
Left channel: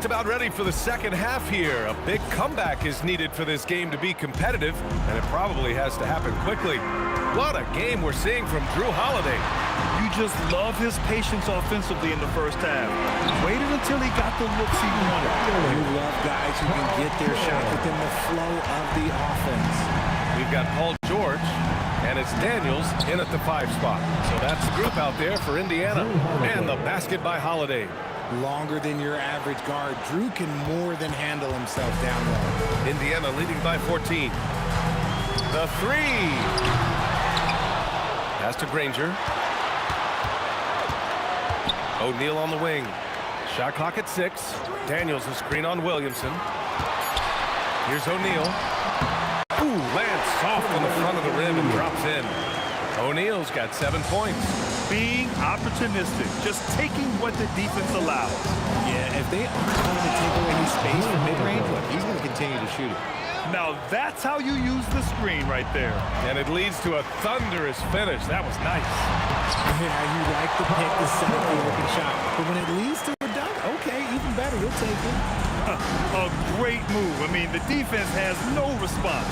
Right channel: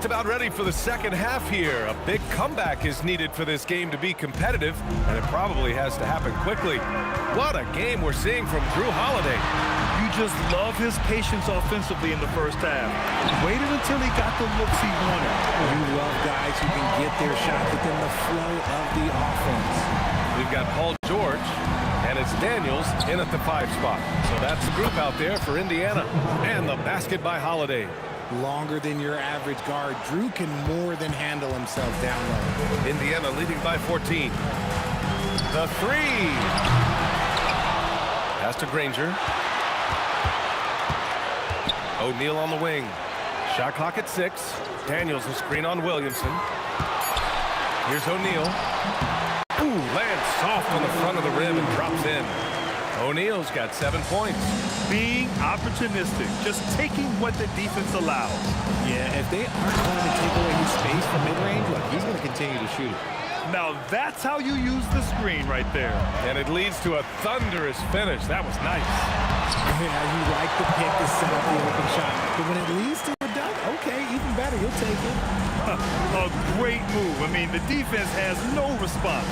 About ready for the second half here. A big comeback is needed for this game to be competitive, and it probably has to happen quickly. What a game we're seeing from Drew Holiday. You just love his patience offensively in the first half. Waited until he got the looks he wanted. You love guys who can get their shot within the flow of the offense. We've got Paul George, and it's Daniels in at the 5 spot. So that's the group out there for Indiana. And the basket by Holiday. Longer than your average guard. Drew can more than handle himself down low. Indiana leading by 14. The three. Pass to Granger. O'Neal on the wing. Shot clock at 6. Daniels a screen on Williamson. Here's O'Neal. Ooh, lands soft on the front of the rim and drops in. O'Neal's got 7 points. Being opportunistic, just taking what the defense allows. Yeah, if they aren't going to take away his space from mid-range, look, he's going to continue to shoot it. Now that's how you use the screen right there. And it leads to a thunderous finish. That was nice. Yeah, you like the pick to set up the open shot. But when it leads to a dunk, okay, even better, you'll take it. A great move. I mean, the defense has no response.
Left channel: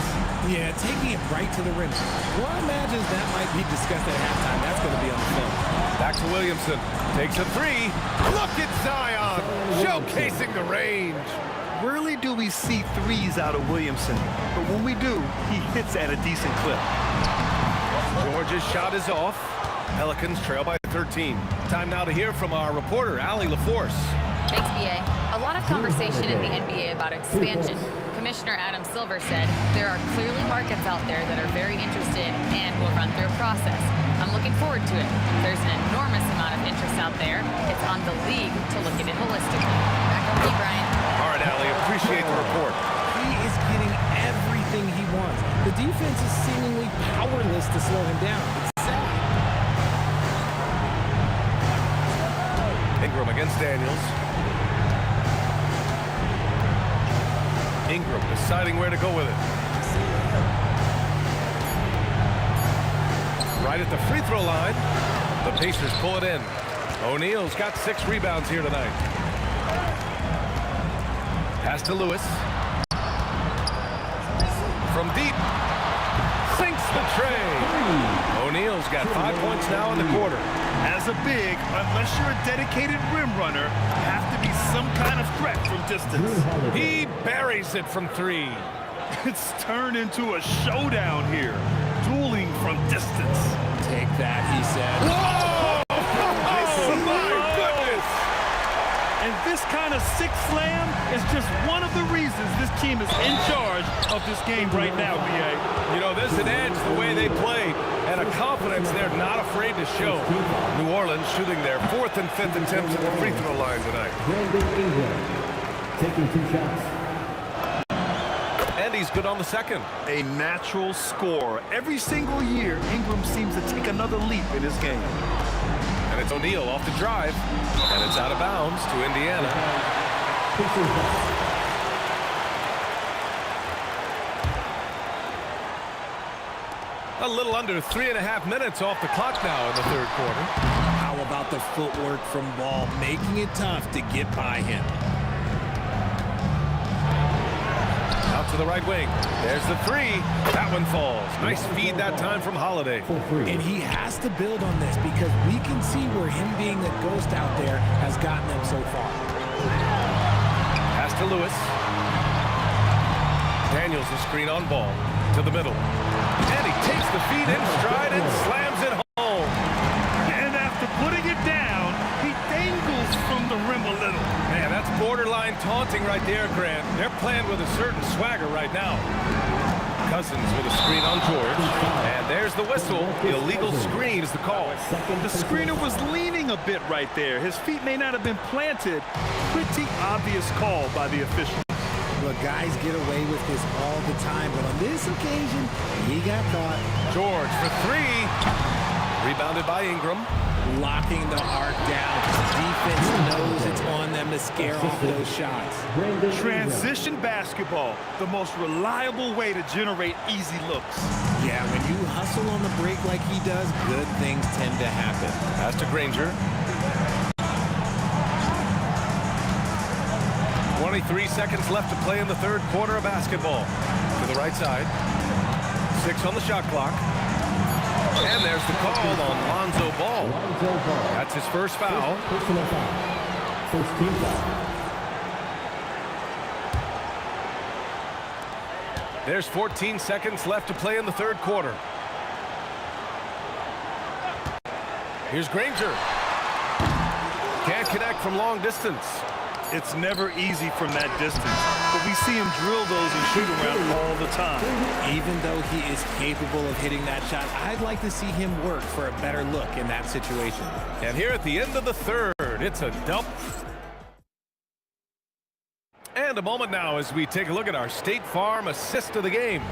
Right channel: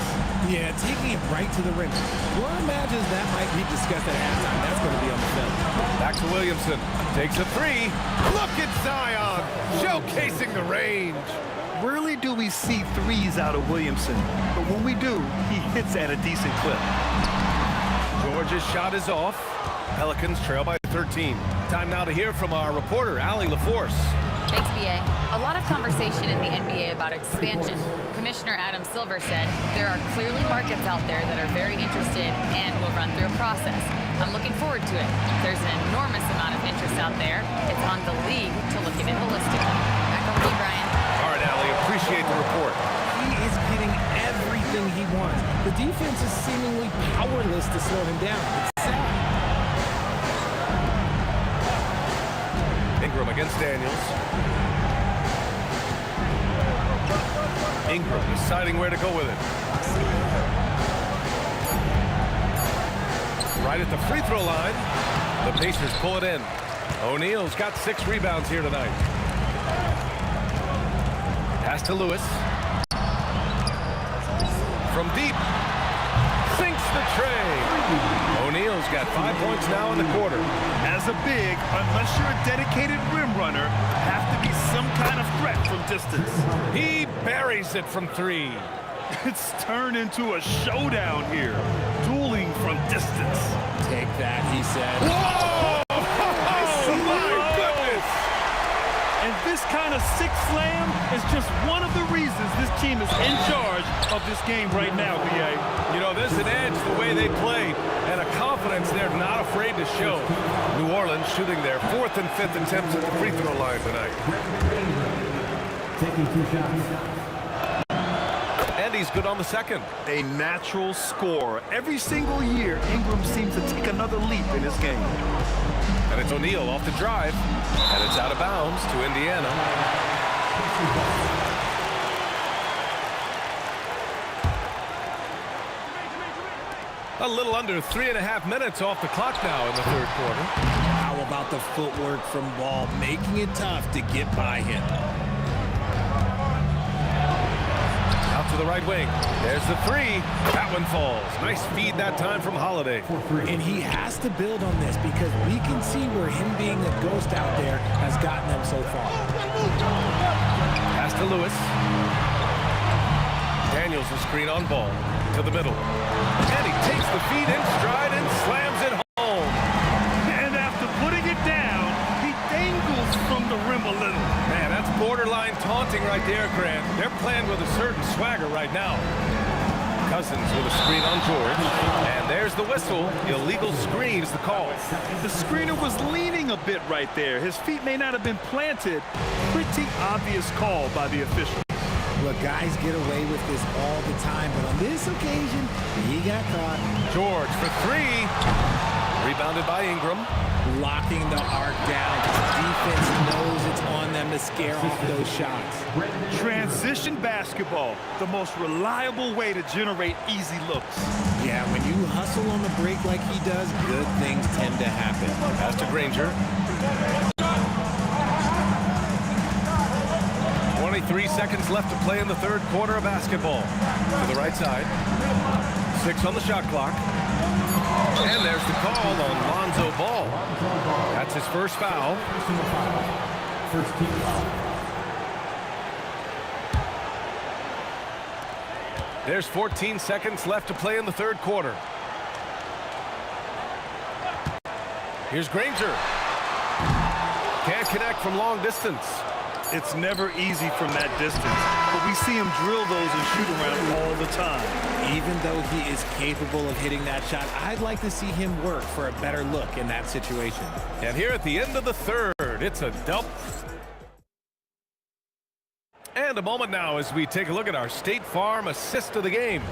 Yeah, taking it right to the rim. Well, imagines that might be discussed at halftime. That's going to be on the film. Back to Williamson. Takes a three. Look at Zion, showcasing the range. Rarely do we see threes out of Williamson, but when we do, he hits at a decent clip. George's shot is off. Pelicans trail by 13. Time now to hear from our reporter, Allie LaForce. Thanks, B.A. A lot of conversation in the NBA about expansion. Commissioner Adam Silver said there are clearly markets out there that are very interested and will run through a process. I'm looking forward to it. There's an enormous amount of interest out there. It's on the league to look at it holistically. Back over to you, Brian. All right, Allie, appreciate the report. He is getting everything he wants. The defense is seemingly powerless to slow him down. It's sad. Ingram against Daniels. Ingram deciding where to go with it. Right at the free throw line. The Pacers pull it in. O'Neal's got 6 rebounds here tonight. Pass to Lewis. From deep. Sinks the tray. O'Neal's got 5 points now in the quarter. As a big, unless you're a dedicated rim runner, have to be some kind of threat from distance. He buries it from 3. It's turned into a showdown here. Dueling from distance. Take that, he said. Whoa! Oh, my goodness! And this kind of sick slam is just one of the reasons this team is in charge of this game right now, B.A. You know, there's an edge the way they play and a confidence they're not afraid to show. New Orleans shooting their 4th and 5th attempts at the free throw line tonight. Brandon Ingram taking 2 shots. And he's good on the second. A natural scorer. Every single year, Ingram seems to take another leap in his game. And it's O'Neal off the drive. And it's out of bounds to Indiana. A little under 3.5 minutes off the clock now in the third quarter. How about the footwork from Ball, making it tough to get by him? Out to the right wing. There's the three. That one falls. Nice feed that time from Holiday. And he has to build on this because we can see where him being a ghost out there has gotten them so far. Pass to Lewis. Daniels the screen on Ball to the middle. And he takes the feed in stride and slams it home. And after putting it down, he dangles from the rim a little. Man, that's borderline taunting right there, Grant. They're playing with a certain swagger right now. Cousins with a screen on George. And there's the whistle. Illegal screen is the call. The screener was leaning a bit right there. His feet may not have been planted. Pretty obvious call by the official. Look, guys get away with this all the time, but on this occasion, he got caught. George for three. Rebounded by Ingram. Locking the arc down. Defense knows it's on them to scare off those shots. Transition basketball, the most reliable way to generate easy looks. Yeah, when you hustle on the break like he does, good things tend to happen. Pass to Granger. 23 seconds left to play in the third quarter of basketball. To the right side. 6 on the shot clock. And there's the call on Lonzo Ball. That's his first foul. Personal foul. First team foul. There's 14 seconds left to play in the third quarter. Here's Granger. Can't connect from long distance. It's never easy from that distance, but we see him drill those and shoot around all the time. Even though he is capable of hitting that shot, I'd like to see him work for a better look in that situation. And here at the end of the third, it's a dump. And a moment now as we take a look at our State Farm assist of the game.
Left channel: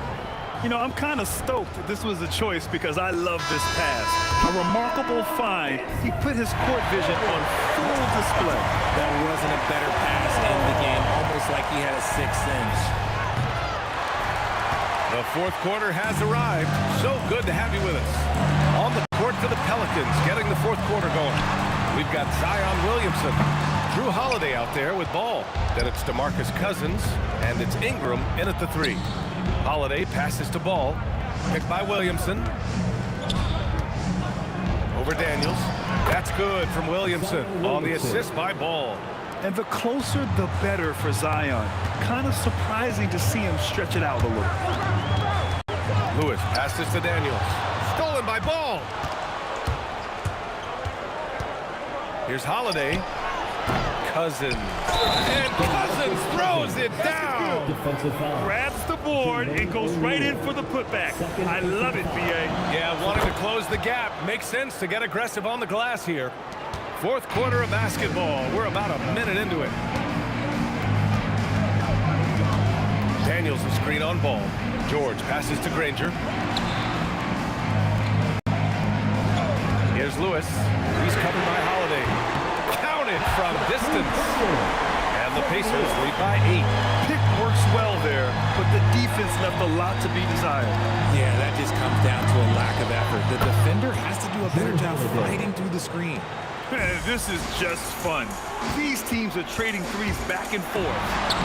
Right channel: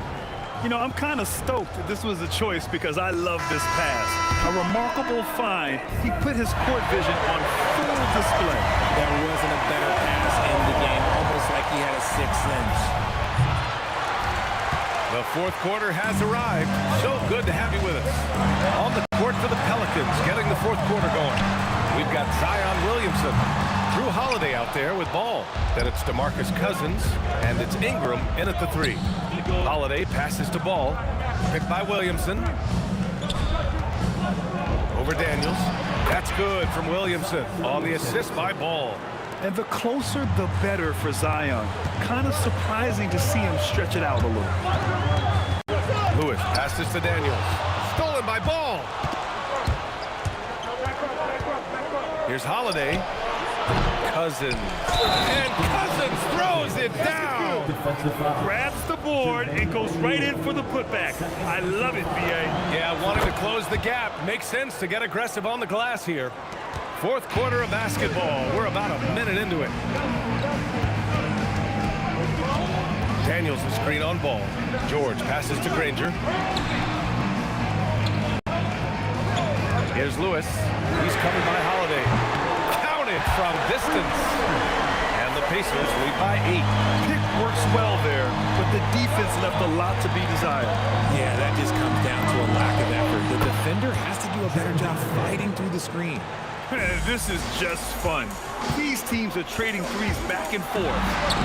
You know, I'm kind of stoked this was a choice because I love this pass. A remarkable find. He put his court vision on full display. There wasn't a better pass in the game, almost like he had a sixth sense. The fourth quarter has arrived. So good to have you with us. On the court for the Pelicans, getting the fourth quarter going. We've got Zion Williamson. Drew Holiday out there with Ball. Then it's DeMarcus Cousins, and it's Ingram in at the three. Holiday passes to Ball. Picked by Williamson. Over Daniels. That's good from Williamson on the assist by Ball. And the closer, the better for Zion. Kind of surprising to see him stretch it out a little. Lewis passes to Daniels. Stolen by Ball. Here's Holiday. Cousins. And Cousins throws it down. Grabs the board and goes right in for the putback. I love it, B.A. Yeah, wanting to close the gap. Makes sense to get aggressive on the glass here. Fourth quarter of basketball. We're about a minute into it. Daniels the screen on Ball. George passes to Granger. Here's Lewis. He's covered by Holiday. Counted from distance. And the Pacers lead by 8. Pick works well there, but the defense left a lot to be desired. Yeah, that just comes down to a lack of effort. The defender has to do a better job fighting through the screen. This is just fun. These teams are trading threes back and forth.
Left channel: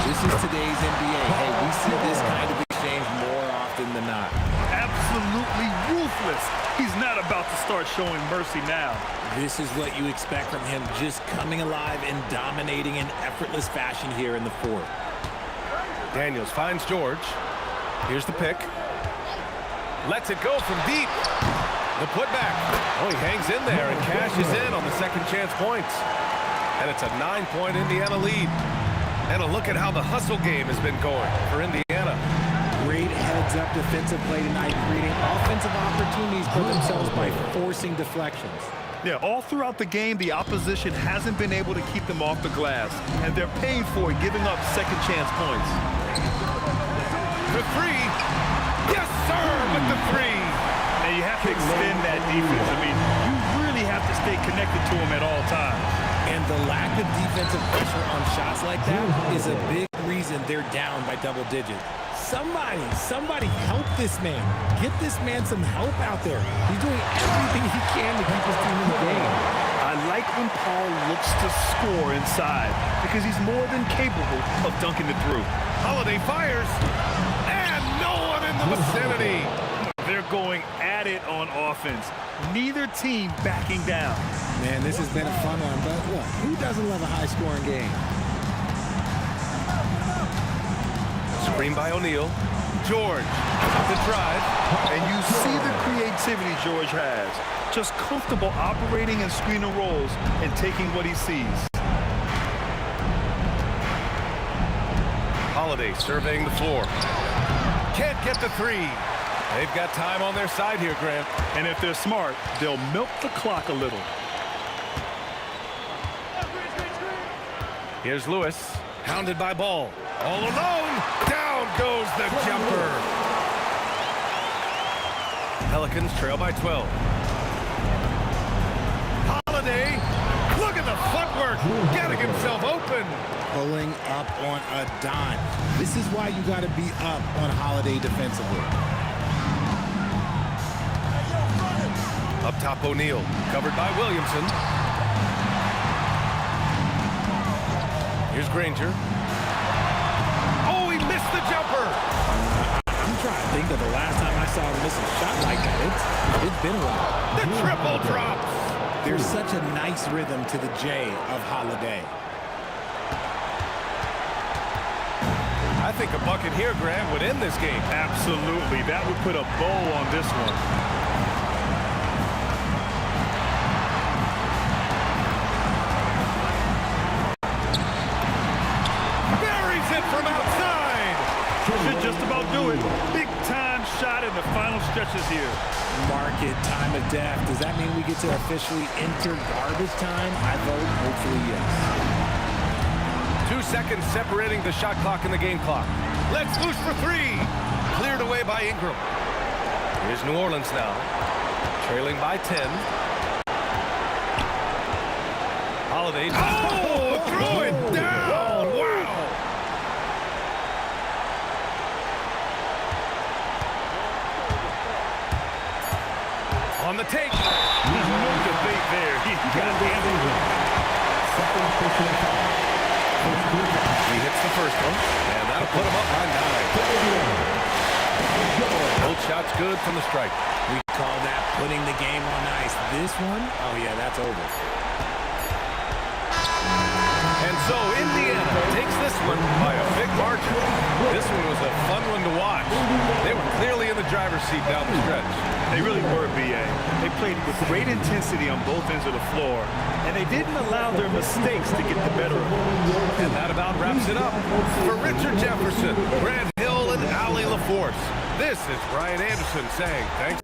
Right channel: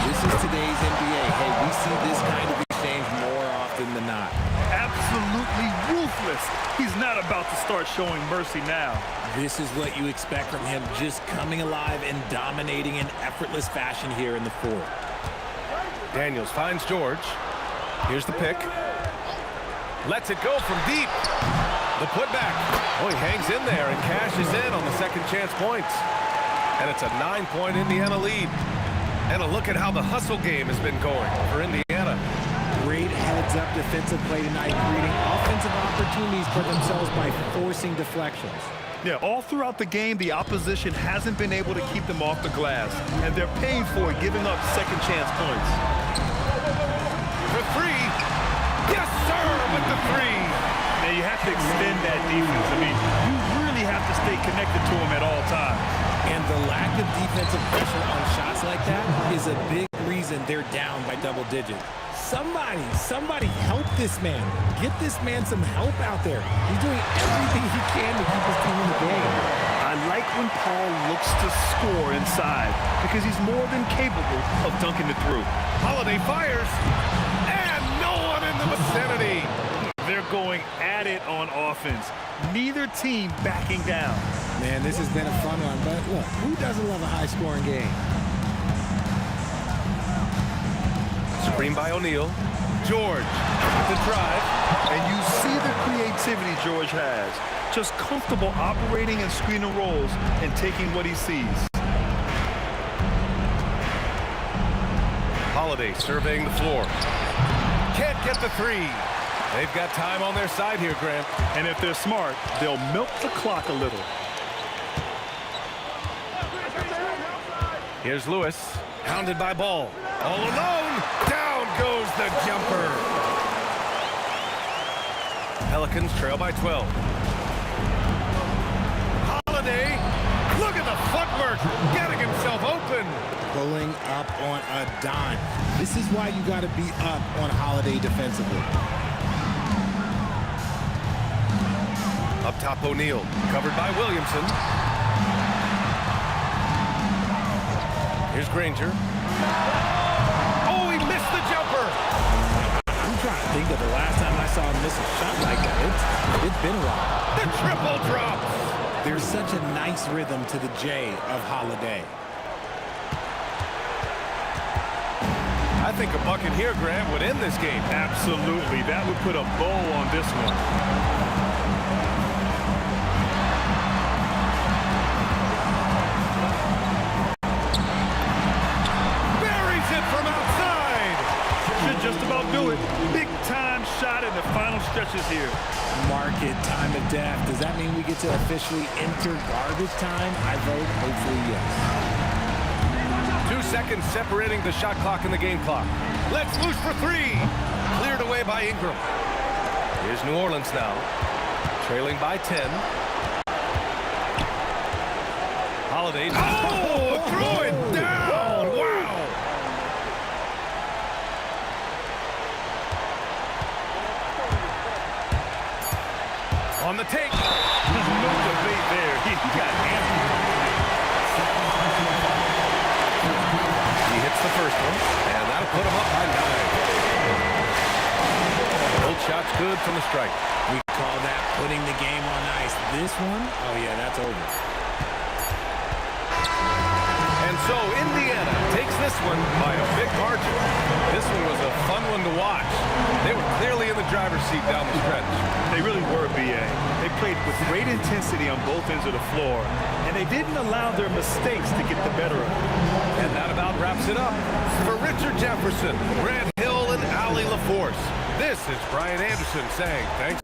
This is today's NBA. Hey, we see this kind of exchange more often than not. Absolutely ruthless. He's not about to start showing mercy now. This is what you expect from him, just coming alive and dominating in effortless fashion here in the fourth. Daniels finds George. Here's the pick. Lets it go from deep. The putback. Oh, he hangs in there and cashes in on the second chance points. And it's a 9-point Indiana lead. And a look at how the hustle game has been going for Indiana. Great heads-up defensive play tonight, creating offensive opportunities for themselves by forcing deflections. Yeah, all throughout the game, the opposition hasn't been able to keep them off the glass, and they're paying for it, giving up second chance points. For the three. Yes, sir, with the three. Now, you have to extend that defense. I mean, you really have to stay connected to him at all times. And the lack of defensive pressure on shots like that is a big reason they're down by double digits. Somebody help this man. Get this man some help out there. He's doing everything he can to keep his team in the game. I like when Paul looks to score inside because he's more than capable of dunking it through. Holiday fires, and no one in the vicinity. They're going at it on offense. Neither team backing down. Man, this has been a fun one, but look, who doesn't love a high-scoring game? Screen by O'Neal. George, the drive. And you see the creativity George has. Just comfortable operating and screening rolls and taking what he sees. Holiday surveying the floor. Can't get the three. They've got time on their side here, Grant. And if they're smart, they'll milk the clock a little. Here's Lewis, hounded by Ball. All alone, down goes the jumper. Pelicans trail by 12. Holiday, look at the footwork, getting himself open. Pulling up on a dime. This is why you got to be up on Holiday defensively. Up top, O'Neal, covered by Williamson. Here's Granger. Oh, he missed the jumper. I'm trying to think of the last time I saw him miss a shot like that. It's been a while. The triple drops. There's such a nice rhythm to the J of Holiday. I think a bucket here, Grant, would end this game. Absolutely. That would put a bow on this one. Buries it from outside. Should just about do it. Big time shot in the final stretches here. Mark it, time of death. Does that mean we get to officially enter garbage time? I vote hopefully yes. 2 seconds separating the shot clock and the game clock. Let's loose for three. Cleared away by Ingram. Here's New Orleans now, trailing by 10. Holiday. Oh, threw it down. Wow. On the take. There's no debate there. He got hammered. He hits the first one, and that'll put him up by 9. Both shots good from the stripe. We call that putting the game on ice. This one, oh yeah, that's over. And so Indiana takes this one by a big margin. This one was a fun one to watch. They were clearly in the driver's seat down the stretch. They really were, B.A. They played with great intensity on both ends of the floor, and they didn't allow their mistakes to get the better of them. And that about wraps it up. For Richard Jefferson, Grant Hill, and Allie LaForce, this is Brian Anderson saying thanks.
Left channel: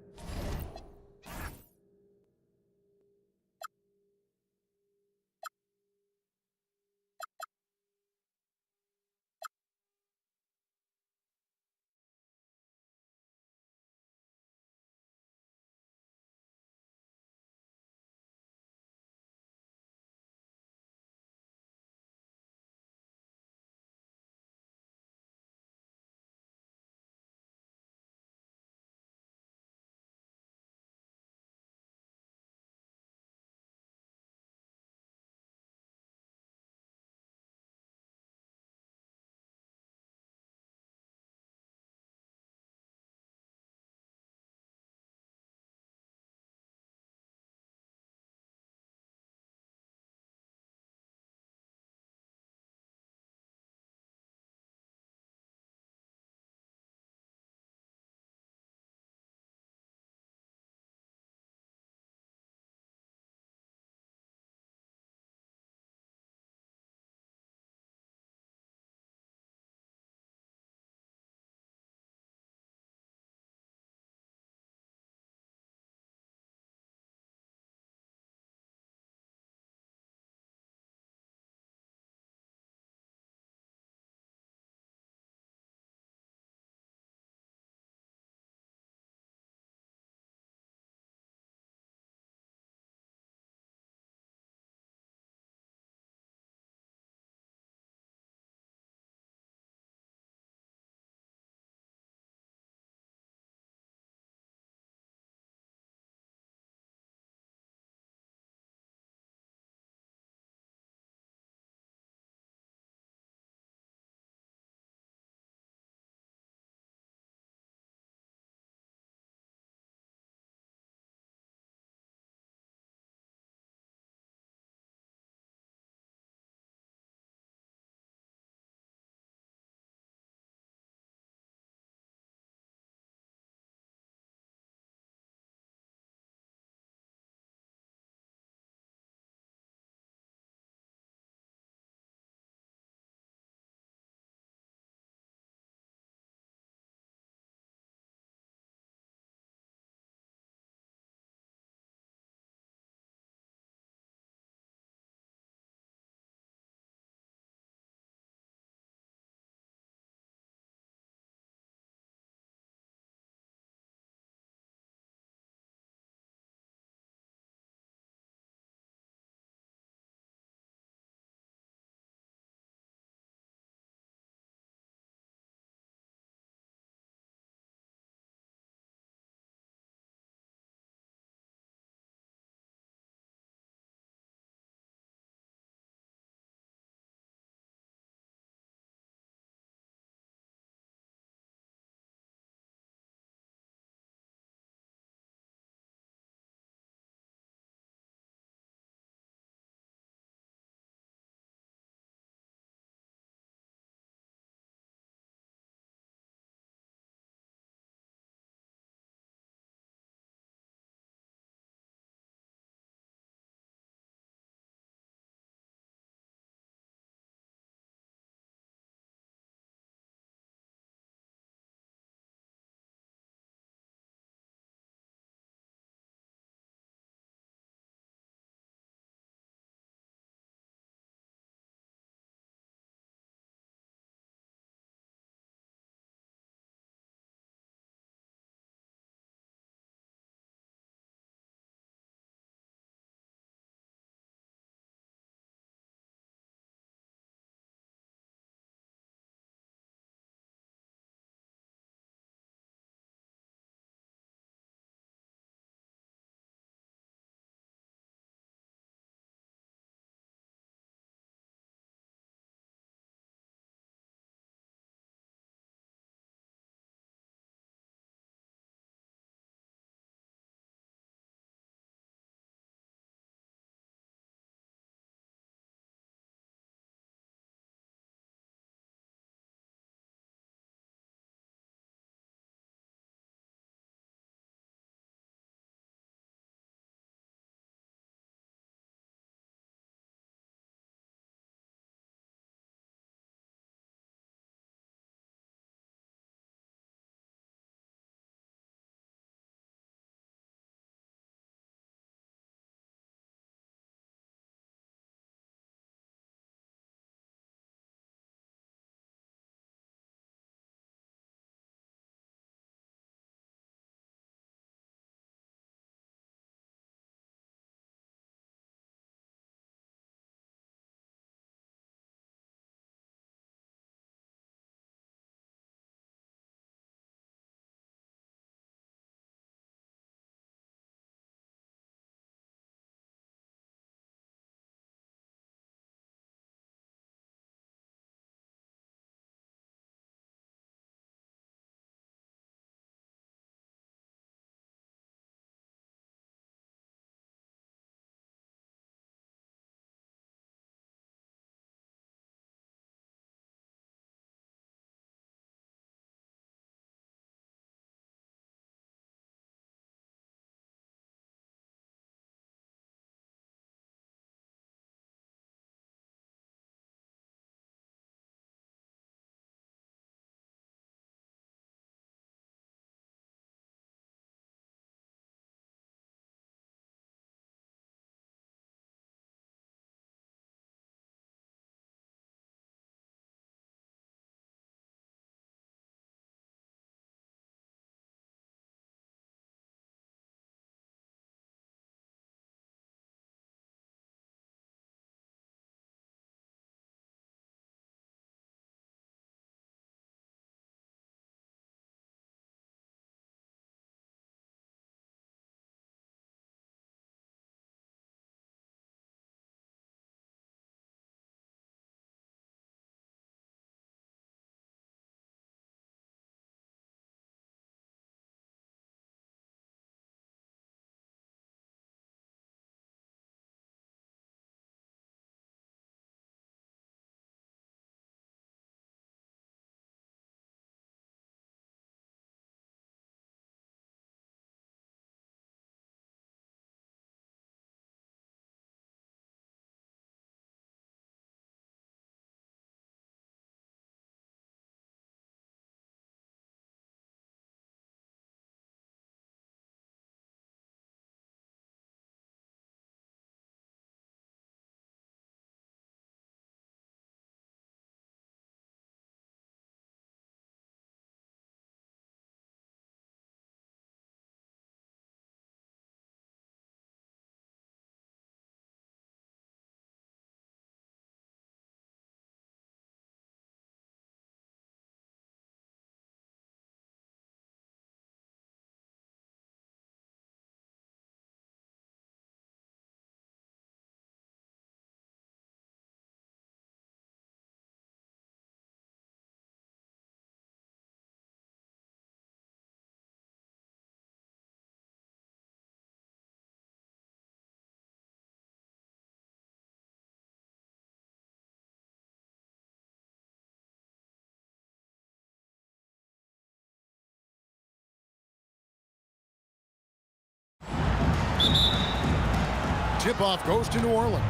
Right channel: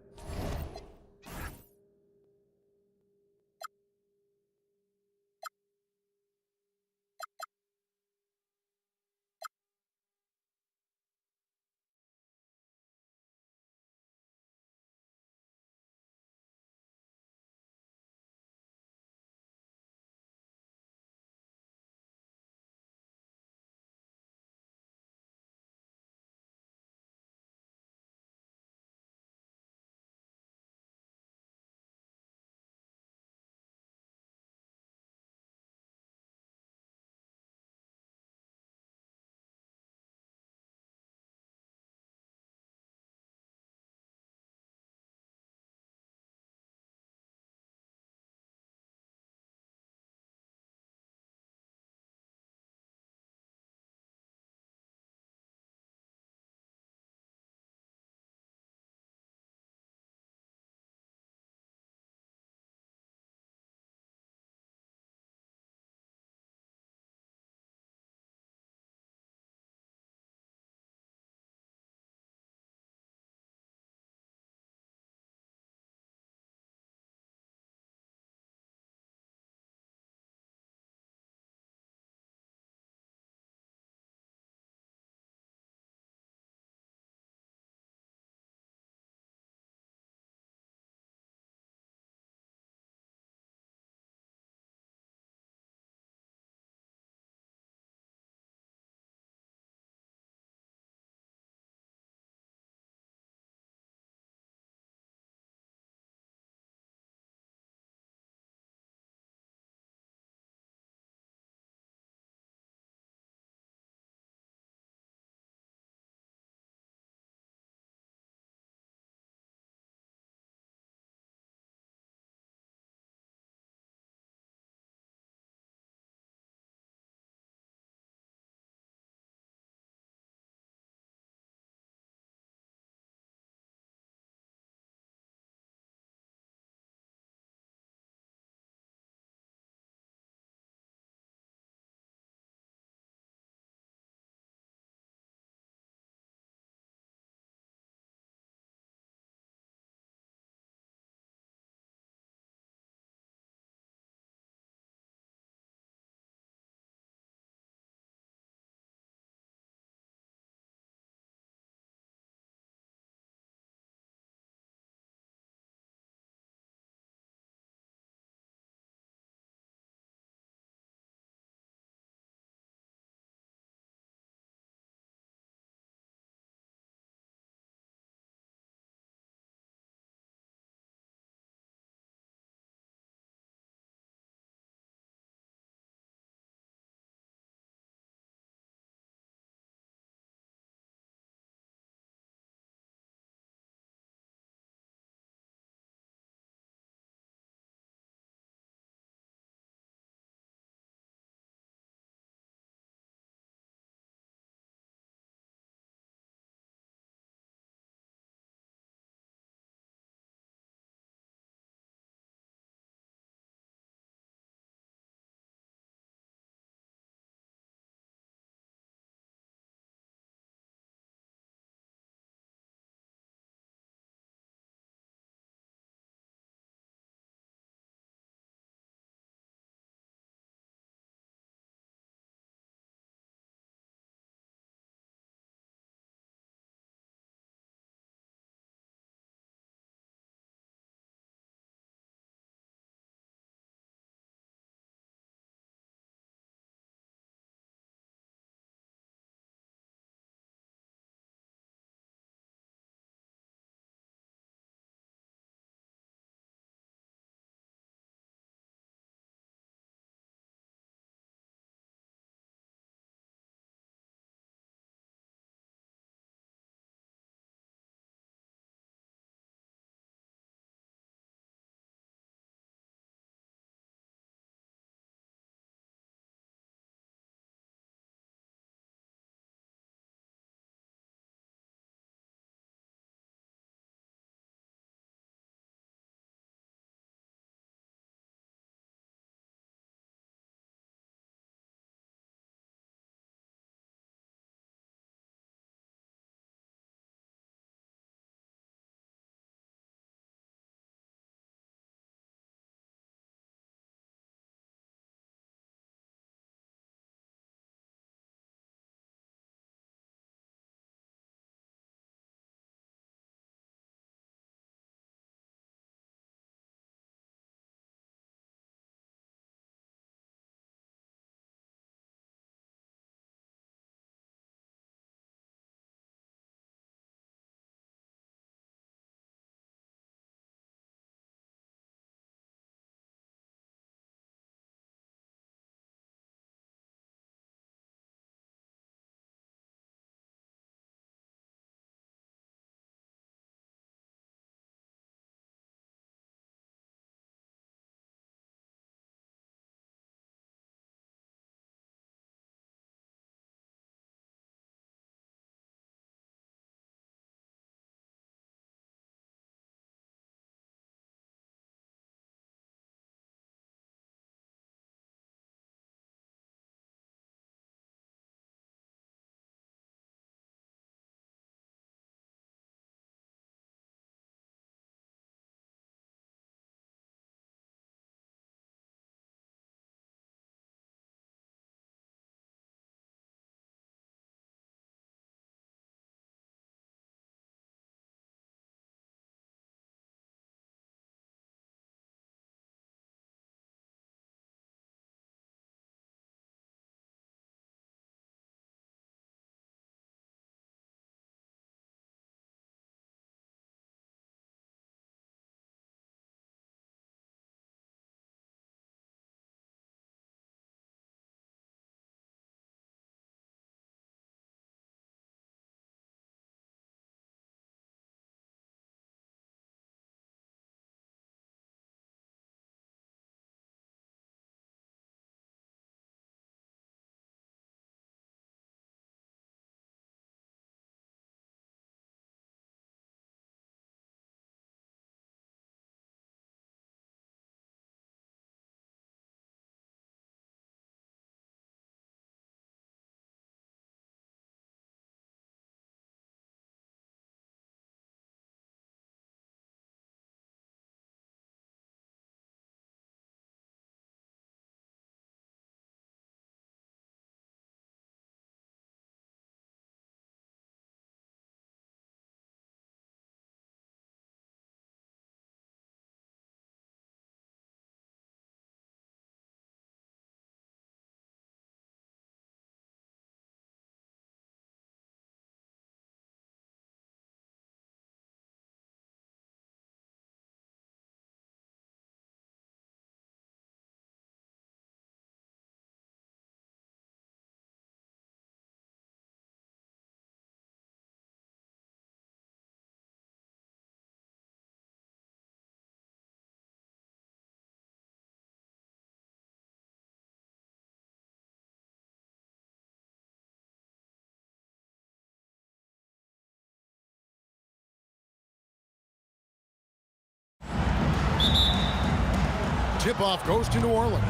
Tip-off goes to New Orleans.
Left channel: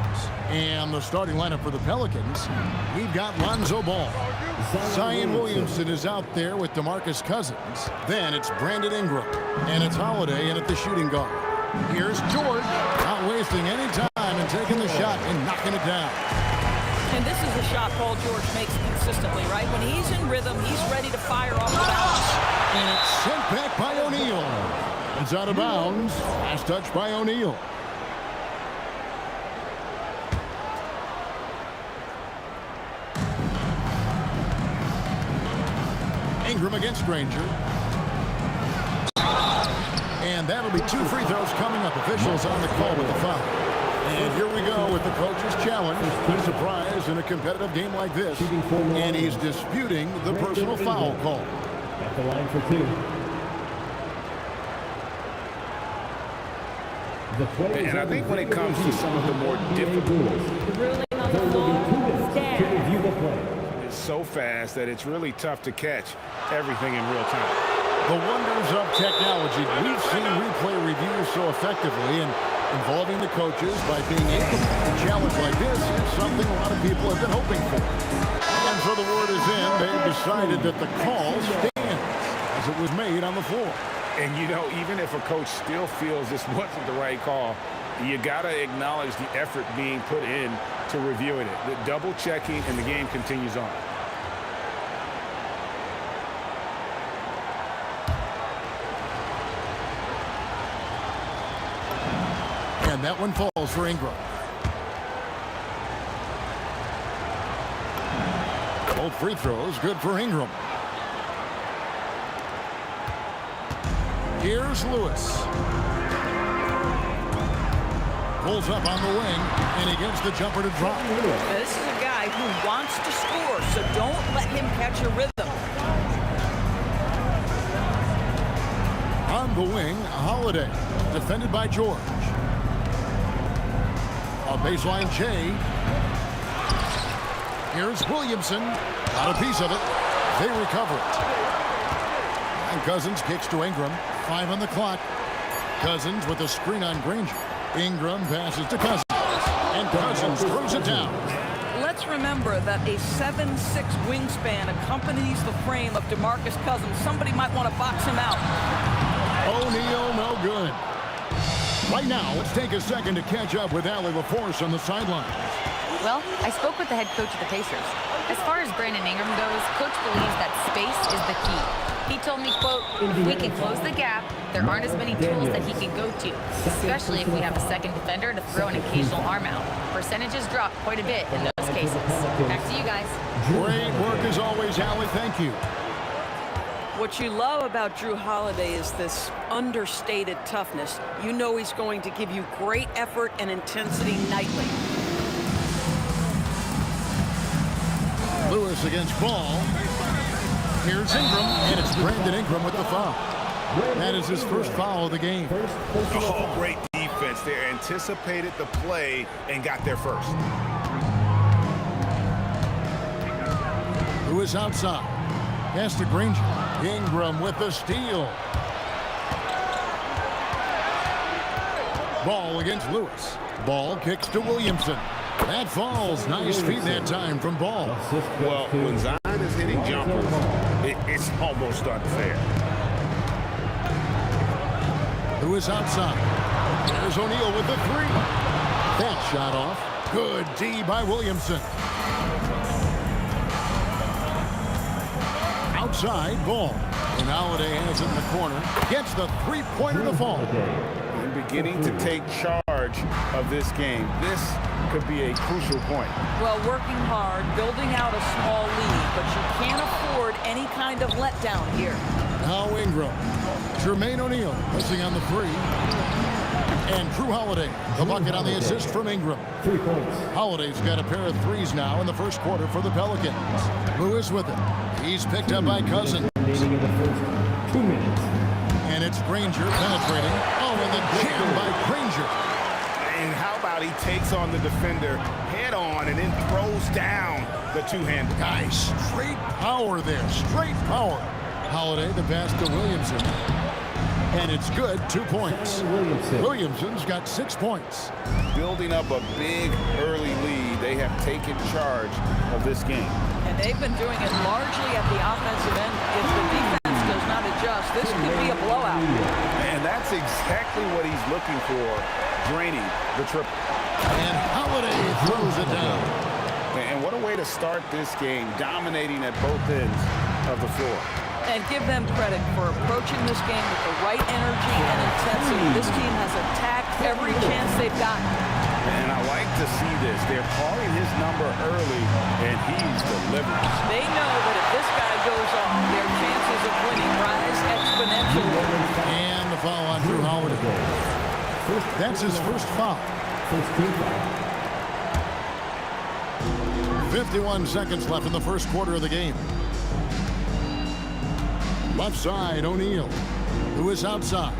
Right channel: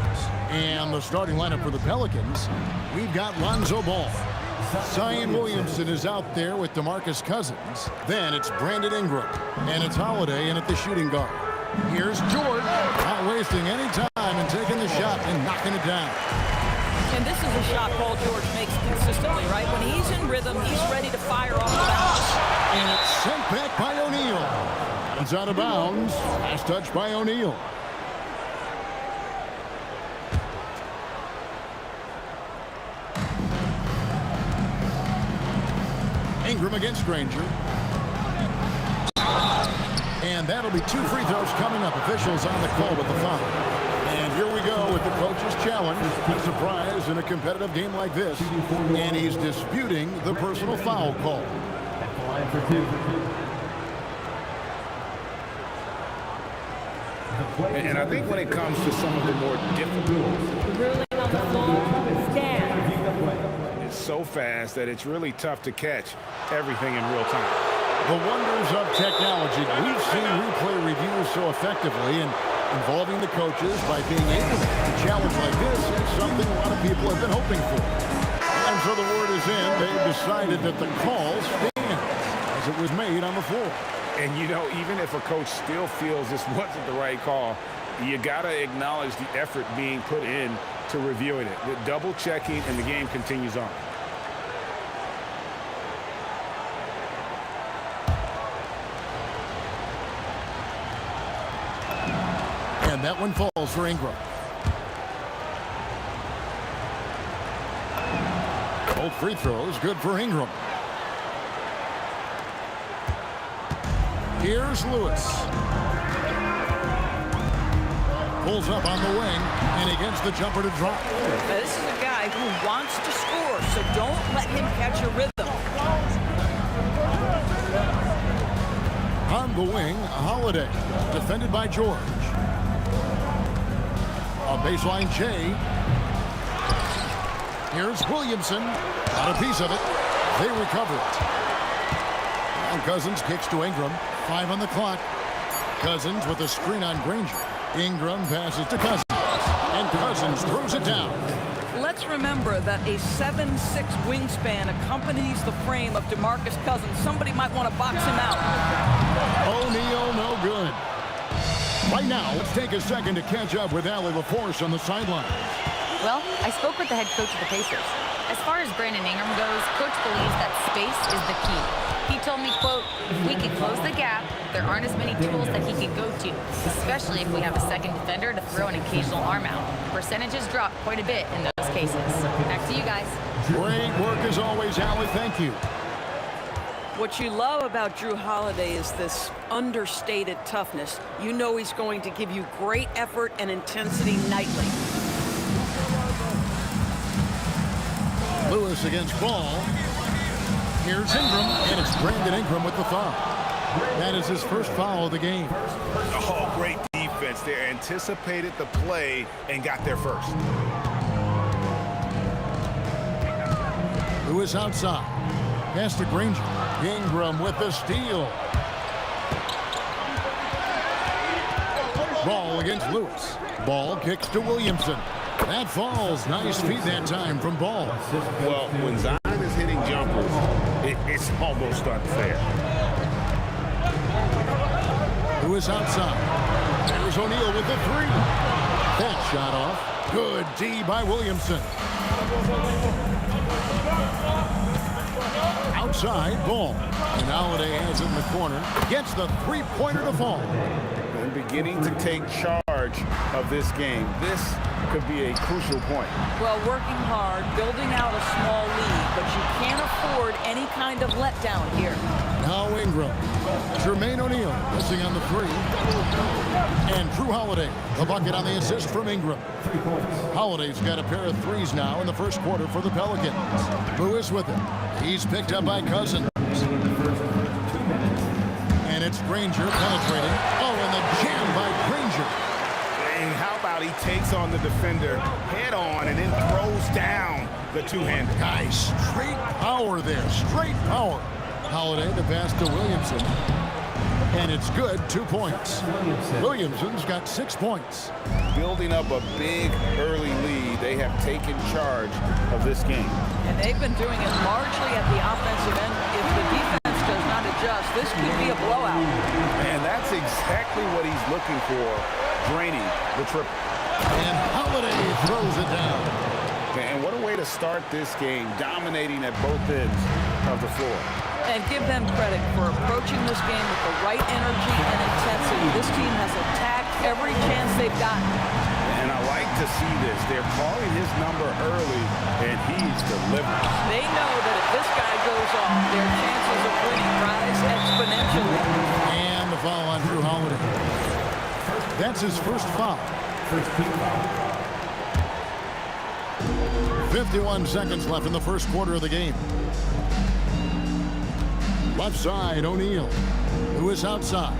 And the starting lineup for the Pelicans, we've got Lonzo Ball. Zion Williamson is out there with DeMarcus Cousins. Then it's Brandon Ingram. And it's Holiday in at the shooting guard. Here's George, not wasting any time and taking the shot and knocking it down. And this is a shot Paul George makes consistently, right? When he's in rhythm, he's ready to fire off the bounce. And it's sent back by O'Neal. It's out of bounds. Last touch by O'Neal. Ingram against Granger. And that'll be 2 free throws coming up. Officials on the call with the foul. And here we go with the coach's challenge. A surprise in a competitive game like this. And he's disputing the personal foul call. At the line for 2. And I think when it comes to some of the more difficult Ruling on the floor, stand. it's so fast that it's really tough to catch everything in real time. The wonders of technology. We've seen replay reviews so effectively, and involving the coaches by being able to make a challenge like this is something a lot of people have been hoping for. And so the word is in. They've decided that the call stands as it was made on the floor. And, you know, even if a coach still feels this wasn't the right call, you got to acknowledge the effort being put in to reviewing it. The double checking, and the game continues on. And that one falls for Ingram. Both free throws good for Ingram. Here's Lewis. Pulls up on the wing, and he gets the jumper to drop. Now, this is a guy who wants to score, so don't let him catch a rhythm. On the wing, Holiday, defended by George. A baseline J. Here's Williamson. Got a piece of it. They recover it. And Cousins kicks to Ingram. 5 on the clock. Cousins with a screen on Granger. Ingram passes to Cousins. And Cousins throws it down. Let's remember that a 7'6" wingspan accompanies the frame of DeMarcus Cousins. Somebody might want to box him out. O'Neal, no good. Right now, let's take a second to catch up with Allie LaForce on the sidelines. Well, I spoke with the head coach of the Pacers. As far as Brandon Ingram goes, coach believes that space is the key. He told me, quote, if we can close the gap, there aren't as many tools that he can go to, especially if we have a second defender to throw an occasional arm out. Percentages drop quite a bit in those cases. Back to you guys. Great work as always, Allie. Thank you. What you love about Drew Holiday is this understated toughness. You know he's going to give you great effort and intensity nightly. Lewis against Ball. Here's Ingram, and it's Brandon Ingram with the foul. That is his first foul of the game. Oh, great defense. They anticipated the play and got there first. Lewis outside. Pass to Granger. Ingram with the steal. Ball against Lewis. Ball kicks to Williamson. That falls. Nice feed that time from Ball. Well, when Zion is hitting jumpers, it's almost unfair. Lewis outside. There's O'Neal with the 3. That shot off. Good D by Williamson. Outside, Ball. And Holiday has it in the corner. Gets the 3-pointer to fall. And beginning to take charge of this game. This could be a crucial point. Well, working hard, building out a small lead, but you can't afford any kind of letdown here. Now Ingram. Jermaine O'Neal missing on the 3. And Drew Holiday, the bucket on the assist from Ingram. 3 points. Holiday's got a pair of 3s now in the first quarter for the Pelicans. Lewis with it. He's picked up by Cousins. In the first 2 minutes. And it's Granger penetrating. Oh, and the jam by Granger. And how about he takes on the defender head on and then throws down the two-hander. Guys, straight power there. Straight power. Holiday, the pass to Williamson. And it's good, 2 points. Williamson's got 6 points. Building up a big early lead, they have taken charge of this game. And they've been doing it largely at the offensive end. If the defense does not adjust, this could be a blowout. And that's exactly what he's looking for, draining the triple. And Holiday throws it down. And what a way to start this game, dominating at both ends of the floor. And give them credit for approaching this game with the right energy and intensity. This team has attacked every chance they've gotten. And I like to see this. They're calling his number early, and he's delivering. They know that if this guy goes off, their chances of winning rise exponentially. And the foul on Drew Holiday. That's his first foul. 51 seconds left in the first quarter of the game. Left side, O'Neal. Lewis outside.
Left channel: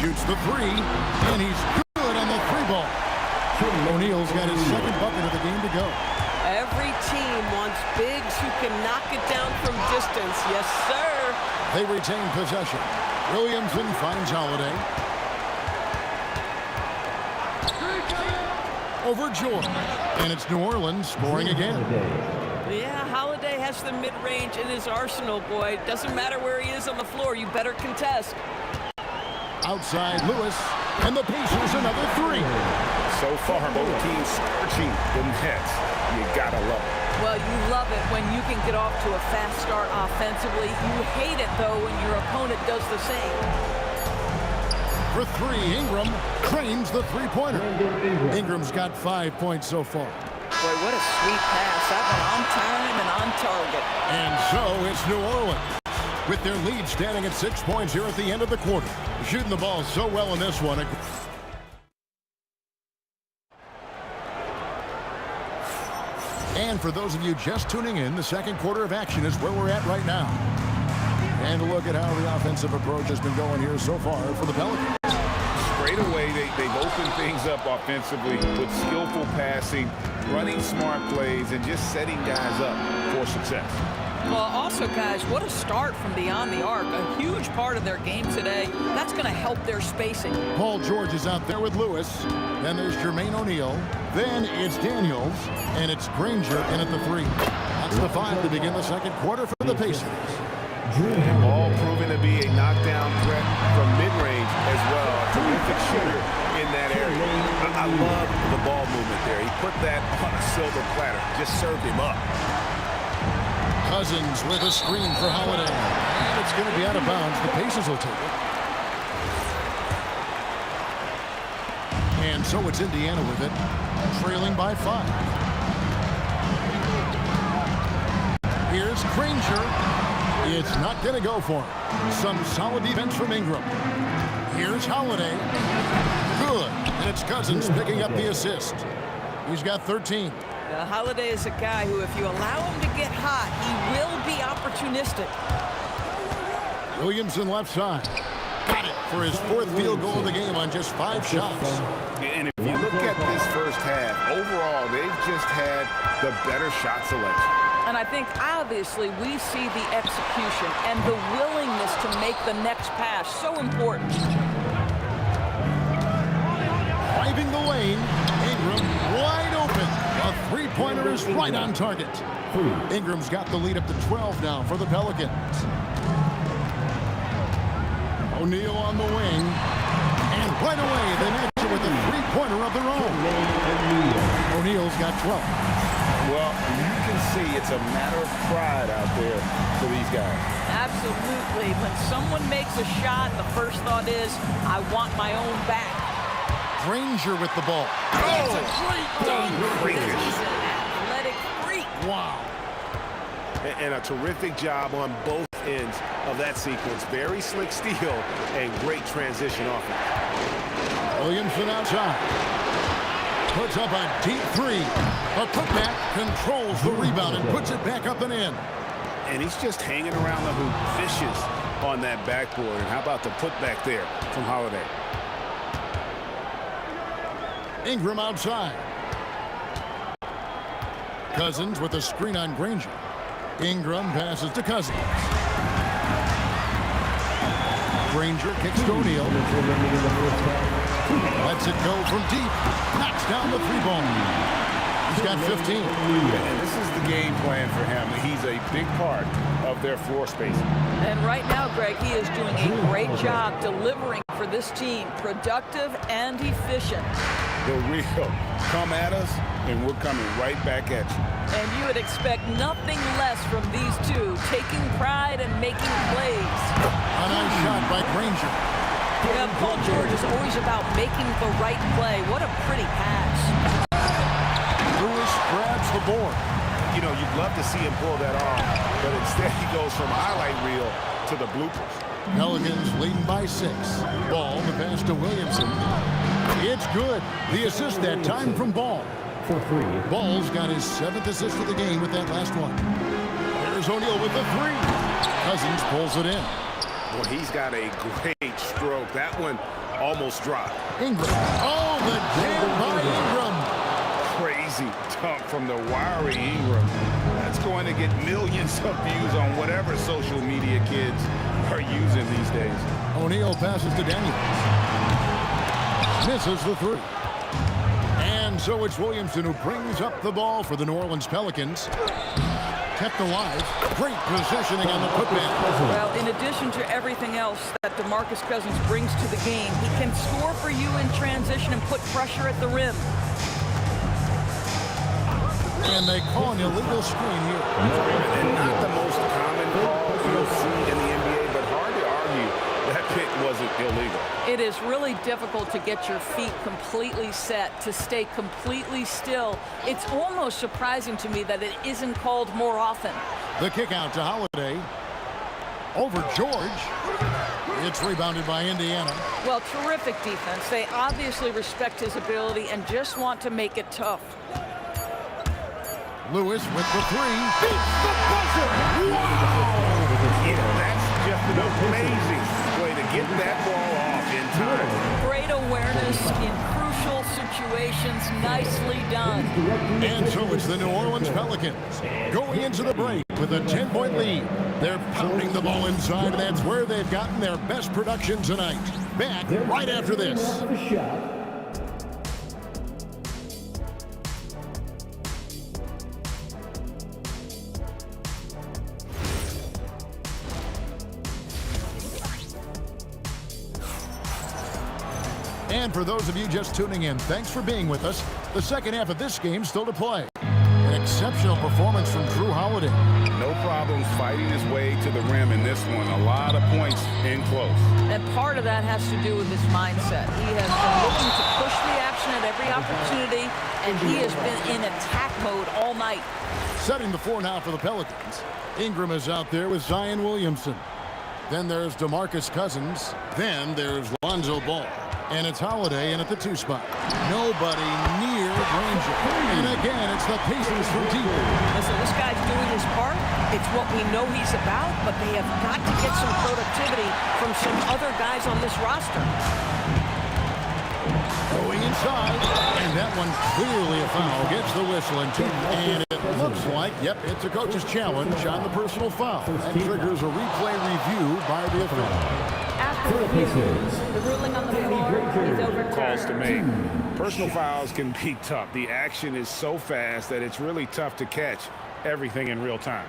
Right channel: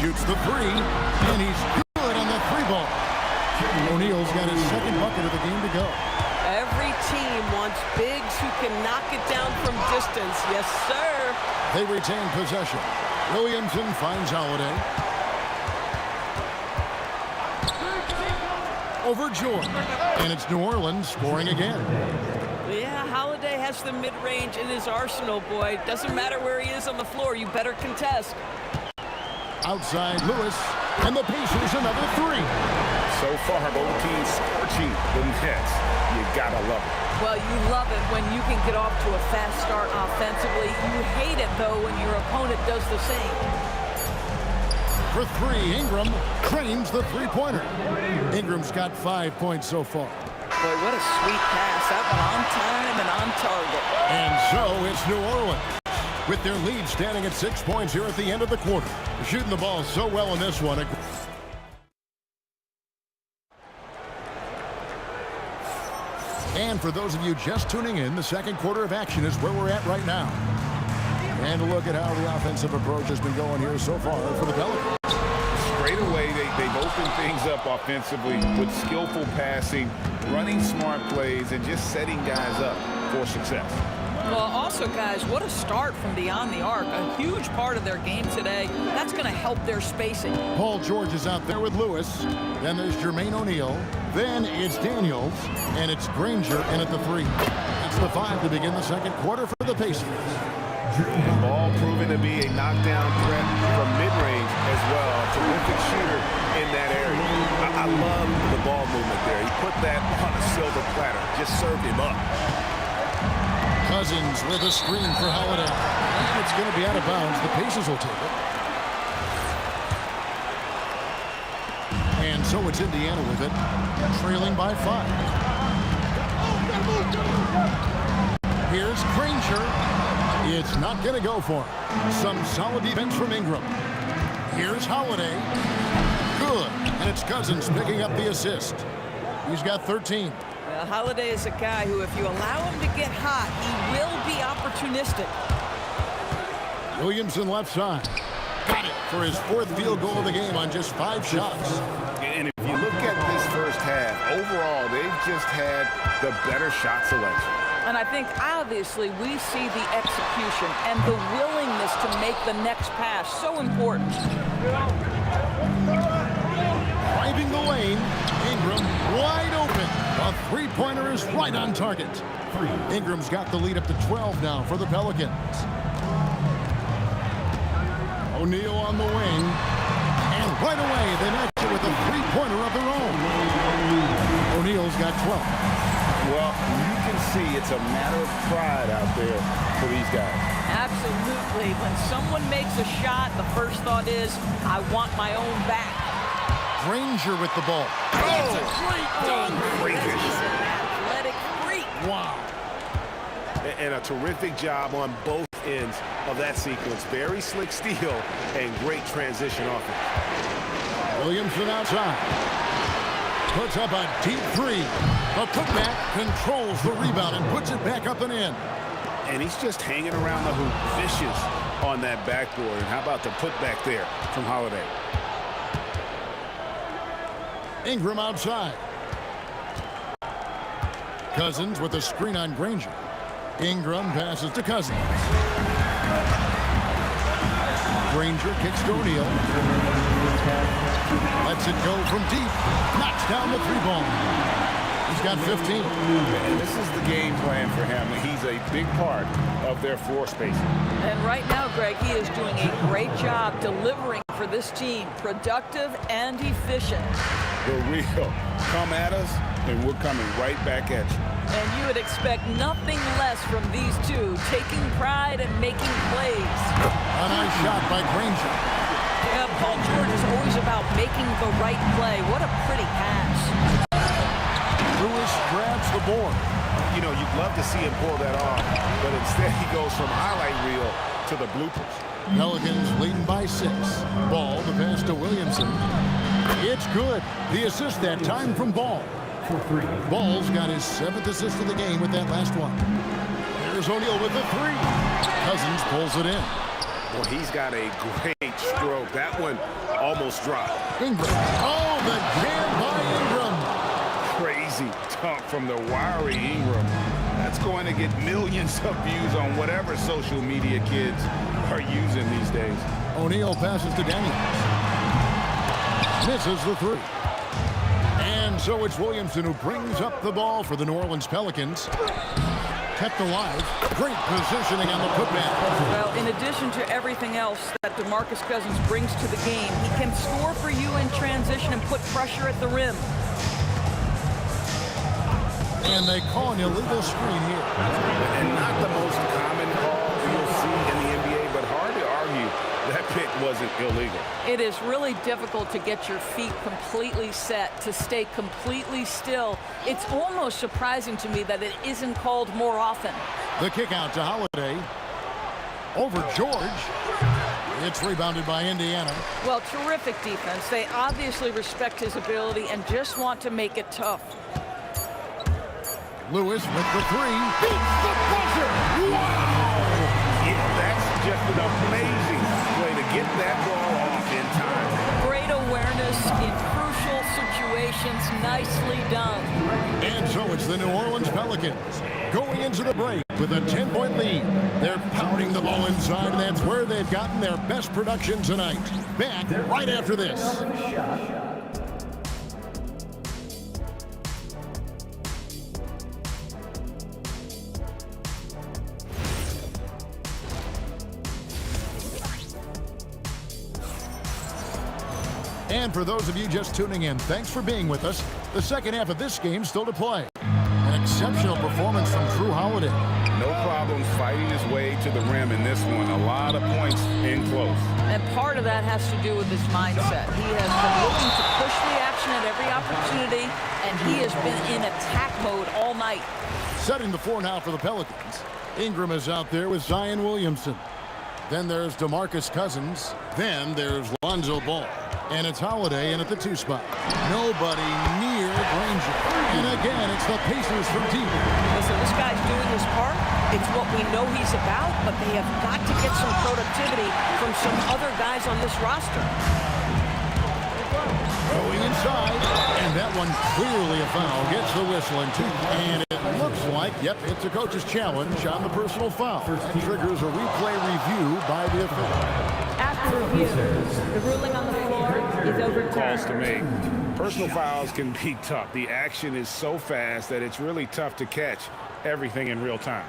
Shoots the three, and he's good on the three ball. O'Neal's got his second bucket of the game to go. Every team wants bigs who can knock it down from distance. Yes, sir. They retain possession. Williamson finds Holiday. Over George. And it's New Orleans scoring again. Yeah, Holiday has the mid-range in his arsenal, boy. Doesn't matter where he is on the floor. You better contest. Outside Lewis. And the Pacers another three. So far, both teams scorching the Nets. You gotta love it. Well, you love it when you can get off to a fast start offensively. You hate it, though, when your opponent does the same. For three, Ingram trains the three-pointer. Ingram's got 5 points so far. Boy, what a sweet pass. That one on time and on target. And so it's New Orleans with their lead standing at 6 points here at the end of the quarter. Shooting the ball so well in this one. And for those of you just tuning in, the second quarter of action is where we're at right now. And a look at how the offensive approach has been going here so far for the Pelicans. Straight away, they've opened things up offensively with skillful passing, running smart plays, and just setting guys up for success. Well, also, guys, what a start from beyond the arc. A huge part of their game today. That's going to help their spacing. Paul George is out there with Lewis. Then there's Jermaine O'Neal. Then it's Daniels. And it's Granger in at the three. That's the 5 to begin the second quarter for the Pacers. And Ball proving to be a knockdown threat from mid-range as well. A terrific shooter in that area. I love the ball movement there. He put that on a silver platter. Just served him up. Cousins with a screen for Holiday. And it's going to be out of bounds. The Pacers will take it. And so it's Indiana with it, trailing by 5. Here's Granger. It's not going to go for him. Some solid defense from Ingram. Here's Holiday. Good. And it's Cousins picking up the assist. He's got 13. Holiday is a guy who, if you allow him to get hot, he will be opportunistic. Williamson left side. Got it for his 4th field goal of the game on just 5 shots. And if you look at this first half, overall, they've just had the better shot selection. And I think, obviously, we see the execution and the willingness to make the next pass so important. Driving the lane, Ingram wide open. The three-pointer is right on target. Ingram's got the lead up to 12 now for the Pelicans. O'Neal on the wing. And right away, they match it with a three-pointer of their own. O'Neal's got 12. Well, you can see it's a matter of pride out there for these guys. Absolutely. When someone makes a shot, the first thought is, I want my own back. Granger with the ball. It's a great dunk. Freakish. He's an athletic freak. Wow. And a terrific job on both ends of that sequence. Very slick steal and great transition offense. Williamson outside. Puts up a deep three. The putback controls the rebound and puts it back up and in. And he's just hanging around the hoop, vicious on that backboard. And how about the putback there from Holiday? Ingram outside. Cousins with a screen on Granger. Ingram passes to Cousins. Granger kicks to O'Neal. Lets it go from deep. Knocks down the three ball. He's got 15. And this is the game plan for him. He's a big part of their floor spacing. And right now, Greg, he is doing a great job delivering for this team. Productive and efficient. The real come at us, and we're coming right back at you. And you would expect nothing less from these two, taking pride and making plays. A nice shot by Granger. Yeah, Paul George is always about making the right play. What a pretty pass. Lewis grabs the board. You know, you'd love to see him pull that off, but instead he goes from highlight reel to the bloopers. Pelicans leading by 6. Ball, the pass to Williamson. It's good. The assist that time from Ball. Ball's got his 7th assist of the game with that last one. There's O'Neal with the 3. Cousins pulls it in. Boy, he's got a great stroke. That one almost dropped. Ingram. Oh, the jam by Ingram. Crazy dunk from the wiry Ingram. That's going to get millions of views on whatever social media kids are using these days. O'Neal passes to Daniels. Misses the 3. And so it's Williamson who brings up the ball for the New Orleans Pelicans. Kept alive. Great positioning on the putback. Well, in addition to everything else that DeMarcus Cousins brings to the game, he can score for you in transition and put pressure at the rim. And they call an illegal screen here. And not the most common call you'll see in the NBA, but hard to argue that pick wasn't illegal. It is really difficult to get your feet completely set, to stay completely still. It's almost surprising to me that it isn't called more often. The kick out to Holiday. Over George. It's rebounded by Indiana. Well, terrific defense. They obviously respect his ability and just want to make it tough. Lewis with the 3. Beats the buzzer. Wow! Yeah, that's just an amazing play to get that ball off in time. Great awareness in crucial situations. Nicely done. And so it's the New Orleans Pelicans going into the break with a 10-point lead. They're pounding the ball inside, and that's where they've gotten their best production tonight. Back right after this. And for those of you just tuning in, thanks for being with us. The second half of this game still to play. An exceptional performance from Drew Holiday. No problems fighting his way to the rim in this one. A lot of points in close. And part of that has to do with his mindset. He has been looking to push the action at every opportunity, and he has been in attack mode all night. Setting the 4 now for the Pelicans. Ingram is out there with Zion Williamson. Then there's DeMarcus Cousins. Then there's Lonzo Ball. And it's Holiday in at the 2 spot. Nobody near Granger. And again, it's the Pacers from deep. Listen, this guy's doing his part. It's what we know he's about, but they have got to get some productivity from some other guys on this roster. Going inside, and that one clearly a foul. Gets the whistle and 2. And it looks like, yep, it's a coach's challenge on the personal foul. That triggers a replay review by the official. After review, the ruling on the floor is overturned. Calls to make. Personal fouls can be tough. The action is so fast that it's really tough to catch everything in real time.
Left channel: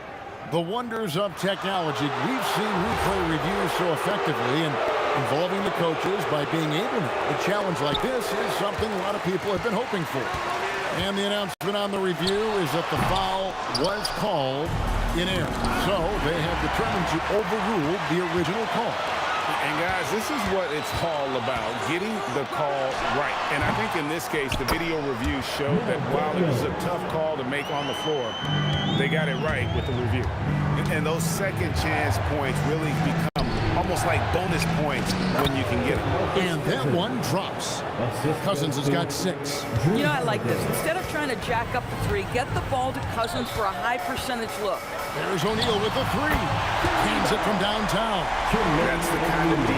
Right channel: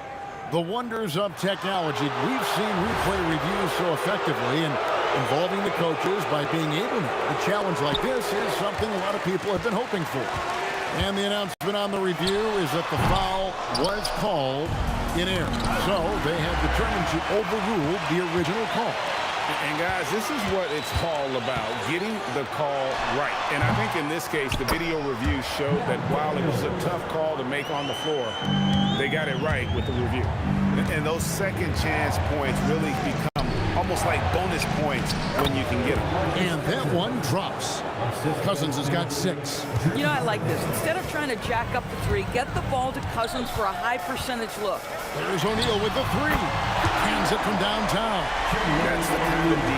The wonders of technology. We've seen replay reviews so effectively, and involving the coaches by being able to challenge like this is something a lot of people have been hoping for. And the announcement on the review is that the foul was called in error. So they have determined to overrule the original call. And guys, this is what it's all about, getting the call right. And I think in this case, the video review showed that while it was a tough call to make on the floor, they got it right with the review. And those second chance points really become almost like bonus points when you can get them. And that one drops. Cousins has got 6. You know, I like this. Instead of trying to jack up the 3, get the ball to Cousins for a high percentage look. There's O'Neal with the 3. Cans it from downtown. That's the kind of D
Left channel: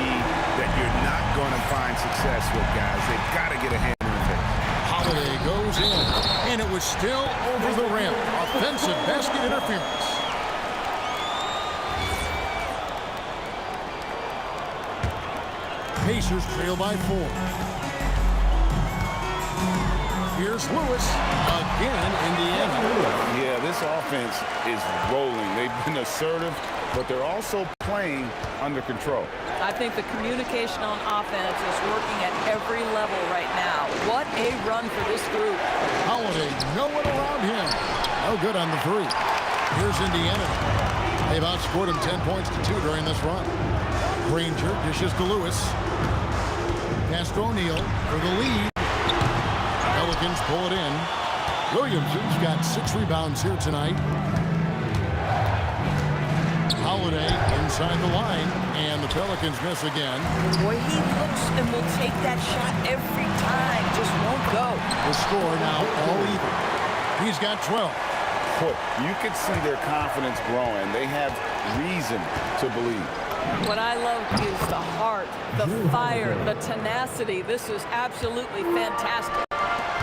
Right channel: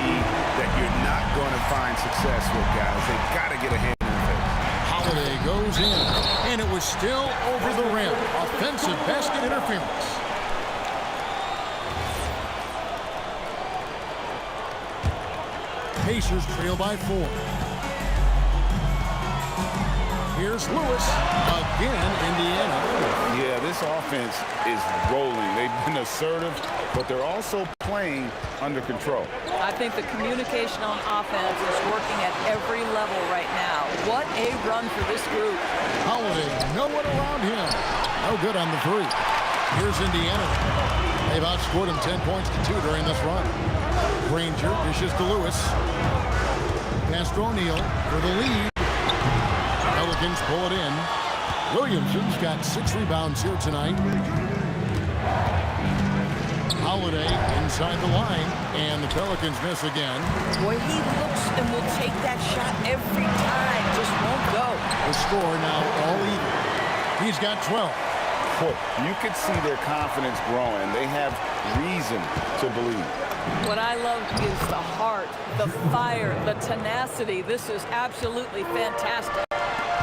that you're not going to find success with, guys. They've got to get a hand in the face. Holiday goes in, and it was still over the rim. Offensive basket interference. Pacers trail by 4. Here's Lewis. Again, Indiana. Yeah, this offense is rolling. They've been assertive, but they're also playing under control. I think the communication on offense is working at every level right now. What a run for this group. Holiday, no one around him. No good on the 3. Here's Indiana. They've outscored him 10 points to 2 during this run. Granger dishes to Lewis. Pass to O'Neal for the lead. Pelicans pull it in. Williamson's got 6 rebounds here tonight. Holiday inside the line, and the Pelicans miss again. Boy, he looks and will take that shot every time. Just won't go. The score now all even. He's got 12. Boy, you could see their confidence growing. They have reason to believe. What I love is the heart, the fire, the tenacity. This is absolutely fantastic.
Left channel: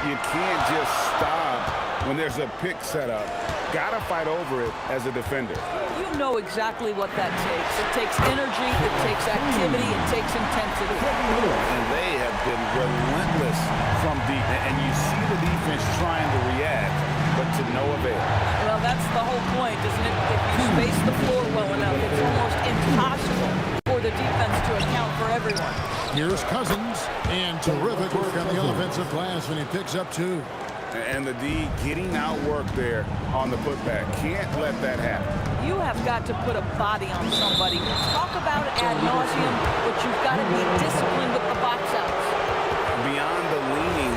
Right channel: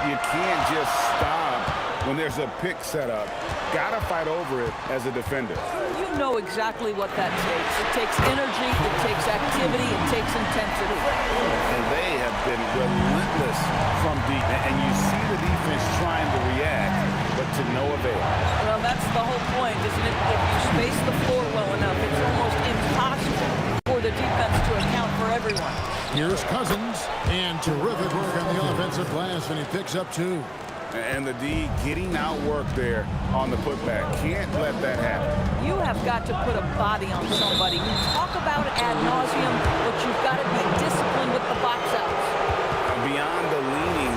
You can't just stop when there's a pick set up. Gotta fight over it as a defender. You know exactly what that takes. It takes energy, it takes activity, it takes intensity. And they have been relentless from deep. And you see the defense trying to react, but to no avail. Well, that's the whole point, isn't it? If you space the floor well enough, it's almost impossible for the defense to account for everyone. Here's Cousins, and terrific work on the offensive glass, and he picks up 2. And the D getting outworked there on the putback. Can't let that happen. You have got to put a body on somebody. We talk about it ad nauseum, but you've got to be disciplined with the box outs. Beyond the leaning,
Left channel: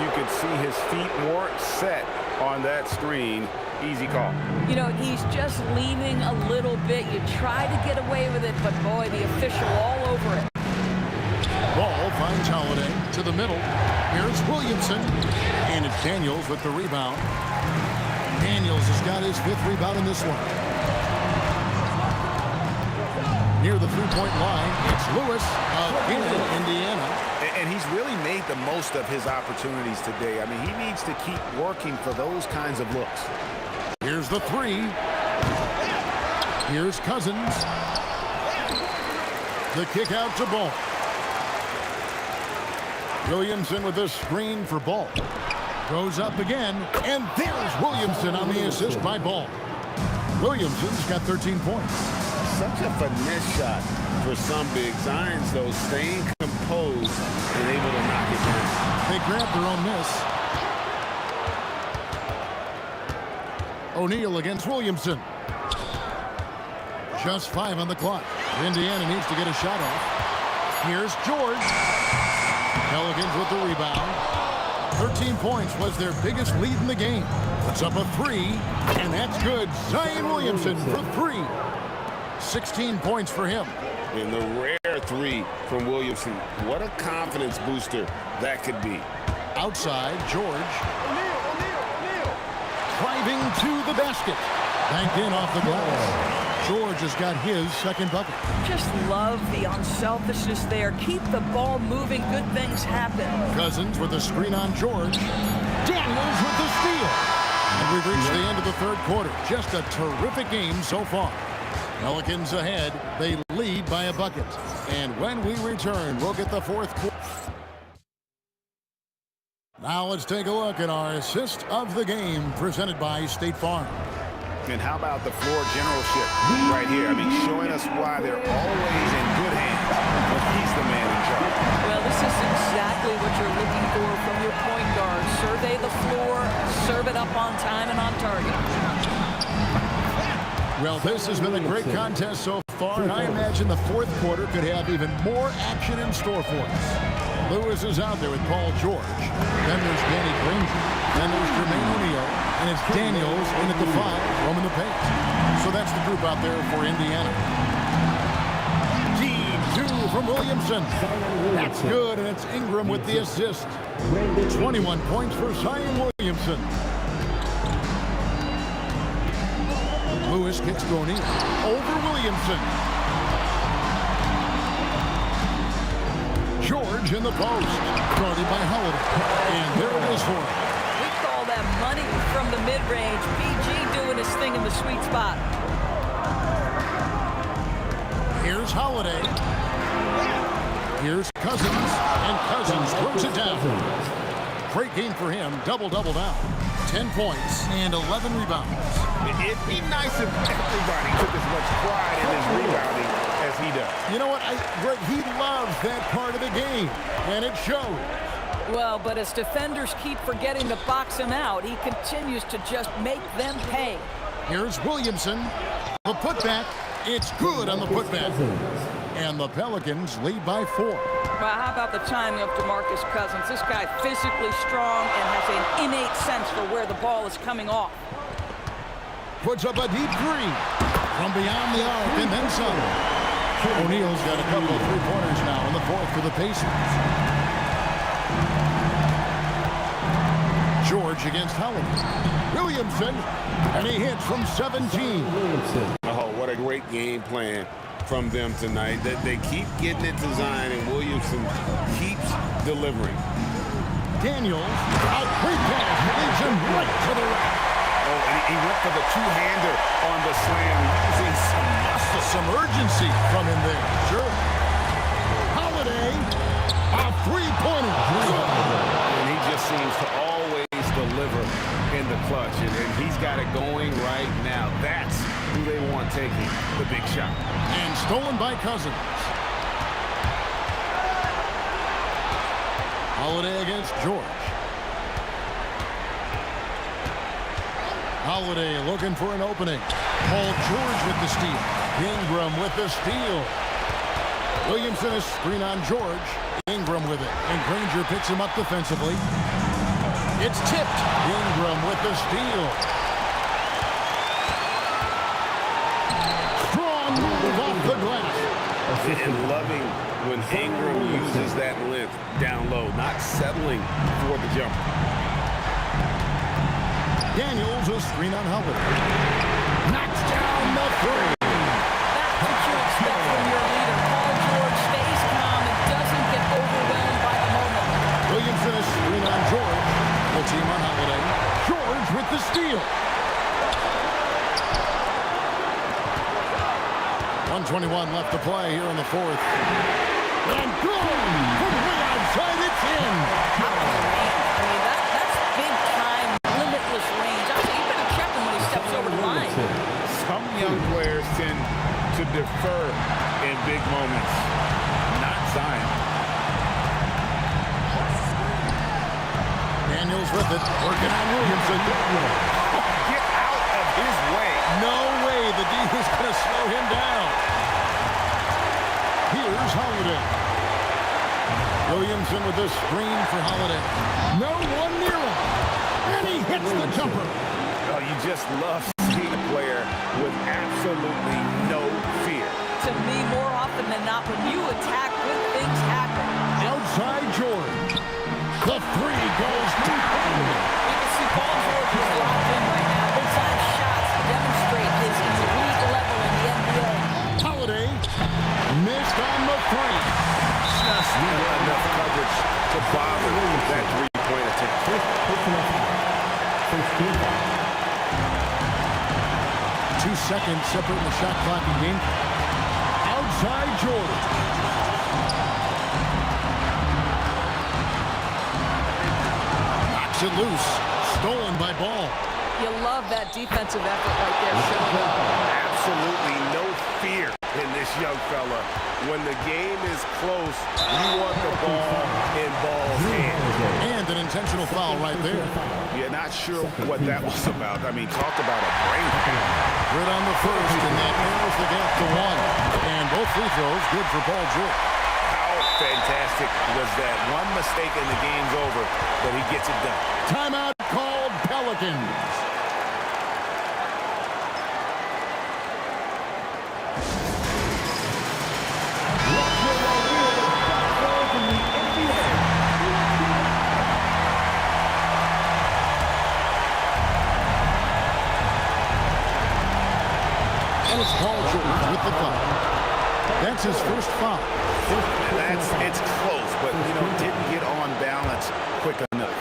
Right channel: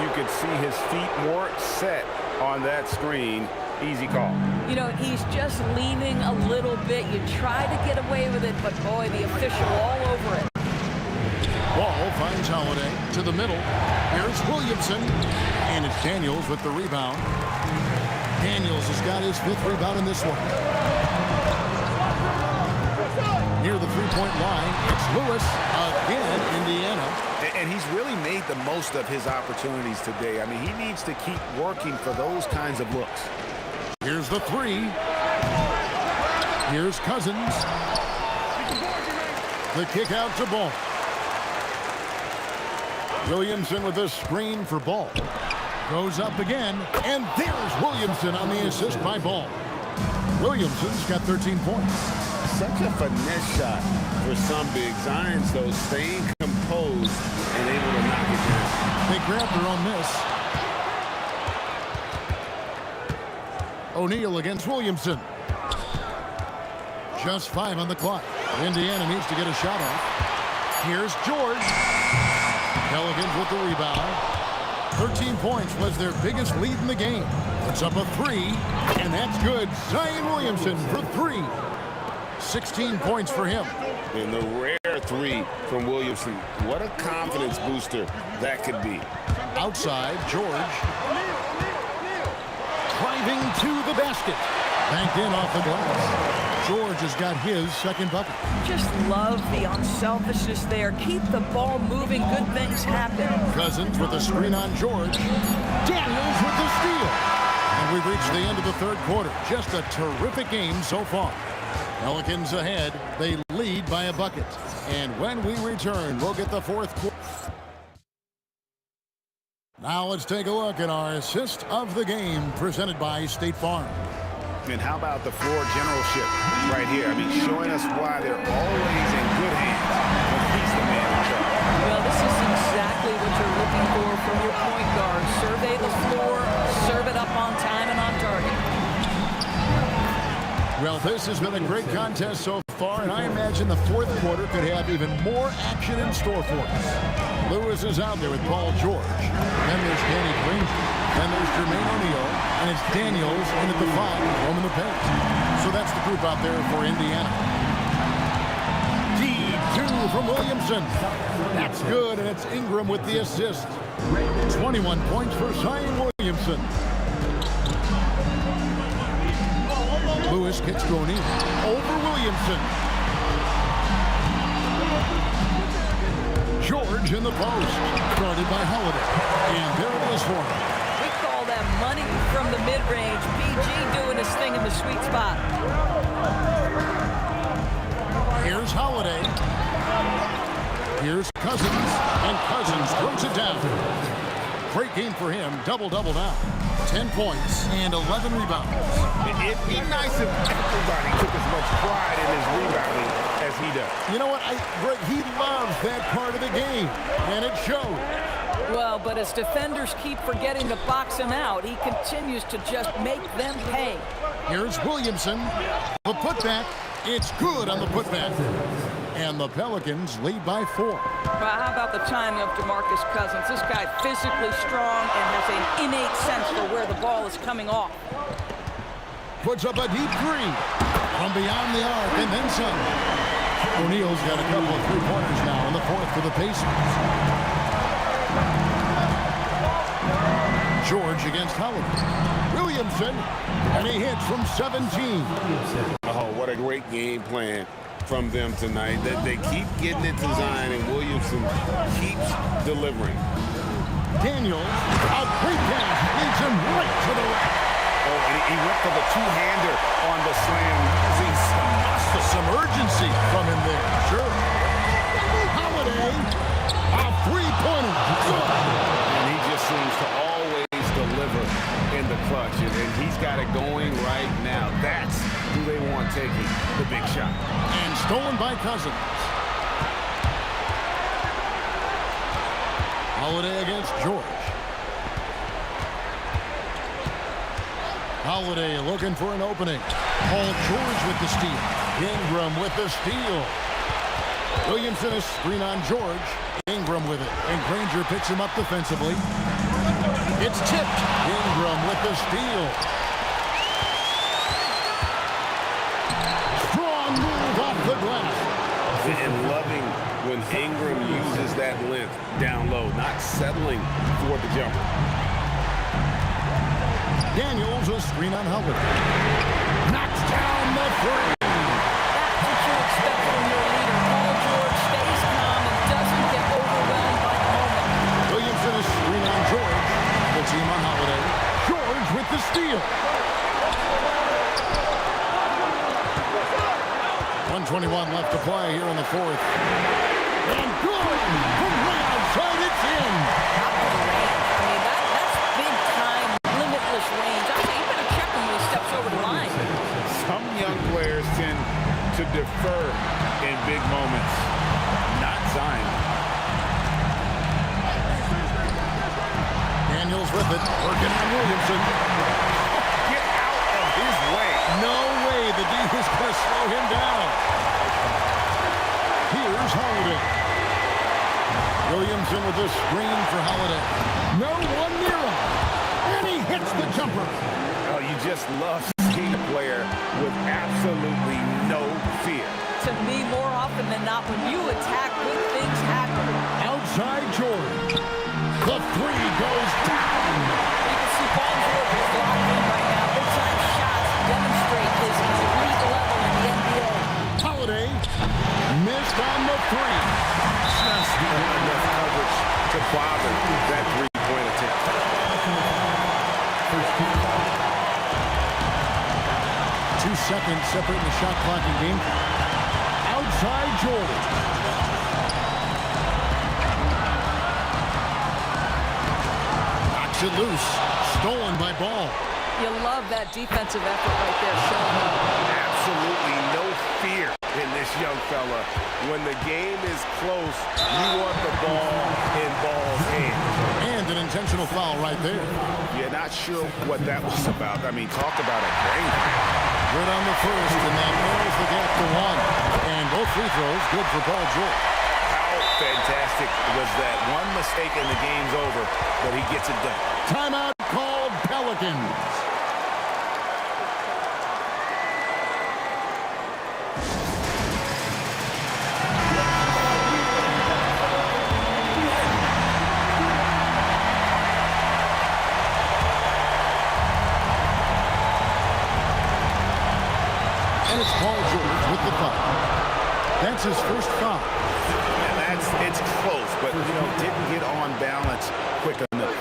you could see his feet more set on that screen. Easy call. You know, he's just leaning a little bit. You try to get away with it, but boy, the official all over it. Ball finds Holiday to the middle. Here's Williamson, and it's Daniels with the rebound. Daniels has got his 5th rebound in this one. Near the 3-point line, it's Lewis, again, Indiana. And he's really made the most of his opportunities today. I mean, he needs to keep working for those kinds of looks. Here's the 3. Here's Cousins. The kick out to Ball. Williamson with the screen for Ball. Goes up again, and there's Williamson on the assist by Ball. Williamson's got 13 points. Such a finesse shot for some big Zions, though, staying composed and able to knock it down. They grab their own miss. O'Neal against Williamson. Just 5 on the clock. Indiana needs to get a shot off. Here's George. Pelicans with the rebound. 13 points was their biggest lead in the game. Puts up a 3, and that's good. Zion Williamson for 3. 16 points for him. And the rare 3 from Williamson. What a confidence booster that could be. Outside, George. Driving to the basket. Banked in off the glass. George has got his 2nd bucket. Just love the unselfishness there. Keep the ball moving. Good things happen. Cousins with a screen on George. Daniels with the steal. And we've reached the end of the 3rd quarter. Just a terrific game so far. Pelicans ahead. They lead by a bucket. And when we return, we'll get the 4th quarter. Now let's take a look at our assist of the game presented by State Farm. And how about the floor generalship right here? I mean, showing us why they're always in good hands when he's the man in charge. Well, this is exactly what you're looking for from your point guard. Survey the floor, serve it up on time and on target. Well, this has been a great contest so far, and I imagine the 4th quarter could have even more action in store for us. Lewis is out there with Paul George. Then there's Danny Granger. Then there's Jermaine O'Neal, and it's Daniels in at the 5, roaming the paint. So that's the group out there for Indiana. D2 from Williamson. That's good, and it's Ingram with the assist. 21 points for Zion Williamson. Lewis kicks to O'Neal. Over Williamson. George in the post. Guarded by Holiday. And there it is for him. We call that money from the mid-range. PG doing his thing in the sweet spot. Here's Holiday. Here's Cousins, and Cousins throws it down. Great game for him, double-double down. 10 points and 11 rebounds. It'd be nice if everybody took as much pride in his rebounding as he does. You know what, Greg, he loves that part of the game, and it shows. Well, but as defenders keep forgetting to box him out, he continues to just make them pay. Here's Williamson. The putback. It's good on the putback. And the Pelicans lead by 4. Well, how about the timing of DeMarcus Cousins? This guy physically strong and has an innate sense for where the ball is coming off. Puts up a deep 3 from beyond the arc and then some. O'Neal's got a couple of three-pointers now in the fourth for the Pacers. George against Holiday. Williamson, and he hits from 17. Oh, what a great game plan from them tonight. They keep getting it to Zion, and Williamson keeps delivering. Daniels, a great pass, leads him right to the rack. Oh, and he went for the two-hander on the slam, using some muscle. Some urgency from him there, sure. Holiday, a three-pointer. And he just seems to always deliver in the clutch, and he's got it going right now. That's who they want taking the big shot. And stolen by Cousins. Holiday against George. Holiday looking for an opening. Paul George with the steal. Ingram with the steal. Williamson a screen on George. Ingram with it. And Granger picks him up defensively. It's tipped. Ingram with the steal. Strong move off the glass. And loving when Ingram uses that length down low, not settling for the jumper. Daniels a screen on Holiday. Knocks down the 3. That's what you expect from your leader. Paul George stays calm and doesn't get overwhelmed by the moment. Williamson a screen on George. Full team on Holiday. George with the steal. 1:21 left to play here in the fourth. And good! From way outside, it's in! How about the range? I mean, that's big-time, limitless range. I say you better check him when he steps over the line. Some young players tend to defer in big moments. Not Zion. Daniels with it, working on Williamson. Get out of his way. No way the D is going to slow him down. Here's Holiday. Williamson with the screen for Holiday. No one near him. And he hits the jumper. Oh, you just love seeing a player with absolutely no fear. To me, more often than not, when you attack, good things happen. Outside George. The 3 goes down. You can see Paul George is locked in right now. Big-time shots demonstrate his elite level in the NBA. Holiday missed on the 3. Just enough coverage to bother that three-point attempt. 2 seconds separating the shot clock and game clock. Outside Jordan. Knocks it loose. Stolen by Ball. You love that defensive effort right there, showing up. Absolutely no fear in this young fella. When the game is close, you want the ball in Ball's hands. And an intentional foul right there. You're not sure what that was about. I mean, talk about a brain cramp. Good on the first, and that narrows the gap to 1. And both free throws good for Paul George. How fantastic was that? One mistake and the game's over, but he gets it done. Timeout called Pelicans. And it's Paul George with the foul. That's his first foul. And it's close, but, you know, didn't get on balance quick enough.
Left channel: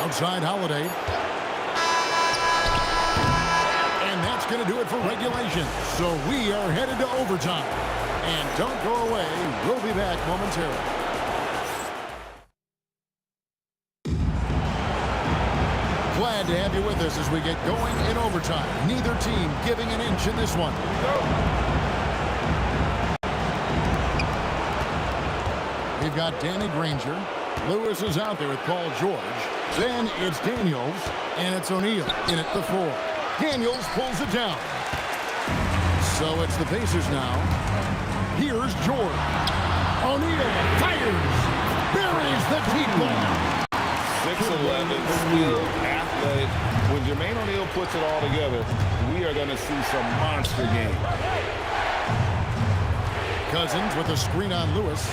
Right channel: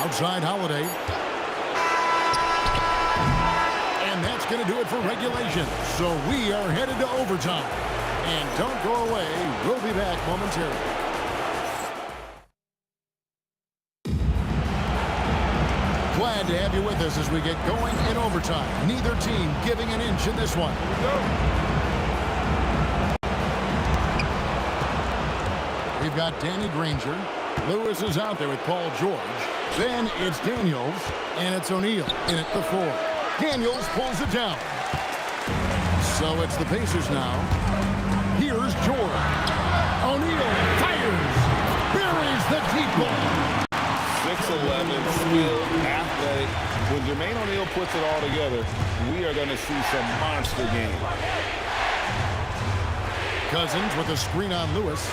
Outside Holiday. And that's going to do it for regulation. So we are headed to overtime. And don't go away. We'll be back momentarily. Glad to have you with us as we get going in overtime. Neither team giving an inch in this one. Here we go. We've got Danny Granger. Lewis is out there with Paul George. Then it's Daniels, and it's O'Neal in at the 4. Daniels pulls it down. So it's the Pacers now. Here's George. O'Neal fires. Buries the deep ball. 6'11", skilled, athletic. When Jermaine O'Neal puts it all together, we are going to see some monster game. Cousins with a screen on Lewis.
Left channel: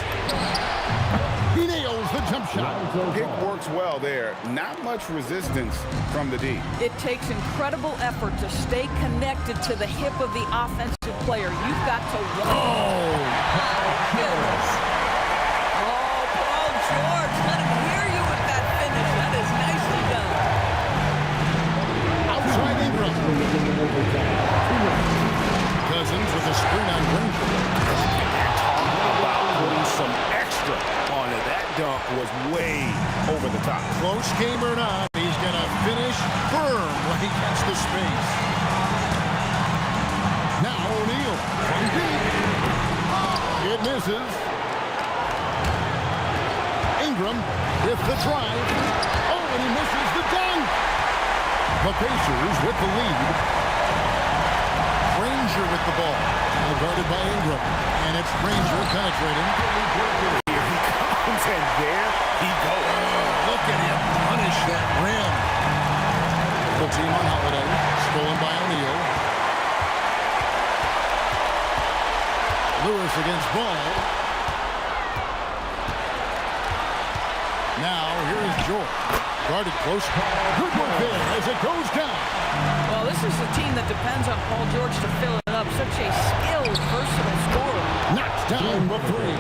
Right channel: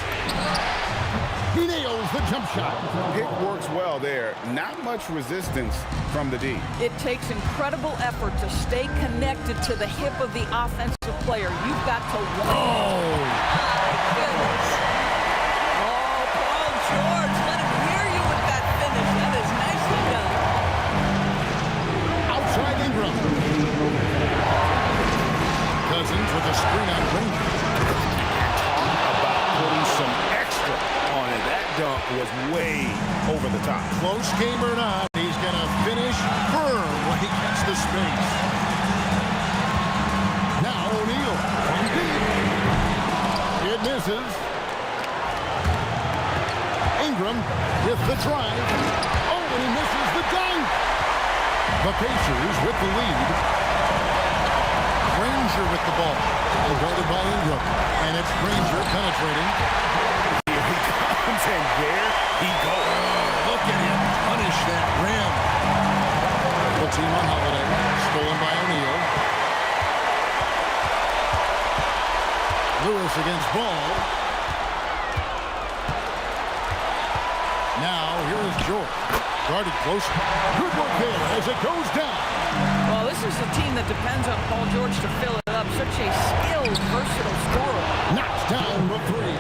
He nails the jump shot. Pick works well there. Not much resistance from the D. It takes incredible effort to stay connected to the hip of the offensive player. You've got to walk. Oh! My goodness. Oh, Paul George, let him hear you with that finish. That is nicely done. Outside Ingram. Cousins with a screen on Granger. Talk about putting some extra on it. That dunk was way over the top. Close game or not, he's going to finish firm when he gets the space. Now O'Neal from deep. It misses. Ingram with the drive. Oh, and he misses the dunk. The Pacers with the lead. Granger with the ball. Guarded by Ingram. And it's Granger penetrating. Here he comes, and there he goes. Look at him punish that rim. The team on Holiday. Stolen by O'Neal. Lewis against Ball. Now, here is George. Guarded close. Good work there as it goes down. Well, this is a team that depends on Paul George to fill it up. Such a skilled, versatile scorer. Knocks down the 3.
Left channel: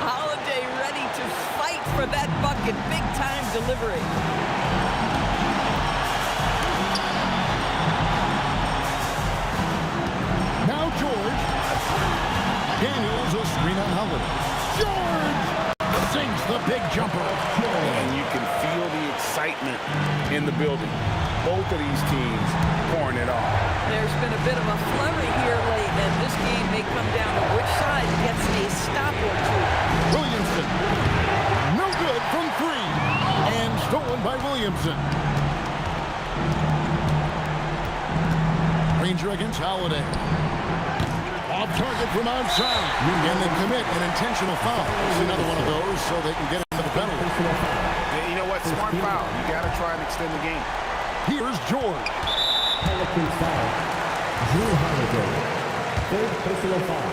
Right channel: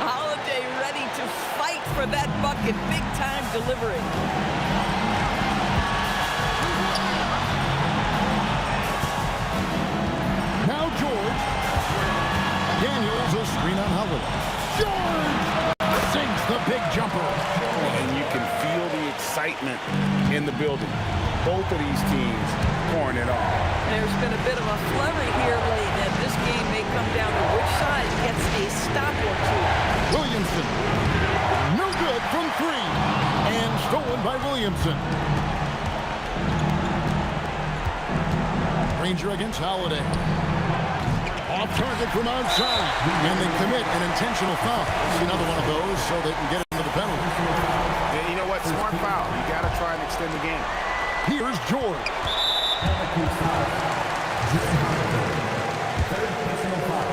Holiday ready to fight for that bucket. Big-time delivery. Now George. Daniels a screen on Holiday. George sinks the big jumper. And you can feel the excitement in the building. Both of these teams pouring it on. There's been a bit of a flurry here late, and this game may come down to which side gets a stop or two. Williamson. No good from 3. And stolen by Williamson. Granger against Holiday. Off target from outside. And they commit an intentional foul. It's another one of those so they can get into the penalty. You know what? Smart foul. You got to try and extend the game. Here's George. Pelicans foul. Drew Holiday. Third personal foul.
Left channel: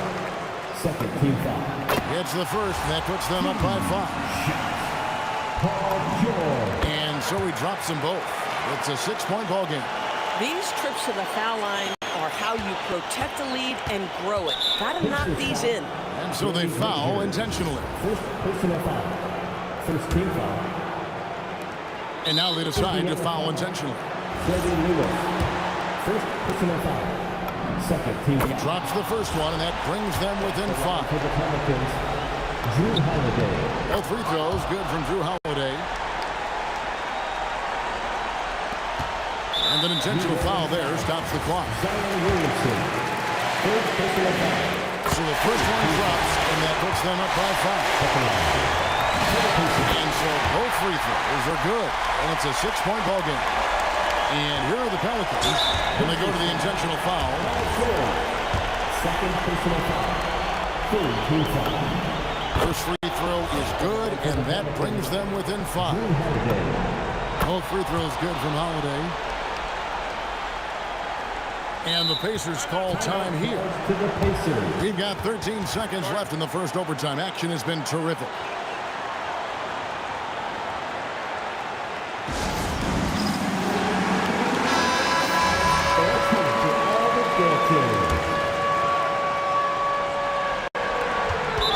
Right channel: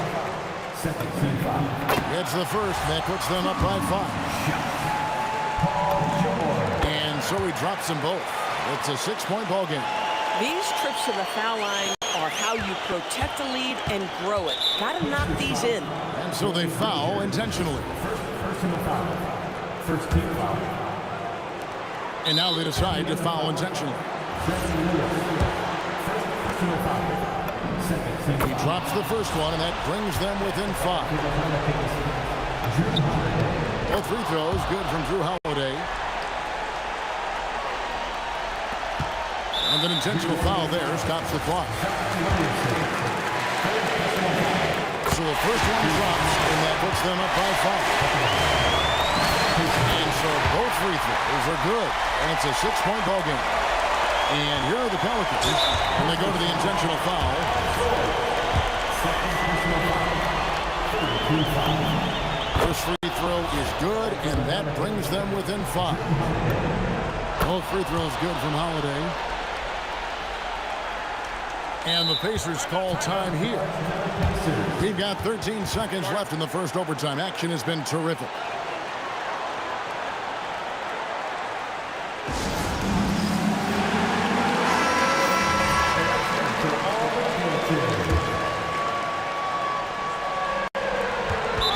Second team foul. It's the first, and that puts them up by 5. Paul George. And so he drops them both. It's a 6-point ball game. These trips to the foul line are how you protect the lead and grow it. Got to knock these in. And so they foul intentionally. First personal foul. First team foul. And now they decide to foul intentionally. First personal foul. Second team foul. He drops the first one, and that brings them within 5. Drew Holiday. Both free throws good from Drew Holiday. And an intentional foul there stops the clock. So the first one drops, and that puts them up by 5. And so both free throws are good, and it's a 6-point ball game. And here are the Pelicans, and they go to the intentional foul. Second personal foul. Third team foul. First free throw is good, and that brings them within 5. Both free throws good from Holiday. And the Pacers call time here. We've got 13 seconds left in the first overtime. Action has been terrific.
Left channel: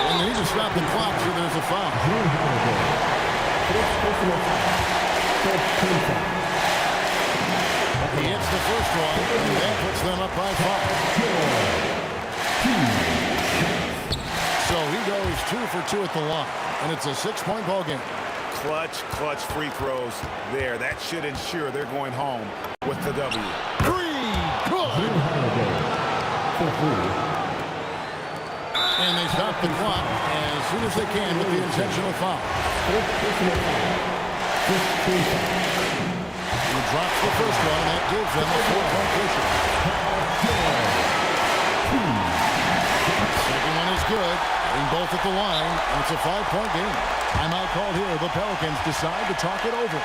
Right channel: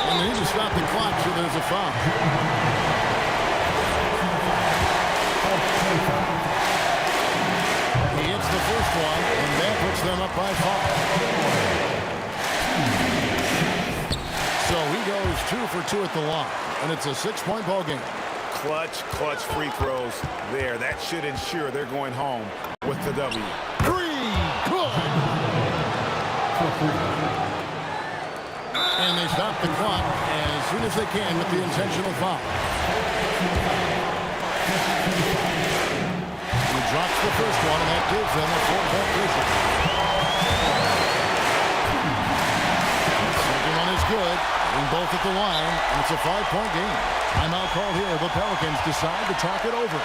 And they need to stop the clock, so there's a foul. He hits the first one, and that puts them up by 5. So he goes 2 for 2 at the line, and it's a 6-point ball game. Clutch free throws there. That should ensure they're going home with the W. 3, good. And they stop the clock as soon as they can with the intentional foul. He drops the first one, and that gives them a 4-point cushion. Second one is good. Getting both at the line, and it's a 5-point game. Timeout called here. The Pelicans decide to talk it over.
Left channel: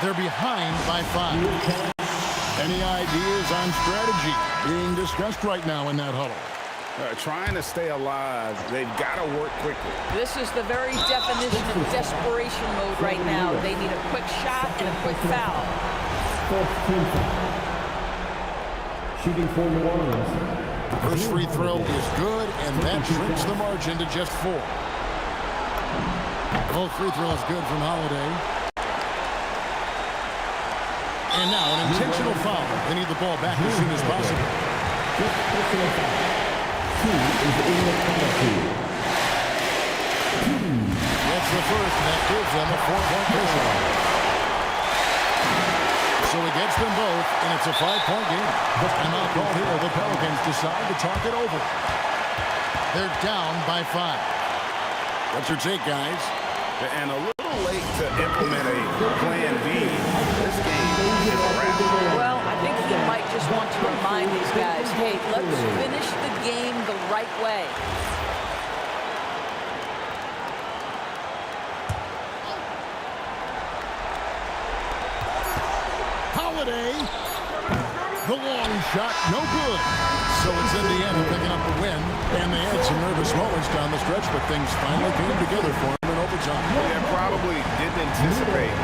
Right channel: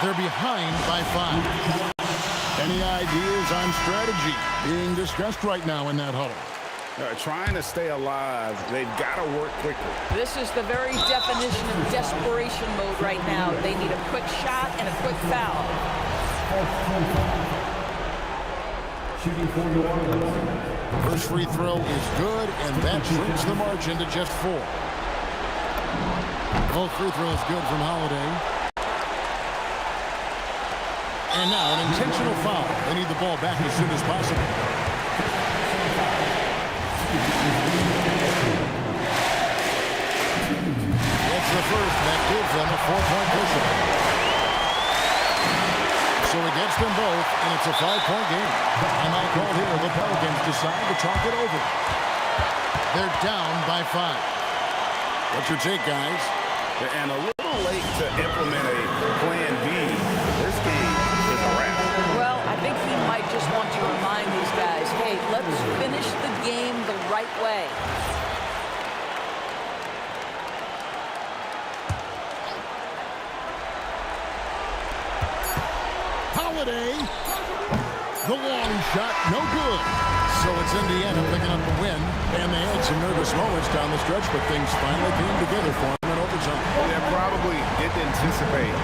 They're behind by 5. Any ideas on strategy being discussed right now in that huddle? Trying to stay alive. They've got to work quickly. This is the very definition of desperation mode right now. They need a quick shot and a quick foul. Shooting for New Orleans. First free throw is good, and that shrinks the margin to just 4. Both free throws good from Holiday. And now an intentional foul. They need the ball back as soon as possible. That's the first, and that gives them a 4-point cushion. So he gets them both, and it's a 5-point game. Timeout called here. The Pelicans decide to talk it over. They're down by 5. What's your take, guys? And a little late to implement a plan B. This game is a wrap. Well, I think he might just want to remind these guys, hey, let's finish the game the right way. Holiday, the long shot, no good. So it's Indiana picking up the win, and they had some nervous moments down the stretch, but things finally came together for them in overtime. Well, yeah, probably didn't anticipate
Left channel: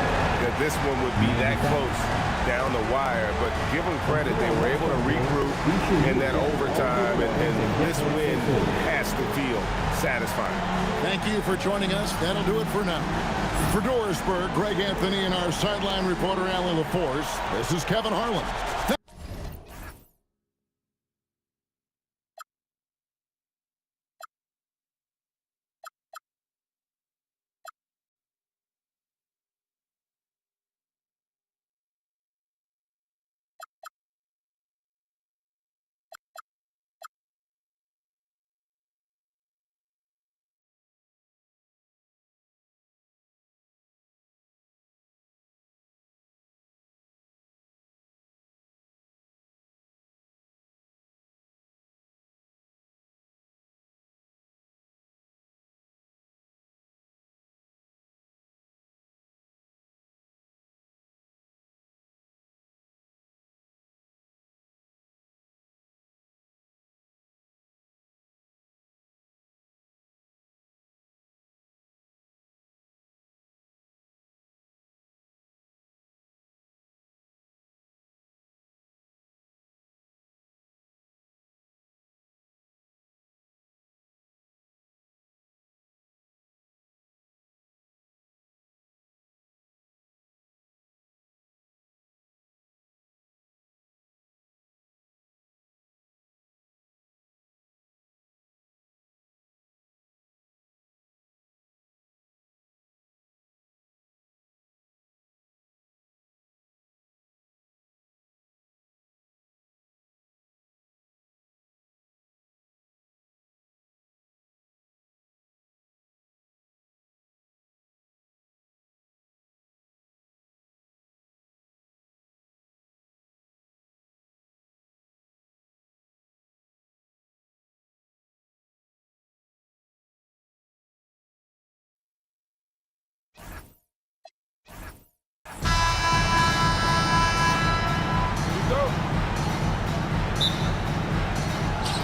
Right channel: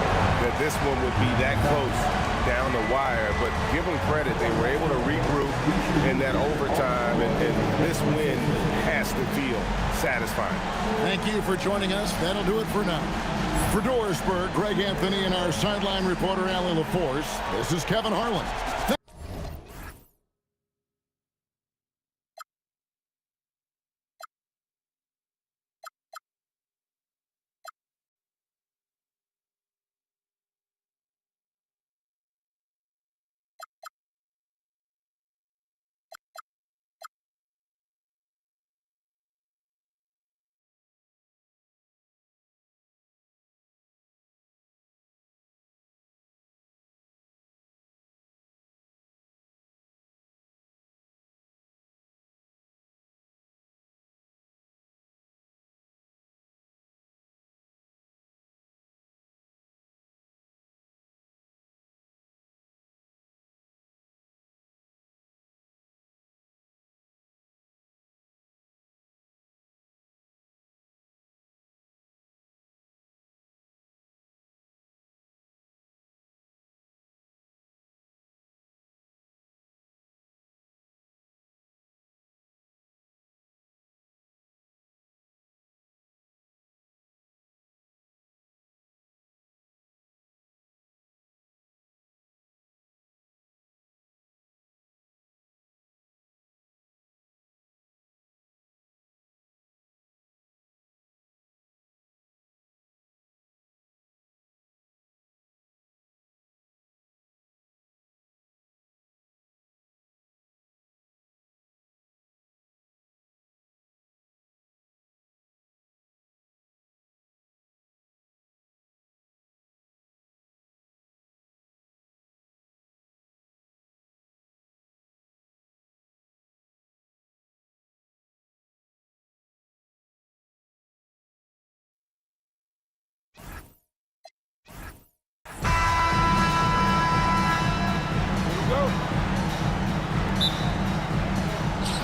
that this one would be that close down the wire, but give them credit. They were able to regroup in that overtime, and this win has to feel satisfying. Thank you for joining us. That'll do it for now. For Dorisburg, Greg Anthony, and our sideline reporter, Allie LaForce, this is Kevin Harlan.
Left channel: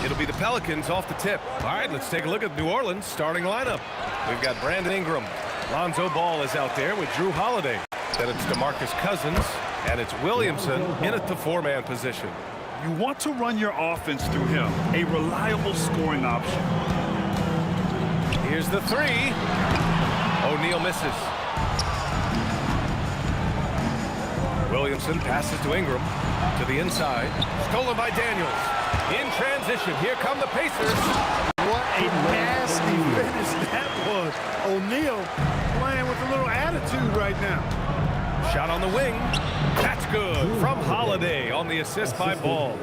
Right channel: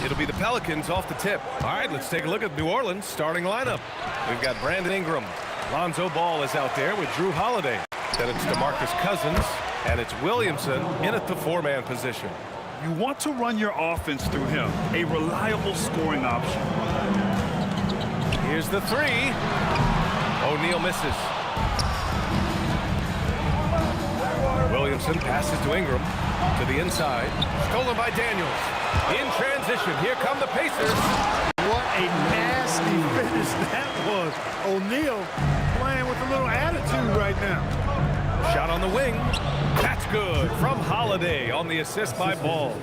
It'll be the Pelicans off the tip. All right, let's take a look at New Orleans' starting lineup. We've got Brandon Ingram. Lonzo Ball is out there with Drew Holiday. Then it's DeMarcus Cousins, and it's Williamson in at the 4-man position. You want to run your offense through him, a reliable scoring option. Here's the 3. O'Neal misses. Williamson passes to Ingram. To the inside. Stolen by Daniels. In transition. Here come the Pacers. What a nasty finish that was. O'Neal playing with a little attitude right now. Shot on the wing. That's good from Holiday on the assist by Ball.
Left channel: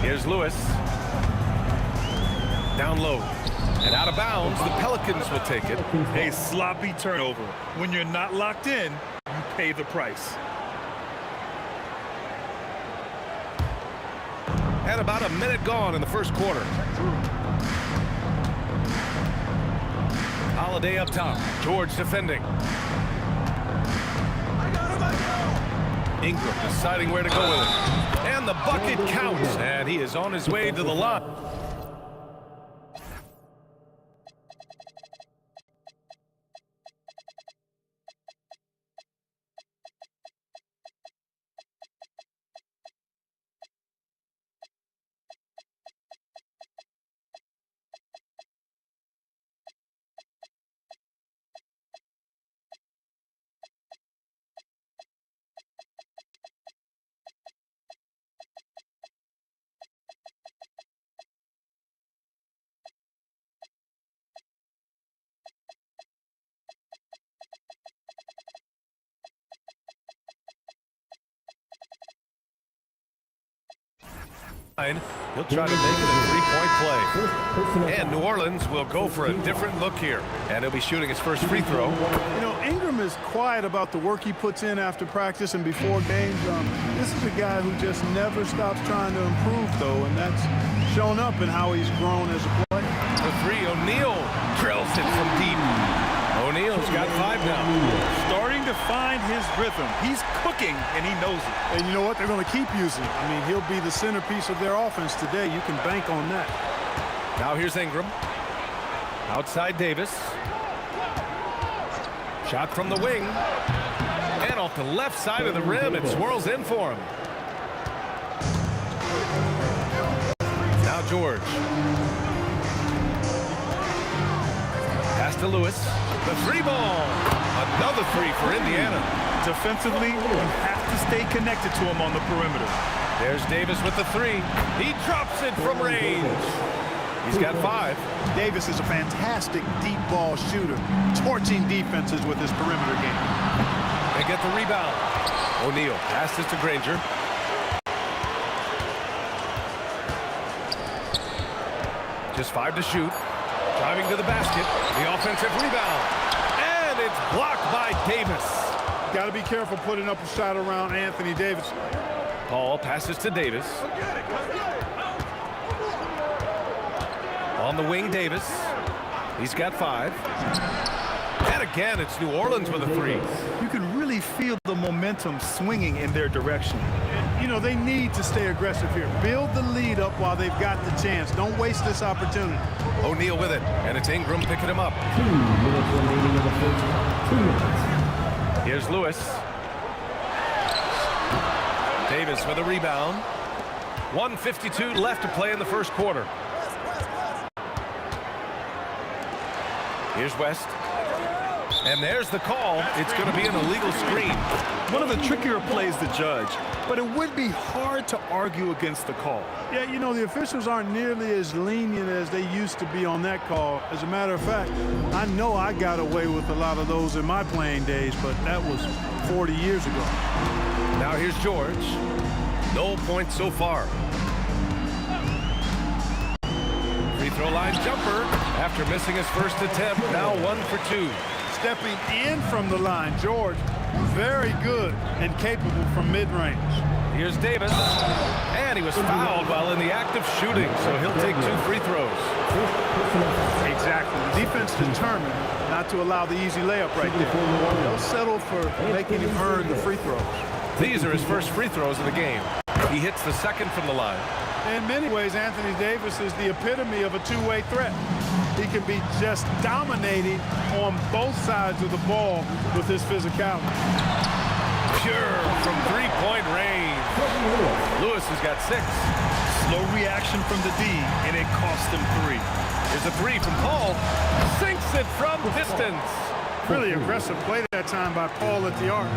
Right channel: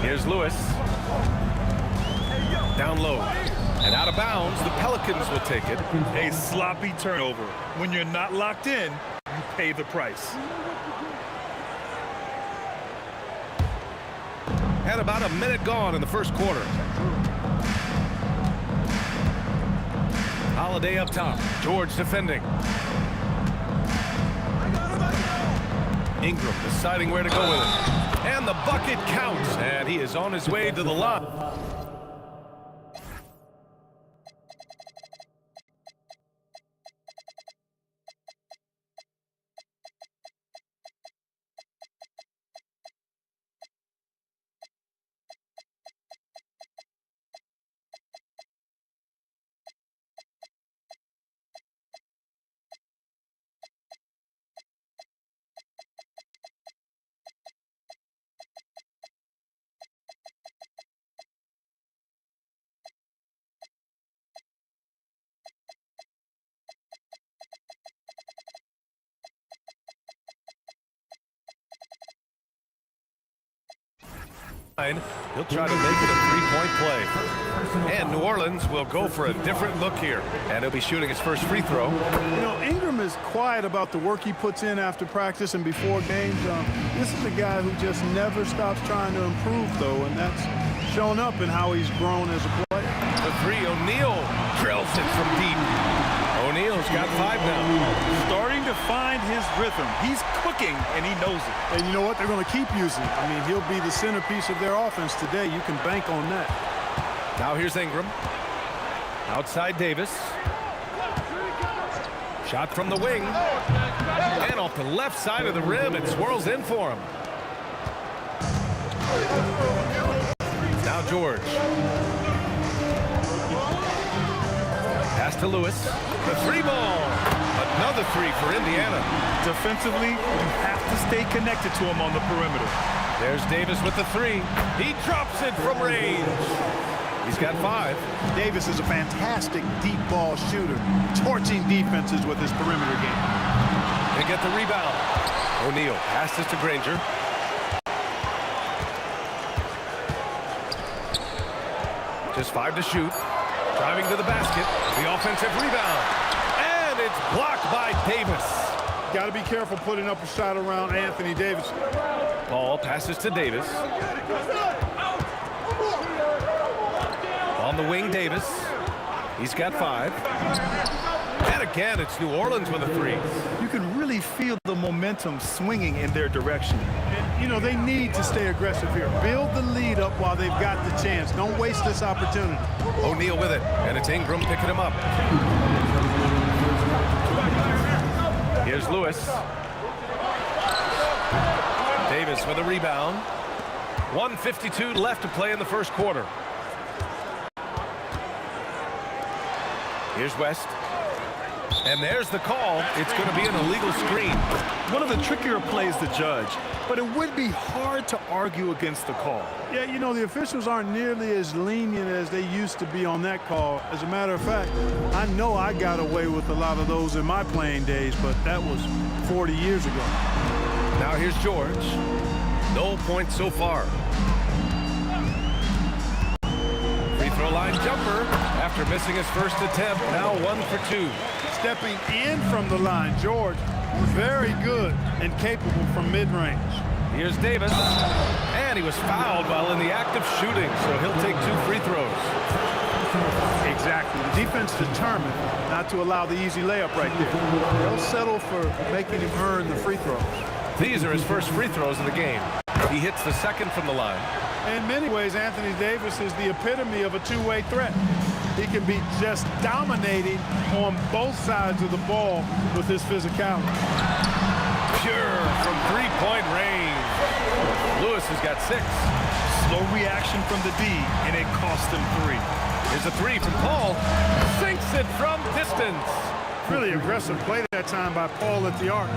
Here's Lewis. Down low. And out of bounds, the Pelicans will take it. A sloppy turnover. When you're not locked in, you pay the price. And about a minute gone in the first quarter. Holiday up top. George defending. Ingram deciding where to go with it. And the bucket counts. And he is on his way to the line. He'll try to make it a three-point play. And New Orleans will go for a different look here. And he'll be shooting his first free throw. You know, Ingram is quiet about the work he puts in after practice and before games. This is a guy who just never stops trying to improve, though, and that's shown up in how he's grown as a player. The three, O'Neal drills it from deep. O'Neal's got 5 now. Starting to find his rhythm. He's cooking, and he knows it. And you know what? They're going to keep using him. I mean, he'll be the centerpiece of their offense today. You can bank on that. Now here's Ingram. Outside Davis. Shot from the wing. And off the left side of the rim, it swirls in for him. Now George. Pass to Lewis. The 3-ball. Another 3 for Indiana. Defensively, you have to stay connected to him on the perimeter. There's Davis with the 3. He drops it from range. He's got 5. Davis is a fantastic deep ball shooter, torching defenses with his perimeter game. They get the rebound. O'Neal passes to Granger. Just 5 to shoot. Driving to the basket. The offensive rebound. And it's blocked by Davis. Got to be careful putting up a shot around Anthony Davis. Paul passes to Davis. On the wing, Davis. He's got 5. And again, it's New Orleans with a 3. You can really feel the momentum swinging in their direction. You know, they need to stay aggressive here. Build the lead up while they've got the chance. Don't waste this opportunity. O'Neal with it, and it's Ingram picking him up. Here's Lewis. Davis with a rebound. 1:52 left to play in the first quarter. Here's West. And there's the call. It's going to be an illegal screen. One of the trickier plays to judge, but it would be hard to argue against the call. Yeah, you know, the officials aren't nearly as lenient as they used to be on that call. As a matter of fact, I know I got away with a lot of those in my playing days, but that was 40 years ago. Now here's George. No points so far. Free throw line jumper after missing his first attempt. Now 1 for 2. Stepping in from the line, George, very good and capable from mid-range. Here's Davis, and he was fouled while in the act of shooting, so he'll take 2 free throws. Exactly. The defense determined not to allow the easy layup right there. They'll settle for making him earn the free throws. These are his first free throws of the game. He hits the second from the line. In many ways, Anthony Davis is the epitome of a two-way threat. He can be just dominating on both sides of the ball with his physicality. Pure from three-point range. Lewis has got 6. Slow reaction from the D, and it cost him 3. Here's a 3 from Paul. Sinks it from distance. Really aggressive play that time by Paul at the arc.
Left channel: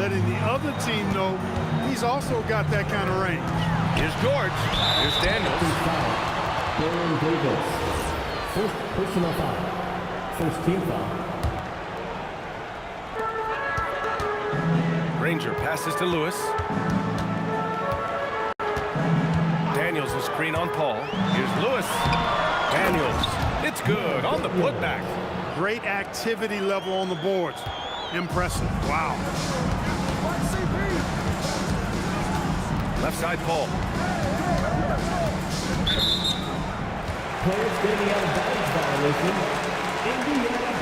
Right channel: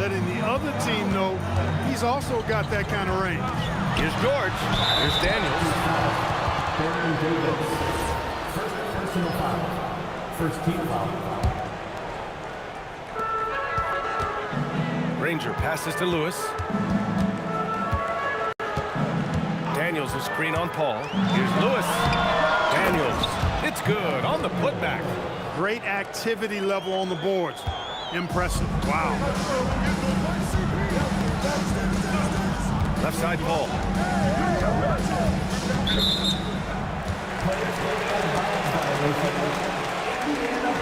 letting the other team know he's also got that kind of range. Here's George. Here's Daniels. Baron Davis. First personal foul. First team foul. Granger passes to Lewis. Daniels is screen on Paul. Here's Lewis. Daniels. It's good on the putback. Great activity level on the boards. Impressive. Wow. Left side, Paul. Players getting out of bounds violation. Indiana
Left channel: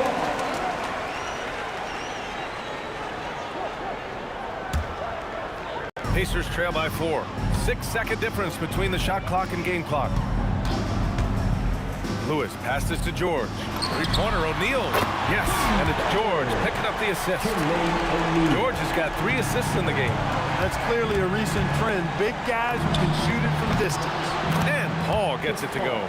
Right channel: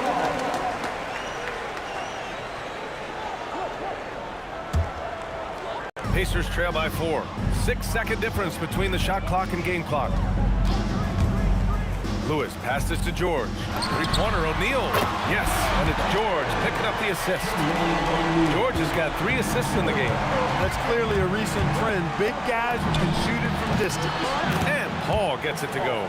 ball. Pacers trail by 4. 6-second difference between the shot clock and game clock. Lewis passes to George. Three-pointer, O'Neal. Yes, and it's George picking up the assist. George has got 3 assists in the game. That's clearly a recent trend. Big guys who can shoot it from distance. And Paul gets it to go.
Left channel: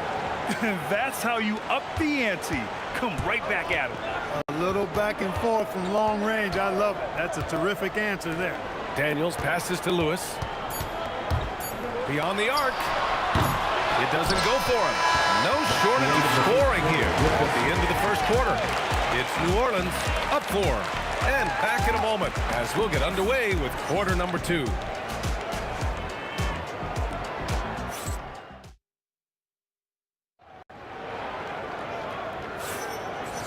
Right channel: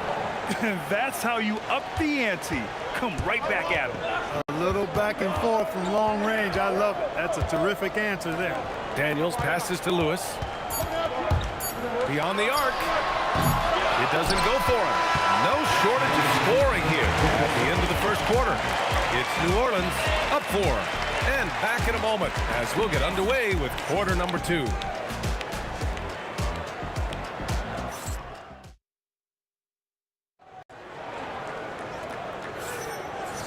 That's how you up the ante. Come right back at him. A little back and forth from long range. I love it. That's a terrific answer there. Daniels passes to Lewis. Beyond the arc. It doesn't go for him. No shortage of scoring here at the end of the first quarter. It's New Orleans up 4. And back in a moment as we'll get underway with quarter number 2.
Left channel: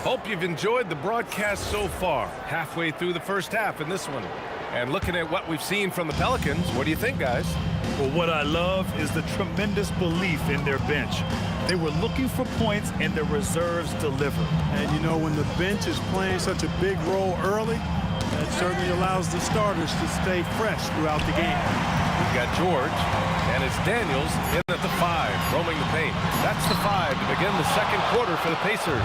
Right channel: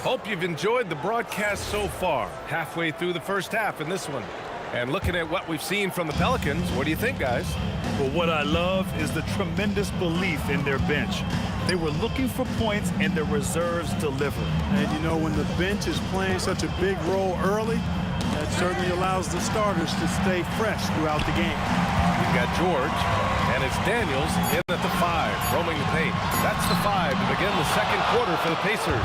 Hope you've enjoyed the broadcast so far. Halfway through the first half in this one. And looking at what we've seen from the Pelicans, what do you think, guys? Well, what I love is the tremendous belief in their bench. They were looking for points, and their reserves deliver. And, you know, when the bench is playing such a big role early, that certainly allows the starters to stay fresh throughout the game. We've got George, and it's Daniels in at the 5, roaming the paint. That's the 5 to begin the second quarter for the Pacers.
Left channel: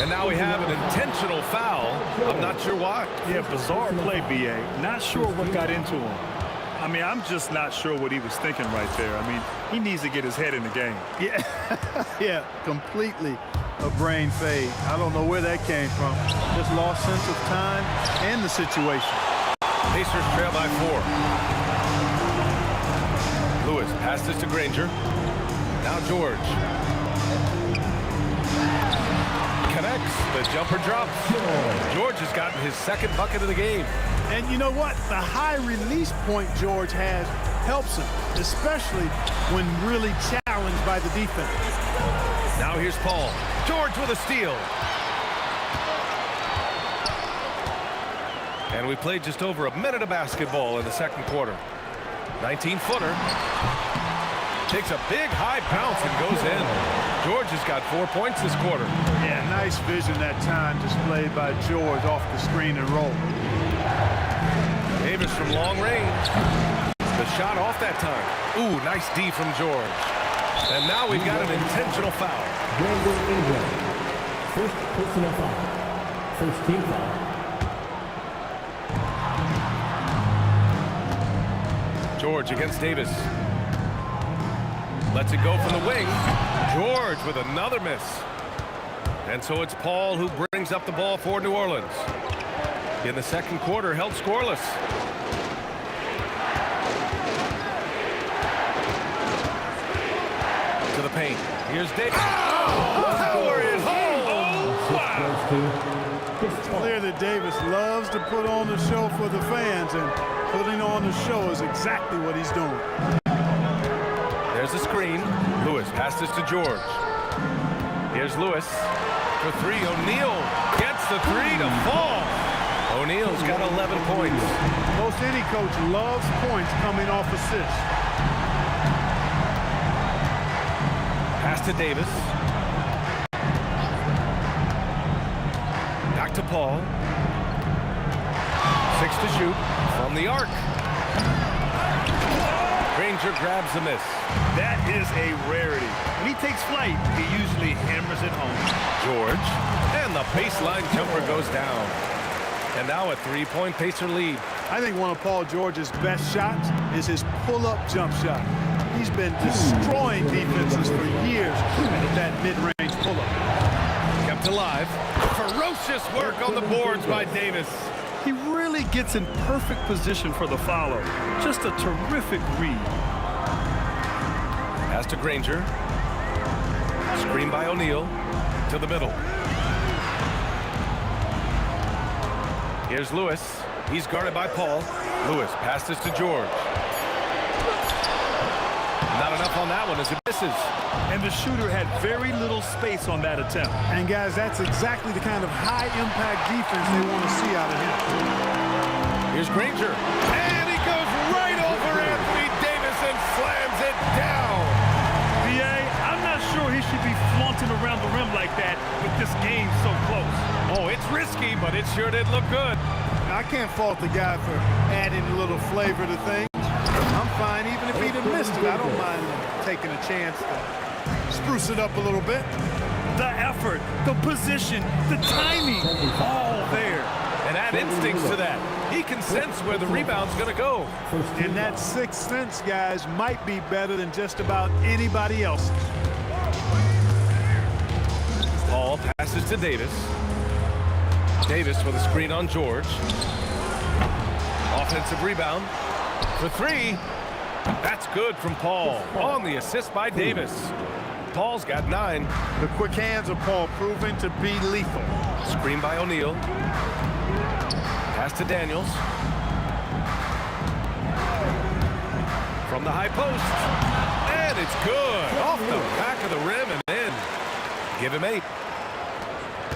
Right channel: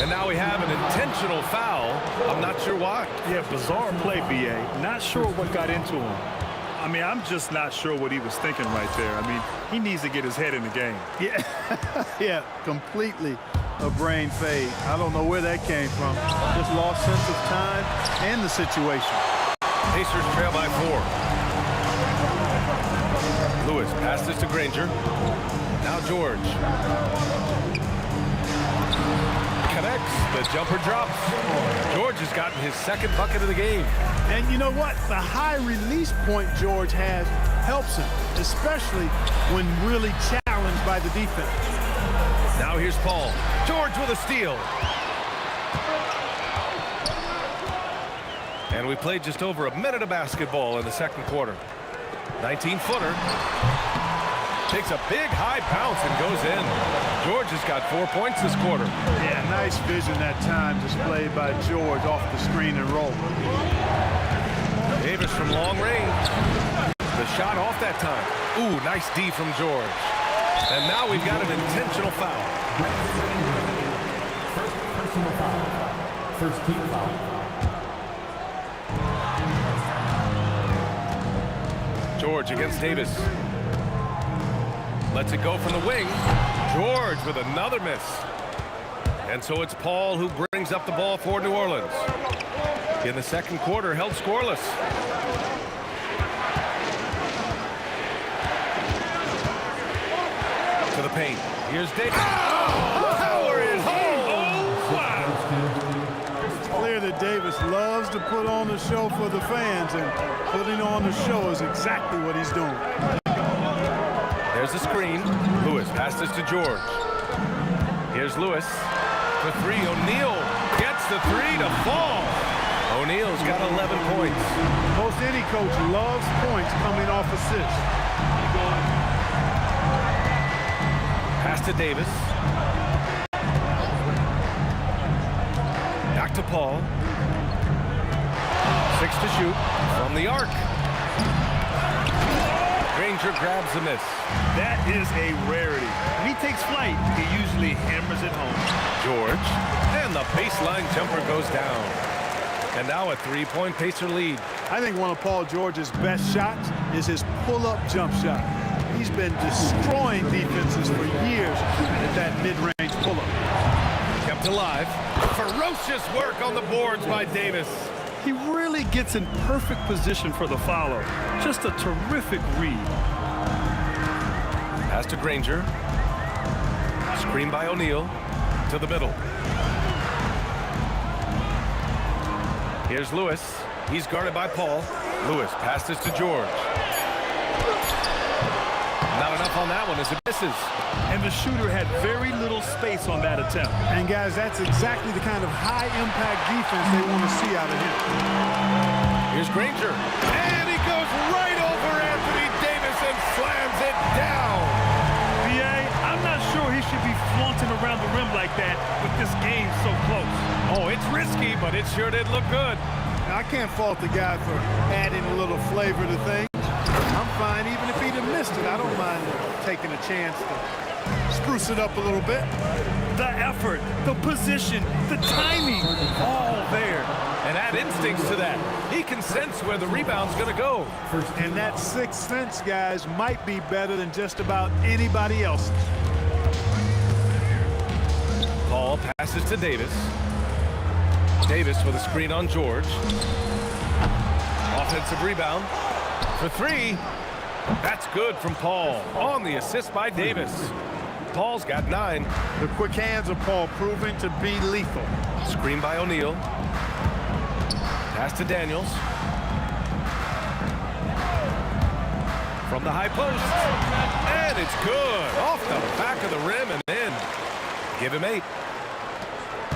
And now we have an intentional foul. I'm not sure why. Yeah, bizarre play, B.A. Not sure what got into him. I mean, I'm just not sure what he was thinking right there. I mean, he needs to get his head in the game. Yeah, yeah, completely a brain fade. I don't know where that came from. Just lost sense of time and the situation. Pacers trail by 4. Lewis passes to Granger. Now George. Connects. The jumper drops. George has gotten his second bucket of the game. And you know what? The high release point George has helps him, especially when really challenged by the defense. Now here's Paul. George with a steal. And we played just over a minute of basketball in the second quarter. 19-footer. Takes a big high bounce and goes in. George has got 4 points this quarter. Yeah, nice vision that time displayed by George off the screen and roll. Davis from long range. The shot off that time. Ooh, nice D from George. And now we've got an intentional foul. Brandon Ingram. First personal foul. First team foul. George against Davis. Lets it go from the wing. George with another miss. And so it's Paul who brings up the ball for New Orleans. In the second quarter, held scoreless. To the paint. Here's Davis. Oh, power it home. Oh, wow. It's clear that Davis loves to put on the show for the fans, and putting on the show is exactly what he's doing. There's a screen. Lewis passes to George. Here's Lewis for 3. O'Neal gets the 3 to fall. O'Neal's got 11 points. Most any coach loves points coming off assists. Pass to Davis. Back to Paul. 6 to shoot from the arc. Granger grabs the miss. That is a rarity. When he takes flight, he usually hammers it home. George. And the baseline jumper goes down. And now a 3-point Pacer lead. I think one of Paul George's best shots is his pull-up jump shot. He's been destroying defenses for years at that mid-range pull-up. Kept alive. Ferocious work on the boards by Davis. He really gets in perfect position for the follow. Just a terrific read. Pass to Granger. Screen by O'Neal. To the middle. Here's Lewis. He's guarded by Paul. Lewis passes to George. Not enough on that one as it misses. And the shooter had very little space on that attempt. And guys, that's exactly the kind of high-impact defense they want to see out of him. Here's Granger. And he goes right over Anthony Davis and slams it down. B.A., I'm not sure he should be flaunting around the rim like that with this game so close. Oh, it's risky, but it sure did look good. Now, I can't fault the guy for adding a little flavor to things. I'm fine. Even if he'd have missed it, I don't mind taking a chance to spruce it up a little bit. The effort, the position, the timing, all there. And add instincts to that. He can sense where the rebound's going to go. And that sixth sense, guys, might be better than just about anybody else. Paul passes to Davis. Davis with a screen on George. Offensive rebound for three. That's good from Paul. On the assist by Davis. Paul's got 9. The quick hands of Paul proving to be lethal. Screen by O'Neal. Pass to Daniels. From the high post. And it's good. Off the back of the rim and in. Give him 8.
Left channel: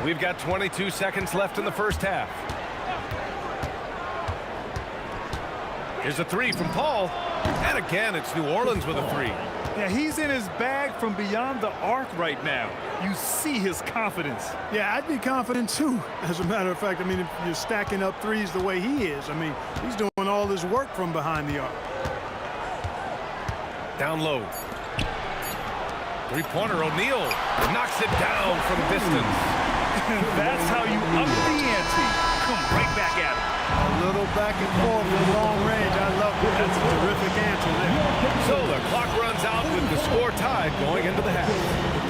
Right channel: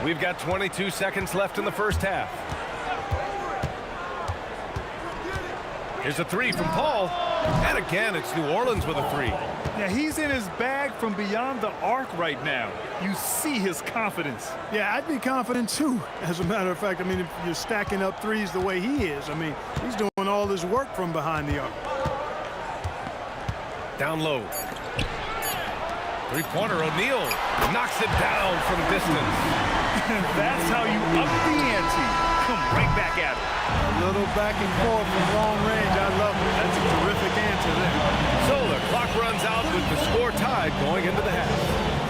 We've got 22 seconds left in the first half. Here's a 3 from Paul. And again, it's New Orleans with a 3. Yeah, he's in his bag from beyond the arc right now. You see his confidence. Yeah, I'd be confident too. As a matter of fact, I mean, if you're stacking up threes the way he is, I mean, he's doing all his work from behind the arc. Down low. Three-pointer, O'Neal knocks it down from distance. That's how you up the ante. Come right back at him. A little back and forth from long range. I love it. That's a terrific answer there. So the clock runs out with the score tied going into the half.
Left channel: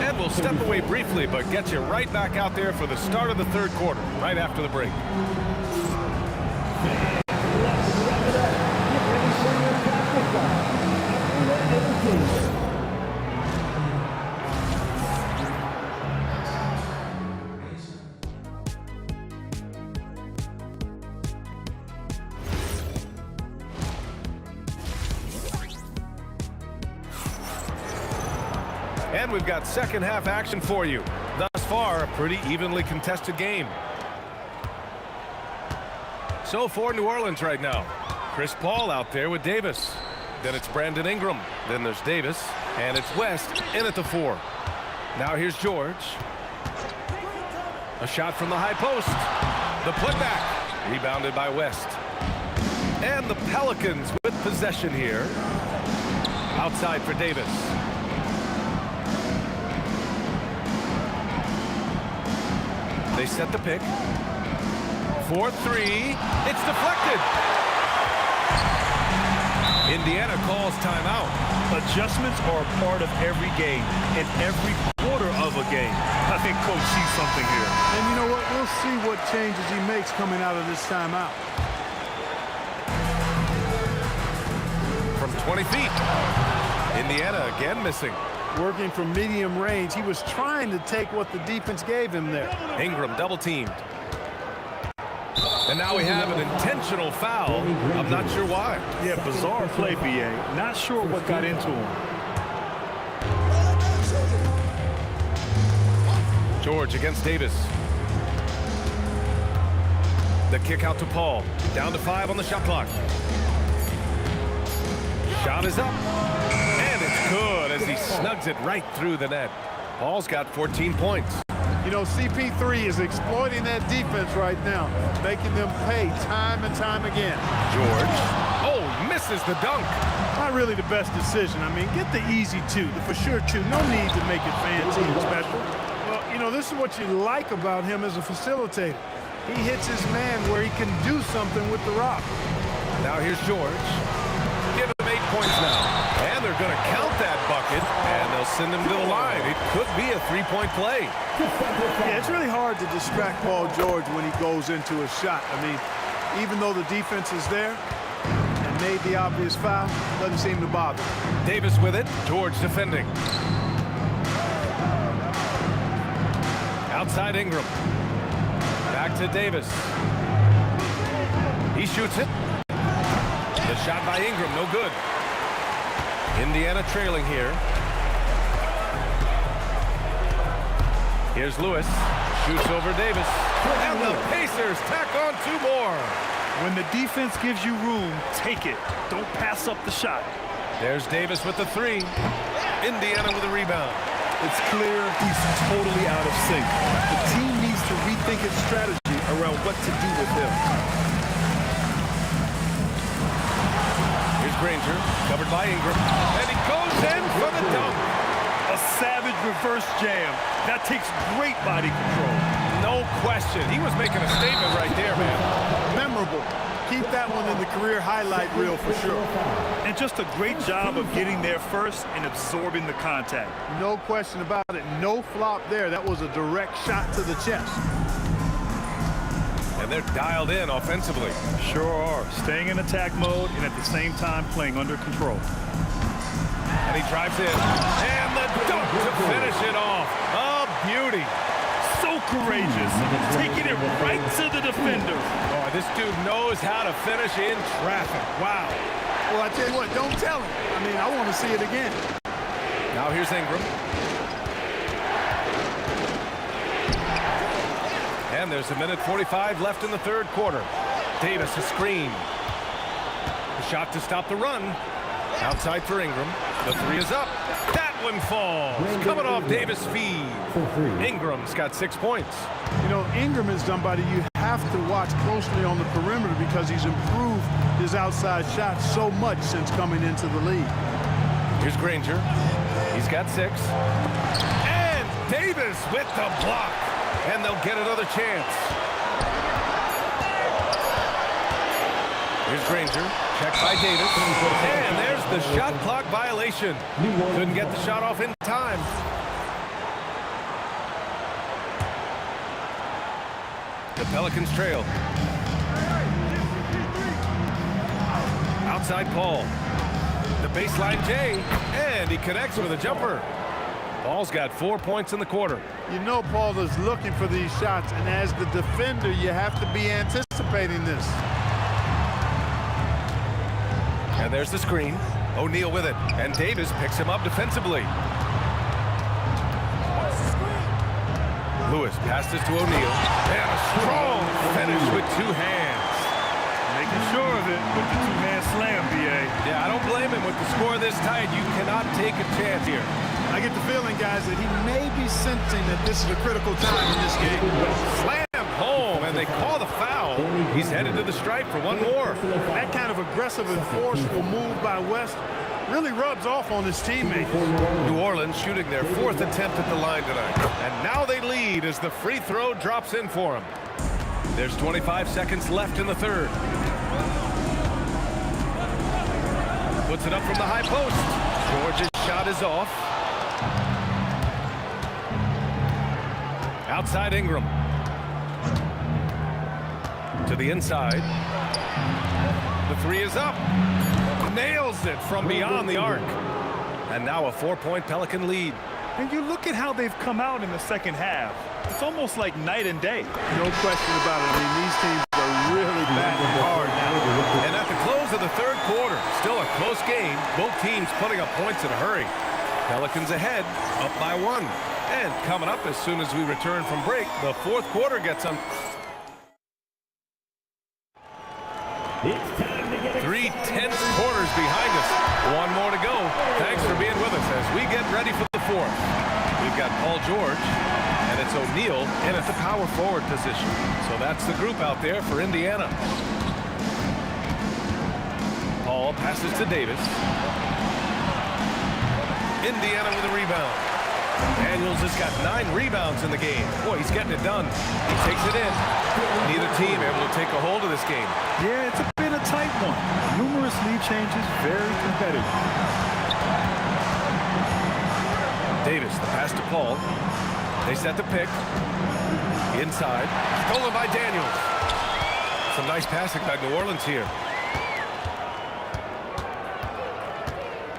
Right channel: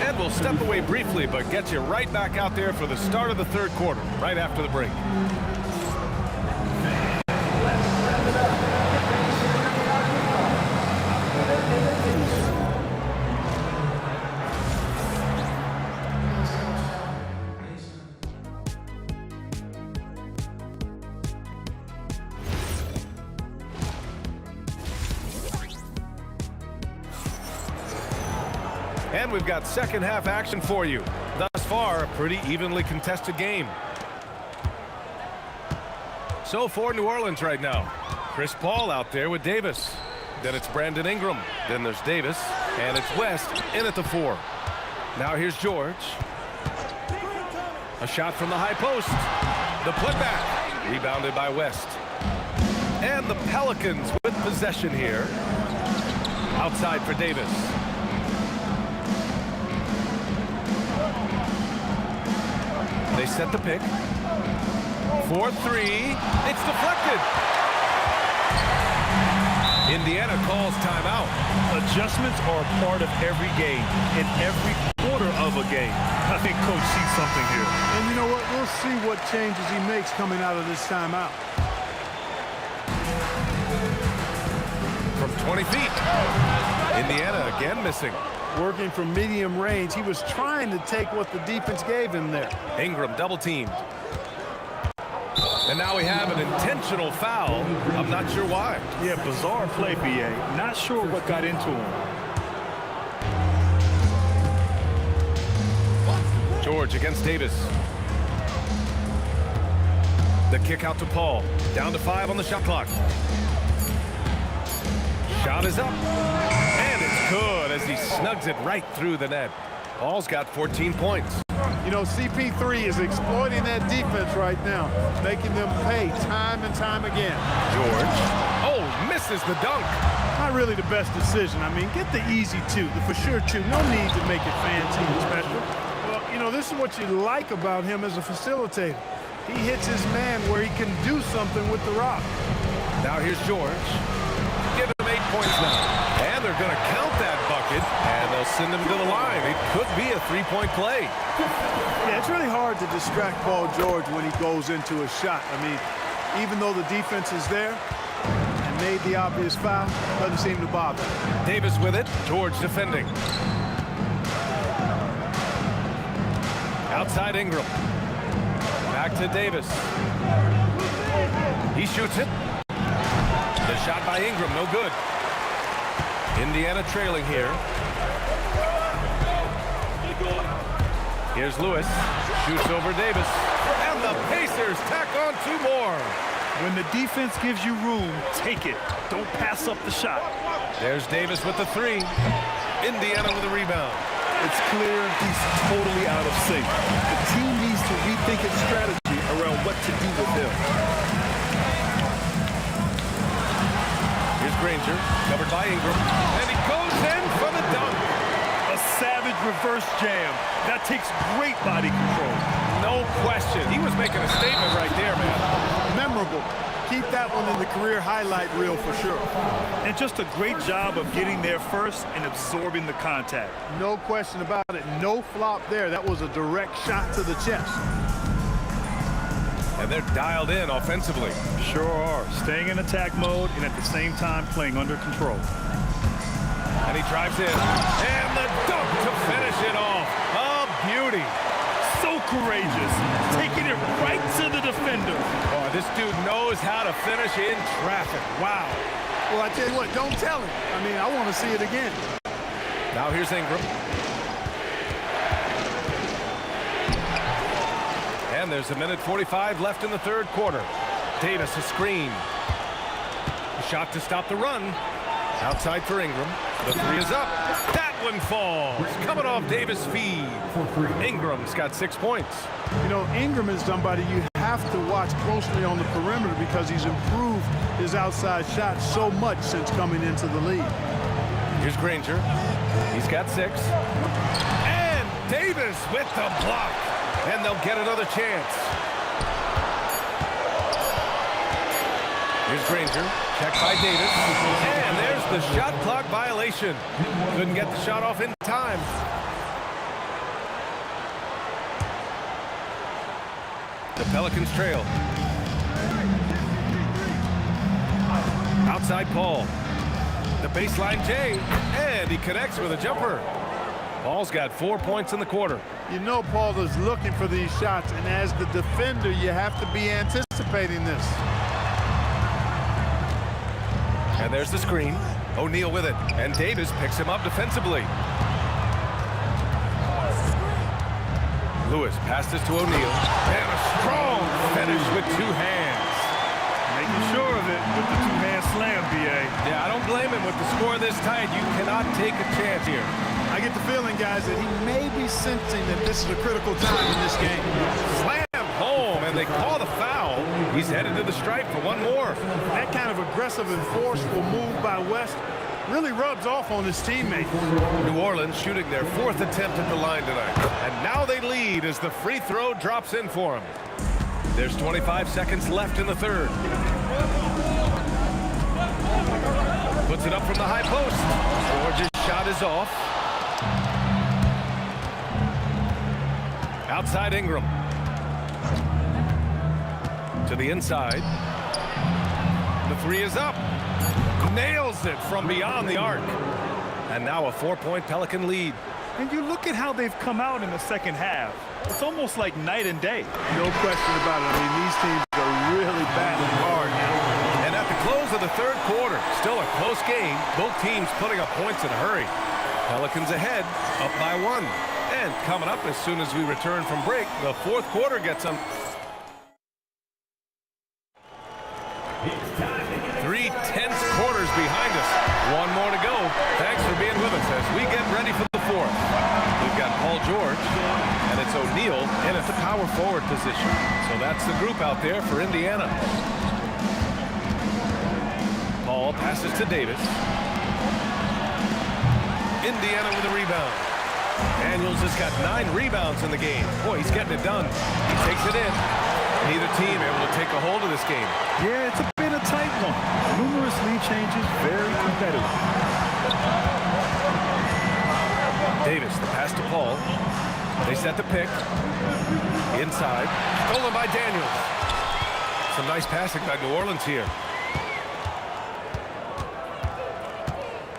And we'll step away briefly, but get you right back out there for the start of the third quarter, right after the break. And we've got second half action for you. Thus far, a pretty evenly contested game. So for New Orleans right now, Chris Paul out there with Davis. Then it's Brandon Ingram. Then there's Davis. And it's West in at the 4. Now here's George. A shot from the high post. The putback. Rebounded by West. And the Pelicans with possession here. Outside for Davis. They set the pick. 4-3. It's deflected. Indiana calls timeout. Adjustments are a part of every game, in every quarter of a game. I think Coach sees something here. And you know what? We'll see what changes he makes coming out of this timeout. From 20 feet. Indiana again missing. Working from medium range, he was trying to take what the defense gave him there. Ingram double teamed. And now we have an intentional foul. I'm not sure why. Yeah, bizarre play, B.A. Not sure what got into him. George against Davis. The kick out to Paul. Down to 5 on the shot clock. Shot is up. And it's good as he snugs it right through the net. Paul's got 14 points. You know, CP3 is exploiting that defense right now, making them pay time and time again. George. Oh, misses the dunk. Not really the best decision. I mean, get the easy 2, the for sure 2. No need to make it fancy and special. Well, you know, this is what you like about him as a facilitator. He hits his man where he can do something with the rock. Now here's George. Give him 8 points now. And they're going to count that bucket, and they'll send him to the line. It could be a three-point play. Yeah, it's really hard to distract Paul George when he goes into a shot. I mean, even though the defense is there and made the obvious foul, doesn't seem to bother. Davis with it. George defending. Outside Ingram. Back to Davis. He shoots it. The shot by Ingram, no good. Indiana trailing here. Here's Lewis. Shoots over Davis. And the Pacers tack on 2 more. When the defense gives you room, take it. Don't pass up the shot. There's Davis with the 3. Indiana with a rebound. It's clear he's totally out of sync. The team needs to rethink its strategy around what to do with him. Here's Granger, covered by Ingram, and he goes in for the dunk. A savage reverse jam. That takes great body control. No question. He was making a statement right there, man. Memorable. Keep that one in the career highlight reel for sure. And just a great job of getting there first and absorbing the contact. No question about it. No flop there. That was a direct shot to the chest. And they're dialed in offensively. Sure are. Staying in attack mode and at the same time playing under control. And he drives in. And the dunk to finish it off. A beauty. So courageous. Taking it right to the defender. Oh, this dude knows how to finish in traffic. Wow. Well, I tell you what, don't tell him. I mean, I want to see it again. Now here's Ingram. And there's 1:45 left in the 3rd quarter. Davis a screen. A shot to stop the run. Outside for Ingram. The 3 is up. That one falls. Coming off Davis' feed. Ingram's got 6 points. You know, Ingram is somebody you have to watch closely on the perimeter because he's improved his outside shot so much since coming into the league. Here's Granger. He's got 6. And Davis with the block. And they'll get another chance. Here's Granger. Checked by Davis. And there's the shot clock violation. Couldn't get the shot off in time. The Pelicans trail. Outside Paul. The baseline Jay. And he connects with a jumper. Paul's got 4 points in the quarter. You know Paul is looking for these shots, and as the defender, you have to be anticipating this. And there's the screen. O'Neal with it. And Davis picks him up defensively. Lewis passes to O'Neal. And a strong finish with 2 hands. Making sure of it with the 2-hand slam, B.A. Yeah, I don't blame him with the score this tight. You cannot take a chance here. I get the feeling, guys, that he may be sensing that this is a critical time in this game. Slammed home, and they call the foul. He's headed to the stripe for one more. That kind of aggressive and forceful move by West really rubs off on his teammates. New Orleans shooting their 4th attempt at the line tonight. And now they lead as the free throw drops in for him. There's 25 seconds left in the 3rd. Puts it up from the high post. George's shot is off. Outside Ingram. To the inside. The 3 is up. Nails it from beyond the arc. And now a 4-point Pelican lead. And you look at how they've come out in the second half. It's almost like night and day. No question about it. I mean, these teams are really battling hard now. And at the close of the 3rd quarter, still a close game. Both teams putting up points in a hurry. Pelicans ahead, up by 1. And coming up as soon as we return from break, the 4th quarter gets on. 3 tense quarters behind us. 1 more to go. Thanks for being with us as we get ready for the 4th. We've got Paul George, and it's O'Neal in at the power forward position. So that's the group out there for Indiana. Paul passes to Davis. Indiana with a rebound. Daniels has got 9 rebounds in the game. Boy, he's getting it done. He takes it in. Neither team able to take a hold of this game. Yeah, it's been a tight one. Numerous lead changes, very competitive. Davis, the pass to Paul. They set the pick. Inside. Stolen by Daniels. Some nice passing by New Orleans here.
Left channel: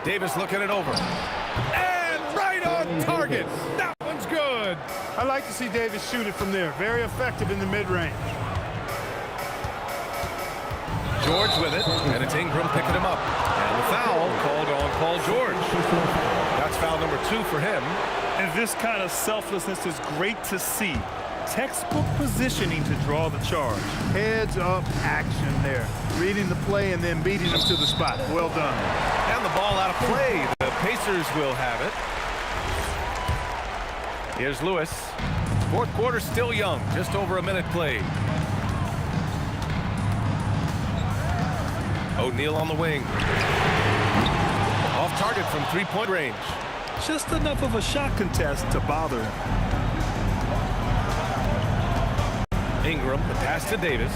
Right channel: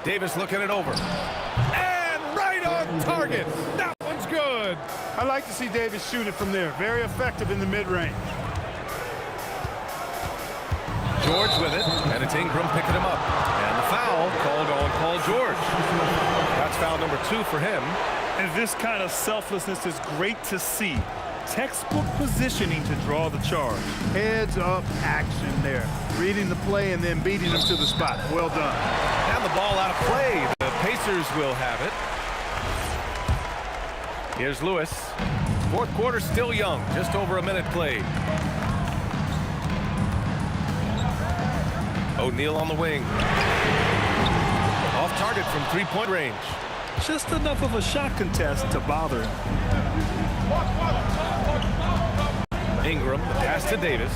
Davis looking it over. And right on target. That one's good. I like to see Davis shoot it from there. Very effective in the mid-range. George with it, and it's Ingram picking him up. And the foul called on Paul George. That's foul number 2 for him. And this kind of selflessness is great to see. Textbook positioning to draw the charge. Heads up action there. Reading the play and then beating him to the spot. Well done. And the ball out of play. The Pacers will have it. Here's Lewis. Fourth quarter still young. Just over a minute played. O'Neal on the wing. Off target from three-point range. Just enough of a shot contest to bother him. Ingram, the pass to Davis.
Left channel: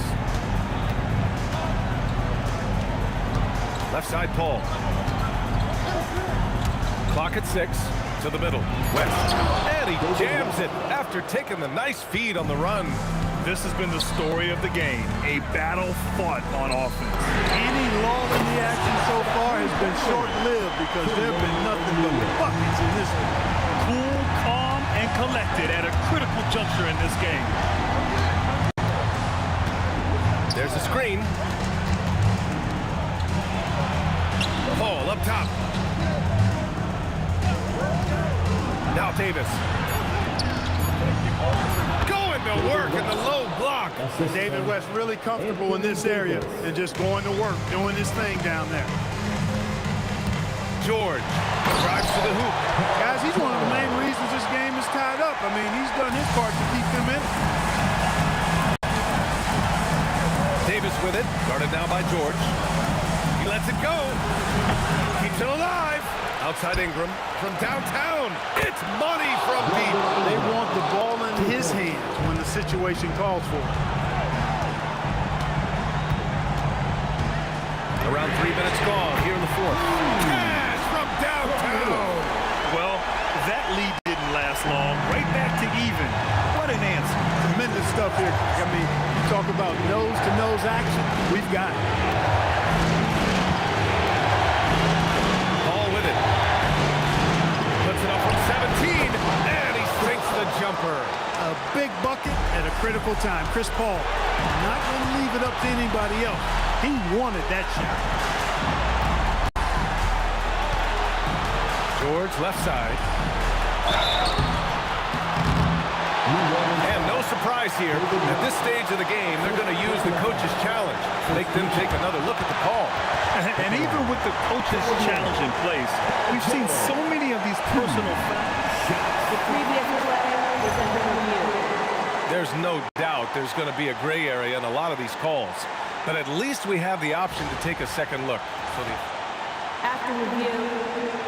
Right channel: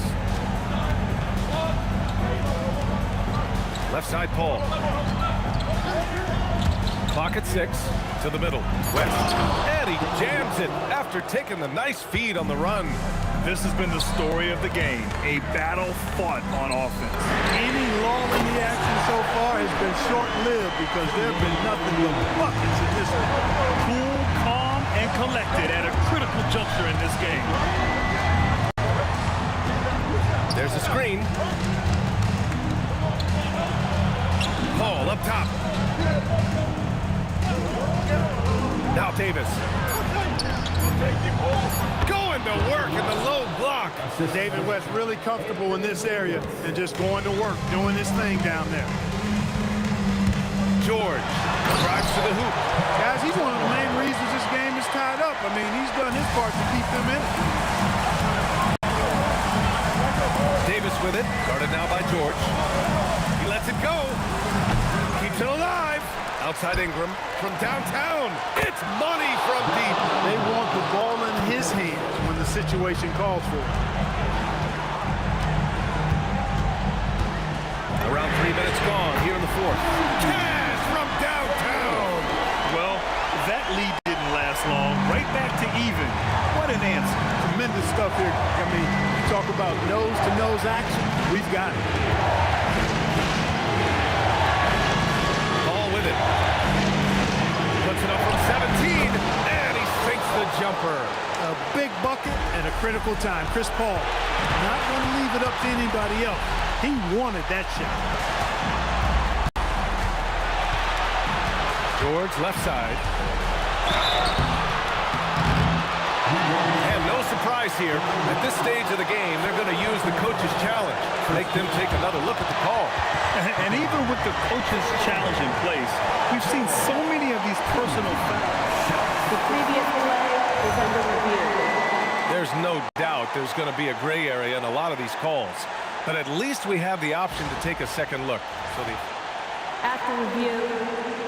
Left side, Paul. Clock at 6. To the middle. West. And he jams it after taking the nice feed on the run. This has been the story of the game. A battle fought on offense. Any lull in the action so far has been short-lived because there have been nothing but buckets in this one. Cool, calm, and collected at a critical juncture in this game. There's a screen. Paul up top. Now Davis. Going to work in the low block. David West really comfortable in this area and just going to work, doing his thing down there. George drives to the hoop. Guys, he's one of the main reasons this game is tied up. I mean, he's done his part to keep them in it. Davis with it. Guarded now by George. He lets it go. Keeps it alive. Outside Ingram from downtown. It's money from deep. They want the ball in his hands when the situation calls for it. Around 3 minutes gone here in the fourth. Cash from downtown. Well, that lead didn't last long. Right back to even. What an answer. Tremendous stuff here. I mean, you talk about nose-to-nose action. We've got it. Paul with it. Puts it up from 17, and he sinks the jumper. A big bucket at a critical time. Chris Paul not going to leave it up to anybody else. He wanted that shot. George left side. And no surprise here. At this stage of the game, they're going to use the coach's challenge. Make them take another look at the call. And even with the coach's challenge in place, we've seen so many of these personal fouls. The previous play is under review. There's no doubt there's going to be a gray area in a lot of these calls. But at least we have the option to take a second look. So After review,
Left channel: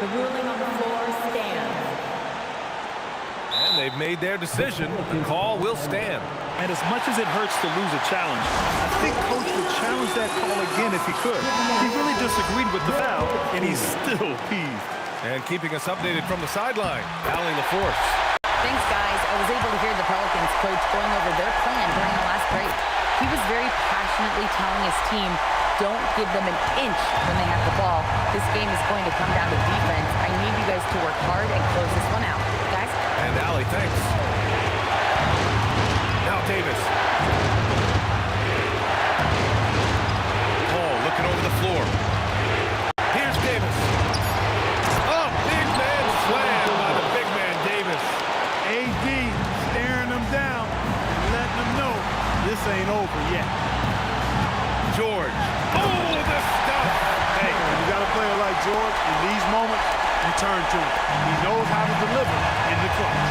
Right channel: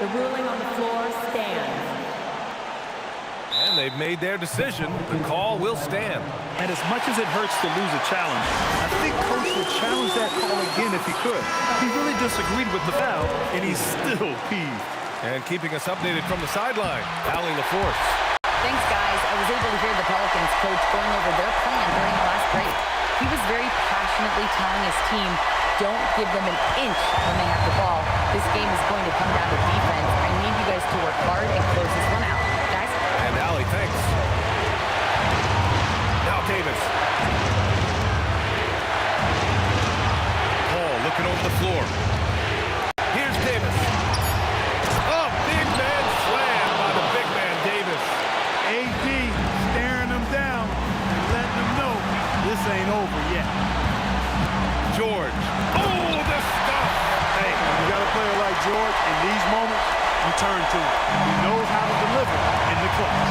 the ruling on the floor stands. And they've made their decision. The call will stand. And as much as it hurts to lose a challenge, I think Coach would challenge that call again if he could. He really disagreed with the foul, and he's still peeved. And keeping us updated from the sideline, Allie LaForce. Thanks, guys. I was able to hear the Pelicans coach going over their plan during the last break. He was very passionately telling his team, don't give them an inch when they have the ball. This game is going to come down to defense. I need you guys to work hard and close this one out. Guys? And Allie, thanks. Now Davis. Paul looking over the floor. Here's Davis. Oh, big man slam by the big man Davis. AD staring them down and letting them know this ain't over yet. George. Oh, the stuff. Hey, when you got a player like George, in these moments, you turn to him. He knows how to deliver in the clutch.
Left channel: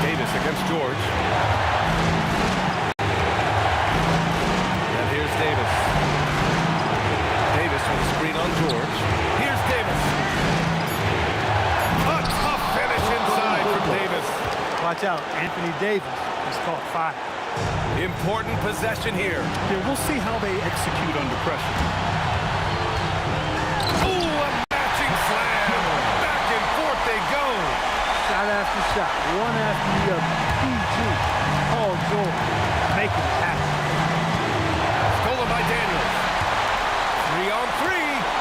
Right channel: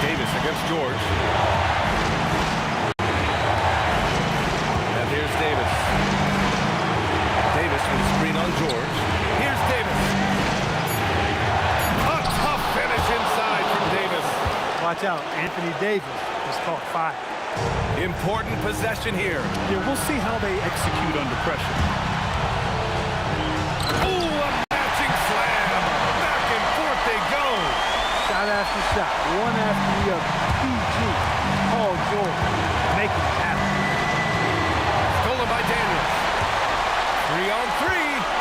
Davis against George. And here's Davis. Davis with a screen on George. Here's Davis. A tough finish inside from Davis. Watch out, Anthony Davis has caught fire. Important possession here. Yeah, we'll see how they execute under pressure. Ooh, a matching slam. Back and forth they go. Shot after shot, one after the other. PG, Paul George, making it happen. Stolen by Daniels. 3-on-3.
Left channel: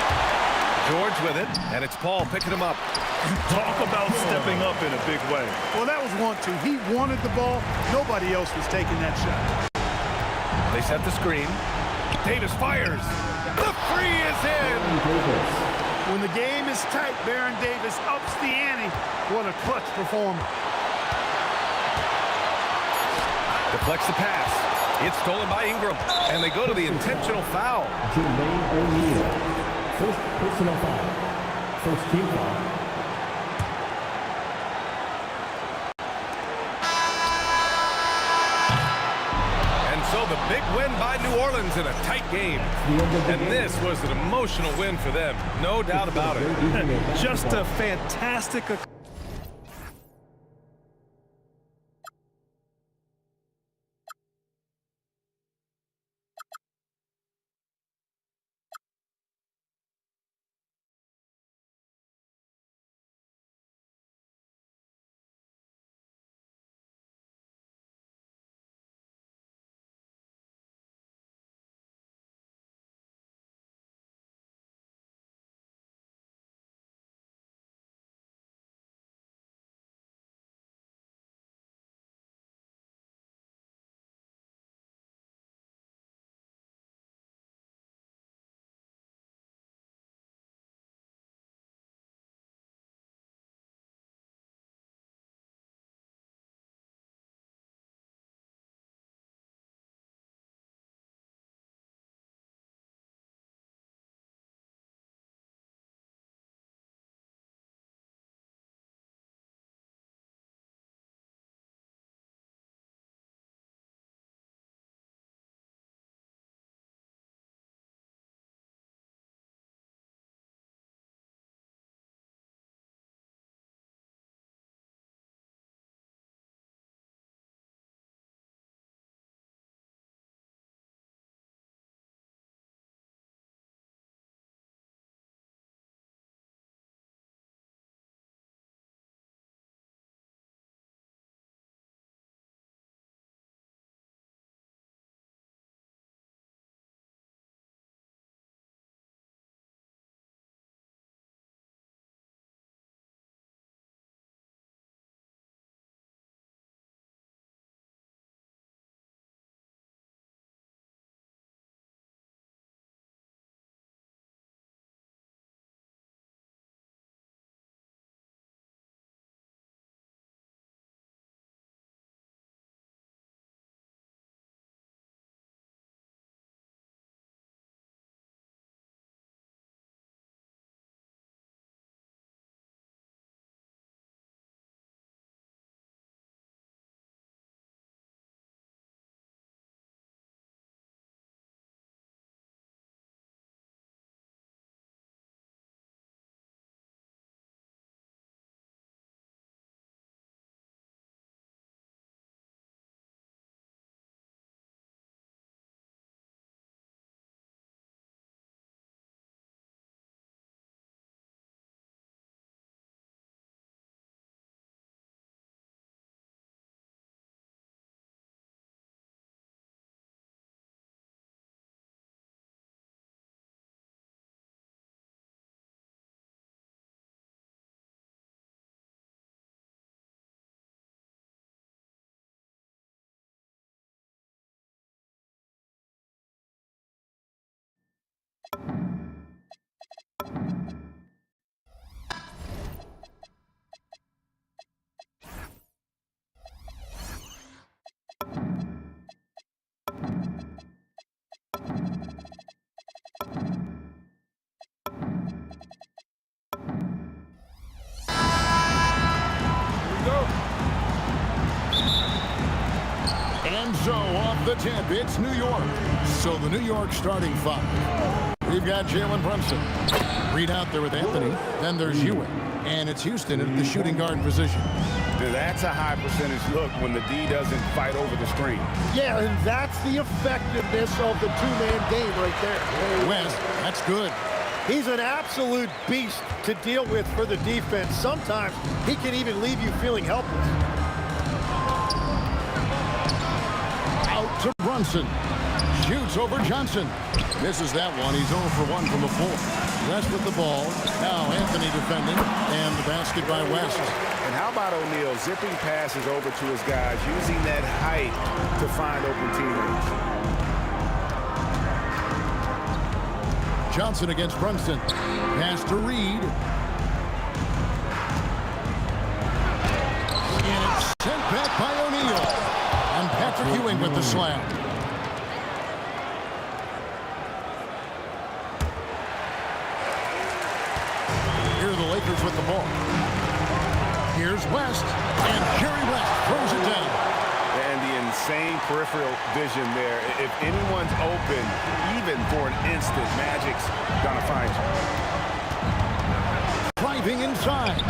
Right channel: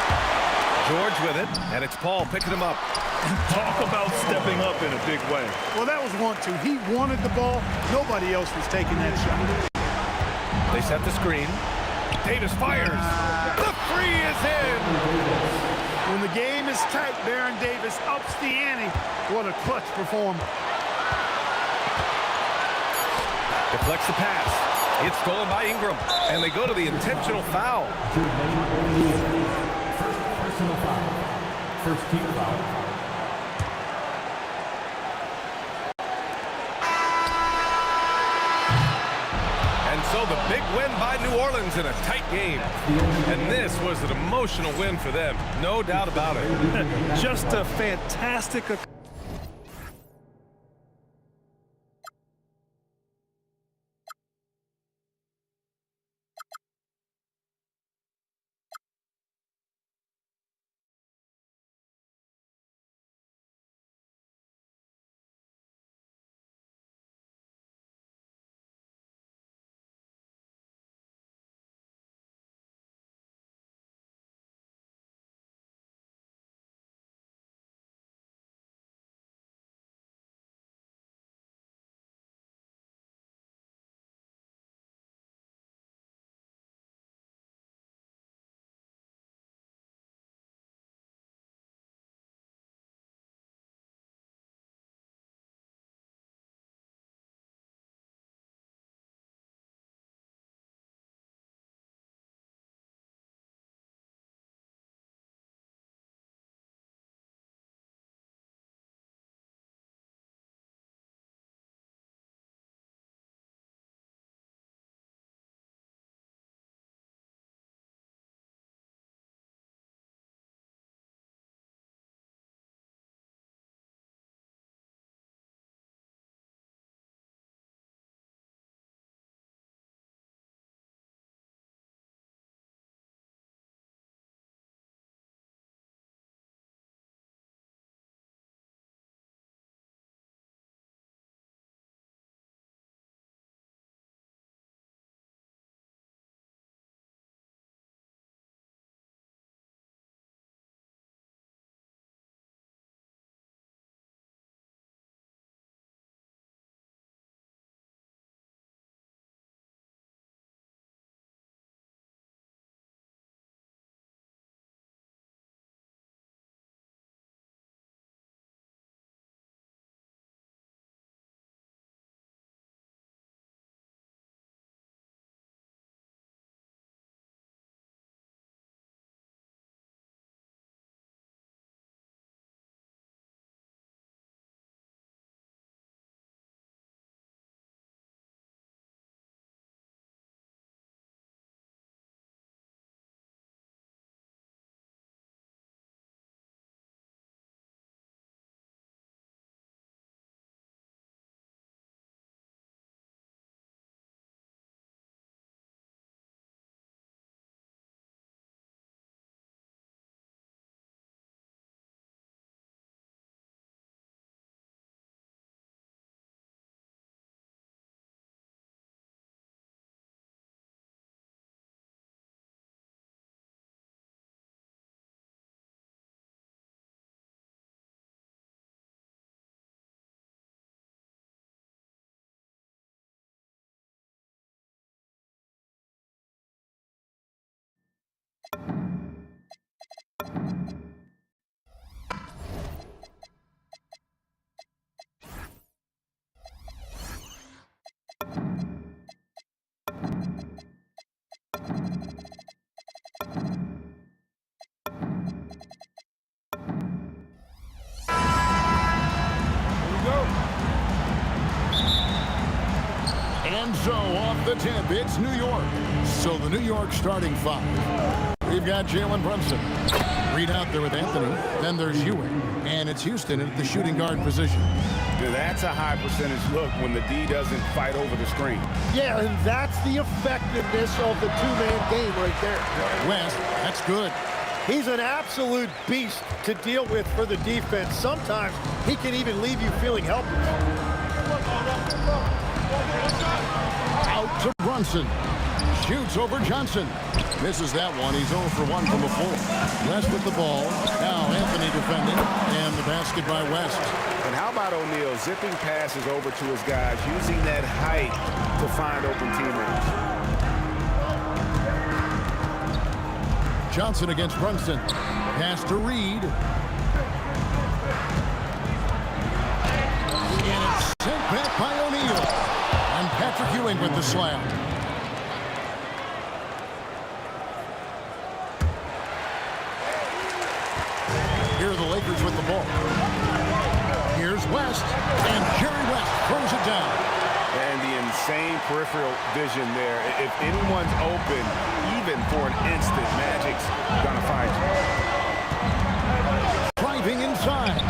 George with it, and it's Paul picking him up. And talk about stepping up in a big way. Well, that was 1-2. He wanted the ball. Nobody else was taking that shot. They set the screen. Davis fires. The three is in. When the game is tight, Baron Davis ups the ante. What a clutch performer. Deflects the pass. It's stolen by Ingram, and they go to the intentional foul. Jermaine O'Neal. First personal foul. First team foul. And so the big win by New Orleans in a tight game. And this was an emotional win for them, no doubt about it. Just a fantastic And so off the tip, it's New York. So the New York starting five. We've got Jalen Brunson. Reed out there with Anthony. Then there's Ewing. And it's Houston at the shooting guard position. That's a high percentage look when the D doesn't fight over the screen. Yeah, and that's the effectiveness of the two-man game right there. West, that's good. He's an absolute beast to deal with for the defense. Sometimes he can even leave you feeling helpless. Out to Brunson. Shoots over Johnson. Misses that one. He's 0 for 1 from the floor. West with the ball. Now Anthony defending. And the basket by West. And how about O'Neal zipping passes over to his guys, using that height to find open teammates. Johnson against Brunson. Pass to Reed. And it's sent back by O'Neal. And Patrick Ewing with the slam. Here are the Lakers with the ball. Here's West, and Jerry West throws it down. And the insane peripheral vision there. If anyone's open, even for an instant, Magic's gonna find you. Driving inside.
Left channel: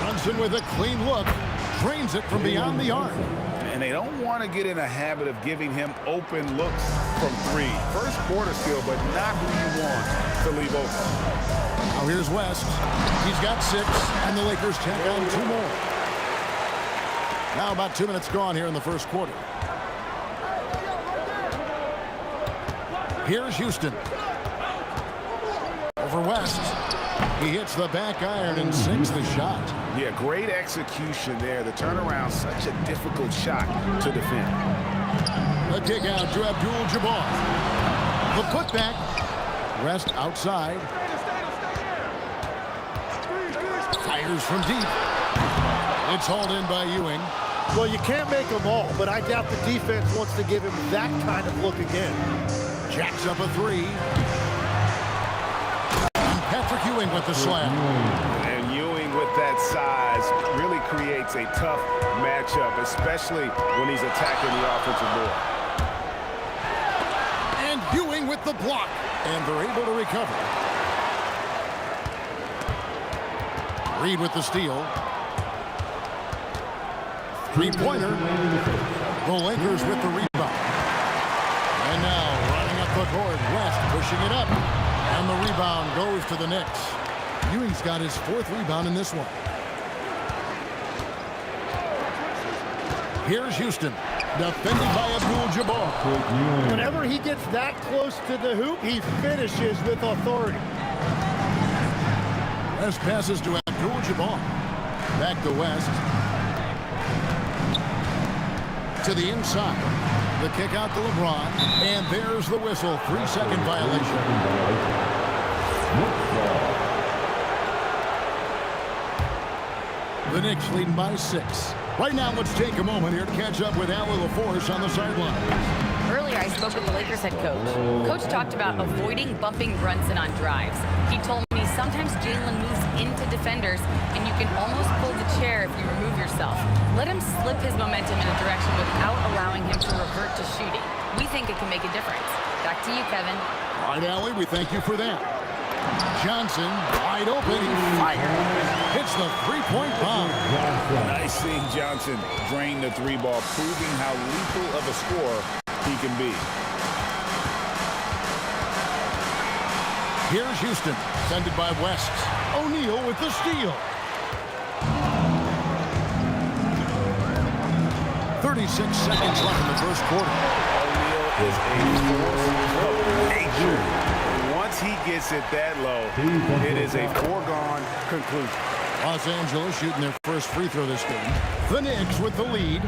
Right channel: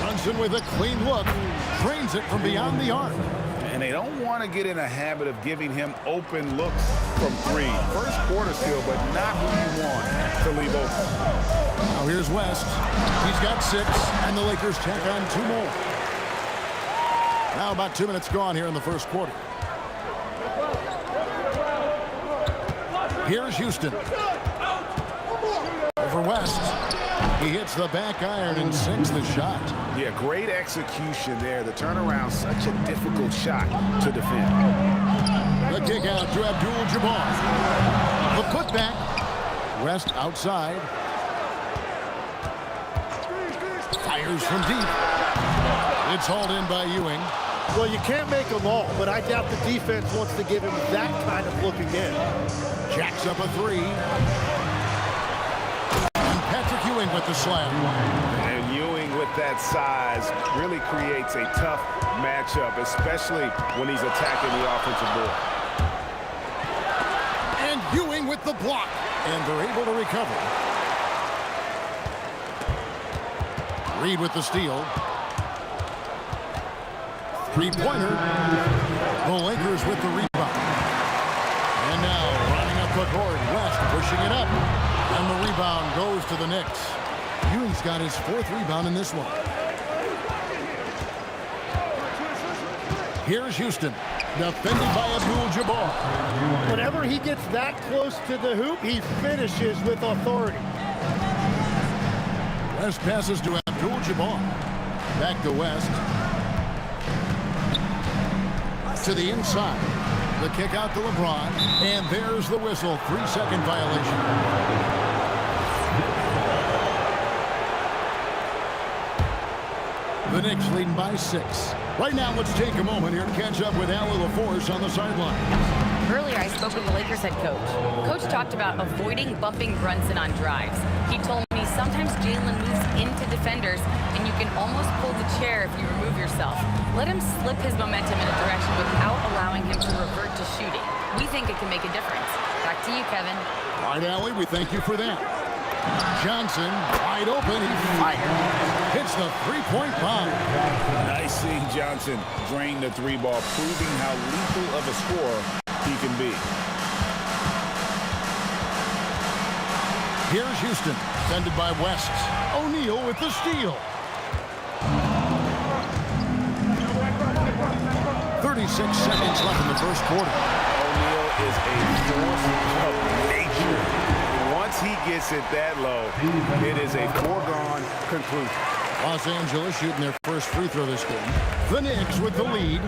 Brunson with a clean look. Drains it from beyond the arc. And they don't want to get in a habit of giving him open looks from three. First quarter still, but not who you want to leave open. Now here's West. He's got 6, and the Lakers tack on 2 more. Now about 2 minutes gone here in the first quarter. Here's Houston. Over West. He hits the back iron and sinks the shot. Yeah, great execution there. The turnaround, such a difficult shot to defend. The kick out to Abdul-Jabbar. The putback. West outside. Fires from deep. It's hauled in by Ewing. Well, you can't make them all, but I doubt the defense wants to give him that kind of look again. Jacks up a 3. And Patrick Ewing with the slam. And Ewing with that size really creates a tough matchup, especially when he's attacking the offensive board. And Ewing with the block. And they're able to recover. Reed with the steal. Three-pointer. The Lakers with the rebound. And now running up the court, West pushing it up. And the rebound goes to the Knicks. Ewing's got his 4th rebound in this one. Here's Houston, defended by Abdul-Jabbar. Whenever he gets that close to the hoop, he finishes with authority. West passes to Abdul-Jabbar. Back to West. To the inside. The kick out to LeBron. And there's the whistle. 3-second violation. The Knicks leading by 6. Right now, let's take a moment here to catch up with Allie LaForce on the sidelines. Earlier, I spoke with the Lakers head coach. Coach talked about avoiding bumping Brunson on drives. He told me sometimes Jalen moves into defenders, and you can almost pull the chair if you remove yourself. Let him slip his momentum in a direction without allowing him to revert to shooting. We think it can make a difference. Back to you, Kevin. All right, Allie, we thank you for that. Johnson, wide open, he fires. Hits the 3-point bomb. Nice seeing Johnson drain the 3-ball, proving how lethal of a scorer he can be. Here's Houston, defended by West. O'Neal with the steal. 36 seconds left in the first quarter. O'Neal is a force of nature. Once he gets it that low, it is a foregone conclusion. Los Angeles shooting their first free throw this game. The Knicks with the lead.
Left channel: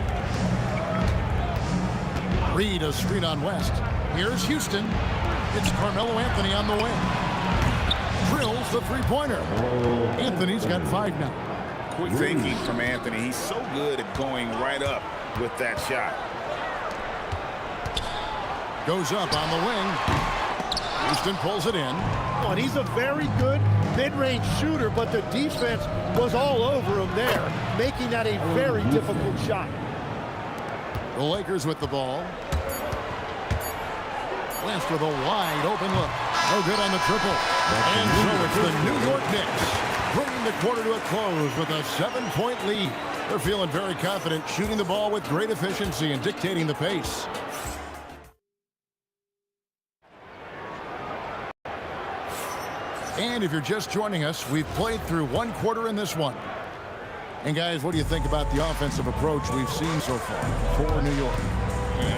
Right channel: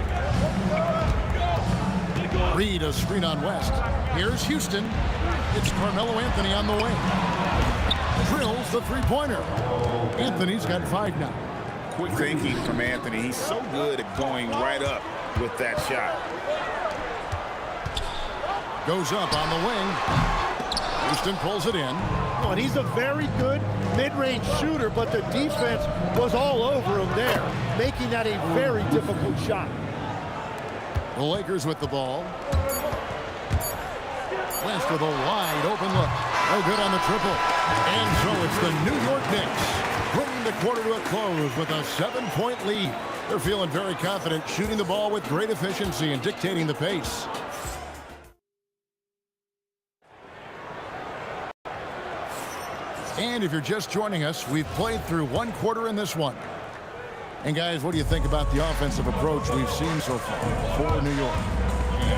Reed a screen on West. Here's Houston. It's Carmelo Anthony on the wing. Drills the 3-pointer. Anthony's got 5 now. Quick thinking from Anthony. He's so good at going right up with that shot. Goes up on the wing. Houston pulls it in. Oh, and he's a very good mid-range shooter, but the defense was all over him there, making that a very difficult shot. The Lakers with the ball. West with a wide open look. No good on the triple. And so it's the New York Knicks bringing the quarter to a close with a 7-point lead. They're feeling very confident, shooting the ball with great efficiency and dictating the pace. And if you're just joining us, we've played through one quarter in this one. And guys, what do you think about the offensive approach we've seen so far for New York?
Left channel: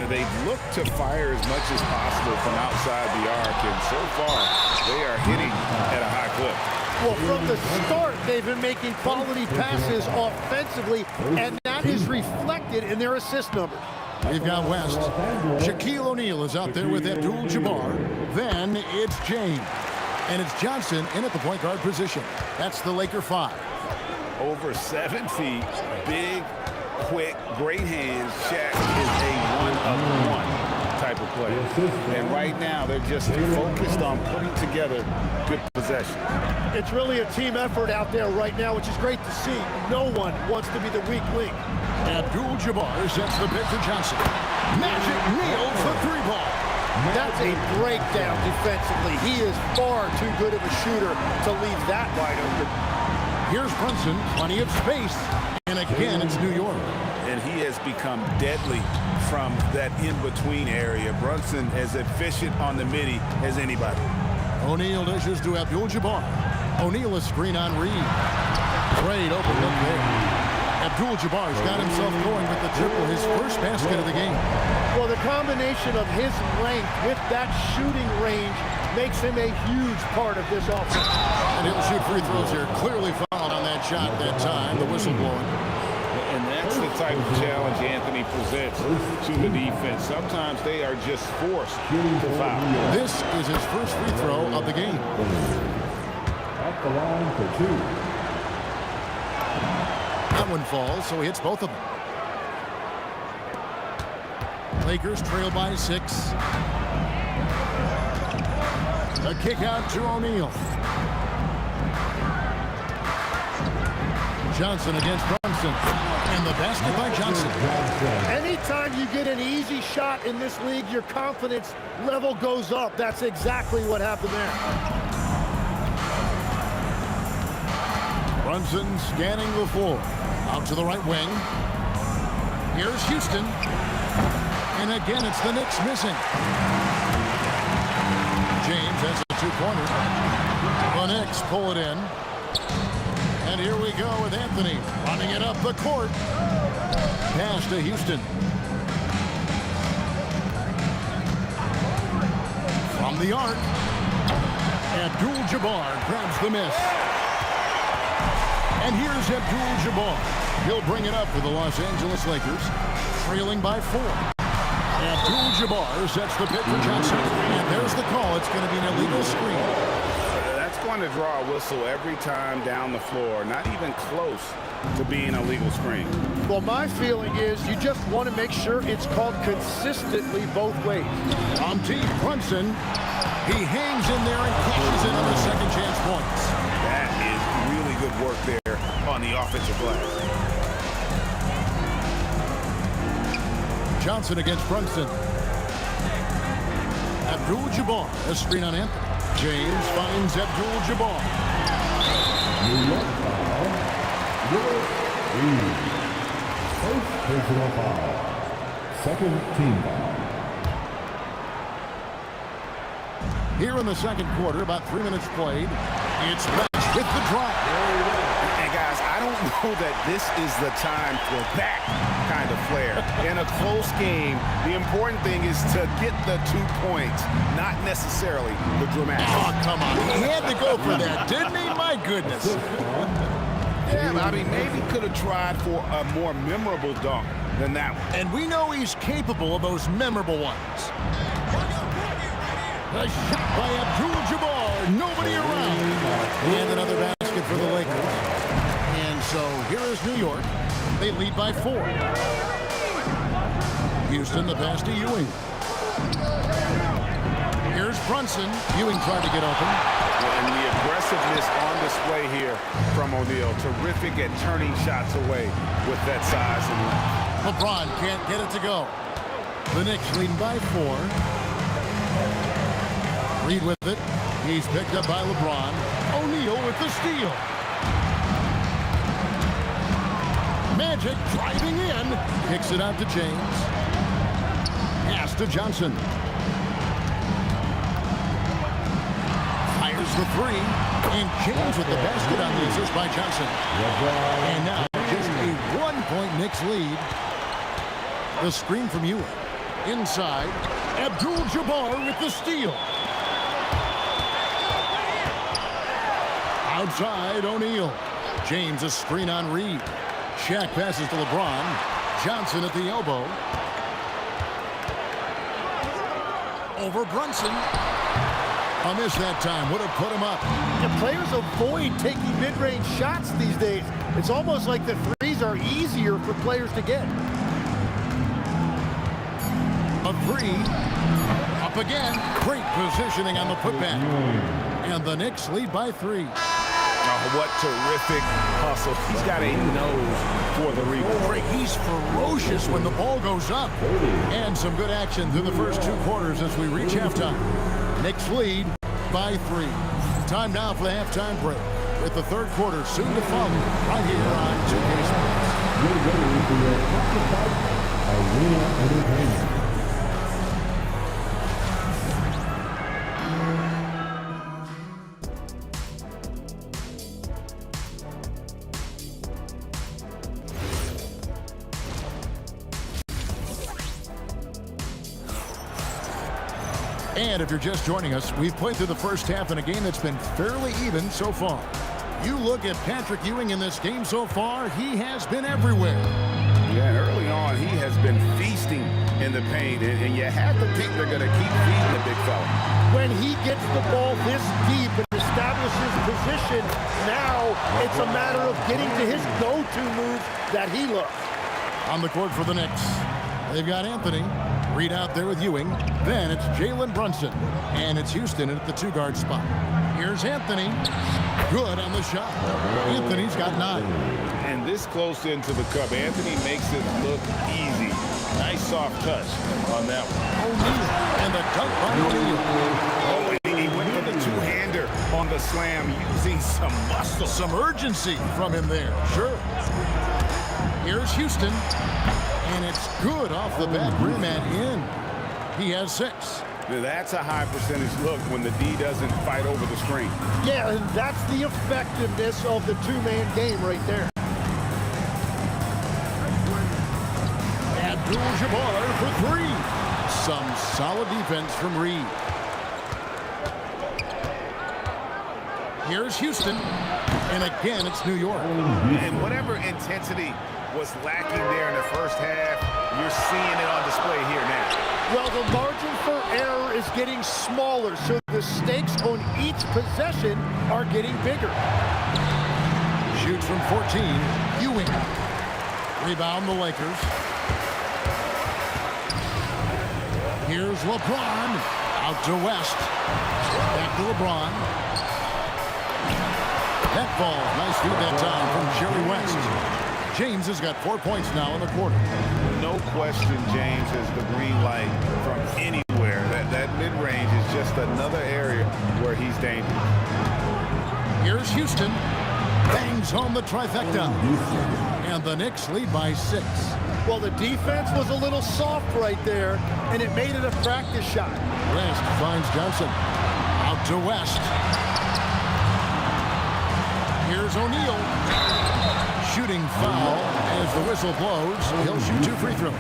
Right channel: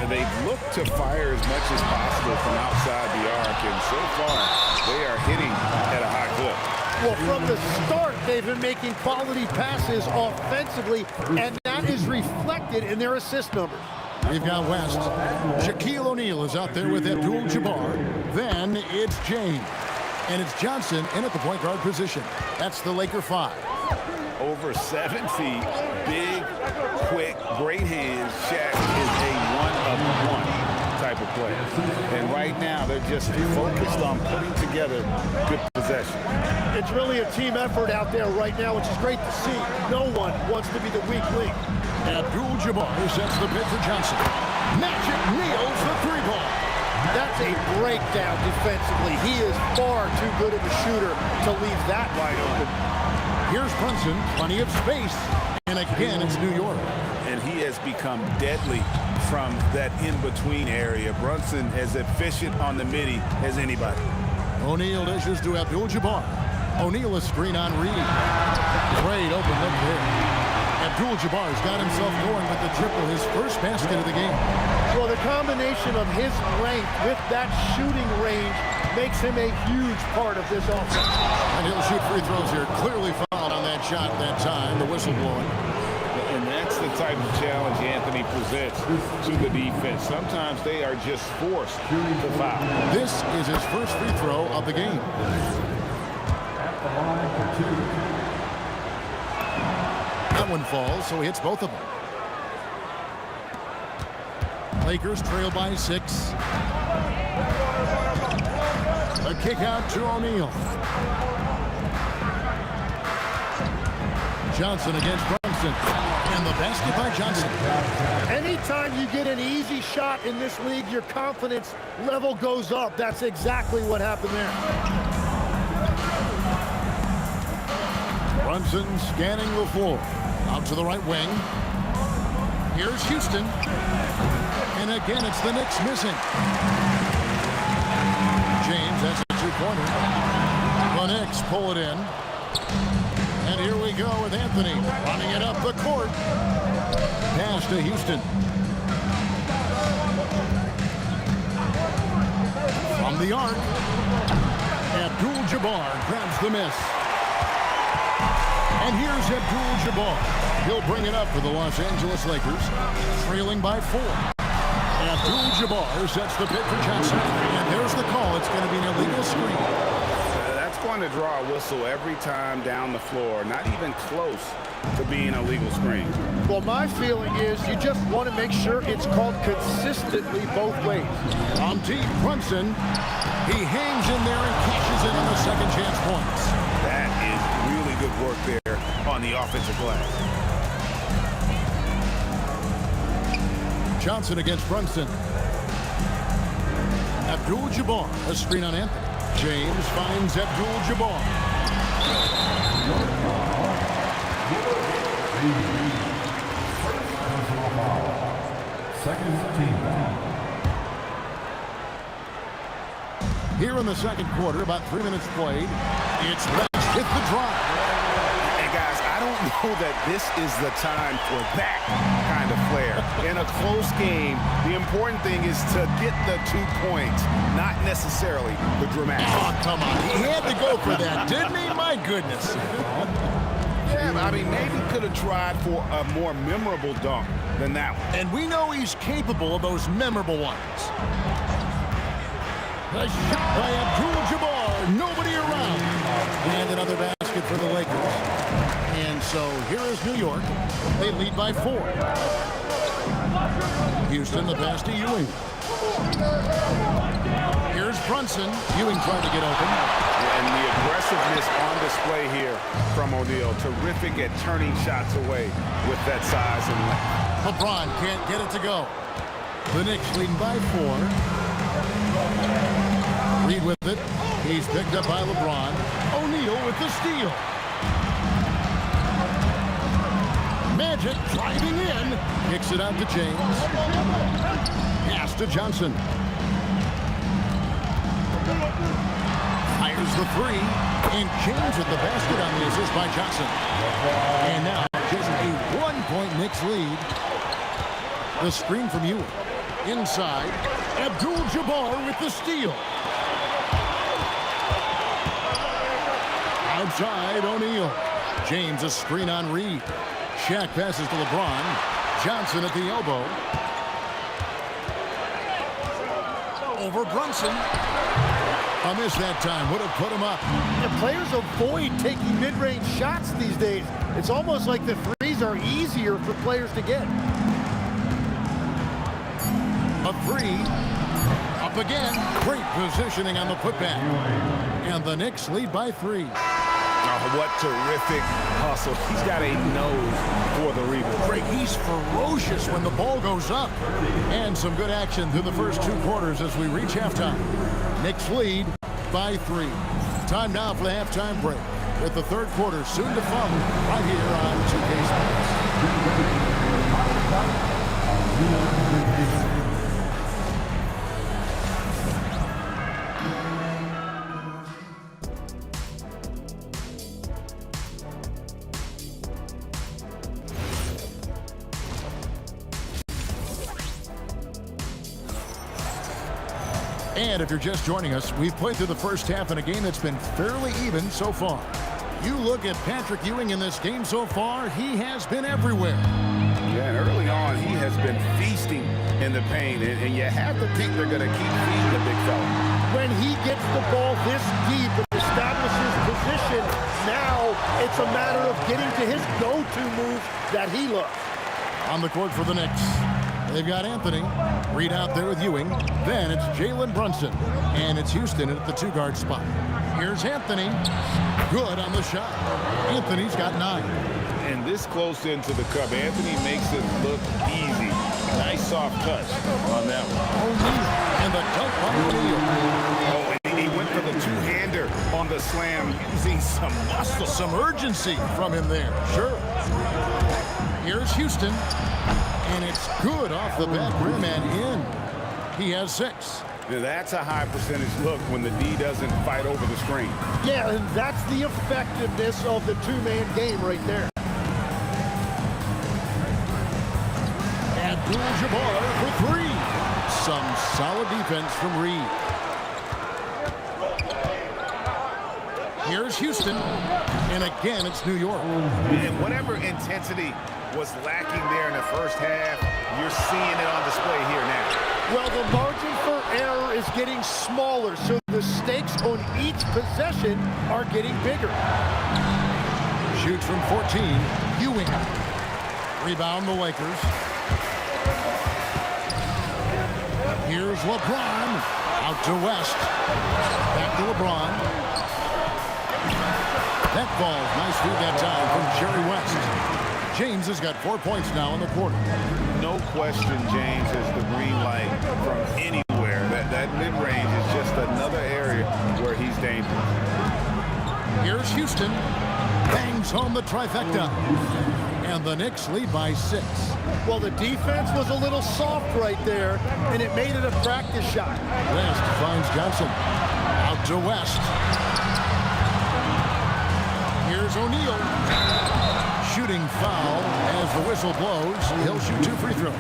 They've looked to fire as much as possible from outside the arc, and so far they are hitting at a high clip. Well, from the start, they've been making quality passes offensively, and that is reflected in their assist numbers. We've got West. Shaquille O'Neal is out there with Abdul-Jabbar. Then it's James. And it's Johnson in at the point guard position. That's the Laker 5. Over 7 feet, big, quick, great hands. Shaq is a one-of-one type of player. And right now, they're just focused on putting together good possession. It's really a team effort out there right now, which is great to see. No one wants to be the weak link. Abdul-Jabbar sets the pick for Johnson. Magic nails the 3-ball. That's a breakdown defensively. He is far too good of a shooter to leave that wide open. Here's Brunson, plenty of space. And again, it's New York. And he has become deadly from that in-between area. Brunson as efficient on the midi as anybody. O'Neal dishes to Abdul-Jabbar. O'Neal a screen on Reed. Great open look there. Abdul-Jabbar's got himself going with the triple, his first basket of the game. Well, the combination of his length with that shooting range makes him a huge part of this offense. And he'll shoot free throws here. Clearly fouled on that shot that time, the whistle blowing. And that's the type of challenge Anthony presents to the defense. Sometimes they are just forced to foul. This is his first free throw of the game. At the line for 2. That one falls, so he hits both of them. Lakers trail by 6. A kick out to O'Neal. Johnson against Brunson. And the basket by Johnson. Anytime you get an easy shot in this league, your confidence level goes up. That's exactly what happened there. Brunson scanning the floor. Out to the right wing. Here's Houston. And again, it's the Knicks missing. James, that's a 2-pointer. The Knicks pull it in. And here we go with Anthony running it up the court. Pass to Houston. From the arc. Abdul-Jabbar grabs the miss. And here's Abdul-Jabbar. He'll bring it up for the Los Angeles Lakers, trailing by 4. Abdul-Jabbar sets the pick for Johnson. And there's the call. It's going to be an illegal screen. That's going to draw a whistle every time down the floor. Not even close to being a legal screen. Well, my feeling is you just want to make sure it's called consistently both ways. From deep, Brunson. He hangs in there and cashes in on the second chance points. That is really good work there on the offensive glass. Johnson against Brunson. Abdul-Jabbar, a screen on Anthony. James finds Abdul-Jabbar. First personal foul. Second team foul. Here in the second quarter, about 3 minutes played. It's West with the drive. And guys, I don't know that this is the time for that kind of flair. In a close game, the important thing is to get the 2 points, not necessarily the dramatic. Oh, come on. He had to go for that, didn't he? My goodness. Yeah, I mean, maybe could have tried for a more memorable dunk than that one. And we know he's capable of those memorable ones. The shot by Abdul-Jabbar. Nobody around. And another basket for the Lakers. And so here is New York. They lead by 4. Houston, the pass to Ewing. Here's Brunson. Ewing tried to get open. And the aggressiveness on display here from O'Neal. Terrific at turning shots away with that size and length. LeBron can't get it to go. The Knicks leading by 4. Reed with it. He's picked up by LeBron. O'Neal with the steal. Magic driving in. Kicks it out to James. Pass to Johnson. Fires the three. And James with the basket on the assist by Johnson. And now just a 1-point Knicks lead. The screen from Ewing. Inside. Abdul-Jabbar with the steal. Outside, O'Neal. James a screen on Reed. Shaq passes to LeBron. Johnson at the elbow. Over Brunson. A miss that time. Would have put him up. Yeah, players avoid taking mid-range shots these days. It's almost like the threes are easier for players to get. A three. Up again. Great positioning on the putback. And the Knicks lead by 3. Oh, what terrific hustle. He's got a nose for the rebound. Craig, he's ferocious when the ball goes up. And some good action through the first 2 quarters as we reach halftime. Knicks lead by 3. Time now for the halftime break, with the 3rd quarter soon to follow right here on 2K Sports. And if you're just joining us, we've played through the first half in a game that's been fairly even so far. You look at Patrick Ewing in this game so far, he has been everywhere. Yeah, and early on, he has been feasting in the paint, and you have to think they're going to keep feeding the big fella. When he gets the ball this deep and establishes position, now it's a matter of getting to his go-to moves that he loves. On the court for the Knicks, they've got Anthony. Reed out there with Ewing. Then it's Jalen Brunson. And it's Houston at the 2-guard spot. Here's Anthony. Good on the shot. Anthony's got 9. And this close into the cup, Anthony makes it look easy. Nice soft touch on that one. O'Neal. And the dunk by O'Neal. Oh, and he went for the 2-hander on the slam using some muscle. Some urgency from him there. Sure. Here's Houston. And it's good off the back rim and in. He has 6. Now that's a high percentage look when the D doesn't fight over the screen. Yeah, and that's the effectiveness of the 2-man game right there. Abdul-Jabbar for 3. Some solid defense from Reed. Here's Houston. And again, it's New York. And whatever intensity was lacking there in the first half, you're seeing it on display here now. Well, the margin for error is getting smaller, so the stakes on each possession are getting bigger. Shoots from 14. Ewing. Rebound the Lakers. Here's LeBron. Out to West. Back to LeBron. That falls. Nice feed that time from Jerry West. James has got 4 points now in the quarter. No question James has the green light from anywhere. That mid-range is just another area where he's dangerous. Here's Houston. Bangs home the trifecta. And the Knicks lead by 6. Well, the defense was a little soft right there, and it made it a practice shot. West finds Johnson. Out to West. Here's O'Neal. Shooting foul as the whistle blows. He'll shoot 2 free throws.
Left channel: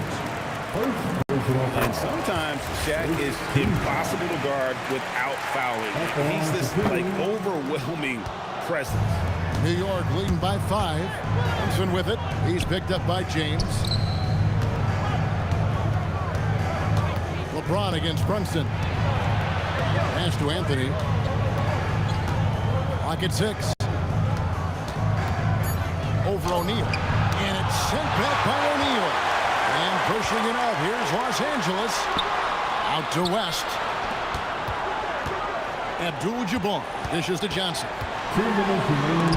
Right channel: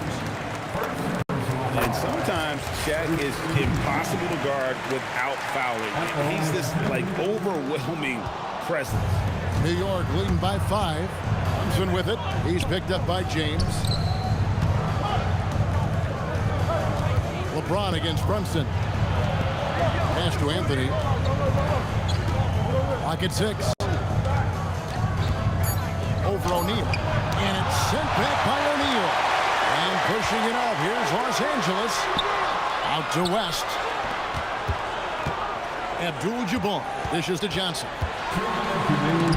And sometimes Shaq is impossible to guard without fouling. He's this like overwhelming presence. New York leading by 5. Brunson with it. He's picked up by James. LeBron against Brunson. Pass to Anthony. Clock at 6. Over O'Neal. And it's sent back by O'Neal. And pushing it up. Here's Los Angeles. Out to West. Abdul-Jabbar dishes to Johnson.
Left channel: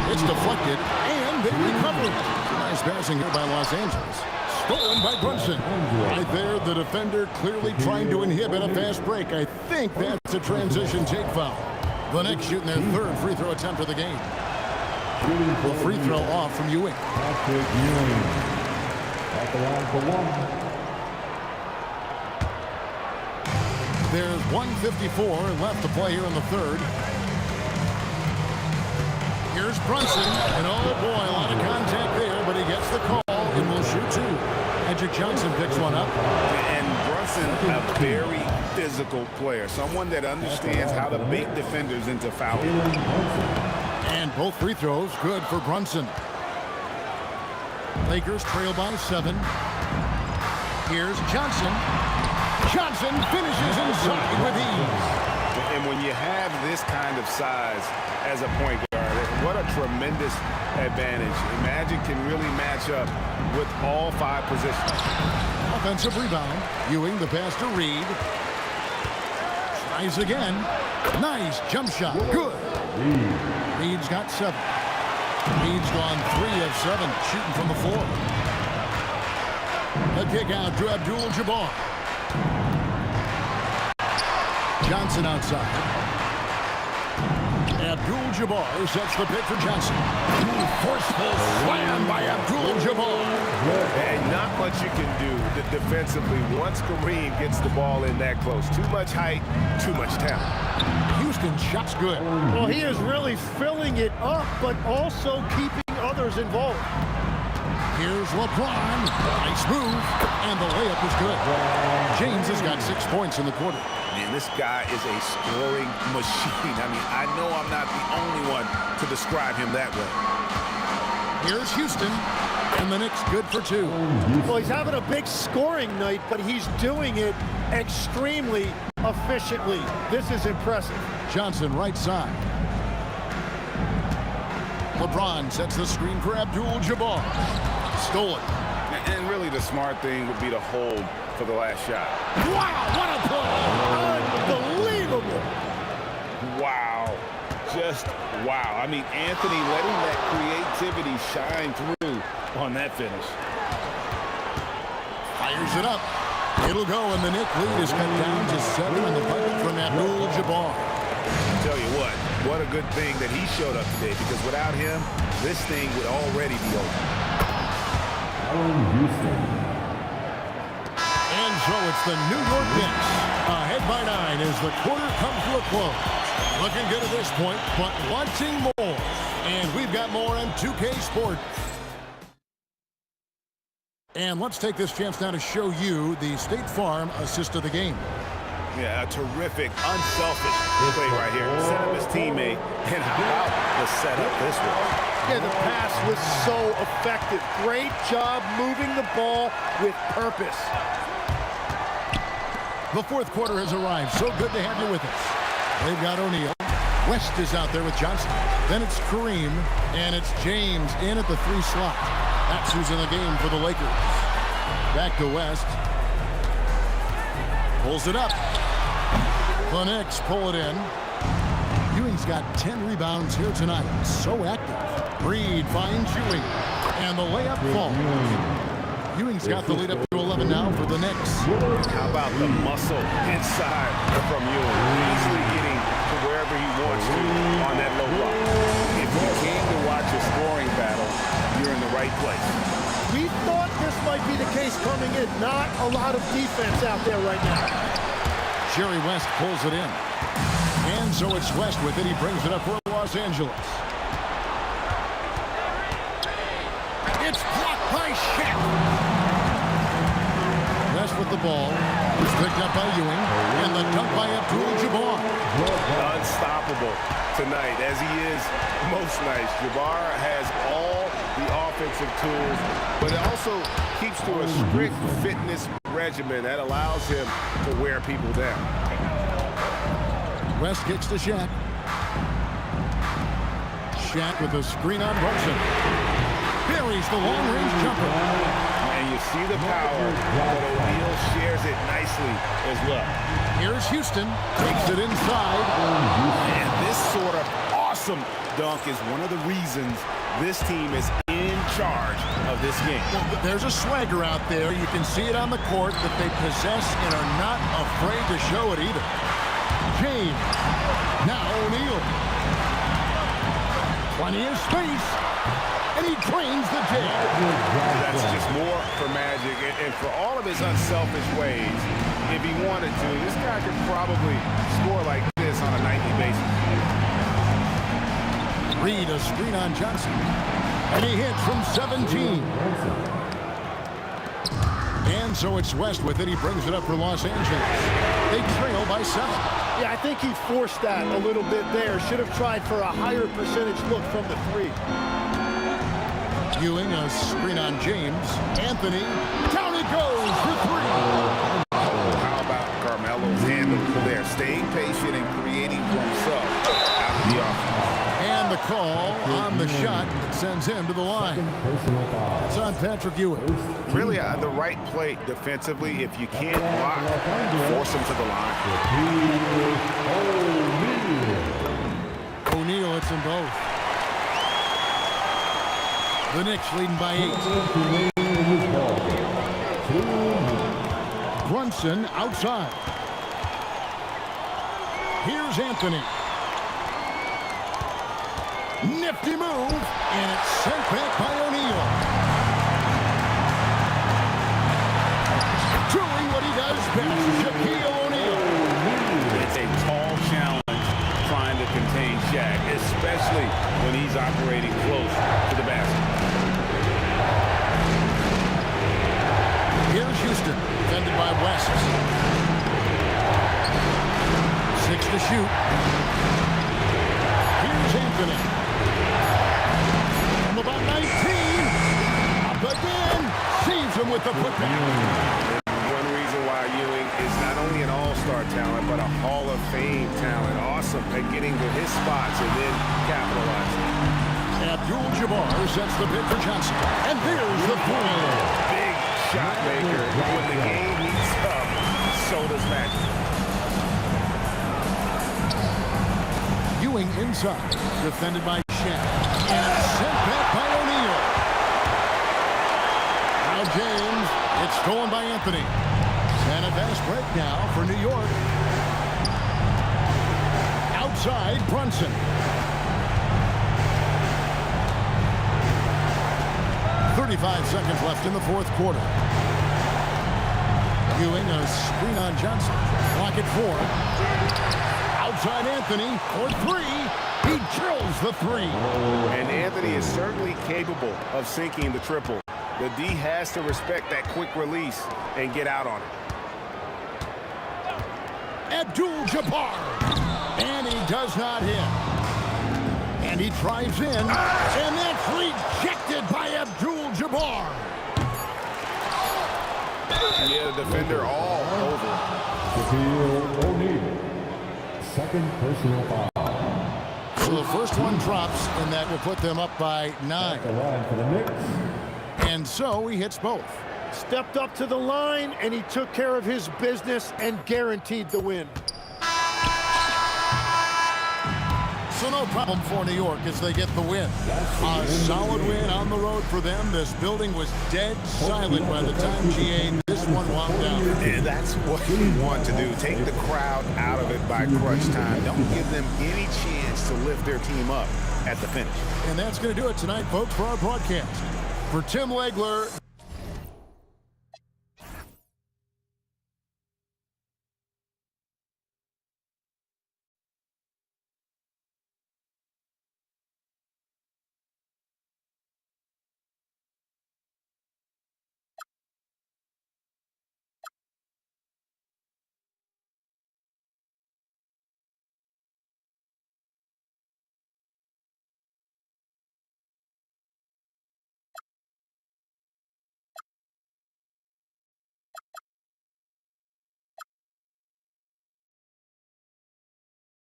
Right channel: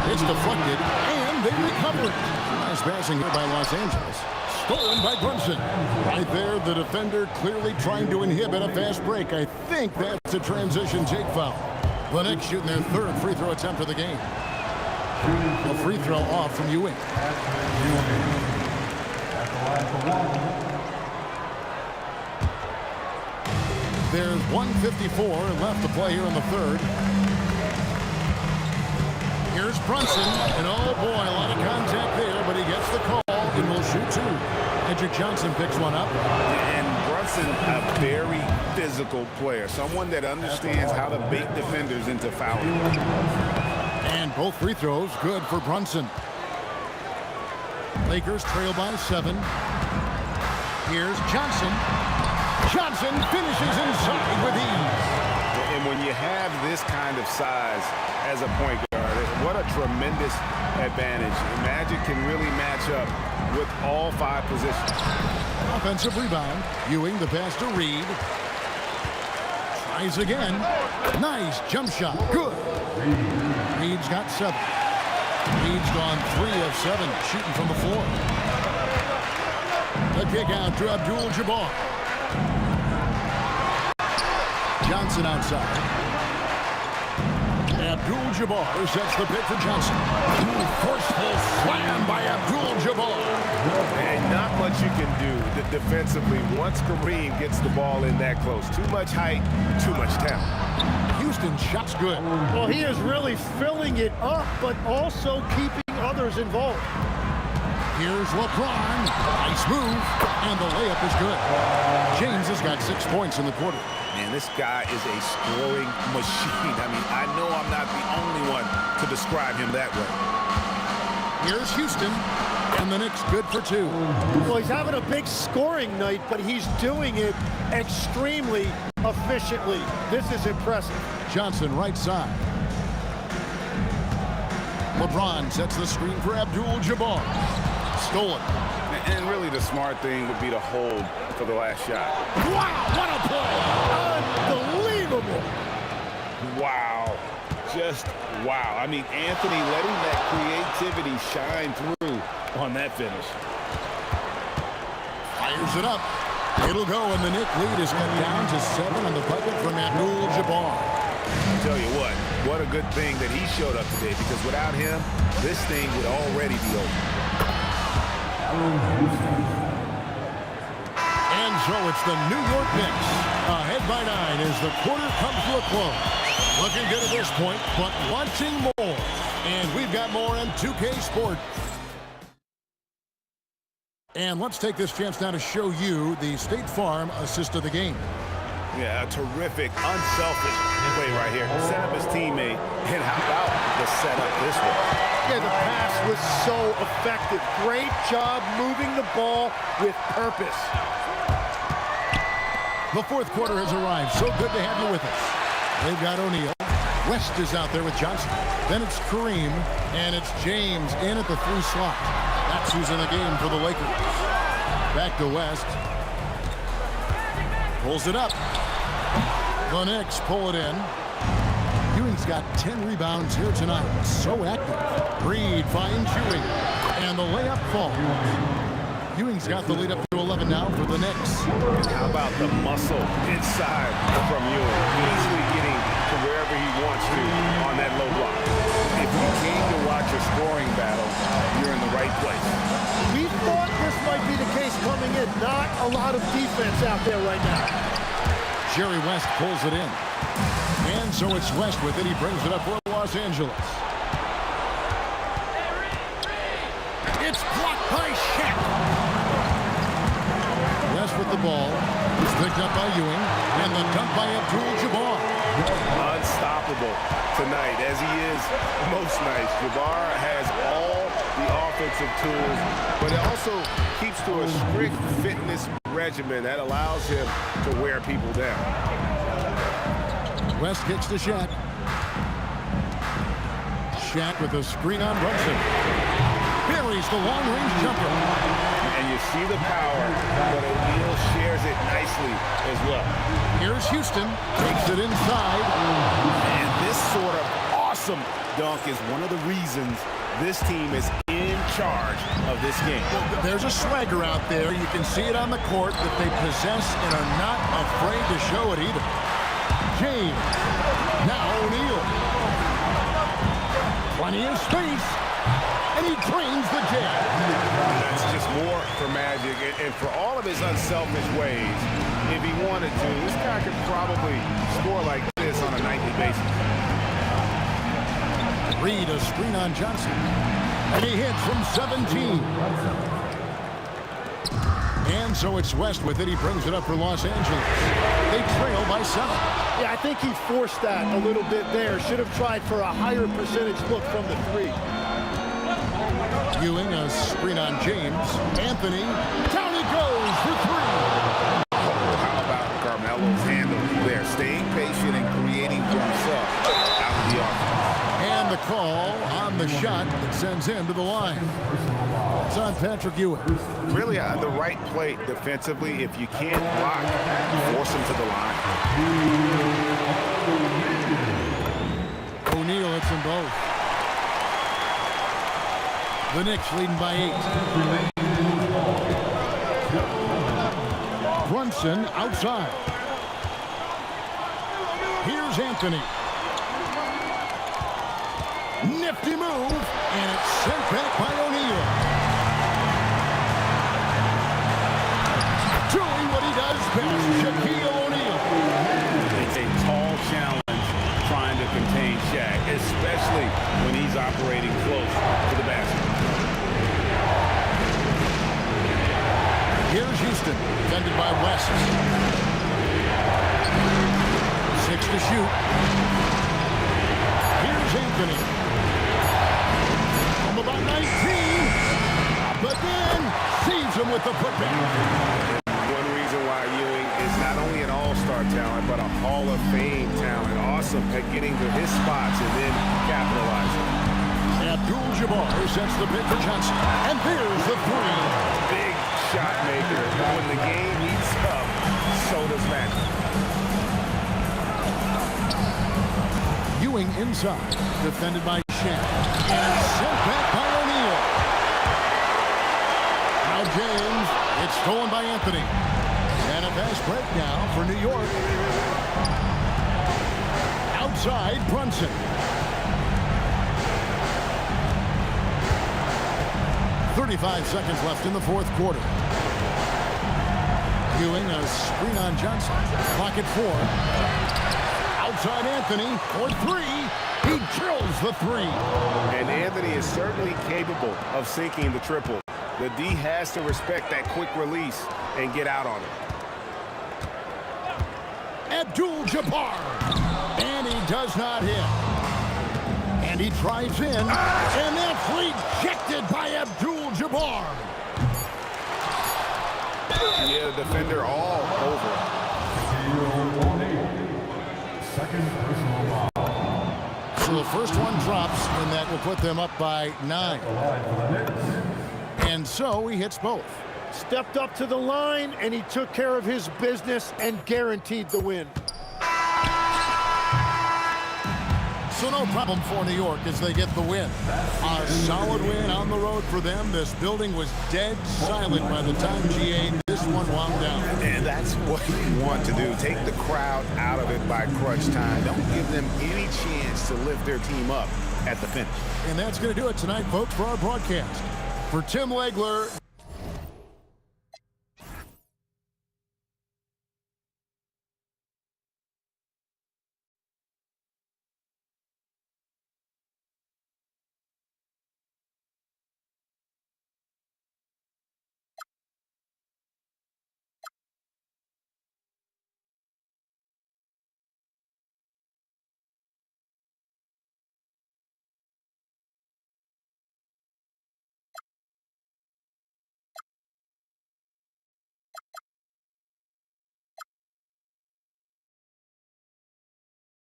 It's deflected, and they recover it. Nice passing here by Los Angeles. Stolen by Brunson. Right there, the defender clearly trying to inhibit a fast break. I think that's a transition take foul. The Knicks shooting their 3rd free throw attempt of the game. The free throw off from Ewing. Patrick Ewing. At the line for one. There's 1:54 left to play here in the third. Here's Brunson, and oh boy, a lot of contact there, but he gets the call and will shoot two. Edric Johnson picks one up. And Brunson, a very physical player, someone that understands how to bait defenders into fouling. And both free throws good for Brunson. Lakers trail by 7. Here's Johnson. Johnson finishes inside with ease. And when you have this kind of size as a point guard, what a tremendous advantage. Magic can really match up with all 5 positions. Offensive rebound. Ewing the pass to Reed. Tries again. Nice jump shot. Good. Reed's got 7. Reed's gone 3 of 7 shooting from the floor. The kick out to Abdul-Jabbar. Johnson outside. Abdul-Jabbar sets the pick for Johnson. Forceful slam by Abdul-Jabbar. And not much you can do defensively once Kareem gets the ball in that close. Too much height, too much talent. Houston shot's good. Well, he is really filling it up, but also keeping others involved. Here's LeBron. Nice move. And the layup is good. James has got 6 points in the quarter. Man, this guy is a scoring machine. I mean, I know I'm not the only one to describe him that way. Here's Houston. And the Knicks good for 2. Well, he's having a big scoring night, but he's doing it extremely efficiently. This is impressive. Johnson right side. LeBron sets the screen for Abdul-Jabbar. Stolen. And really the smart thing would be to hold for the last shot. Wow, what a play! Unbelievable! Wow. Just wow. I mean, Anthony letting that creativity shine through on that finish. Fires it up. It'll go, and the Knick lead is cut down to 7 on the bucket from Abdul-Jabbar. I tell you what a good thing that he showed up today, because without him, this thing would already be over. And so it's the New York Knicks ahead by 9 as the quarter comes to a close. Looking good at this point, but wanting more. And we've got more on 2K Sports. And let's take this chance now to show you the State Farm assist of the game. Yeah, a terrific, unselfish play right here. Set up his teammate, and how about the setup this way? Yeah, the pass was so effective. Great job moving the ball with purpose. The fourth quarter has arrived. So good to have you with us. They've got O'Neal. West is out there with Johnson. Then it's Kareem, and it's James in at the 3 slot. That's who's in the game for the Lakers. Back to West. Pulls it up. The Knicks pull it in. Ewing's got 10 rebounds here tonight. So active. Reed finds Ewing. And the layup falls. Ewing's got the lead up to 11 now for the Knicks. And how about the muscle inside from Ewing? Easily getting to wherever he wants to on that low block. If you came to watch a scoring battle, you're in the right place. We thought this might be the case coming in. Not a lot of defense out there right now. Jerry West pulls it in. And so it's West with it. He brings it up for Los Angeles. It's blocked by Shaq. West with the ball. It's picked up by Ewing. And the dunk by Abdul-Jabbar. Unstoppable tonight, as he is most nights. Jabbar has all the offensive tools, but it also keeps to a strict fitness regimen that allows him to wear people down. West kicks to Shaq. Shaq with a screen on Brunson. Buries the long-range jumper. And you see the power, but O'Neal shares it nicely as well. Here's Houston. Takes it inside. And this sort of awesome dunk is one of the reasons this team is in charge of this game. Well, there's a swagger out there. You can see it on the court that they possess and are not afraid to show it either. James. Now O'Neal. Plenty of space. And he drains the jab. That's just more for Magic. And for all of his unselfish ways, if he wanted to, this guy could probably score like this on a nightly basis. Reed a screen on Johnson. And he hits from 17. And so it's West with it. He brings it up for Los Angeles. They trail by 7. Yeah, I think he forced that a little bit there. Should have tried for a higher percentage look from the 3. Ewing a screen on James. Anthony, down it goes for 3. Oh, how about Carmelo's handle there? Staying patient and creating for himself out of the offense. And the call on the shot that sends him to the line. It's on Patrick Ewing. Really, the right play defensively. If you can't block, force him to the line. O'Neal hits them both. The Knicks leading by 8. Brunson outside. Here's Anthony. Nifty move, and it's sent back by O'Neal. Doing what he does best, Shaquille O'Neal. It's a tall challenge trying to contain Shaq, especially when he's operating close to the basket. Here's Houston, defended by West. 6 to shoot. Here's Anthony. From about 19. Up again. Saves him with the putback. One reason why Ewing is not only an all-star talent, but a Hall of Fame talent. Awesome at getting to his spots and then capitalizing. Abdul-Jabbar sets the pick for Johnson. And there's the 3. Big shot maker. When the game heats up, so does Magic. Ewing inside, defended by Shaq. And sent back by O'Neal. Now James, it's stolen by Anthony. And a fast break now for New York. Outside, Brunson. .35 seconds left in the 4th quarter. Ewing a screen on Johnson. Clock at 4. Outside Anthony for 3. He drills the 3. And Anthony is certainly capable of sinking the triple. The D has to respect that quick release and get out on it. Abdul-Jabbar. And he does not hit. And he drives in. And that's rejected by Abdul-Jabbar. Yeah, the defender all over it. Second personal foul. So the first one drops, and that will put them up by 9. And so he hits both. Stepped up to the line, and he took care of his business and guaranteed the win. So no problem for New York as they get the win. A solid win on the road for them. This building was dead silent by the time GA this one wound down. And that's what you want to do. Take the crowd out of it by crunch time. Don't give them any chance to lift their team up at the finish. And that's going to do it tonight, folks, for our broadcast. For Tim Legler.